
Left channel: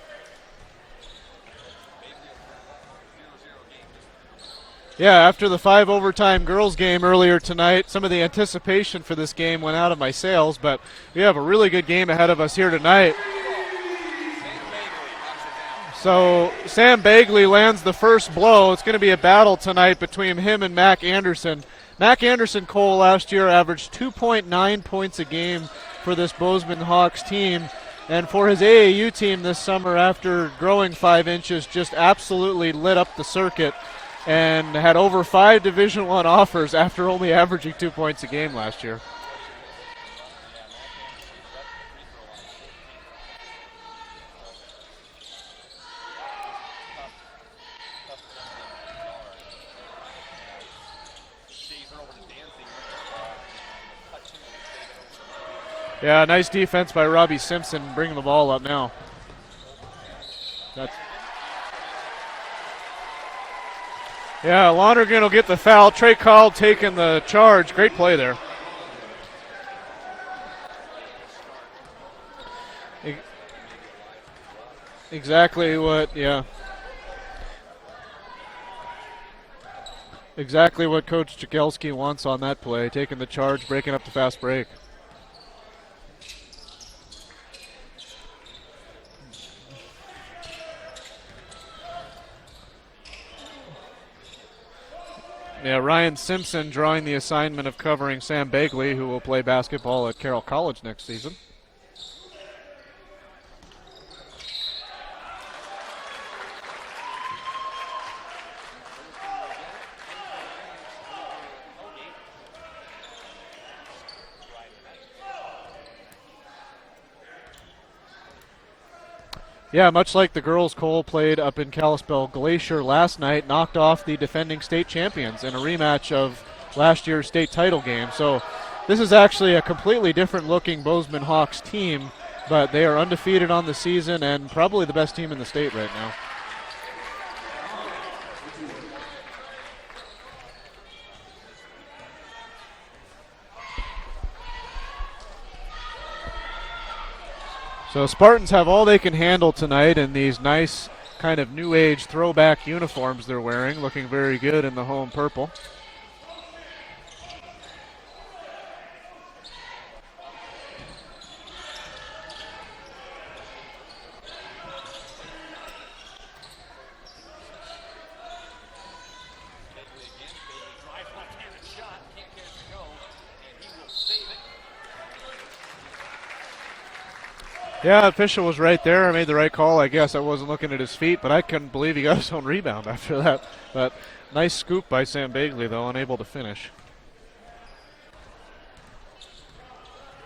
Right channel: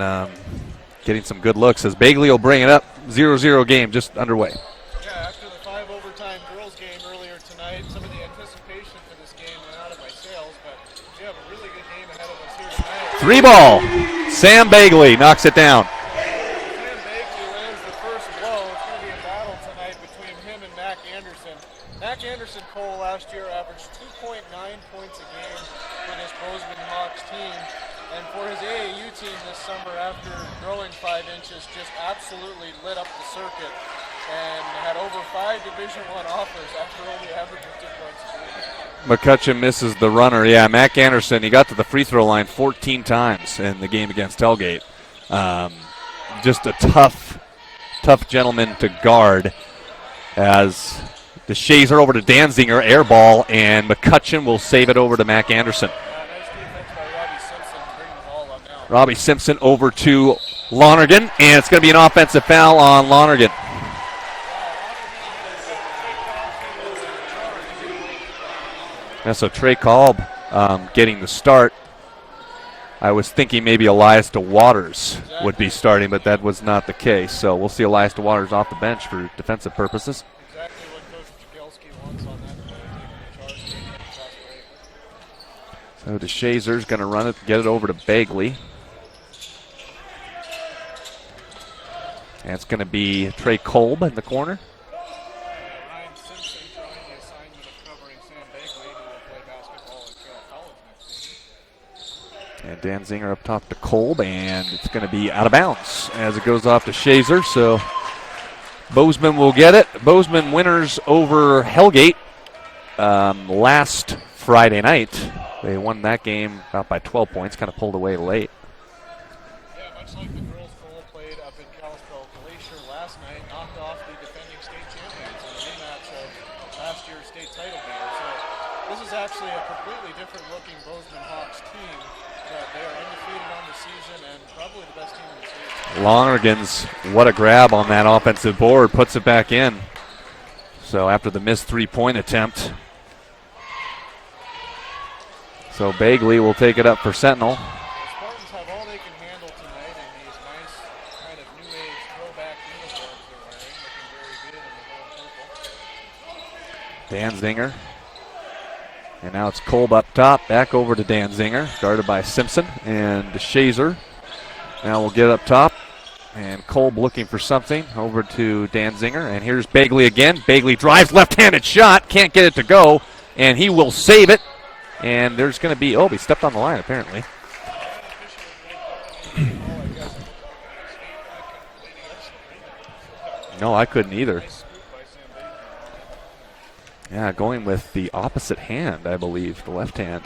getting some good looks as Bagley will bring it up. 0-0 game just underway. Yeah, after the 5 overtime girls game earlier tonight, some of the anticipation for this game went out of my sails, but we have a really good game ahead of us here tonight. 3-ball. Sam Bagley knocks it down. So Sam Bagley lands the first blow. It's going to be a battle tonight between him and Mac Anderson. Mac Anderson, Cole, last year averaged 2.9 points a game for this Bozeman Hawks team. And for his AAU team this summer, after growing 5 inches, just absolutely lit up the circuit and had over 5 Division I offers after only averaging 2 points a game last year. McCutcheon misses the runner. Yeah, Mac Anderson, he got to the free throw line 14 times in the game against Hellgate. Just a tough gentleman to guard as DeShazer over to Danziger, air ball, and McCutcheon will save it over to Mac Anderson. Yeah, nice defense by Robbie Simpson, bringing the ball up now. Robbie Simpson over to Lonergan, and it's going to be an offensive foul on Lonergan. Yeah, Lonergan will get the foul. Trey Kolb taking the charge. Great play there. Yeah, so Trey Kolb getting the start. I was thinking maybe Elias DeWaters would be starting, but that was not the case. So we'll see Elias DeWaters off the bench for defensive purposes. Exactly what Coach Jagelski wants on that play, taking the charge, breaking up the fast break. So DeShazer's going to run it, get it over to Bagley. And it's going to be Trey Kolb in the corner. Yeah, Ryan Simpson drawing the assignment of covering Sam Bagley, who will play basketball at Carroll College next season. And Danziger up top to Kolb, and it's going to be out of bounds as it goes off to Shazer. So Bozeman will get it. Bozeman winners over Hellgate last Friday night. They won that game about by 12 points, kind of pulled away late. Yeah, much like the girls, Cole played up in Kalispell Glacier last night, knocked off the defending state champions in a rematch of last year's state title game. So this is actually a completely different looking Bozeman Hawks team, but they are undefeated on the season and probably the best team in the state right now. Lonergan's, what a grab on that offensive board, puts it back in. So after the missed three-point attempt. So Bagley will take it up for Sentinel. So Spartans have all they can handle tonight in these nice kind of new age throwback uniforms they're wearing, looking very good in the home purple. Danziger. And now it's Kolb up top, back over to Danziger, guarded by Simpson and DeShazer. Now we'll get up top, and Kolb looking for something, over to Danziger, and here's Bagley again. Bagley drives, left-handed shot, can't get it to go, and he will save it. And there's going to be, he stepped on the line apparently. Yeah, the official was right there. I made the right call, I guess. I wasn't looking at his feet, but I couldn't believe he got his own rebound after that. No, I couldn't either. Nice scoop by Sam Bagley, though, unable to finish. Yeah, going with the opposite hand, I believe, the left hand.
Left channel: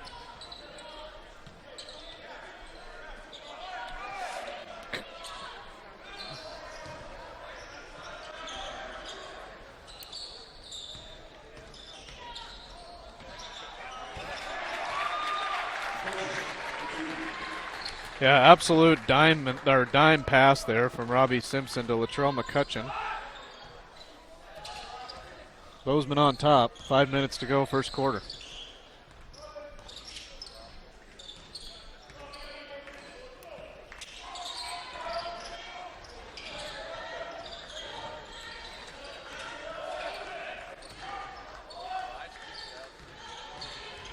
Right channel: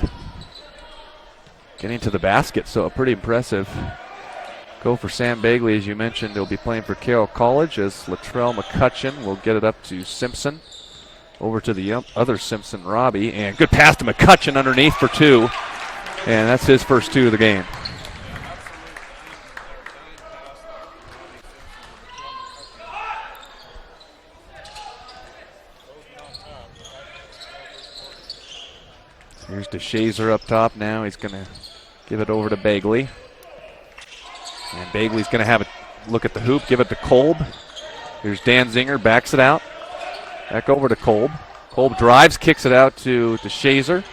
Getting to the basket, so pretty impressive. Go for Sam Bagley, as you mentioned. He'll be playing for Carroll College as Latrell McCutcheon will get it up to Simpson. Over to the other Simpson, Robbie, and good pass to McCutcheon underneath for two. And that's his first two of the game. Yeah, absolute dime pass there from Robbie Simpson to Latrell McCutcheon. Bozeman on top. 5 minutes to go, first quarter. Here's DeShazer up top now. He's going to give it over to Bagley. And Bagley's going to have a look at the hoop, give it to Kolb. Here's Danziger, backs it out. Back over to Kolb. Kolb drives, kicks it out to DeShazer.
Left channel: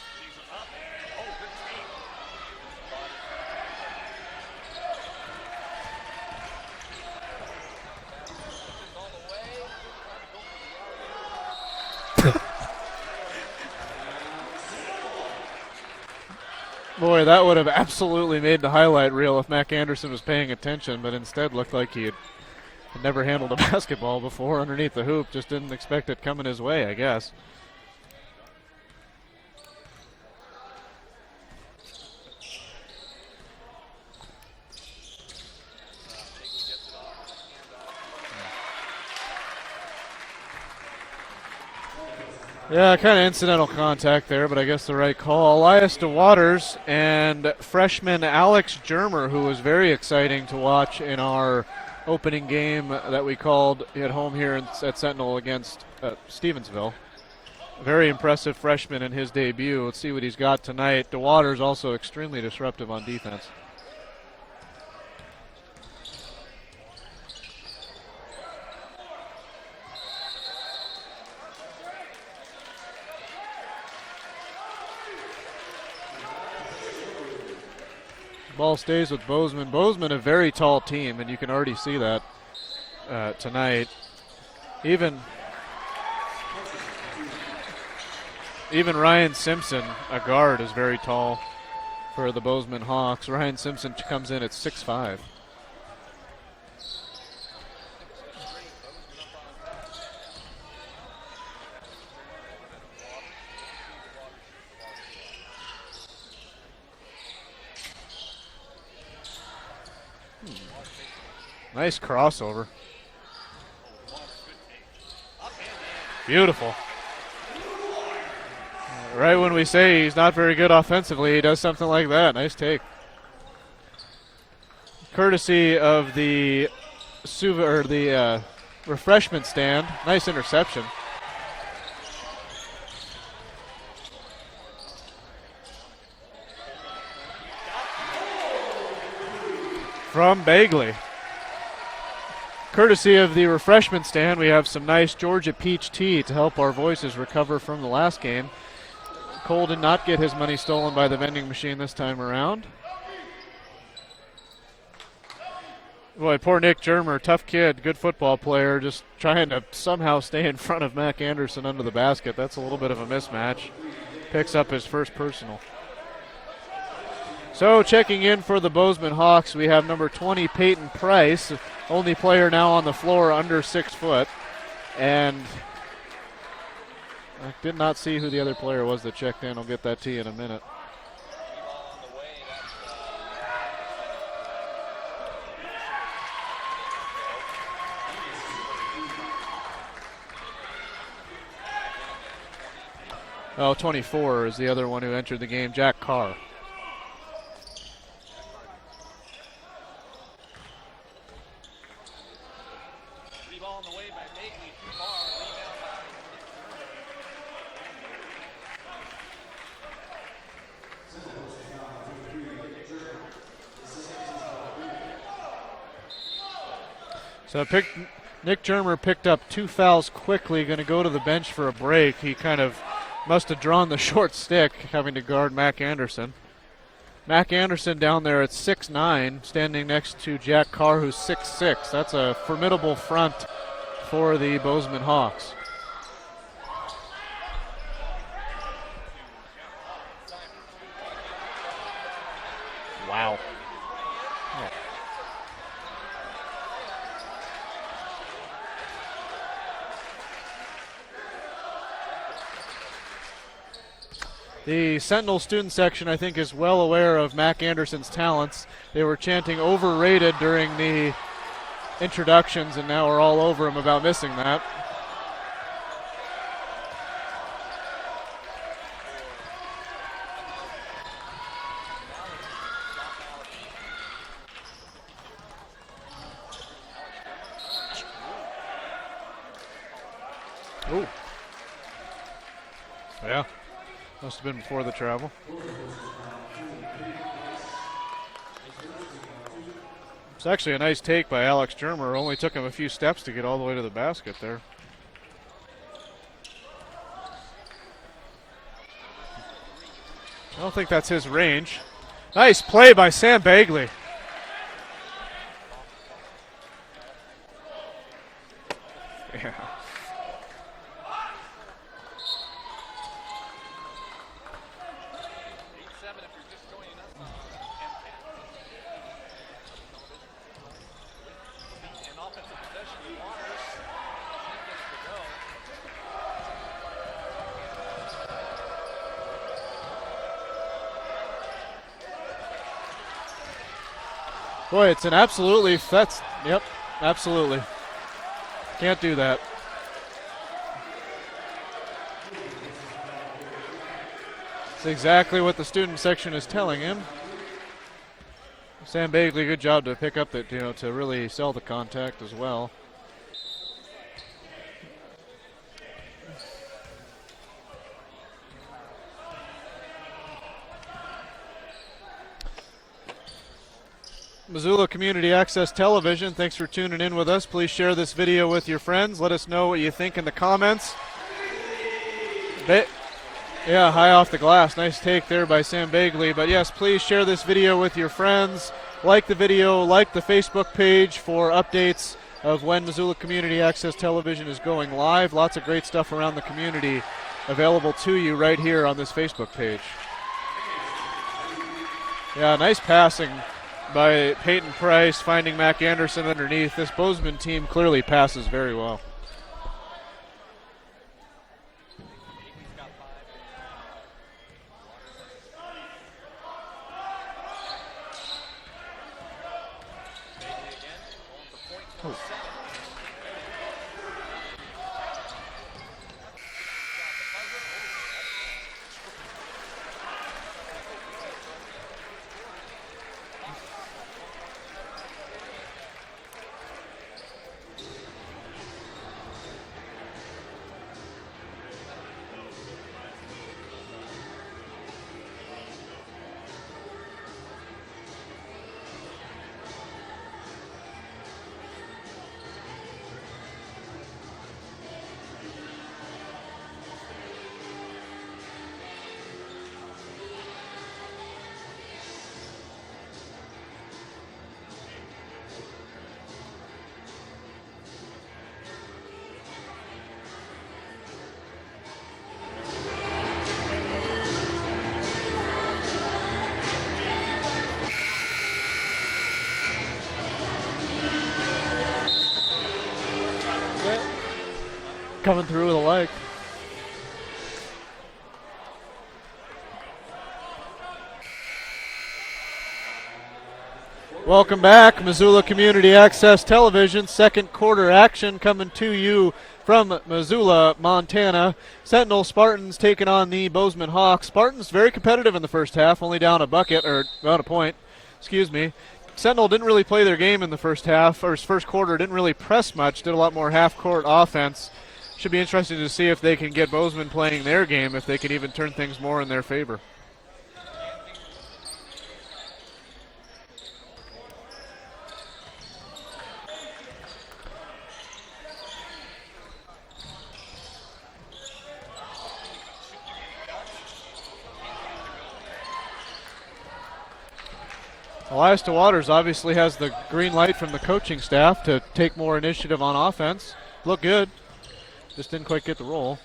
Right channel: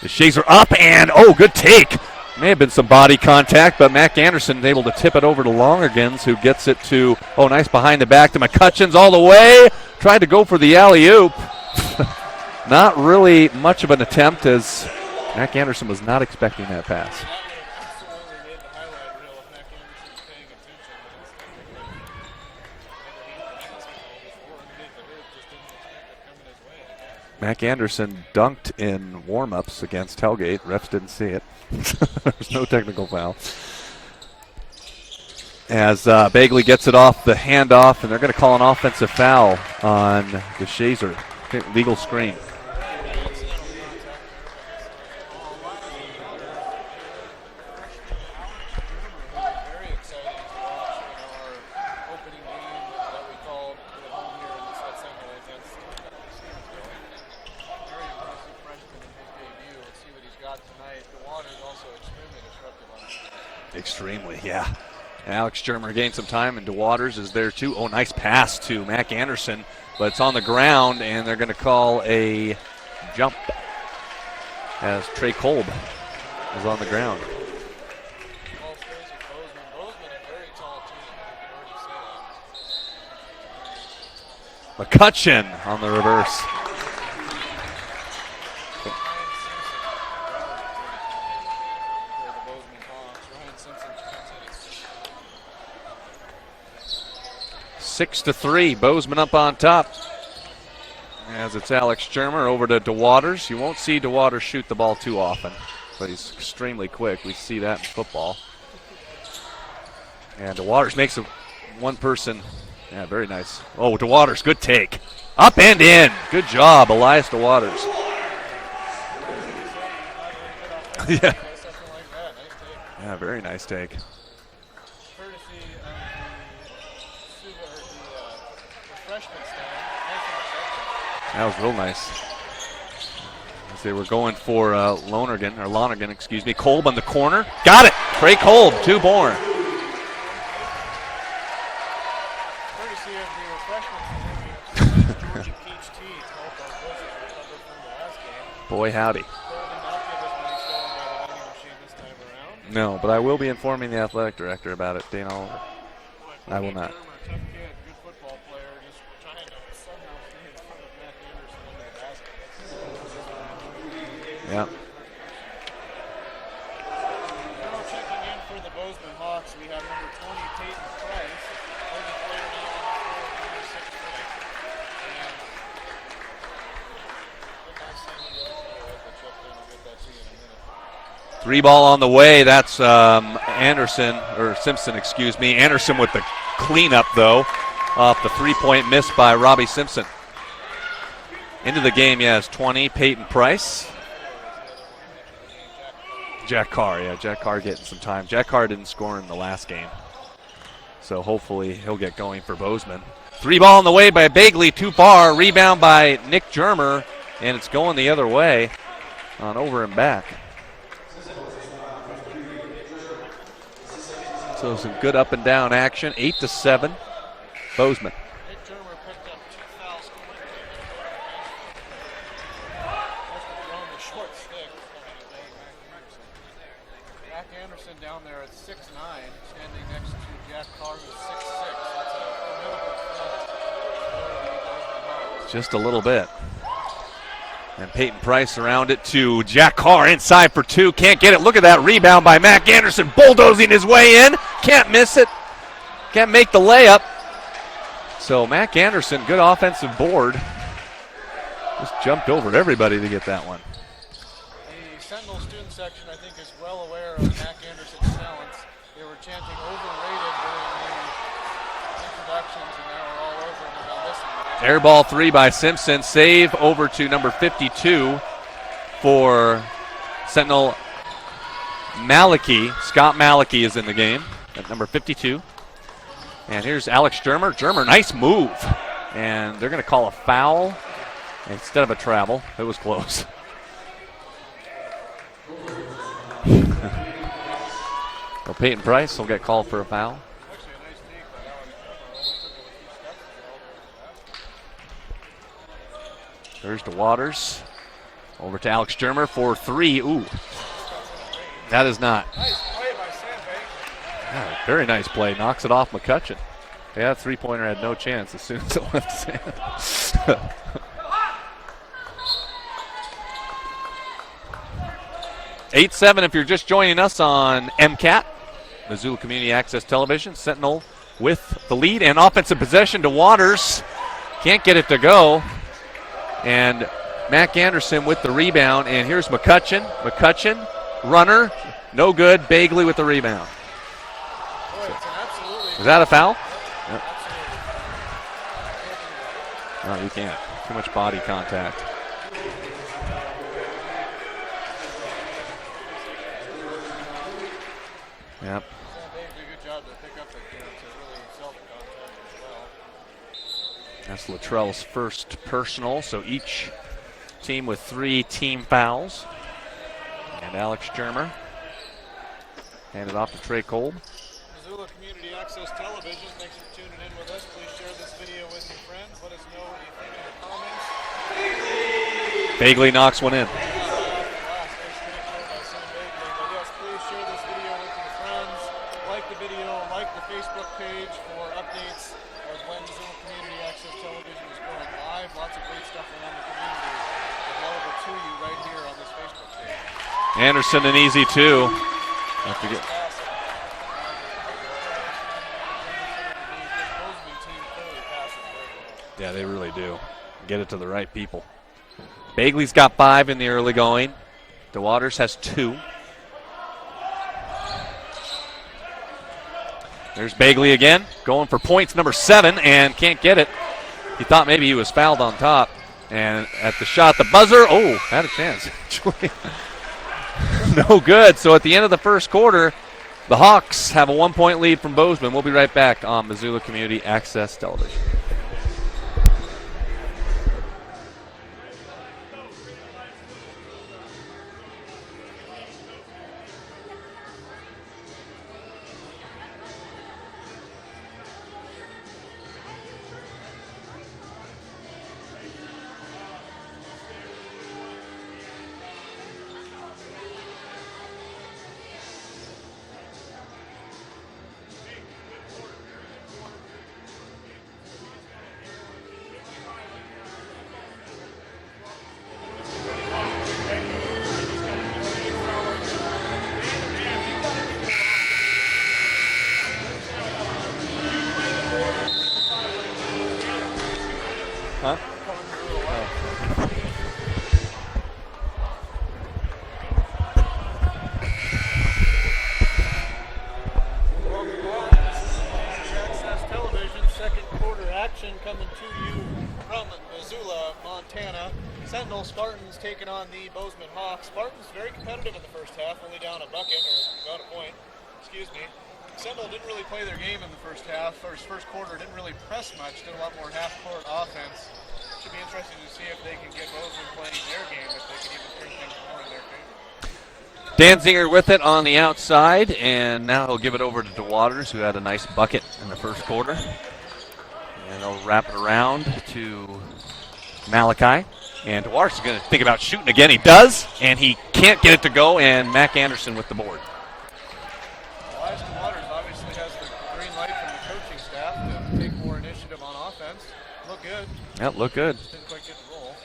DeShazer up, and good take. May have been some body contact, but Mac Anderson able to tip it over to Lonergans, who gets it to, nice behind the back to McCutcheon's all the way. Tried to go for the alley-oop. Not really much of an attempt as Mac Anderson was not expecting that pass. Boy, that would have absolutely made the highlight reel if Mac Anderson was paying attention, but instead looked like he had never handled a basketball before underneath the hoop. Just didn't expect it coming his way, I guess. Mac Anderson dunked in warm-ups against Hellgate. Refs didn't see it. There's no technical foul. As Bagley gets it off the handoff, and they're going to call an offensive foul on the Shazer. Legal screen. Yeah, kind of incidental contact there, but I guess the right call. Elias DeWaters and freshman Alex Germer, who was very exciting to watch in our opening game that we called at home here at Sentinel against Stevensville. Very impressive freshman in his debut. Let's see what he's got tonight. DeWaters also extremely disruptive on defense. Extremely, yeah. Alex Germer gained some time, and DeWaters is there too. Oh, nice pass to Mac Anderson, but it's on the ground, and they're going to call a jump as Trey Kolb is on the ground. Ball stays with Bozeman. Bozeman, a very tall team, and you can already see that tonight. McCutcheon on the reverse. Even Ryan Simpson, a guard, is very tall for the Bozeman Hawks. Ryan Simpson comes in at 6'5". 6-3, Bozeman up on top. As it's Alex Germer over to DeWaters. You won't see DeWaters shoot the ball too often, but he's extremely quick. We see that in football. And DeWaters makes a Nice one-person crossover. Yeah, very nice. Oh, DeWaters, good take. Up and in. Good job, Elias DeWaters. Right when we say he's not very good offensively, Yeah. he does something like that. Nice take. Yeah, very nice take. Courtesy of the refreshment stand. Nice interception. That was real nice. As they were going for Lonergan, excuse me. Kolb on the corner. Got it. Trey Kolb, two more. From Bagley. Courtesy of the refreshment stand, we have some nice Georgia peach tea to help our voices recover from the last game. Boy, howdy. Cole did not get his money stolen by the vending machine this time around. No, but I will be informing the athletic director about it, Dana Oliver. Boy, poor I will Nick not. Germer, tough kid, good football player, just trying to somehow stay in front of Mac Anderson under the basket. That's a little bit of a mismatch. Picks up his first personal. So checking in for the Bozeman Hawks, we have number 20, Peyton Price, only player now on the floor under 6 foot. And I did not see who the other player was that checked in. I'll get that to you in a minute. 3 ball on the way. That's Simpson, excuse me. Anderson with the cleanup, though, off the 3-point miss by Robbie Simpson. Into the game, yes, 20, Peyton Price. Oh, 24 is the other one who entered the game, Jack Carr. Jack Carr getting some time. Jack Carr didn't score in the last game, so hopefully he'll get going for Bozeman. 3 ball on the way by Bagley, too far. Rebound by Nick Germer, and it's going the other way on over and back. So some good up and down action, 8-7, So Bozeman. Nick Germer picked up 2 fouls quickly, going to go to the bench for a break. He kind of must have drawn the short stick, having to guard Mac Anderson. Mac Anderson down there at 6'9", standing next to Jack Carr, who's 6'6". That's a formidable front for the Bozeman Hawks. Just a little bit. And Peyton Price around it to Jack Carr inside for 2. Can't get it. Look at that rebound by Mac Anderson, bulldozing his way in. Can't miss it. Can't make the layup. So Mac Anderson, good offensive board. Just jumped over everybody to get that one. The Sentinel student section, I think, is well aware of Mac Anderson's talents. They were chanting overrated during the introductions, and now we're all over him about missing that. Air ball 3 by Simpson. Save over to number 52 for Sentinel. Scott Malachy is in the game at number 52. And here's Alex Germer. Germer, nice move. And they're going to call a foul instead of a travel. It was close. Yeah, must have been before the travel. Well, Peyton Price will get called for a foul. It's actually a nice take by Alex Germer. Only took him a few steps to get all the way to the basket there. There's DeWaters. Over to Alex Germer for 3. Ooh. I don't think that's his range. That is not. Nice play by Sam Bagley. Yeah, very nice play. Knocks it off McCutcheon. Yeah, that three-pointer had no chance as soon as it left Sam. 8-7 if you're just joining us on MCAT, Missoula Community Access Television. Sentinel with the lead and offensive possession to Waters. Can't get it to go. And Mac Anderson with the rebound. And here's McCutcheon. McCutcheon, runner, no good. Bagley with the rebound. Boy, it's an absolutely. Is that a foul? Yep, absolutely. Can't do that. No, you can't. Too much body contact. Exactly what the student section is telling him. Yep. Sam Bagley, good job to pick up that, to really sell the contact as well. That's Luttrell's first personal, so each team with 3 team fouls. And Alex Germer handed off to Trey Kolb. Missoula Community Access Television, thanks for tuning in with us. Please share this video with your friends. Let us know what you think in the comments. Bagley knocks one in. Yeah, high off the glass. Nice take there by Sam Bagley. But yes, please share this video with your friends. Like the video, like the Facebook page for updates of when Missoula Community Access Television is going live. Lots of great stuff around the community available to you right here on this Facebook page. Anderson an easy 2. Yeah, nice passing by Peyton Price, finding Mac Anderson underneath. This Bozeman team clearly passes very well. Yeah, they really do. Get it to the right people. Bagley's got 5 in the early going. DeWaters has 2. There's Bagley again, going for points number 7 and can't get it. He thought maybe he was fouled on top. And at the shot, the buzzer, had a chance. No good. So at the end of the first quarter, the Hawks have a 1-point lead from Bozeman. We'll be right back on Missoula Community Access Television. Coming through with a leg. Welcome back, Missoula Community Access Television. Second quarter action coming to you from Missoula, Montana. Sentinel Spartans taking on the Bozeman Hawks. Spartans very competitive in the first half, only down a point. Sentinel didn't really play their game in the first half, or first quarter, didn't really press much, did a lot more half-court offense. Should be interesting to see if they can get Bozeman playing their game, if they can even turn things more in their favor. Danziger with it on the outside, and now he'll give it over to DeWaters, who had a nice bucket in the first quarter. And they'll wrap it around to Malachi. And DeWaters is going to think about shooting again. He does, and he can't get it to go, and Mac Anderson with the board. Elias DeWaters obviously has the green light from the coaching staff to take more initiative on offense. Look good. Yep, look good. Just didn't quite get the roll.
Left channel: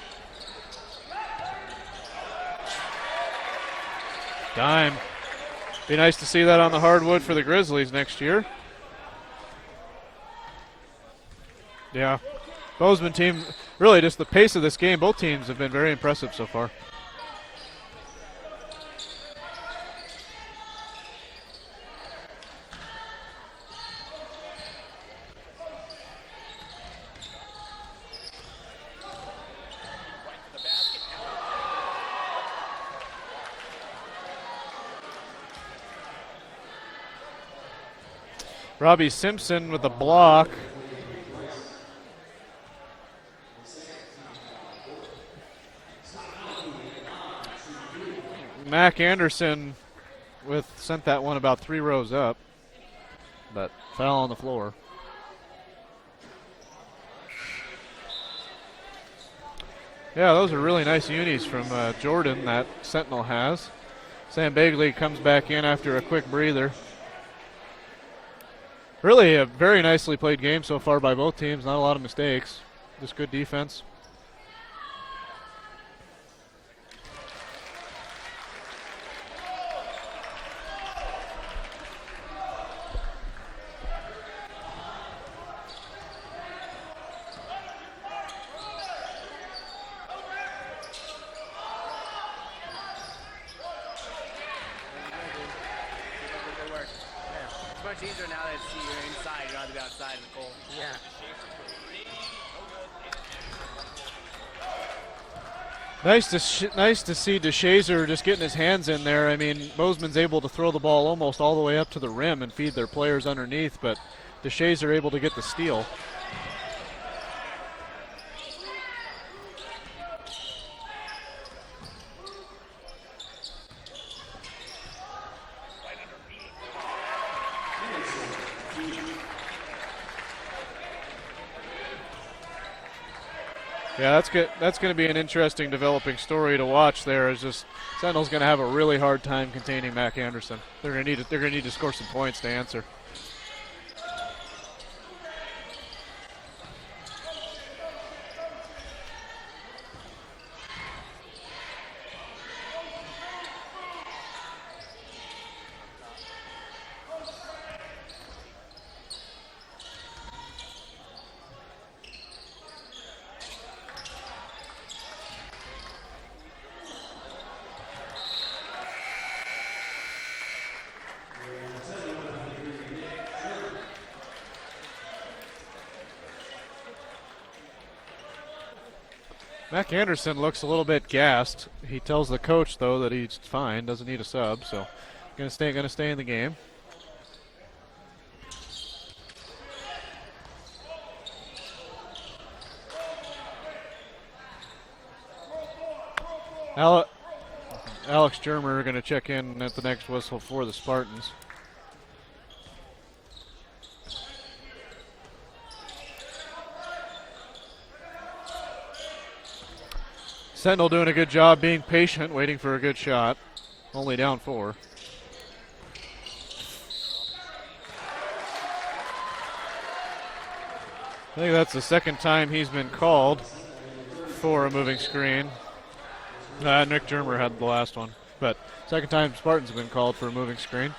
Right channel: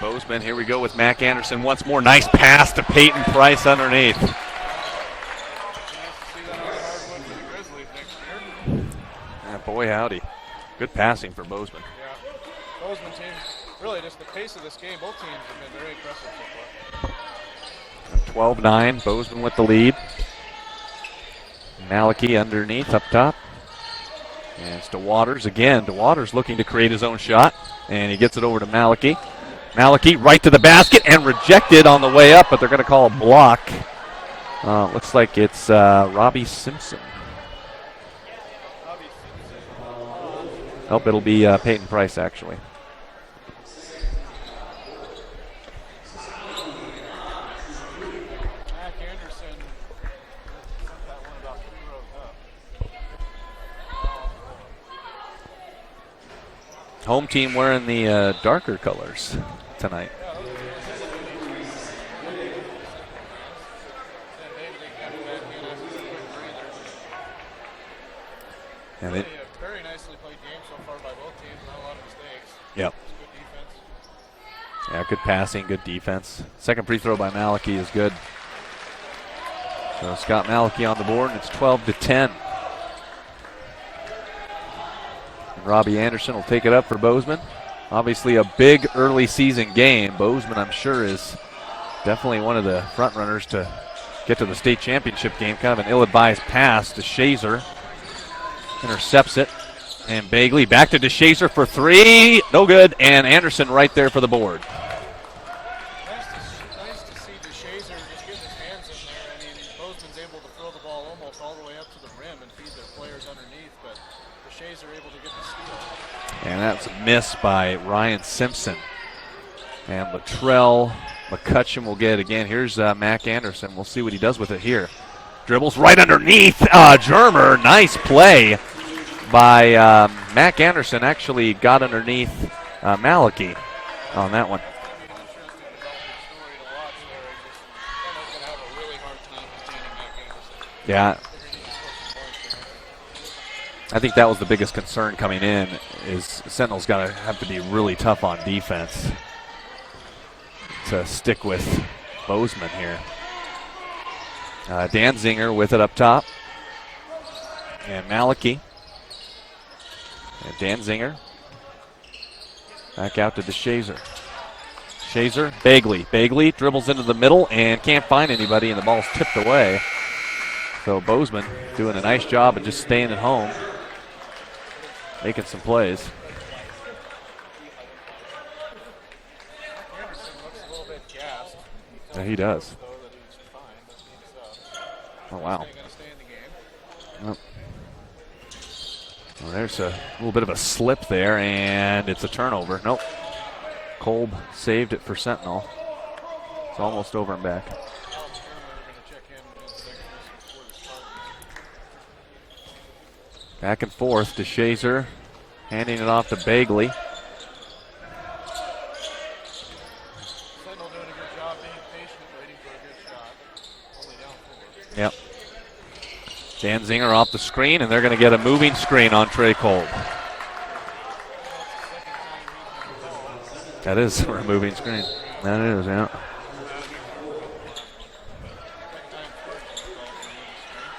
Bozeman, here we go with Mac Anderson once more. Nice pass to Peyton Price underneath. Dime. Be nice to see that on the hardwood for the Grizzlies next year. Yeah, boy, howdy. Good passing for Bozeman. Yeah. Bozeman team, really just the pace of this game, both teams have been very impressive so far. 12-9, Bozeman with the lead. Malachi underneath up top. And it's DeWaters again. DeWaters looking to create his own shot, and he gets it over to Malachi. Malachi right to the basket and rejected on the way up, but they're going to call a block. Looks like it's Robbie Simpson. Robbie Simpson with the block. Nope, it'll be Peyton Price, actually. Mac Anderson sent that one about 3 rows up, but fell on the floor. Home team wearing the darker colors tonight. Yeah, those are really nice unis from Jordan that Sentinel has. Sam Bagley comes back in after a quick breather. Really a very nicely played game so far by both teams. Not a lot of mistakes. Yep. Just good defense. Yeah, good passing, good defense. Second free throw by Maliki is good. So Scott Maliki on the board, and it's 12-10. And Robbie Anderson will take it up for Bozeman. Obviously a big early season game. Bozeman, I'm sure, is definitely one of the front runners to get to the state championship game. Kind of an ill-advised pass to Shazer. Intercepts it. And Bagley back to DeShazer for three. No good. And Anderson right there for the board. Nice to see DeShazer just getting his hands in there. I mean, Bozeman's able to throw the ball almost all the way up to the rim and feed their players underneath, but DeShazer able to get the steal. And that's a miss by Ryan Simpson. And Latrell McCutcheon will get it again. Here's Mac Anderson. We'll see what he does with it here. Dribbles right underneath Germer. Nice play by Mac Anderson. Actually got underneath Maliki. Yeah, that's going to be an interesting developing story to watch there. Is just Sentinel's going to have a really hard time containing Mac Anderson. They're going to need to score some points to answer. I think that was the biggest concern coming in, is Sentinel's got to have to be really tough on defense to stick with Bozeman here. Dan Zinger with it up top. And Maliki. And Dan Zinger. Back out to DeShazer. Shazer, Bagley. Bagley dribbles into the middle and can't find anybody, and the ball's tipped away. So Bozeman doing a nice job of just staying at home, making some plays. Mac Anderson looks a little bit gassed. He tells the coach, though, that he's fine, doesn't need a sub, so going to stay in the game. Well, there's a little bit of a slip there, and it's a turnover. Nope. Kolb saved it for Sentinel. It's almost over and back. Alex Germer going to check in at the next whistle for the Spartans. Back and forth to Shazer, handing it off to Bagley. Sentinel doing a good job being patient, waiting for a good shot. Only down 4. Yep. Dan Zinger off the screen, and they're going to get a moving screen on Trey Kolb. I think that's the second time he's been called. That is for a moving screen. That is, yeah. Nick Germer had the last one, but second time Spartans have been called for a moving screen.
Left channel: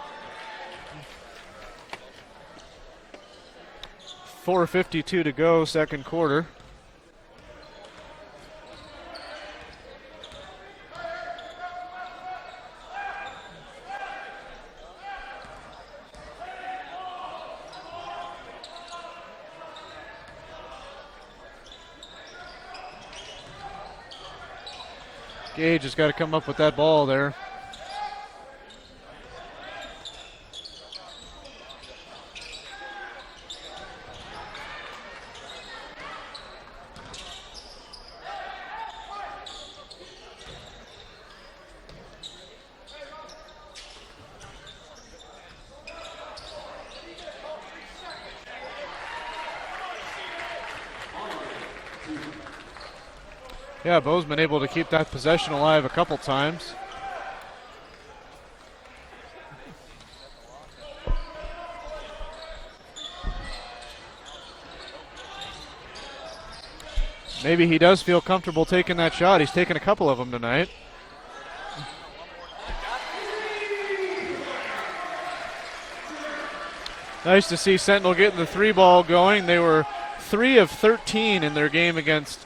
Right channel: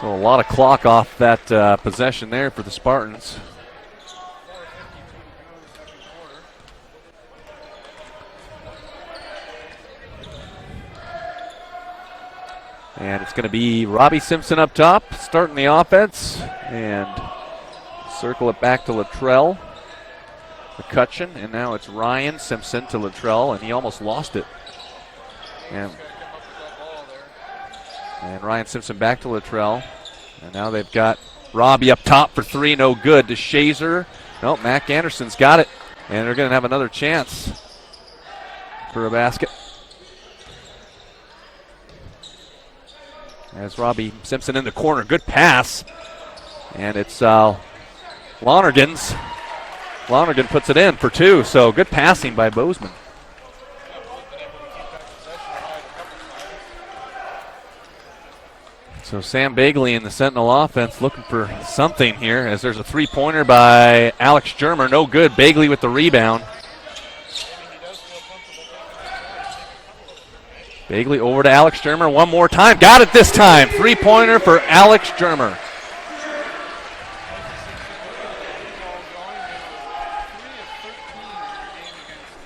So a lot of clock off that possession there for the Spartans. 4:52 to go, second quarter. And it's going to be Robbie Simpson up top, starting the offense. And circle it back to Latrell. McCutcheon, and now it's Ryan Simpson to Latrell, and he almost lost it. Gage has got to come up with that ball there. And Ryan Simpson back to Latrell. And now they've got Robbie up top for three, no good. To Shazer. No, Mac Anderson's got it. And they're going to have another chance for a basket. As Robbie Simpson in the corner. Good pass. And it's Lonergan's. Lonergan puts it in for two, so good passing by Bozeman. Yeah, Bozeman able to keep that possession alive a couple times. So Sam Bagley in the Sentinel offense looking for something here, as there's a three-pointer by Alex Germer. No good. Bagley with the rebound. Maybe he does feel comfortable taking that shot. He's taken a couple of them tonight. Bagley over to Alex Germer one more time. Got it this time. Three-pointer for Alex Germer. Nice to see Sentinel getting the three ball going. They were 3 of 13 in their game against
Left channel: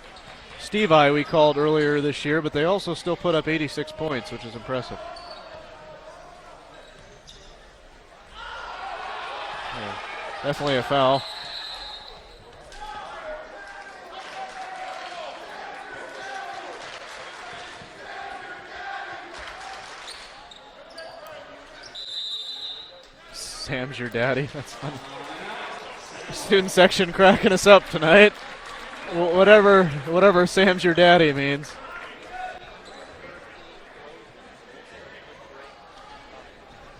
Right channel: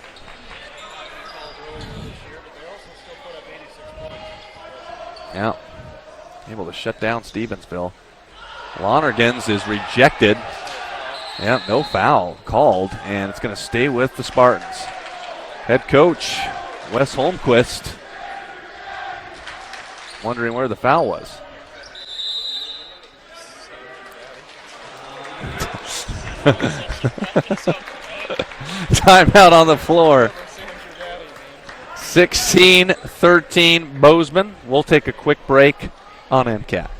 Steve I we called earlier this year, but they also still put up 86 points, which is impressive. Yeah, able to shut down Stevensville. Lonergan's is rejected. Definitely a foul. Yeah, no foul called, and it's going to stay with the Spartans. Head coach Wes Holmquist wondering where the foul was. Sam's your daddy. That's funny. Student section cracking us up tonight. Timeout on the floor. Whatever Sam's your daddy means. 16-13 Bozeman. We'll take a quick break on MCAT.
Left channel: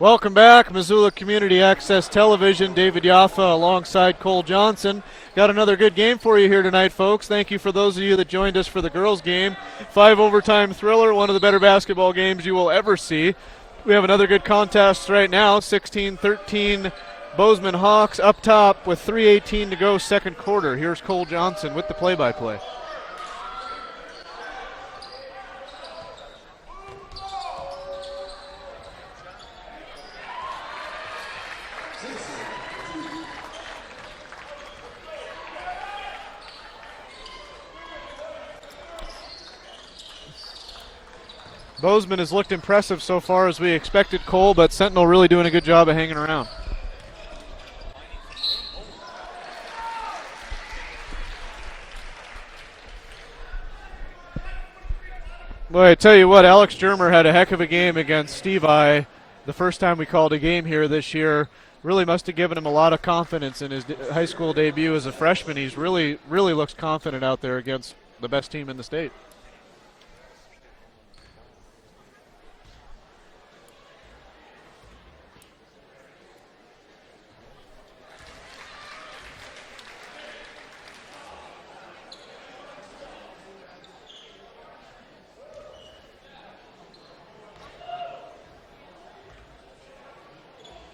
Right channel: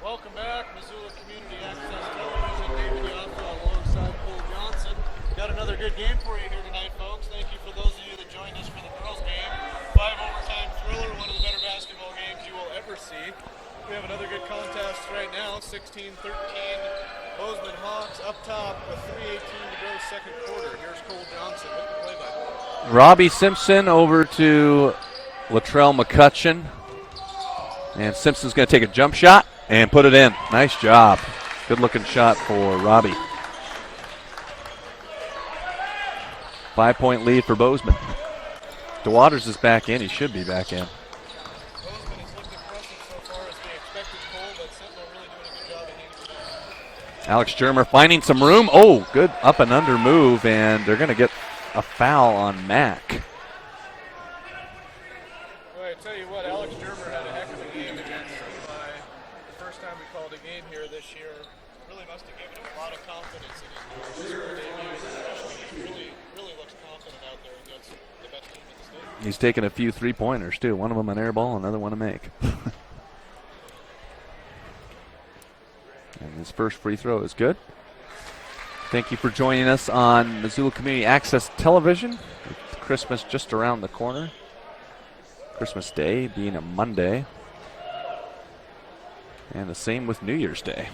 Welcome back, Missoula Community Access Television. David Yaffa alongside Cole Johnson. Got another good game for you here tonight, folks. Thank you for those of you that joined us for the girls' game. 5 overtime thriller, one of the better basketball games you will ever see. We have another good contest right now, 16-13 Bozeman Hawks up top with 3:18 to go, second quarter. Here's Cole Johnson with the play-by-play. Robbie Simpson over to Latrell McCutcheon. And Simpson's going to take a jump shot and put it in. Nice job. Good looking shot for Robbie. 5-point lead for Bozeman. DeWaters is back in. He should be back in. Bozeman has looked impressive so far as we expected, Cole, but Sentinel really doing a good job of hanging around. Alex Germer finding some room. Oh, good up and under move, and they're going to get a foul on Mack. Well, I tell you what, Alex Germer had a heck of a game against Steve I the first time we called a game here this year. Really must have given him a lot of confidence in his high school debut as a freshman. He's really looks confident out there against the best team in the state. He's taken a few three-pointers, too. One of them an air ball, another one to make. And his first free throw is good. Thank you for joining us on Missoula Community Access Television. With Christmas just around the corner. Christmas Day being a Monday. And the same with New Year's Day.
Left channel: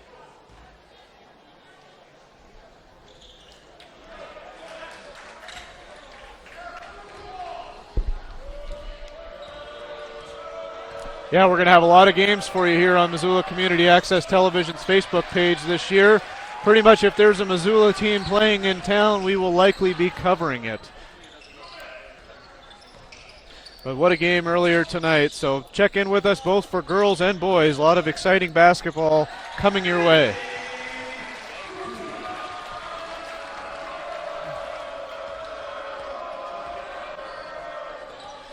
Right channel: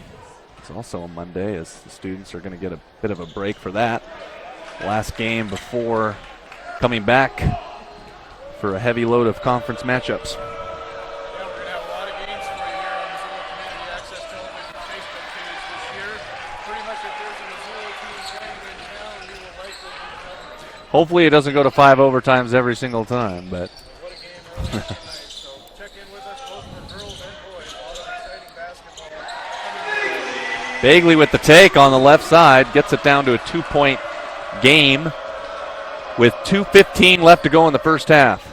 It's also a Monday, as the students are going to get a bit of a break for that. Last game before coming back for a heavy load of conference matchups. Yeah, we're going to have a lot of games for you here on Missoula Community Access Television's Facebook page this year. Pretty much if there's a Missoula team playing in town, we will likely be covering it. Hopefully it doesn't go to 5 overtimes every single time. But what a game earlier tonight. So check in with us both for girls and boys. A lot of exciting basketball coming your way. Bagley with the take on the left side. Gets it down to a 2-point game with 2:15 left to go in the first half.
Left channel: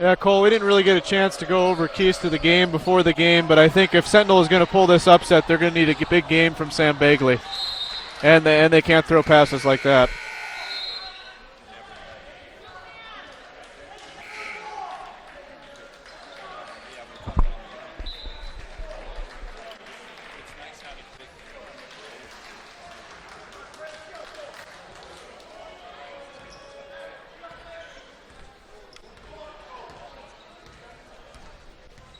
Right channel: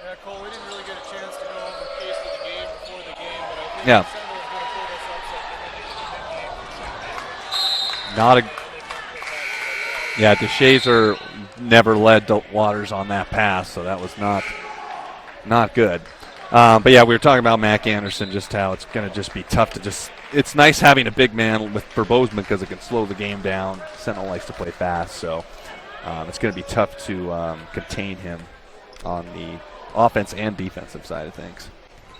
Yeah, Cole, we didn't really get a chance to go over keys to the game before the game, but I think if Sentinel is going to pull this upset, they're going to need a big game from Sam Bagley. And they can't throw passes like that. Yeah, DeShazer never led DeWaters on that pass, so that was not good. But yeah, we were talking about Mac Anderson, just how it's going to just be tough to just. It's nice having a big man for Bozeman because it can slow the game down. Sentinel likes to play fast, so it's going to be tough to contain him on the offense and defensive side of things.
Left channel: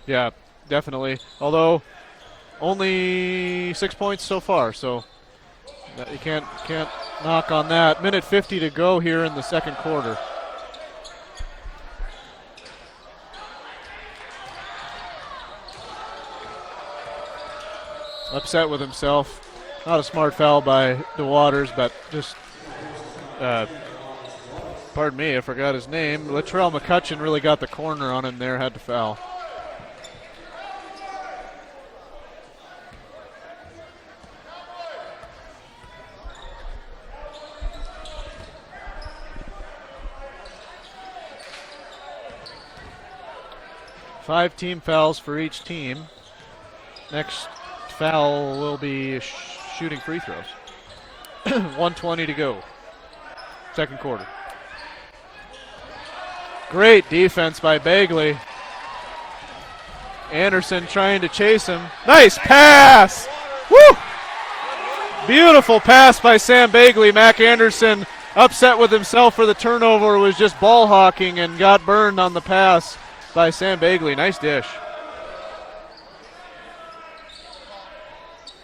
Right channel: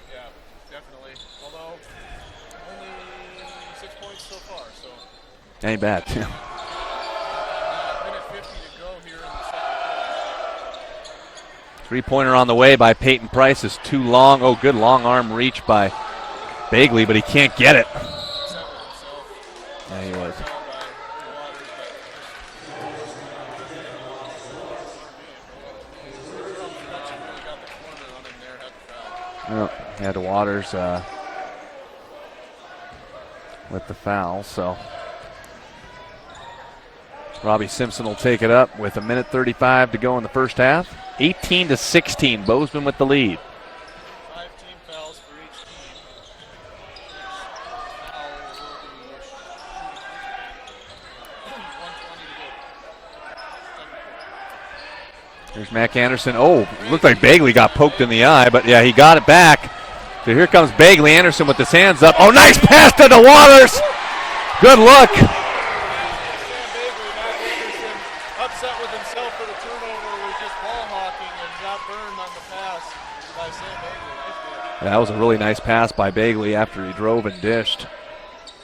Yeah, definitely. Although only 6 points so far, so ain't bad. Can't knock on that. Minute 50 to go here in the second quarter. Three-pointer on the way by Peyton Price is too long. Oh, good long arm reach by Bagley, but he can't get it. Upset with himself. Not a smart foul by DeWaters, but just pardon me, I forgot his name. Latrell McCutcheon really got the corner on him there, had to foul. Yeah, DeWaters with the foul, so Robbie Simpson will take it up with 1:35 to go in the first half. 18-16, Bozeman with the lead. 5 team fouls for each team. Next foul will be shooting free throws. 1:20 to go. Second quarter. There's Mac Anderson. Oh, great. Looked like Bagley got poked in the eye, but yeah, he got it back. So here comes Bagley. Anderson with his hands up. Nice pass to DeWaters. Woo! Good look. Beautiful pass by Sam Bagley. Mac Anderson, upset with himself for the turnover, was just ball hawking and got burned on the pass by Sam Bagley. Nice dish. That was a really nice pass by Bagley after he drove and dished.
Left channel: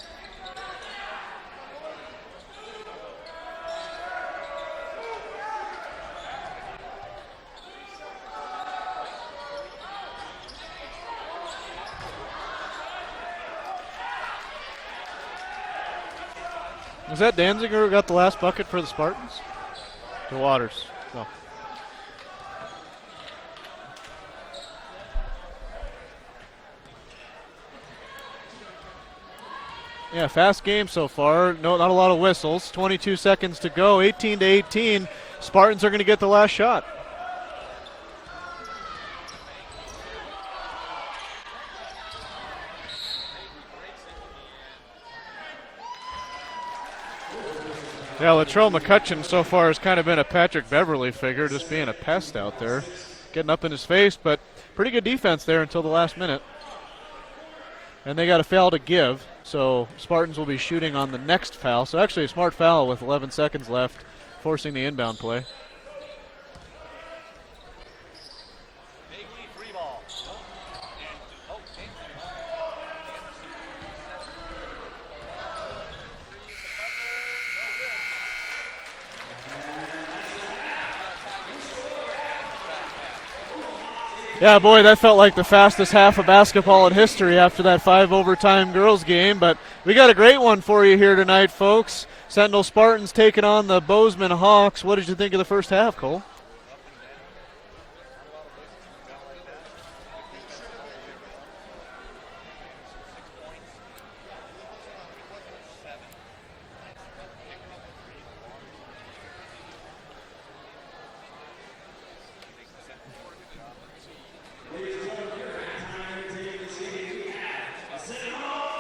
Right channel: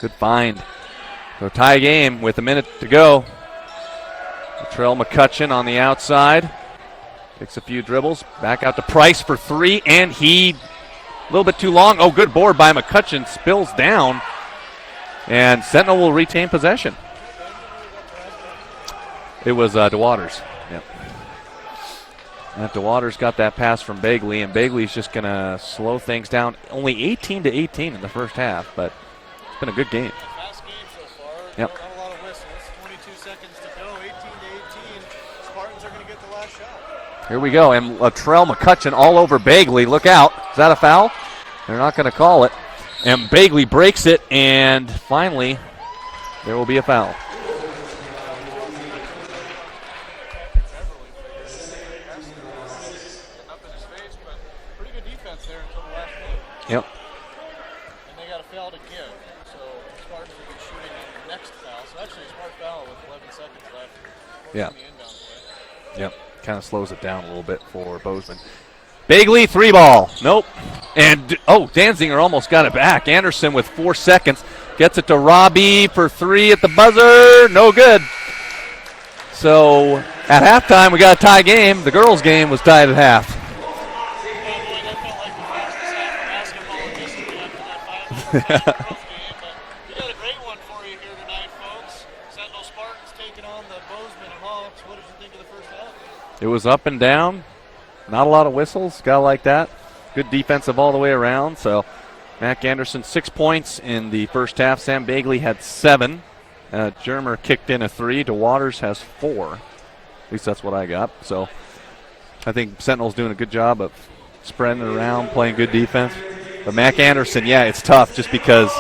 Good find. So tie game with a minute to go. Latrell McCutcheon on the outside. Takes a few dribbles. Back out to Price for 3, and he a little bit too long. Oh, good board by McCutcheon. Spills down. And Sentinel will retain possession. Was that Danziger who got the last bucket for the Spartans? It was DeWaters. DeWaters. Yep. And DeWaters got that pass from Bagley, and Bagley's just going to slow things down. Only 18-18 in the first half, but it's been a good game. Yeah, fast game so far. Yep. No, not a lot of whistles. 22 seconds to go. 18-18. Spartans are going to get the last shot. Here we go, and Latrell McCutcheon all over Bagley. Look out. Is that a foul? They're not going to call it. And Bagley breaks it, and finally there will be a foul. Yeah, Latrell McCutcheon so far has kind of been a Patrick Beverly figure, just being a pest out there, getting up in his face. But pretty good defense there until the last minute. Yep. And they got a foul to give, so Spartans will be shooting on the next foul. So actually a smart foul with 11 seconds left, forcing the inbound play. Yep, kind of slows it down a little bit for Bozeman. Bagley, 3-ball. Nope. And, Danziger almost got it back. Anderson with 4 seconds gets it to Robbie for 3 at the buzzer. No good. So at halftime, we got a tie game. The girls' game was tied at half. Yeah, boy, that felt like the fastest half of basketball in history after that 5 overtime girls game. But we got a great one for you here tonight, folks. Sentinel Spartans taking on the Bozeman Hawks. What did you think of the first half, Cole? It was up and down. Not a lot of whistles. Got like that. Good defensive all the way around. So Mac Anderson, 6 points in the first half. Sam Bagley had 7. Germer kicked in a 3. DeWaters has 4. At least that's what I got. So I think Sentinel's doing a good job of spreading it around, playing good defense. But Mac Anderson, it's tough just because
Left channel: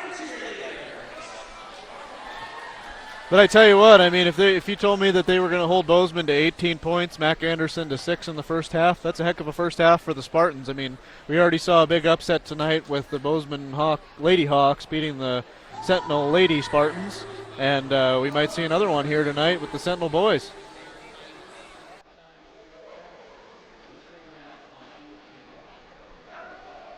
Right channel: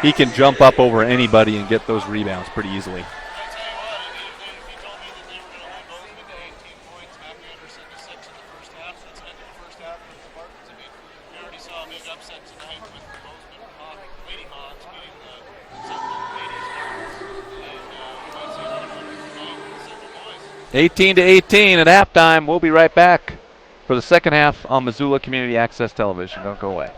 he can jump up over anybody and get those rebounds pretty easily. But I tell you what, I mean, if you told me that they were going to hold Bozeman to 18 points, Mac Anderson to 6 in the first half, that's a heck of a first half for the Spartans. I mean, we already saw a big upset tonight with the Bozeman Lady Hawks beating the Sentinel Lady Spartans, and we might see another one here tonight with the Sentinel boys. 18-18 at halftime. We'll be right back for the second half on Missoula Community Access Television. Don't go away.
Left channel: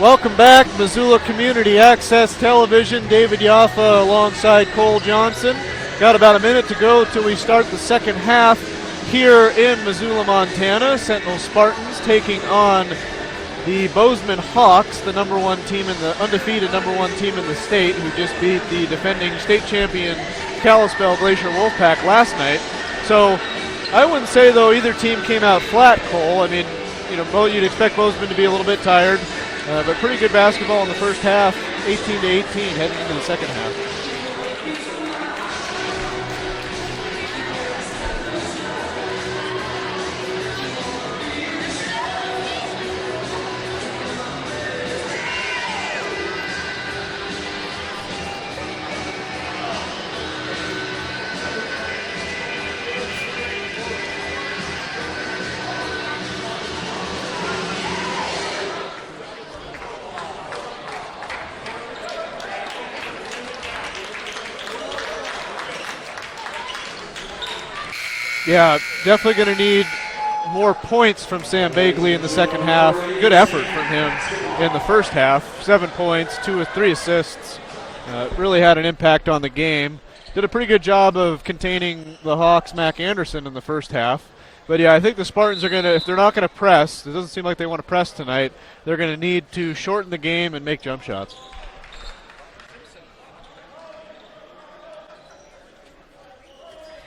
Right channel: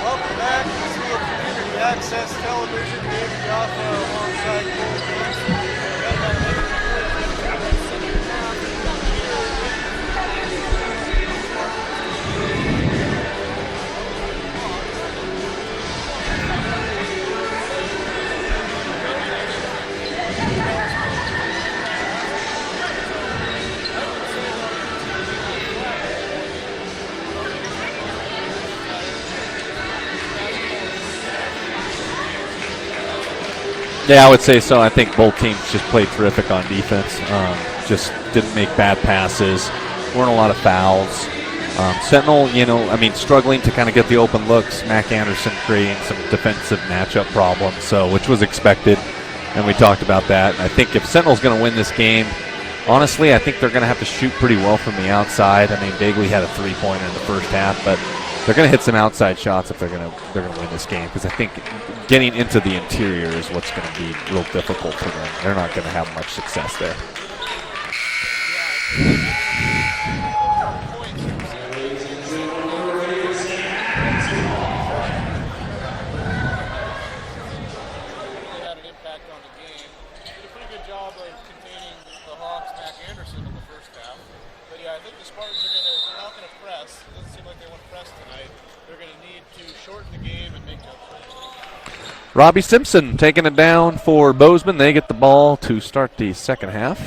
Welcome back, Missoula Community Access Television. David Yaffa alongside Cole Johnson. Got about a minute to go till we start the second half here in Missoula, Montana. Sentinel Spartans taking on the Bozeman Hawks, the undefeated number one team in the state, who just beat the defending state champion Kalispell Glacier Wolfpack last night. So I wouldn't say, though, either team came out flat, Cole. I mean, you'd expect Bozeman to be a little bit tired. But pretty good basketball in the first half, 18-18 heading into the second half. Yeah, I would say so. I think both teams just played terrific on defense. Just didn't make bad passes. Weren't a lot of fouls. Sentinel, struggling to kind of get the open looks. Mac Anderson creating some defensive matchup problems, which was expected, and we talked about that. And I think if Sentinel's going to win this game, honestly, I think they're going to have to shoot pretty well from the outside. I mean, Bagley had a three-pointer in the first half, but they're going to hit some outside shots if they're going to win this game, because I think getting into the interior is what's going to be real difficult for them. They're not going to have much success there. Yeah, definitely going to need more points from Sam Bagley in the second half. Good effort from him in the first half. 7 points, 2 with 3 assists. Really had an impact on the game. Did a pretty good job of containing the Hawks' Mac Anderson in the first half. But yeah, I think the Spartans are going to, if they're not going to press, it doesn't seem like they want to press tonight, they're going to need to shorten the game and make jump shots. Robbie Simpson taking it down for Bozeman. They get the ball to start the second half,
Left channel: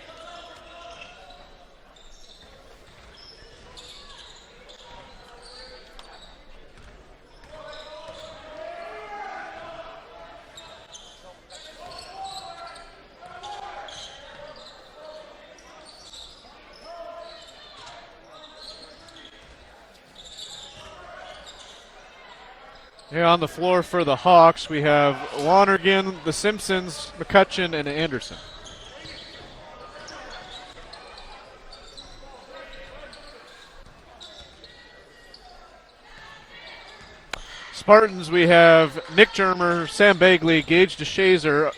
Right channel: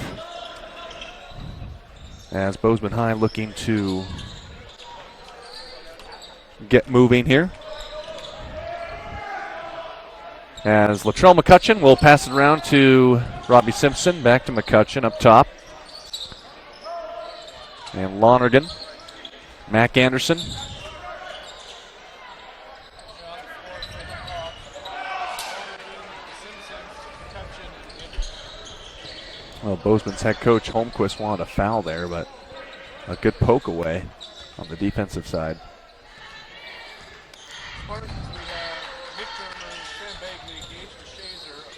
as Bozeman High looking to get moving here. As Latrell McCutcheon will pass it around to Robbie Simpson. Back to McCutcheon up top. And Lonergan, Mac Anderson. Here on the floor for the Hawks, we have Lonergan, the Simpsons, McCutcheon, and Anderson. Well, Bozeman's head coach Holmquist wanted a foul there, but a good poke away on the defensive side. Spartans, we have Nick Germer, Sam Bagley, Gage DeShazer,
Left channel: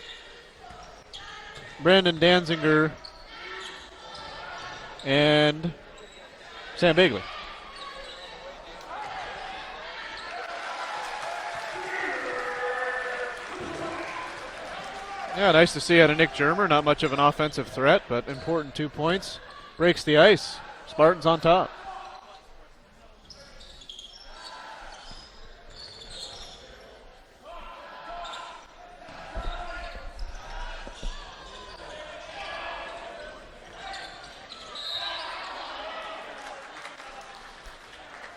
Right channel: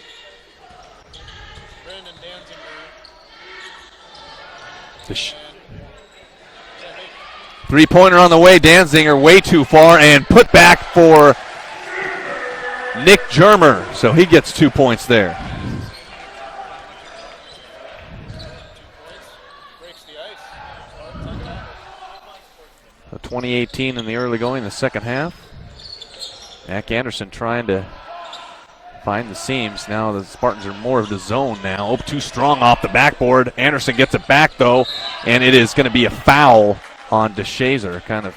Brandon Danziger, and Sam Bagley. Three-pointer on the way. Danziger way too far, and put back for Nick Germer. So he gets 2 points there. Yeah, nice to see out of Nick Germer. Not much of an offensive threat, but important 2 points. Breaks the ice. Spartans on top. So 20-18 in the early going, the second half. Mac Anderson trying to find the seams. Now the Spartans are more of the zone now. Oh, too strong off the backboard. Anderson gets it back, though, and it is going to be a foul on DeShazer, kind of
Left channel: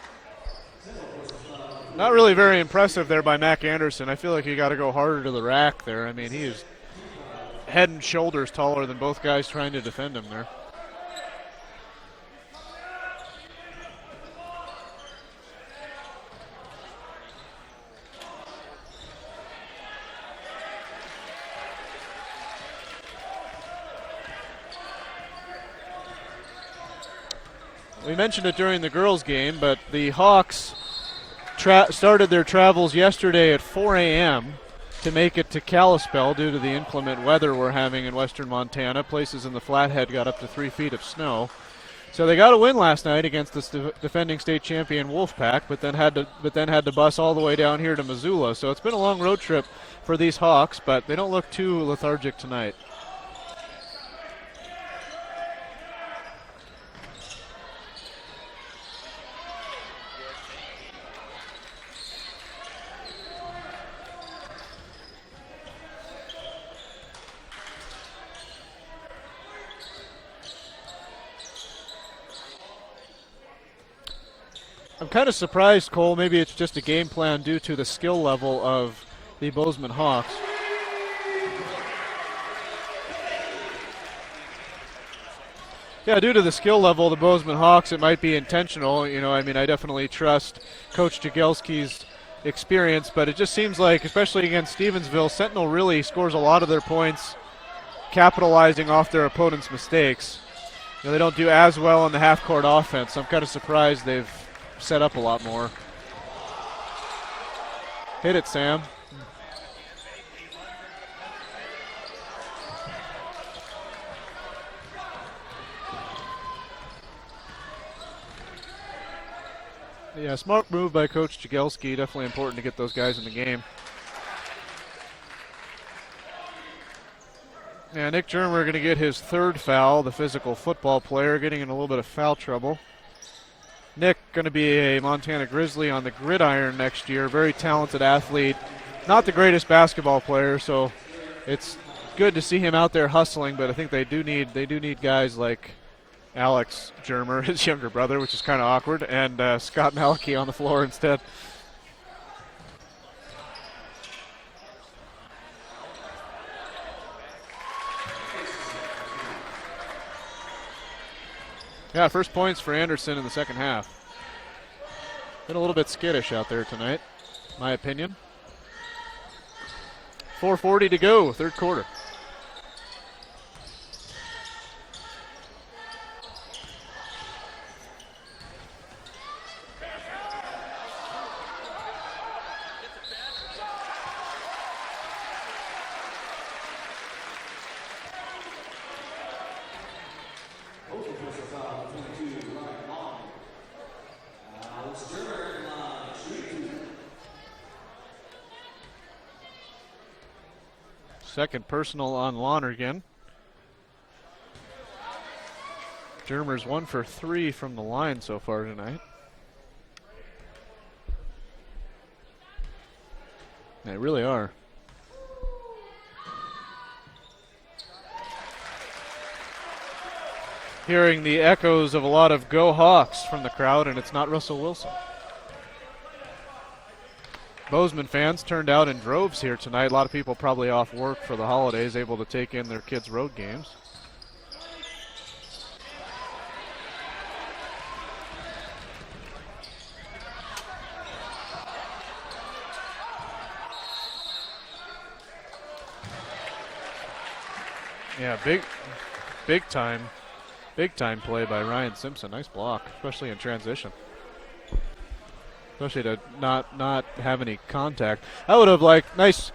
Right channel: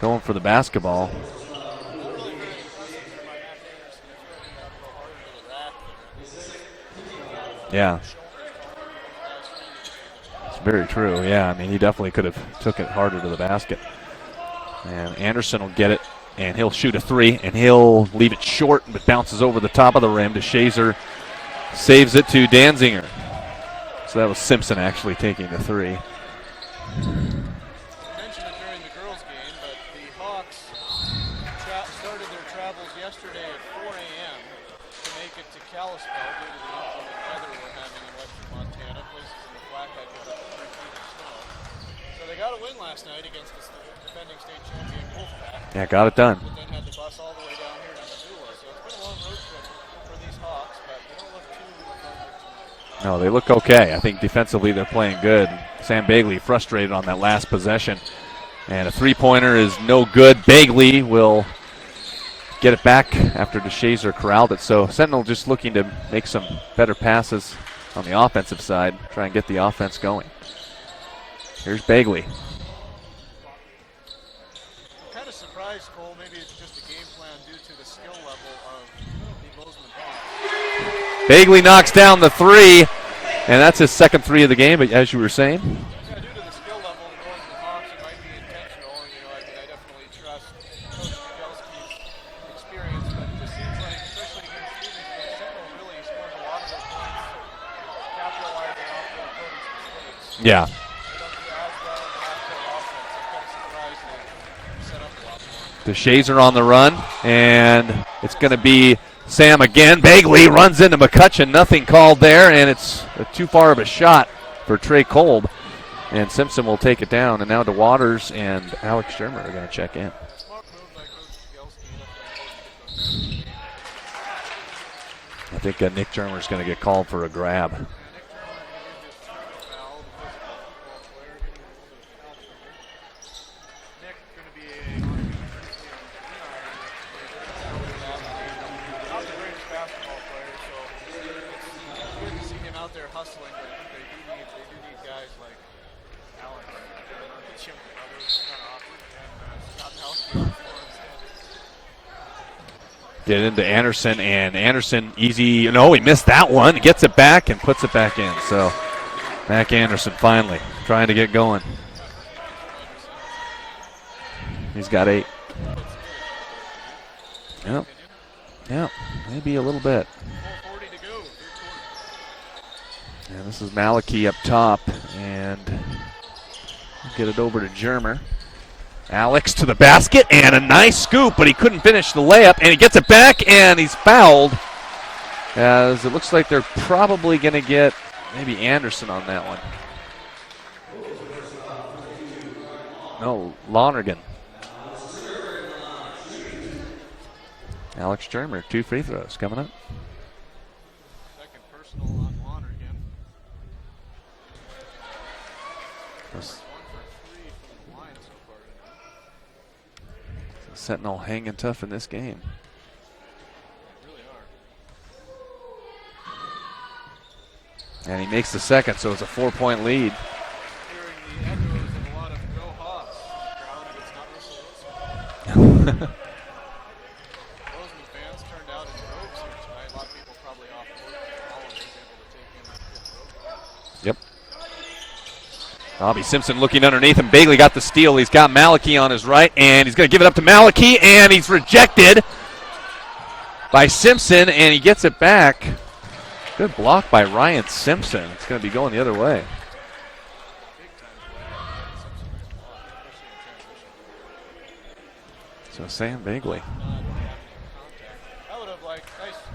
going for the basketball. Not really very impressive there by Mac Anderson. I feel like you got to go harder to the rack there. I mean, he is head and shoulders taller than both guys trying to defend him there. It's very true, yeah. I mean, he definitely could have took it harder to the basket. And Anderson will get it, and he'll shoot a three, and he'll leave it short, but bounces over the top of the rim. DeShazer saves it to Danziger. So that was Simpson actually taking the three. We mentioned it during the girls' game, but the Hawks started their travels yesterday at 4 a.m. to make it to Kalispell due to the inclement weather we're having in western Montana. Places in the Flathead got up to 3 feet of snow. So they got a win last night against the defending state champion Wolfpack, but then had to bus all the way down here to Missoula. So it's been a long road trip for these Hawks, but they don't look too lethargic tonight. No, they look okay. I think defensively they're playing good. Sam Bagley frustrated on that last possession. And a three-pointer is no good. Bagley will get it back after DeShazer corralled it. So Sentinel just looking to make some better passes on the offensive side, try and get the offense going. Here's Bagley. I'm kind of surprised, Cole. Maybe it's just a game plan due to the skill level of the Bozeman Hawks. Bagley knocks down the three, and that's his second three of the game, as you were saying. Yeah, due to the skill level of the Bozeman Hawks, it might be intentional. You know, I mean, I definitely trust Coach Jagielski's experience, but it just seems like, especially against Stevensville, Sentinel really scores a lot of their points capitalizing off their opponent's mistakes. Yeah. You know, they don't do as well in the half-court offense. I'm kind of surprised they've set up a lot more. DeShazer on the run, and it's going to be Sam again. Bagley runs into McCutcheon. Nothing called there, and it's too far of a shot for Trey Kolb. And Simpson will take it down. And now DeWaters and Alex Shermer are going to check in. Yeah, smart move by Coach Jagelski. Definitely important to get those guys in the game. I think Nick Germer is going to get called for a grab. Yeah, Nick Germer going to get his third foul, the physical football player, getting in a little bit of foul trouble. Nick going to be a Montana Grizzly on the gridiron next year. Very talented athlete. Not the greatest basketball player, so it's good to see him out there hustling, but I think they do need guys like Alex Germer, his younger brother, which is kind of awkward, and Scott Malachy on the floor instead. Get into Anderson, and Anderson easy. No, he missed that one. He gets it back and puts it back in. So Mac Anderson finally trying to get going. Yeah, first points for Anderson in the second half. He's got 8. Been a little bit skittish out there tonight, my opinion. Yeah, maybe a little bit. 4:40 to go, third quarter. And this is Malachy up top, and get it over to Germer. Alex to the basket, and a nice scoop, but he couldn't finish the layup, and he gets it back, and he's fouled. As it looks like they're probably going to get maybe Anderson on that one. No, Lonergan. Alex Germer, 2 free throws coming up. Second personal on Lonergan. Germer's 1 for 3 from the line so far tonight. Sentinel hanging tough in this game. They really are. And he makes the second, so it's a 4-point lead. Hearing the echoes of a lot of Go Hawks from the crowd, and it's not Russell Wilson. Bozeman fans turned out in droves here tonight. A lot of people probably off work for the holidays, able to take in their kids' road games. Yep. Bobby Simpson looking underneath him. Bagley got the steal. He's got Malachy on his right, and he's going to give it up to Malachy, and he's rejected by Simpson, and he gets it back. Good block by Ryan Simpson. Yeah, it's going to be going the other way. Big time play by Ryan Simpson. Nice block, especially in transition. Especially to not have any contact. I would have liked nice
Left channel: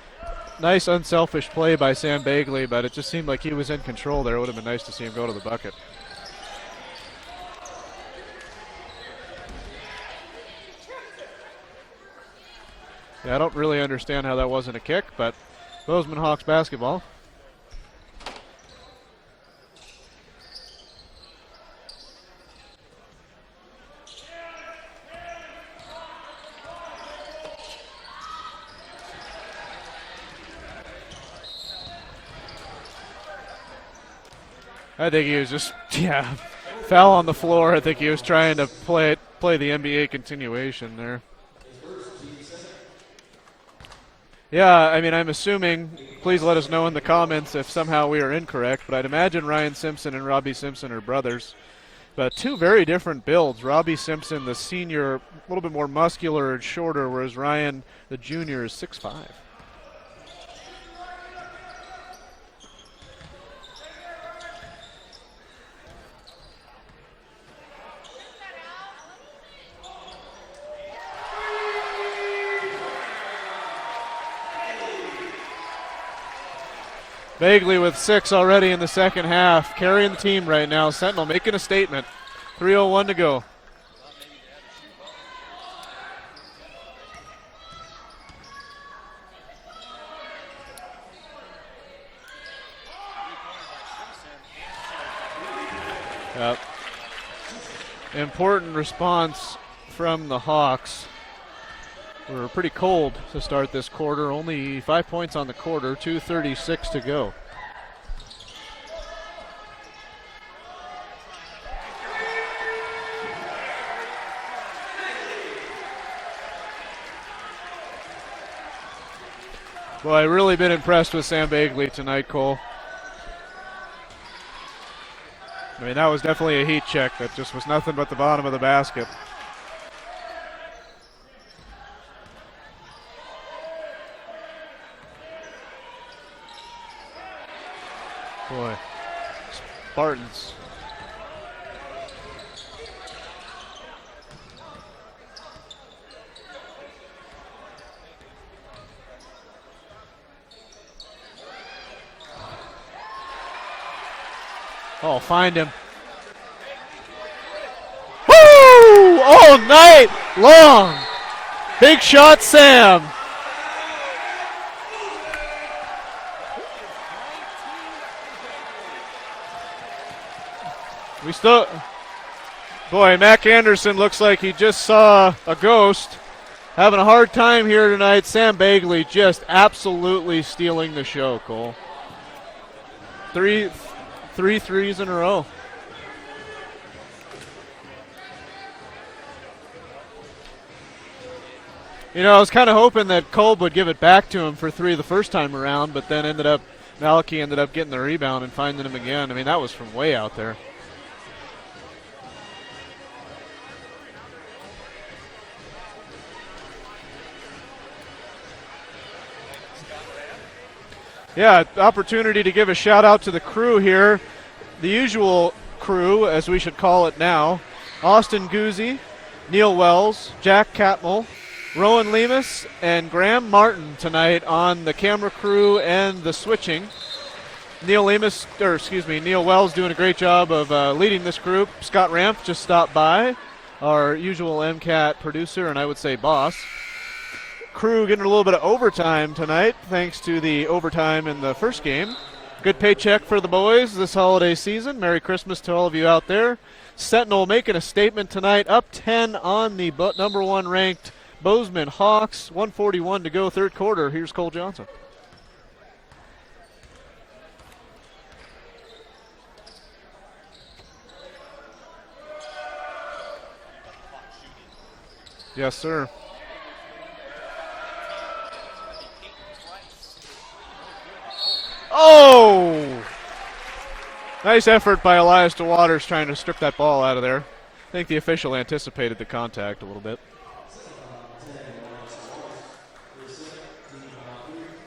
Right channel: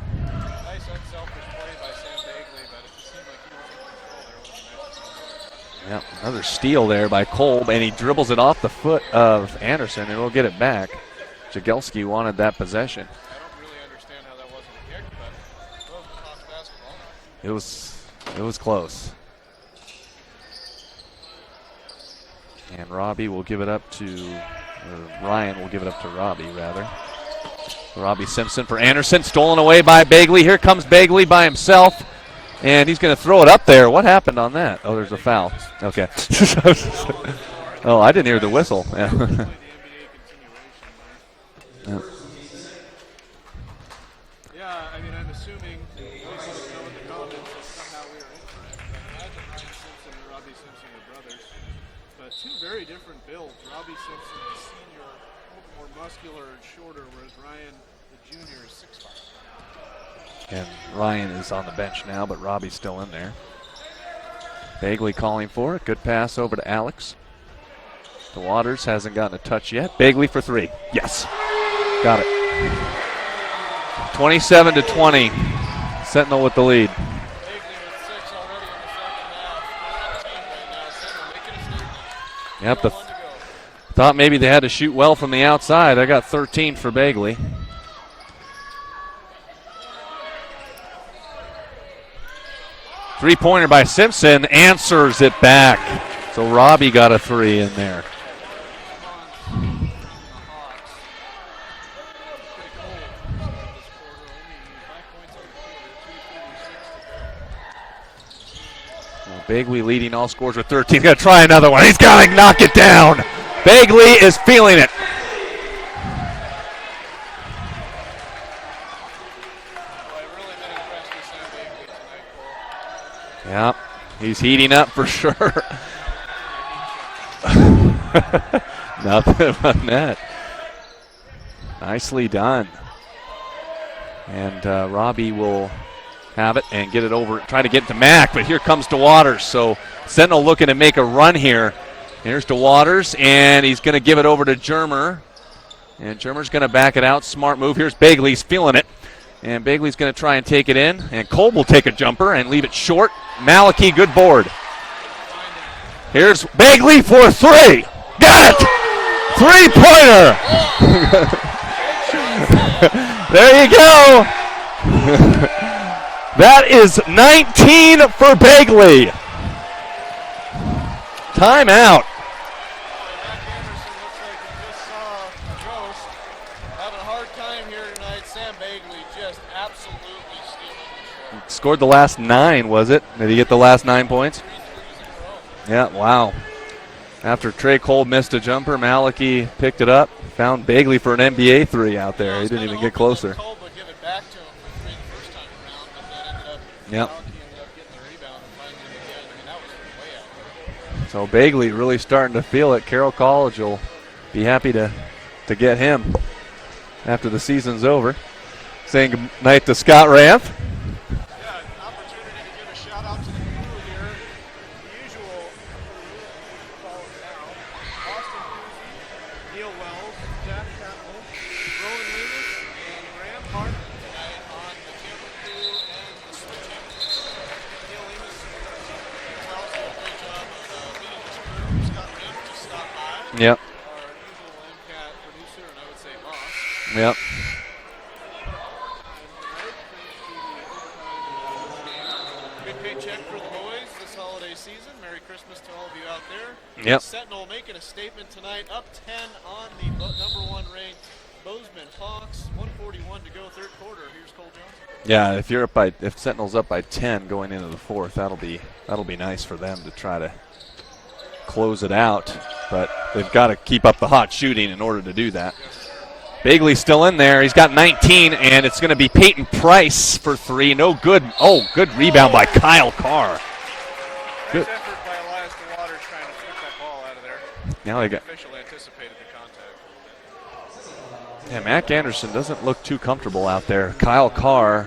unselfish play by Sam Bagley, but it just seemed like he was in control there. It would have been nice to see him go to the bucket. Yep, another steal there by Kolb, and he dribbles it off the foot of Anderson, and he'll get it back. Jagelski wanted that possession. Yeah, I don't really understand how that wasn't a kick, but Bozeman Hawks basketball. It was close. And Robbie will give it up to, or Ryan will give it up to Robbie, rather. Robbie Simpson for Anderson, stolen away by Bagley. Here comes Bagley by himself, and he's going to throw it up there. What happened on that? Oh, there's a foul. Foul on the floor. I think I didn't hear the whistle. Play the NBA continuation there. Yeah, I mean, I'm assuming, please let us know in the comments if somehow we are incorrect, but I'd imagine Ryan Simpson and Robbie Simpson are brothers. But 2 very different builds. Robbie Simpson, the senior, a little bit more muscular and shorter, whereas Ryan, the junior, is 6'5". And Ryan is on the bench now, but Robbie's still in there. Bagley calling for it. Good pass over to Alex. DeWaters hasn't gotten a touch yet. Bagley for 3. Yes. Got it. 27-20. Sentinel with the lead. Bagley with 6 already in the second half, carrying the team right now. Sentinel making a statement. 3:01 to go. Thought maybe they had to shoot well from the outside. I got 13 for Bagley. Three-pointer by Simpson, answers it back. So Robbie got a 3 in there. Important response from the Hawks. We were pretty cold to start this quarter. Only 5 points on the quarter, 2:36 to go. Well, Bagley leading all scores with 13. He's going to try another one. He's got to knock it down. Bagley is feeling it. Well, I've really been impressed with Sam Bagley tonight, Cole. Yeah, he's heating up for sure. I mean, that was definitely a heat check. That's just nothing but the bottom of the basket. Nothing but net. Nicely done. And Robbie will have it and get it over. Try to get to Mac, but here comes DeWaters. So Sentinel looking to make a run here. Here's DeWaters, and he's going to give it over to Germer. And Germer's going to back it out. Smart move. Here's Bagley. He's feeling it. And Bagley's going to try and take it in. And Kolb will take a jumper and leave it short. Malachy, good board. Oh, find him. Here's Bagley for three. Got it! Three-pointer! Long. Big shot, Sam. There you go. That is 19 for Bagley. Timeout. Boy, Mac Anderson looks like he just saw a ghost. Having a hard time here tonight. Sam Bagley just absolutely stealing the show, Cole. Scored the last 9, was it? Did he get the last 9 points? 3 threes in a row. Yeah, wow. After Trey Cole missed a jumper, Malachy picked it up, found Bagley for an NBA 3 out there. You know, I was He kind of didn't get hoping that closer. Kolb would give it back to him for 3 the first time around, but then Malachy ended up getting the rebound and finding him again. I mean, that was from way out there. So Bagley really starting to feel it. Carroll College will be happy to get him after the season's over. Saying good night to Scott Ranth. Yeah, opportunity to give a shout out to the crew here. The usual crew, as we should call it now. Austin Guzzi, Neil Wells, Jack Catmull, Rowan Lemus, and Graham Martin tonight on the camera crew and the switching. Neil Wells doing a great job of leading this group. Scott Ramp just stopped by. Yep. Our usual MCAT producer and I would say boss. Yep. Crew getting a little bit of overtime tonight thanks to the overtime in the first game. Good paycheck for the boys this holiday season. Merry Christmas to all of you out there. Yep. Sentinel making a statement tonight, up 10 on the number 1 ranked Bozeman Hawks. 1:41 to go, third quarter. Here's Cole Johnson. Yeah, if Sentinel's up by 10 going into the fourth, that'll be nice for them to try to close it out. But they've got to keep up the hot shooting in order to do that. Yes, sir. Bagley's still in there. He's got 19, and it's going to be Peyton Price for 3. No good. Oh, good rebound by Kyle Carr. Nice effort by Elias DeWaters trying to strip that ball out of there. Now I think the official anticipated the contact a little bit. Yeah, Mac Anderson doesn't look too comfortable out there. Kyle Carr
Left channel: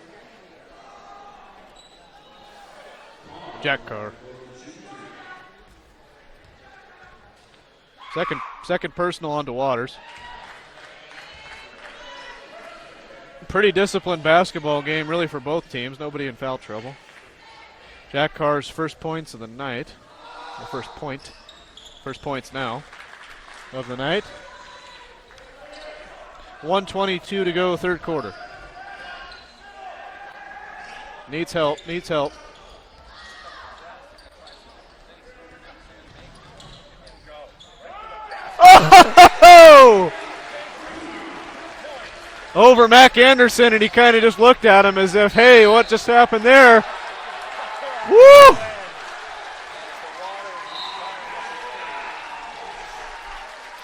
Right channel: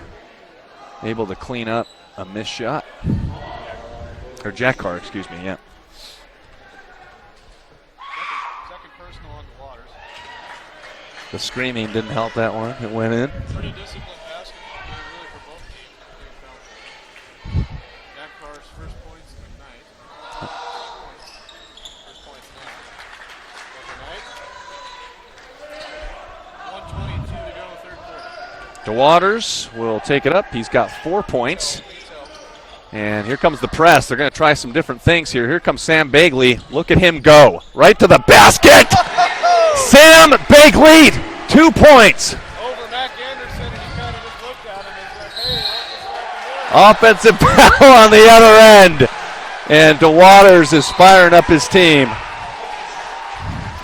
able to clean up a missed shot. Jack Carr, excuse me, yeah. Second personal on DeWaters. The screaming didn't help that one. It went in. Pretty disciplined basketball game, really, for both teams. Nobody in foul trouble. Jack Carr's first points of the night. First points now of the night. 1:22 to go, third quarter. DeWaters will take it up. He's got 4 points. Needs help. And here comes the press. They're going to try some different things here. Here comes Sam Bagley. Look at him go. Right to the basket. Sam Bagley, 2 points. Over Mac Anderson, and he kind of just looked at him as if, hey, what just happened there? Offensive foul on the other end. And DeWaters is firing up his team.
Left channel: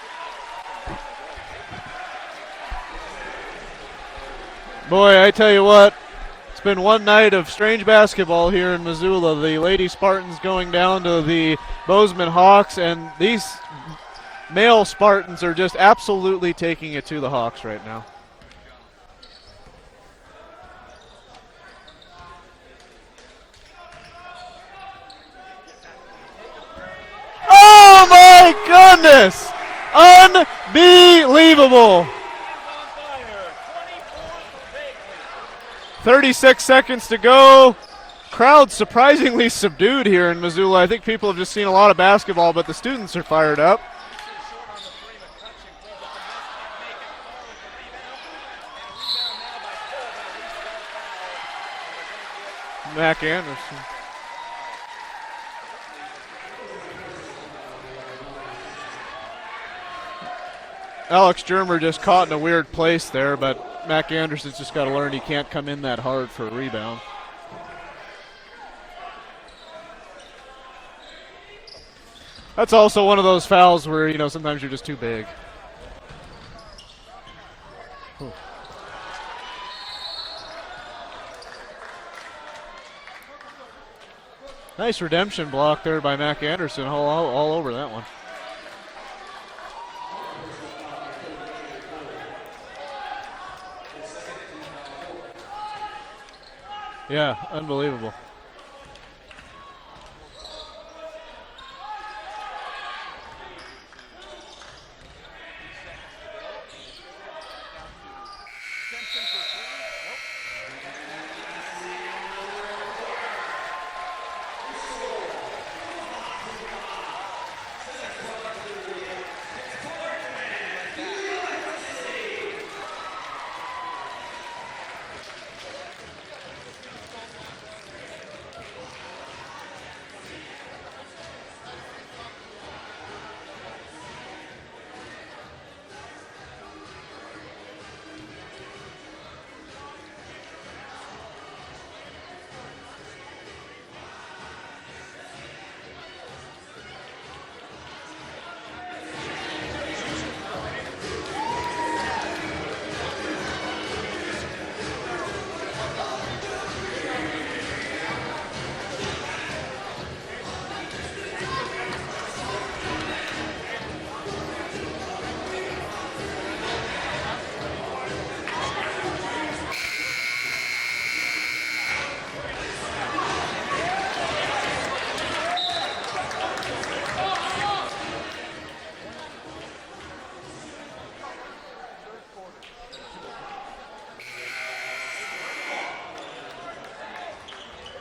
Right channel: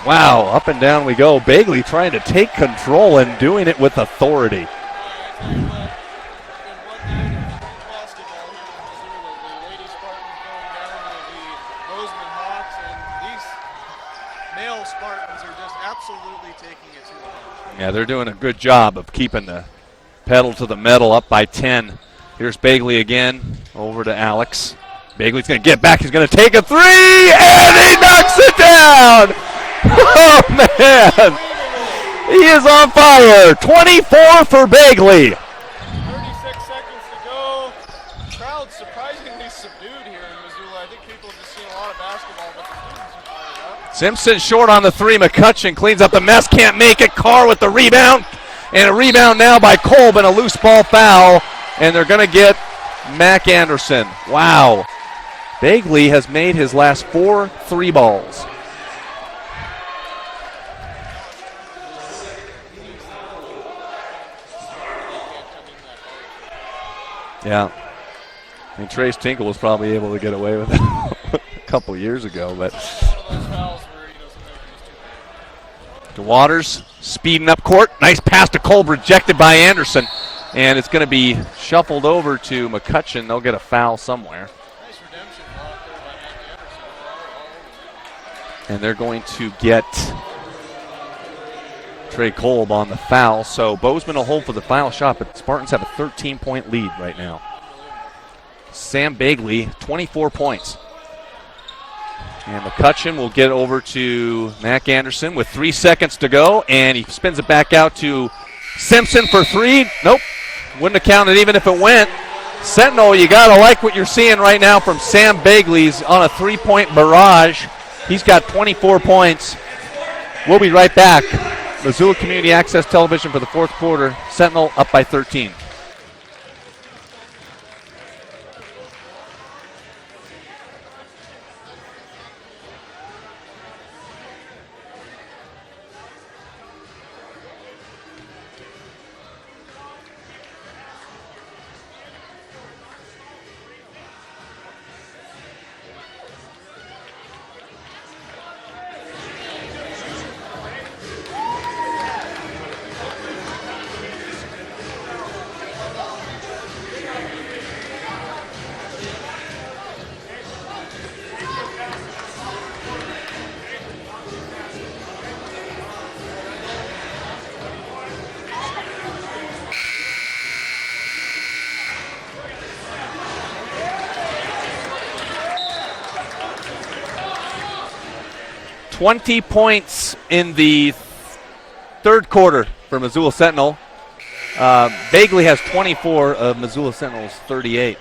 Wow, up and down we go. Bagley trying to take control and doing it with authority. Boy, I tell you what, it's been one night of strange basketball here in Missoula. The Lady Spartans going down to the Bozeman Hawks, and these male Spartans are just absolutely taking it to the Hawks right now. Yeah, they're doing a good job of keeping the pedal to the metal, up by 10. Here's Bagley again, over to Alex. Bagley's going to get back. He's going to take a 3, and he knocks it down! Oh, man. Unbelievable. He is on fire. 24 for Bagley. 36 seconds to go. Crowd surprisingly subdued here in Missoula. I think people have just seen a lot of basketball, but the students are fired up. Simpson short on the 3. McCutcheon cleans up the mess. Can't make it. Carr with the rebound. And a rebound now by Kolb and a loose ball foul. And they're going to get Mac Anderson. Wow. Bagley has made his last 4 3 balls. Alex Germer just caught in a weird place there, but Mac Anderson's just got to learn he can't come in that hard for a rebound. Yeah. I mean, Trace Tinkle was probably able to get away with it a couple years ago. That's also one of those fouls where, you know, sometimes you're just too big. DeWaters speeding up court. Nice pass to Kolb, rejected by Anderson. And it's going to be shuffled over to McCutcheon. They'll get a foul somewhere. Nice redemption block there by Mac Anderson, all over that one. And they're going to get Trey Kolb on the foul. So Bozeman will hold for the final shot, but the Spartans have a 13-point lead right now. Yeah, unbelievable. Sam Bagley, 24 points. And McCutcheon will get over to Mac Anderson with 3 seconds to go, and he spins it back out to Simpson for 3. Nope, wouldn't have counted even if it went. Sentinel, you got to like what you're seeing right now from Sam Bagley's on a 3-point barrage. He's got 24 points. We'll be right back. Missoula Community Access Television for the fourth quarter. Sentinel up by 13. $20 points in the third quarter for Missoula Sentinel. Bagley has 24 of Missoula Sentinel's 38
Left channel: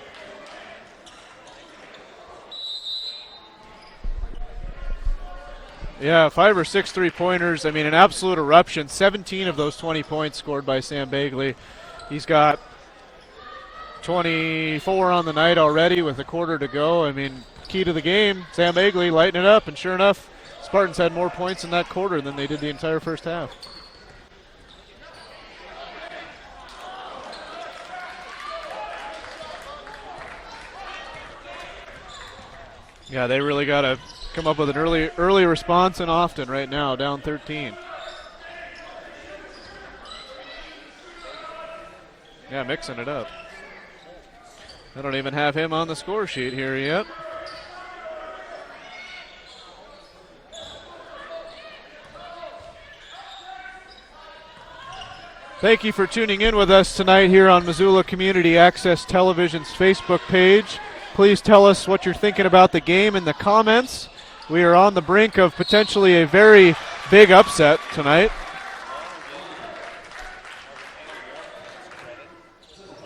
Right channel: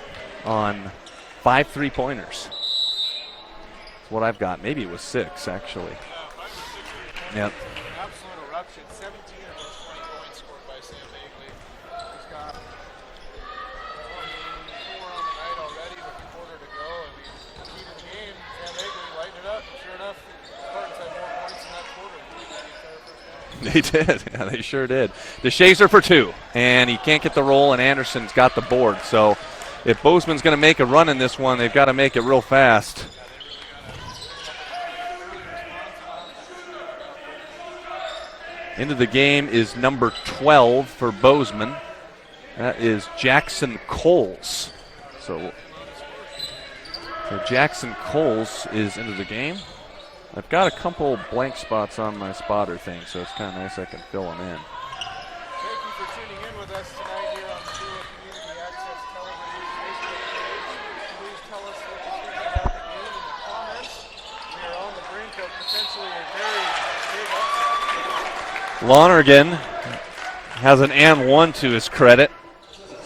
on 5 3-pointers. What I've got, maybe it was 6 actually. Yeah, 5 or 6 3-pointers. Yeah. I mean, an absolute eruption. 17 of those 20 points scored by Sam Bagley. He's got 24 on the night already with a quarter to go. I mean, key to the game, Sam Bagley lighting it up, and sure enough, Spartans had more points in that quarter than they did the entire first half. They did. Yeah, they sure did. DeShazer for 2, and he can't get the roll, and Anderson's got the board. So if Bozeman's going to make a run in this one, they've got to make it real fast. Yeah, they really got to come up with an early response, and often right now, down 13. Into the game is number 12 for Bozeman. Yeah, that is Jackson Coles. I don't even have him on the score sheet here yet. So Jackson Coles is into the game. I've got a couple blank spots on my spotter thing, so it's kind of nice I can fill them in. Thank you for tuning in with us tonight here on Missoula Community Access Television's Facebook page. Please tell us what you're thinking about the game in the comments. We are on the brink of potentially a very big upset tonight. Lonergan has an and 1 to his credit,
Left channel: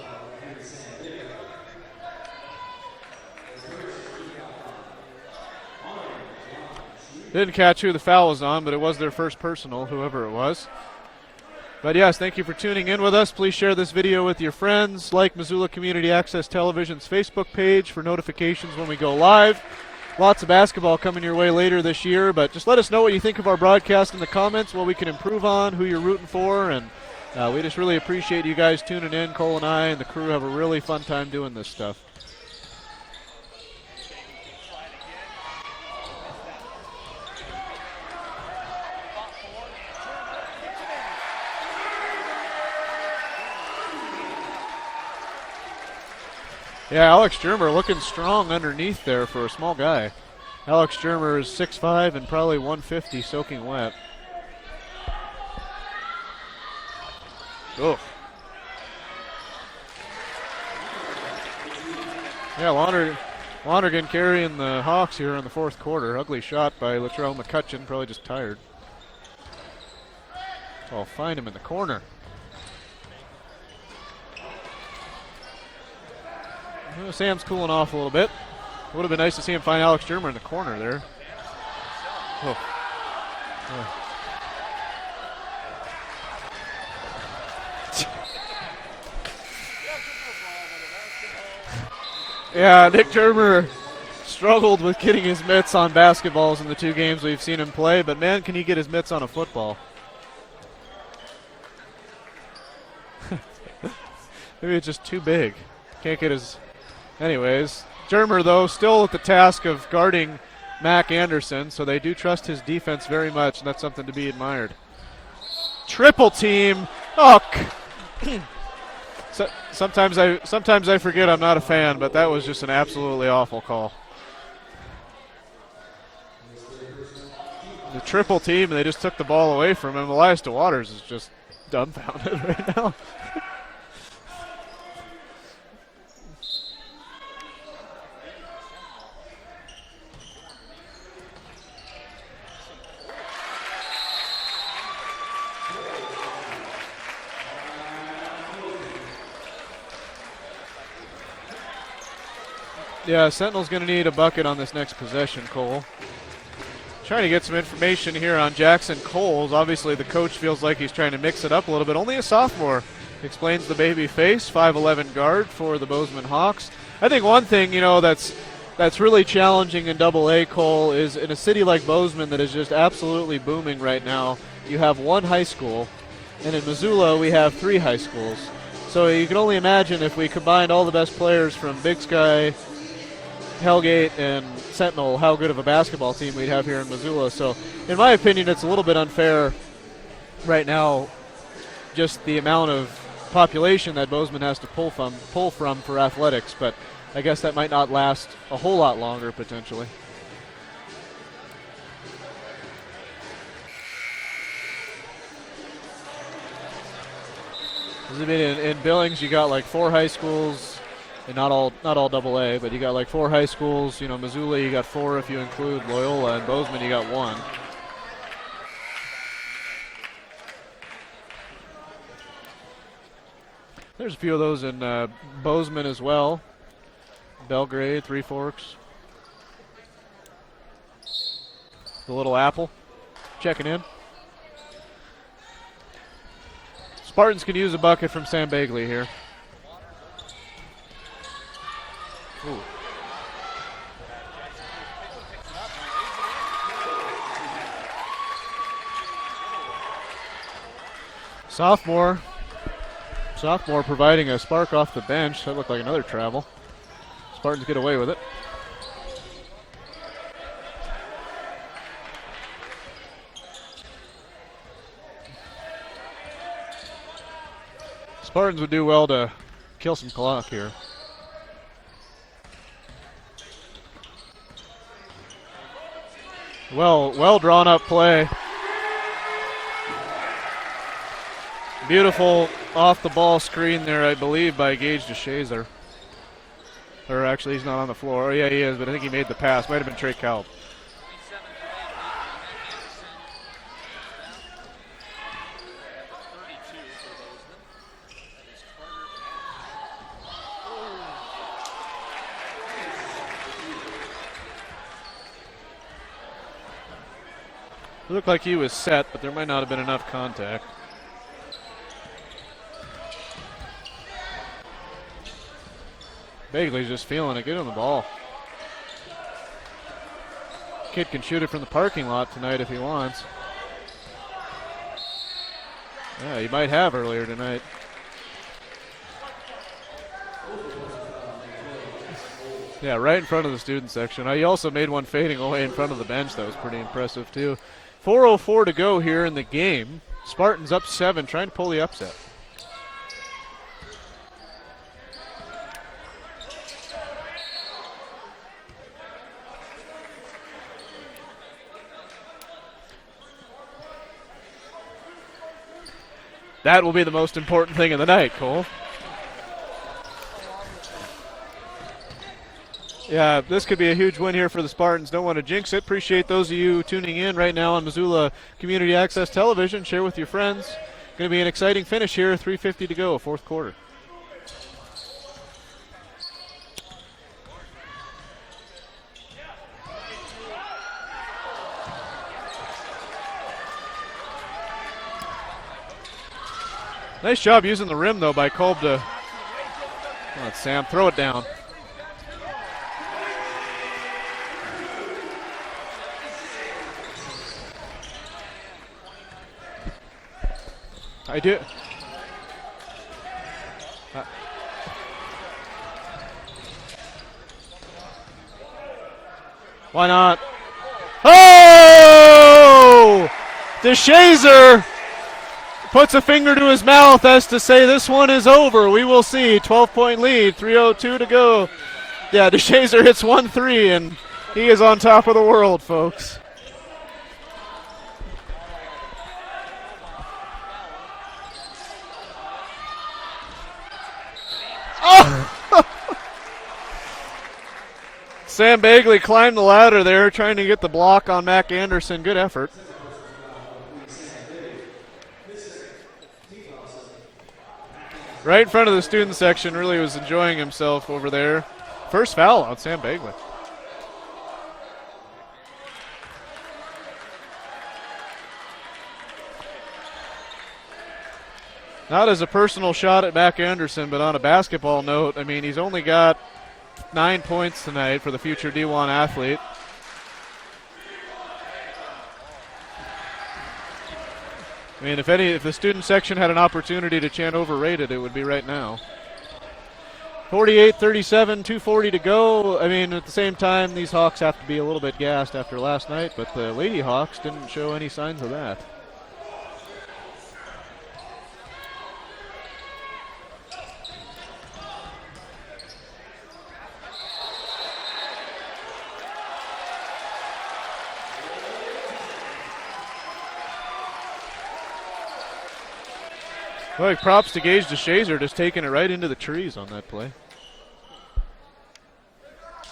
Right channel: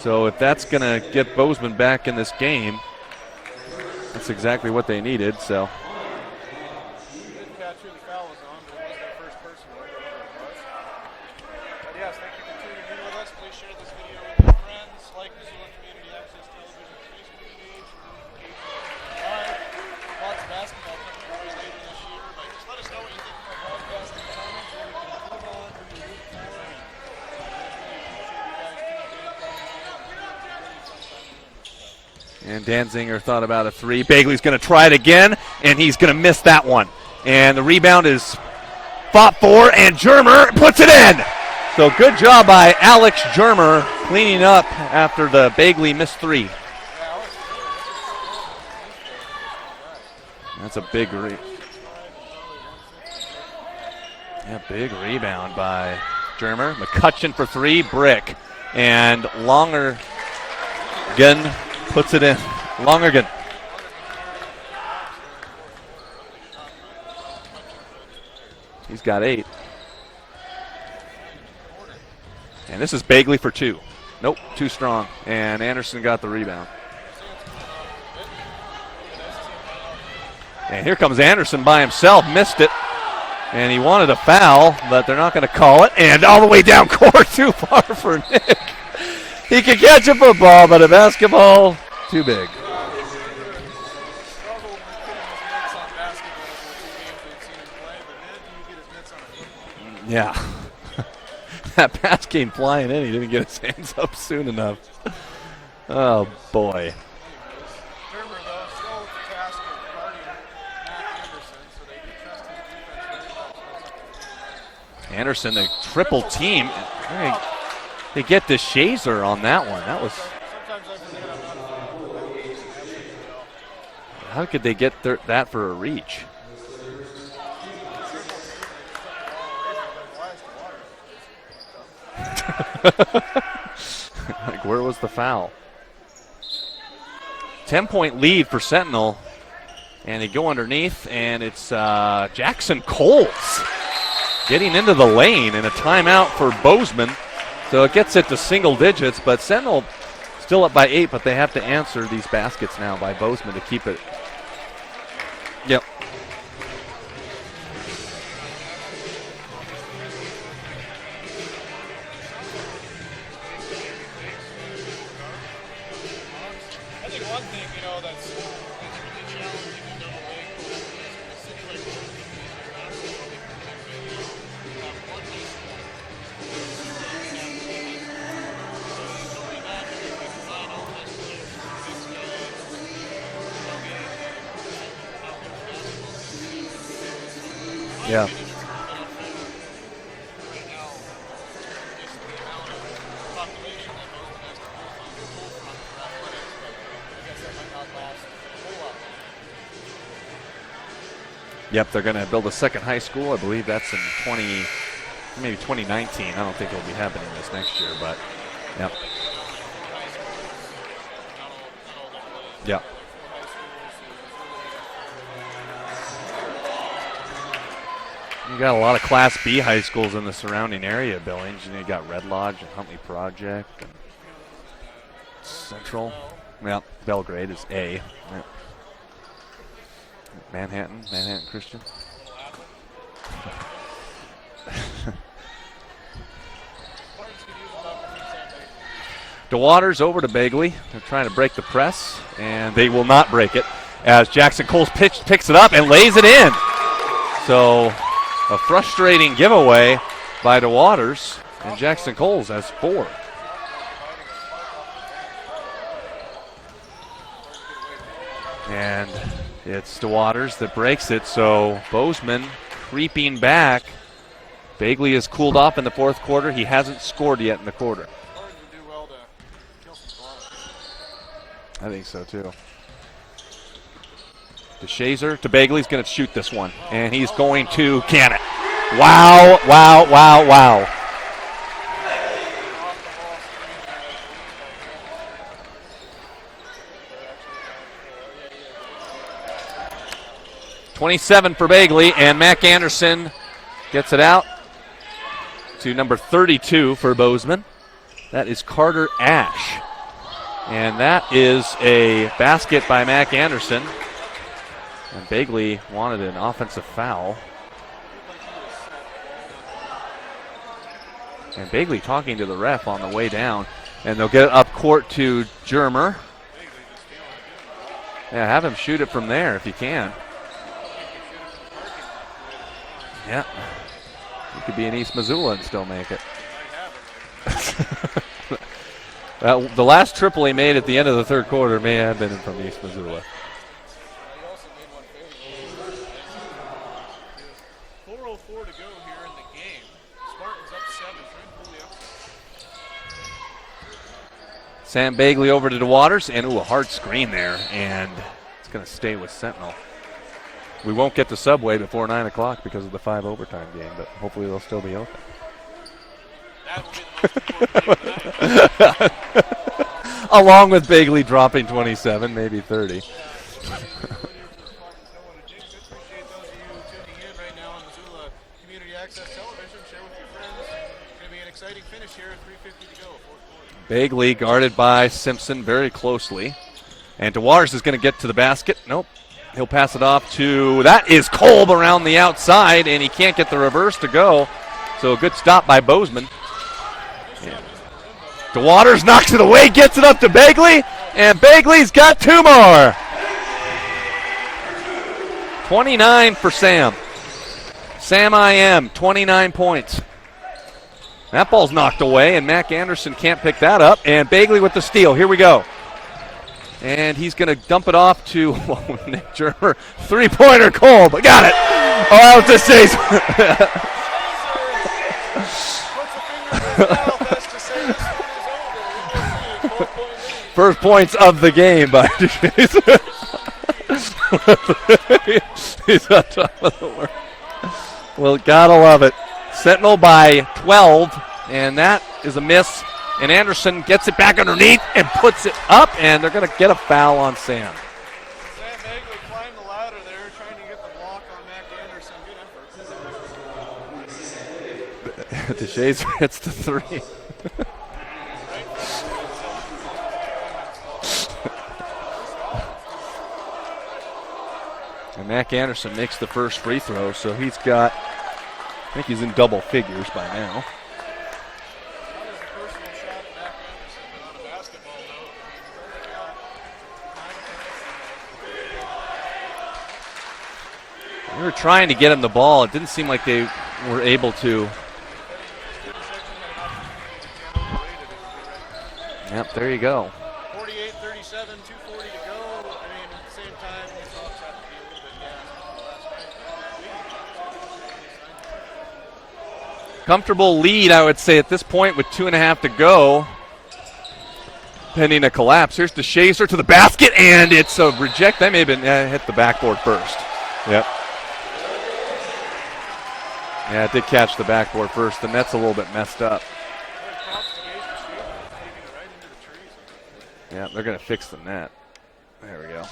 so if that's going to get Bozeman back in this game, that's exactly what they needed. So. Didn't catch who the foul was on, but it was their first personal, whoever it was. But yes, thank you for tuning in with us. Please share this video with your friends. Like Missoula Community Access Television's Facebook page for notifications when we go live. Lots of basketball coming your way later this year, but just let us know what you think of our broadcast in the comments, what we can improve on, who you're rooting for, and we just really appreciate you guys tuning in. Cole and I and the crew have a really fun time doing this stuff. And Danzinger thought about a 3. Bagley's going to try it again, and he's going to miss that one. And the rebound is fought for, and Germer puts it in. So good job by Alex Germer cleaning up after the Bagley missed 3. Yeah, Alex Germer looking strong underneath there for a small guy. That's Alex Germer is 6'5" and probably 150 soaking wet. Yeah, big rebound by Germer. McCutcheon for 3, brick. And Lonergan puts it in. Yeah, Lonergan carrying the Hawks here in the fourth quarter. Ugly shot by Latrell McCutcheon, probably just tired. He's got 8. I'll find him in the corner. And this is Bagley for 2. Nope, too strong. And Anderson got the rebound. Yeah, Sam's cooling off a little bit. Would have been nice to see him find Alex Germer in the corner. And here comes Anderson by himself, missed it. And he wanted a foul, but they're not going to call it. And all the way down court, too far for Nick. He could catch a football, but a basketball, too big. Yeah, Nick Germer struggled with getting his mitts on basketballs in the 2 games we've seen him play, but man, can he get his mitts on a football. Yeah. That pass came flying in. He didn't get his hands up soon enough. Maybe it's just too big. Oh, boy. Anyways, Germer, though, still at the task of guarding Mac Anderson, so they do trust his defense very much, and that's something to be admired. Anderson, a triple team. Oh, they get the DeShazer on that one. Sometimes I forget I'm not a fan, but that was just an absolutely awful call. How could they get that for a reach? The triple team, and they just took the ball away from him. Elias DeWaters is just dumbfounded. Like, where was the foul? 10-point lead for Sentinel. And they go underneath, and it's Jackson Coles getting into the lane, and a timeout for Bozeman. So it gets it to single digits, but Sentinel still up by 8, but they have to answer these baskets now by Yeah, Bozeman Sentinel's to going to need a bucket on this next possession, Cole. Yep. Trying to get some information here on Jackson Coles. Obviously, the coach feels like he's trying to mix it up a little bit. Only a sophomore, explains the baby face, 5'11" guard for the Bozeman Hawks. I think one thing, that's really challenging in Double-A, Cole, is in a city like Bozeman that is just absolutely booming right now, you have one high school, and in Missoula we have 3 high schools. So you can only imagine if we combined all the best players from Big Sky, Hellgate, and Sentinel, how good of a basketball team we'd have here in Missoula. So in my opinion, it's a little bit unfair right now, just the amount of population that Bozeman has to pull from for athletics, but I guess that might not last a whole lot longer potentially. Yep, they're going to build a second high school. I believe that's in maybe 2019. I don't think it'll be happening this next year. But I mean, in Billings, you got like 4 high schools, and not all Double-A, but you got like 4 high schools. Missoula, you got 4 if you include Loyola, and Bozeman, you got 1. You got a lot of Class B high schools in the surrounding area of Billings. You got Red Lodge and Huntley Project. There's a few of those in Bozeman as well. Yeah, Belgrade, Three Forks. Manhattan Christian. The Little Apple, checking in. Spartans can use a bucket from Sam Bagley here. DeWaters over to Bagley. They're trying to break the press, and they will not break it as Jackson Coles picks it up and lays it in. So a frustrating giveaway by DeWaters. Jackson Coles has 4. Sophomore providing a spark off the bench. That looked like another travel. Spartans get away with it. And it's DeWaters that breaks it, so Bozeman creeping back. Bagley has cooled off in the 4th quarter. He hasn't scored yet in the quarter. Spartans would do well to kill some clock here. I think so too. To Shazer, to Bagley's going to shoot this one. And he's going to can it. Wow. Beautiful off-the-ball screen there, I believe, by Gage DeShazer. Or actually, he's not on the floor. Oh, yeah, he is, but I think he made the pass. Might have been Trey Kalb. 27 for Bagley, and Mac Anderson gets it out to number 32 for Bozeman. That is Carter Ash. And that is a basket by Mac Anderson. And Bagley wanted an offensive foul. It looked like he was set, but there might not have been enough contact. And Bagley talking to the ref on the way down. And they'll get it up court to Germer. Bagley's just feeling it. Get him the ball. Yeah, have him shoot it from there if he can. Kid can shoot it from the parking lot tonight if he wants. Yeah. He could be in East Missoula and still make it. Yeah, he might have earlier tonight. The last triple he made at the end of the 3rd quarter may have been from East Missoula. Yeah, right in front of the student section. He also made one fading away in front of the bench. That was pretty impressive, too. 4:04 to go here in the game. Spartans up 7, trying to pull the upset. Sam Bagley over to DeWaters, and a hard screen there, and it's going to stay with Sentinel. We won't get to Subway before 9 o'clock because of the 5 overtime game, but hopefully they'll still be open. That will be the most important thing of the night. Along with Bagley dropping 27, maybe 30. Yeah, this could be a huge win here for the Spartans. Don't want to jinx it. Appreciate those of you tuning in right now on Missoula Community Access Television. Share with your friends. Going to be an exciting finish here. 3:50 to go, 4th quarter. Bagley guarded by Simpson very closely. And DeWaters is going to get to the basket. Nope. He'll pass it off to, that is Kolb around the outside, and he can't get the reverse to go. So a good stop by Bozeman. Nice job using the rim, though, by Kolb. DeWaters knocks it away, gets it up to Bagley, and Bagley's got 2 more. 29 for Sam. Sam I.M., 29 points. That ball's knocked away, and Mac Anderson can't pick that up. And Bagley with the steal. Here we go. And he's going to dump it off to Nick Germer. 3-pointer Kolb. Got it. Oh, DeShazer puts a finger to his mouth as to say this one is over. We will see. 12-point lead. First points of the game by DeShazer. Yeah, DeShazer hits 1-3, and he is on top of the world, folks. Well, gotta love it. Sentinel by 12, and that is a miss. And Anderson gets it back underneath and puts it up, and they're going to get a foul on Sam. Sam Bagley climbed the ladder there, trying to get the block on Mac Anderson. Good effort. DeShazer hits the 3. Right in front of the student section, really was enjoying himself over there. First foul on Sam Bagley. And Mac Anderson makes the first free throw, so he's got, I think he's in double figures by now. Not as a personal shot at Mac Anderson, but on a basketball note, I mean, he's only got 9 points tonight for the future D1 athlete. We were trying to get him the ball. It didn't seem like they were able to. I mean, if the student section had an opportunity to chant overrated, it would be right now. Yep, there you go. 48-37, 2:40 to go. I mean, at the same time, these Hawks have to be a little bit gassed after last night, but the Lady Hawks didn't show any signs of that. Comfortable lead, I would say, at this point with 2.5 to go. Pending a collapse. Here's the Shazer to the basket, and it's a reject. That may have been hit the backboard first. Yep. Yeah, it did catch the backboard first. The net's a little bit messed up. Well, props to Gage DeShazer, just taking it right into the trees on that play. Yeah, they're going to fix the net. There we go.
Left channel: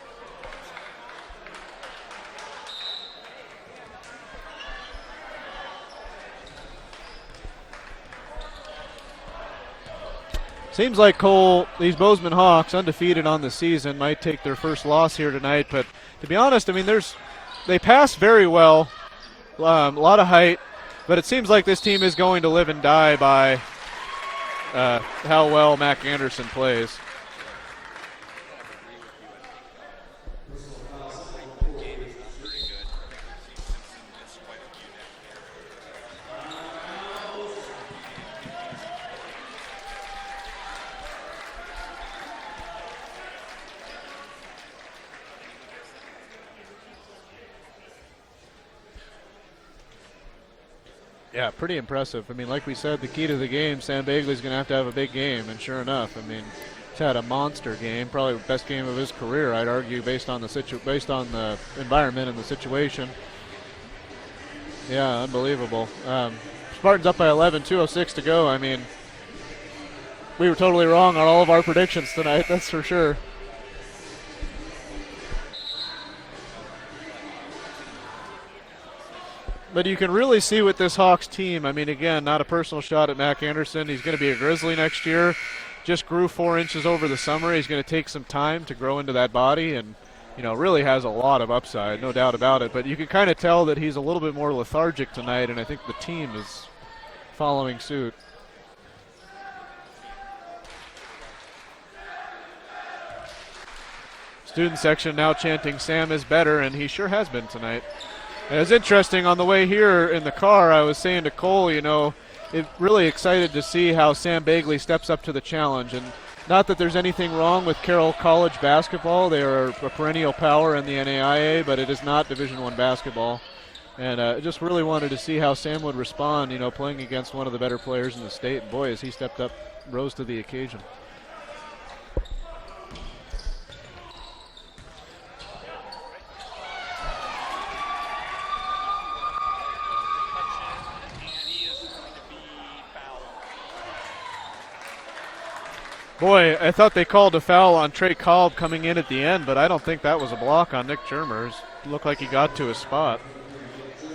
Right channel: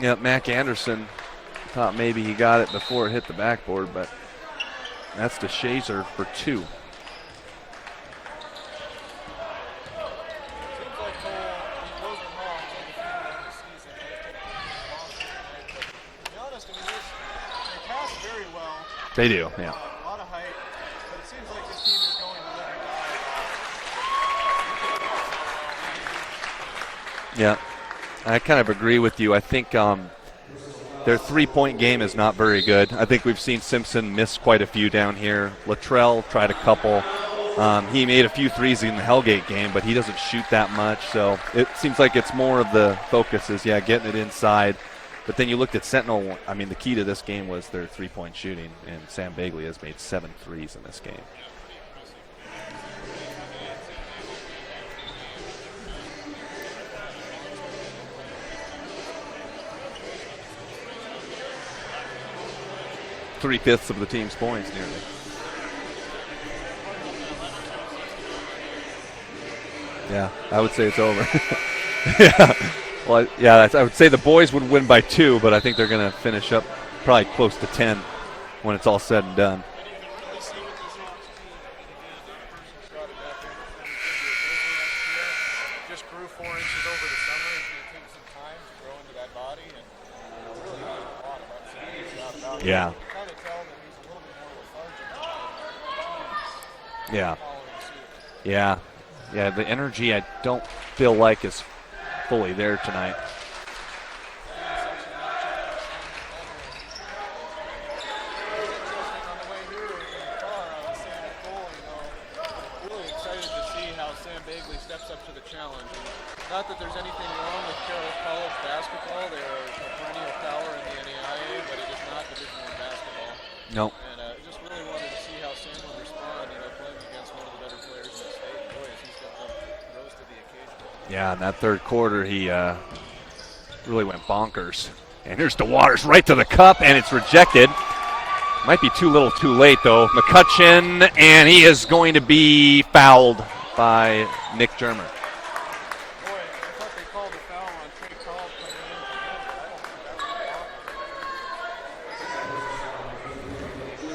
Yeah, Mac Anderson thought maybe he got it before it hit the backboard, but that's DeShazer for 2. Seems like Cole, these Bozeman Hawks, undefeated on the season, might take their first loss here tonight. But to be honest, I mean, they pass very well. They do. A lot of height. But it seems like this team is going to live and die by how well Mac Anderson plays. Yeah, I kind of agree with you. I think their three-point game is not very good. I think we've seen Simpson miss quite a few down here. Luttrell tried a couple. He made a few threes in the Hellgate game, but he doesn't shoot that much. So it seems like it's more of the focus is, getting it inside. But then you looked at Sentinel. I mean, the key to this game was their three-point shooting, and Sam Bagley has made 7 threes in this game. Yeah, pretty impressive. I mean, like we said, the key to the game, Sam Bagley's going to have a big game, and sure enough, I mean, he's had a monster game, probably the best game of his career, I'd argue, based on the environment and the situation. 3/5 of the team's points. Yeah, unbelievable. Spartans up by 11, 2:06 to go. I mean, yeah, we were totally wrong on all of our predictions tonight, that's for sure. Well, yeah, I would say the boys would win by 2, but I think they're going to finish up probably close to 10 when it's all said and done. But you can really see with this Hawks team, I mean, again, not a personal shot at Mac Anderson. He's going to be a Grizzly next year. Just grew 4 inches over the summer. He's going to take some time to grow into that body and, really has a lot of upside, no doubt about it. Yeah. But you can kind of tell that he's a little bit more lethargic tonight, and I think the team is following suit. Yeah. Yeah, the energy I don't feel like is fully there tonight. Student section now chanting Sam is better, and he sure has been tonight. And it was interesting on the way here in the car, I was saying to Cole, really excited to see how Sam Bagley steps up to the challenge. And not that there's anything wrong with Carroll College basketball. They are a perennial power in the NAIA, but it is not Division I basketball. No. And I just really wanted to see how Sam would respond, playing against one of the better players in the state. And boy, as he stepped up, rose to the occasion. Yeah, in that third quarter, he really went bonkers. And here's DeWaters right to the cup, and it's rejected. Might be too little too late, though. McCutcheon, and he is going to be fouled by Nick Germer. Boy, I thought they called a foul on Trey Kolb coming in at the end, but I don't think that was a block on Nick Germer. It looked like he got to his spot.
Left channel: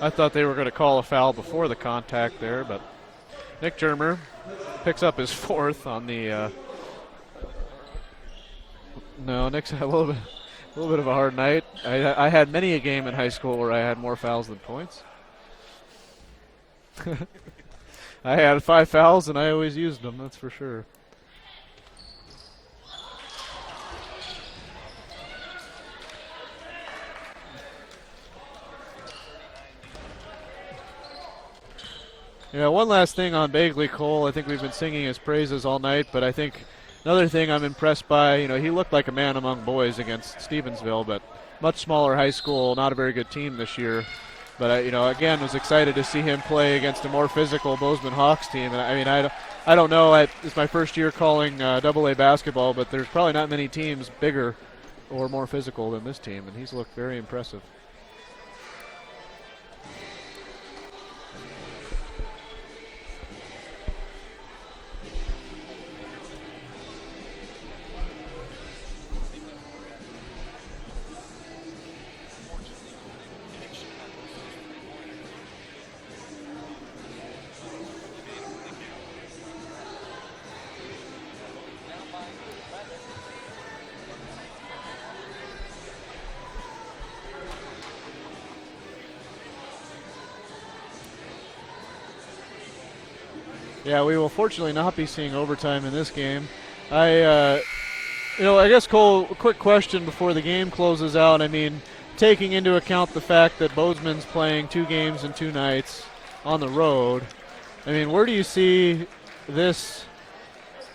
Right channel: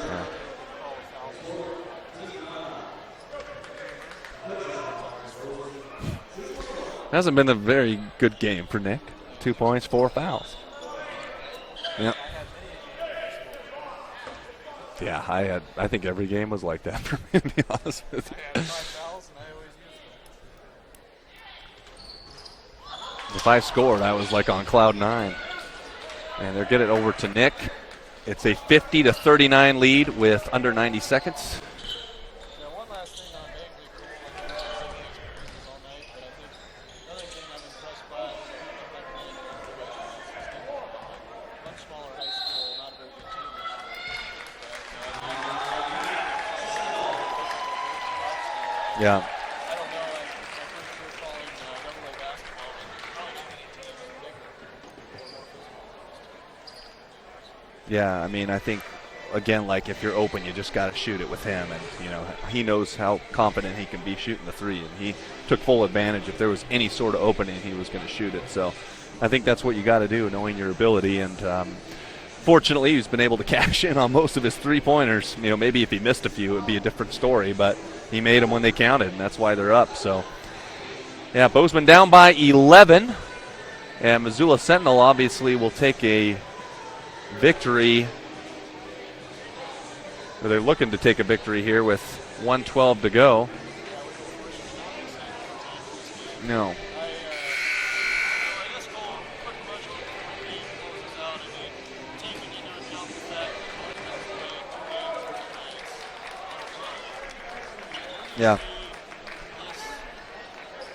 I thought they were going to call a foul before the contact there, but Nick Germer picks up his 4th on the... Hasn't been a very good game for Nick. No, 2 Nick's points, 4 fouls. A little bit of a hard night. I had many a game in high school where I had more fouls than points. Yeah, I think every game was like that, to be honest with you. I had 5 fouls, and I always used them, that's for sure. If I scored, I was like on cloud 9. And they're getting it over to Nick. It's a 50-39 lead with under 90 seconds. Yeah, one last thing on Bagley, Cole. I think we've been singing his praises all night, but I think another thing I'm impressed by, he looked like a man among boys against Stevensville, but much smaller high school, not a very good team this year. But, again, was excited to see him play against a more physical Bozeman Hawks team. I don't know. It's my first year calling AA basketball, but there's probably not many teams bigger or more physical than this team, and he's looked very impressive. Yeah, I mean, I think, again, like if you're open, you just got to shoot it with him. And, he knows how confident he can be shooting the 3. And he took full advantage. If there was any sort of opening, he was going to shoot it. So I think that's what you got to do, knowing your ability. And, Fortunately, he's been able to cash in on most of his three-pointers. You know, maybe if he missed a few, it would be a different story, but he made them when they counted, and that's why they're up. So, yeah, Bozeman down by 11, and Missoula Sentinel obviously will take a victory. They're looking to take a victory here with 1:12 to go. Yeah, we will fortunately not be seeing overtime in this game. No. I guess, Cole, a quick question before the game closes out. I mean, taking into account the fact that Bozeman's playing 2 games in 2 nights on the road, I mean, where do you see this,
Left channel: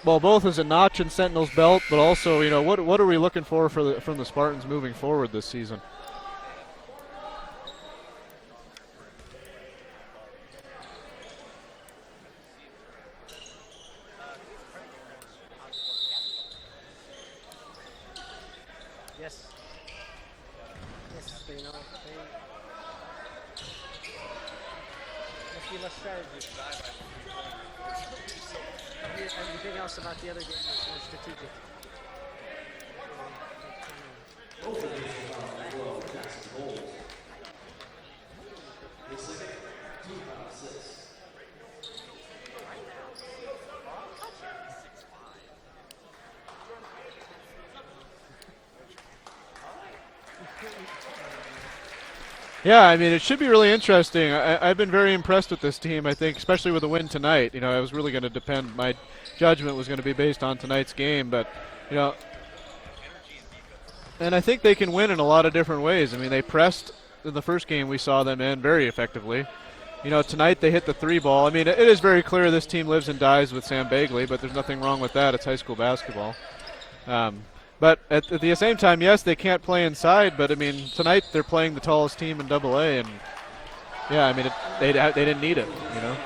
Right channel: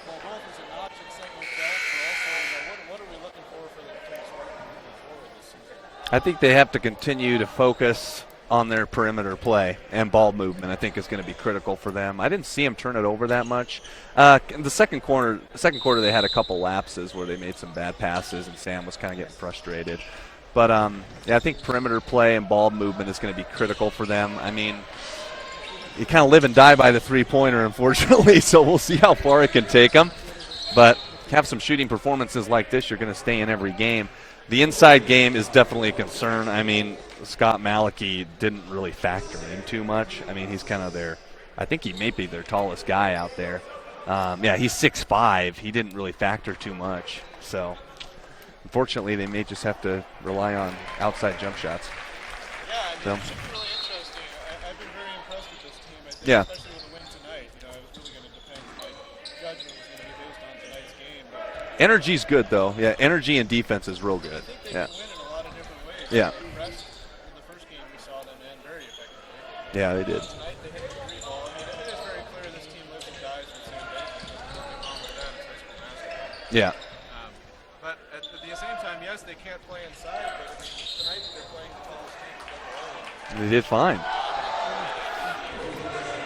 well, both as a notch in Sentinel's belt, but also, you know, what are we looking for from the Spartans moving forward this season? I think they have to continue to focus on their perimeter play, and ball movement I think is going to be critical for them. I didn't see them turn it over that much. In the second quarter they had a couple lapses where they made some bad passes, and Sam was kind of getting frustrated. But I think perimeter play and ball movement is going to be critical for them. I mean, you kind of live and die by the three-pointer, unfortunately, so we'll see how far it can take them. But have some shooting performances like this, you're going to stay in every game. The inside game is definitely a concern. I mean, Scott Malachi didn't really factor in too much. I mean, he's kind of I think he may be their tallest guy out there. He's 6'5". He didn't really factor too much. So, unfortunately, they may just have to rely on outside jump shots. Yeah, I mean, it should be really interesting. I've been very impressed with this team, I think, especially with the win tonight. You know, I was really going to depend. My judgment was going to be based on tonight's game. But energy's good, though. Yeah, energy and defense is real good. And I think they can win in a lot of different ways. Yeah. I mean, they pressed in the first game. We saw them in very effectively. Yeah, they did. You know, tonight they hit the 3 ball. I mean, it is very clear this team lives and dies with Sam Bagley, but there's nothing wrong with that. It's high school basketball. Yeah. But at the same time, yes, they can't play inside. But I mean, tonight they're playing the tallest team in AA, and they did fine. Yeah, I mean, they didn't need it. You know?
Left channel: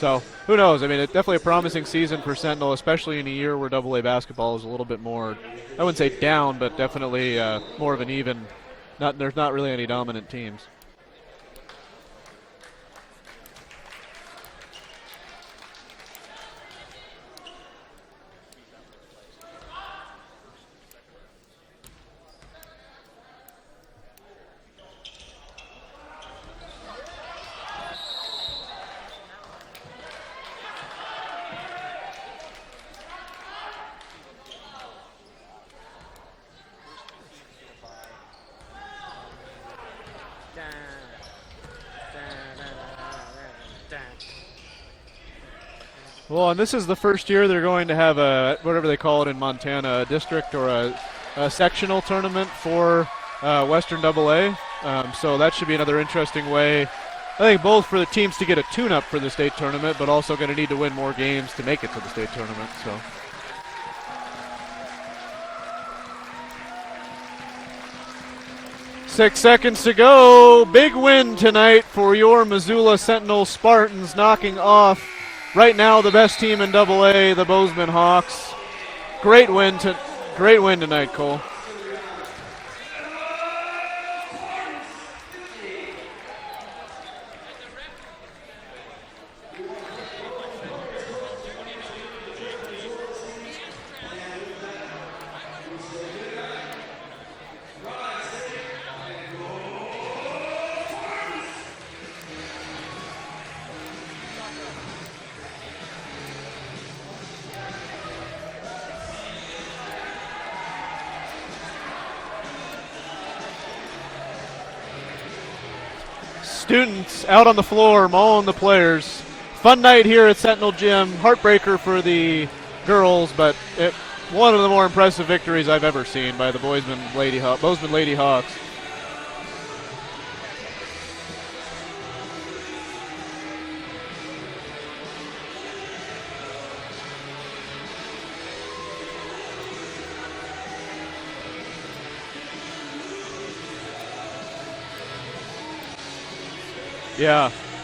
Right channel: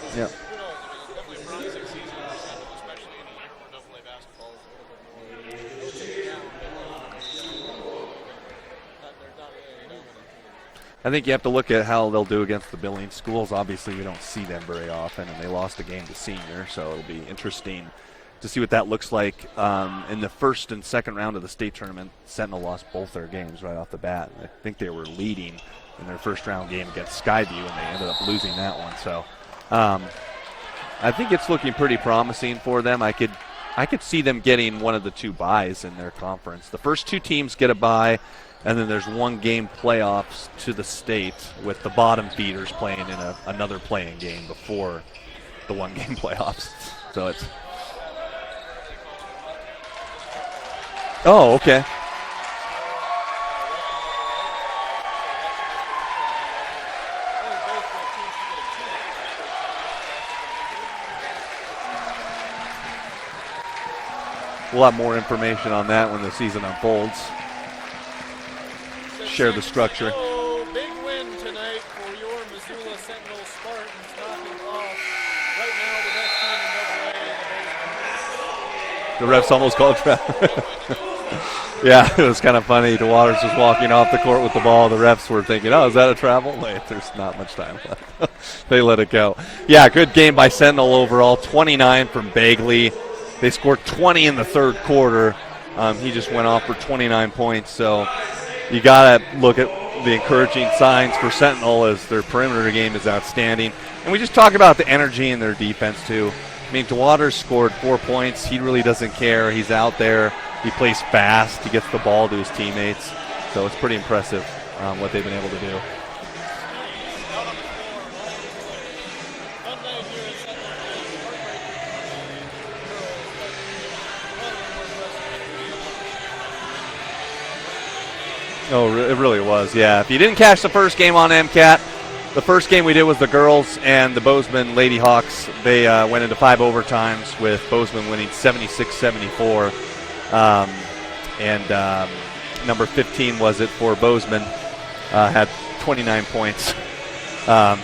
So who knows? I mean, it's definitely a promising season for Sentinel, especially in a year where AA basketball is a little bit more, I wouldn't say down, but definitely more of an even. There's not really any dominant teams. I think you have to look at how they'll do against the Billings schools. Obviously, you don't see them very often, and they lost a game to Senior, so it'll be interesting to see what that looks like. In the first and second round of the state tournament, Sentinel lost both their games right off the bat. I think they were leading in their first round game against Skyview, and they ended up losing that one. So I think it's looking pretty promising for them. I could see them getting one of the 2 byes in their conference. The first 2 teams get a bye, and then there's 1 game playoffs to the state with the bottom feeders playing in another playing game before the 1 game playoffs. Well, and this is the first year they're going to have a, whatever they call it in Montana, a district or a sectional tournament for Western AA. So that should be another interesting way, I think, both for the teams to get a tune-up for the state tournament, but also going to need to win more games to make it to the state tournament. So we'll have more information on that when the season unfolds. 6 seconds to go. Big win tonight for your Missoula Sentinel Spartans, knocking off right now the best team in AA, the Bozeman Hawks. Great win tonight, Cole. Yeah, it was kind of funny. DeWaters was walking off the court with the ball. The refs were thinking, oh, is that a travel? Wait, there's not much time left. They let it go. Yeah, good game by Sentinel overall. 29 from Bagley. They scored 20 in the third quarter. He just went off for 29 points. So you got to look at the encouraging signs for Sentinel as their perimeter game is outstanding. And we just talk about the energy in their defense, too. I mean, DeWaters scored 4 points. He really doesn't care. He's out there. He plays fast. He gets the ball to his teammates. So it's pretty impressive what they've been able to do. Students out on the floor, mauling the players. Fun night here at Sentinel Gym. Heartbreaker for the girls, but one of the more impressive victories I've ever seen by the Bozeman Lady Hawks. Oh, it really was, yeah. If you didn't catch the first game on MCAT, the first game we did was the girls and the Bozeman Lady Hawks. They went into 5 overtimes with Bozeman winning 76-74. Number 15 was it for Bozeman, had 29 points. Yeah.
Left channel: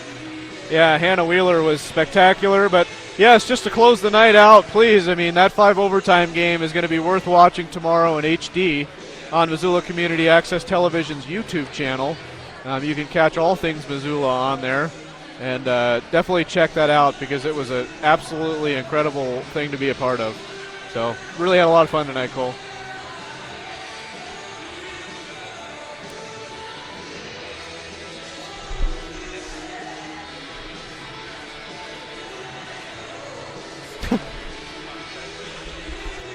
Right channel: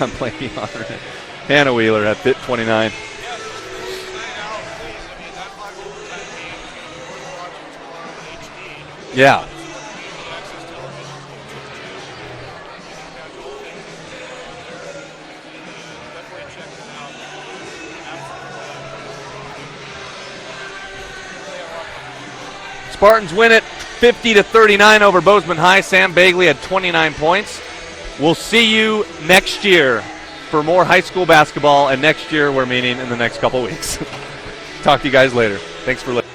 I'm blanking on Hannah Wheeler was spectacular. But yes, just to close the night out, please. I mean, that 5 overtime game is going to be worth watching tomorrow in HD on Missoula Community Access Television's YouTube channel. You can catch all things Missoula on there. And definitely check that out because it was an absolutely incredible thing to be a part of. So really had a lot of fun tonight, Cole. Spartans win it 50-39 over Bozeman High. Sam Bagley had 29 points. We'll see you next year for more high school basketball, and next year we're meeting in the next couple weeks. Talk to you guys later. Thanks for listening.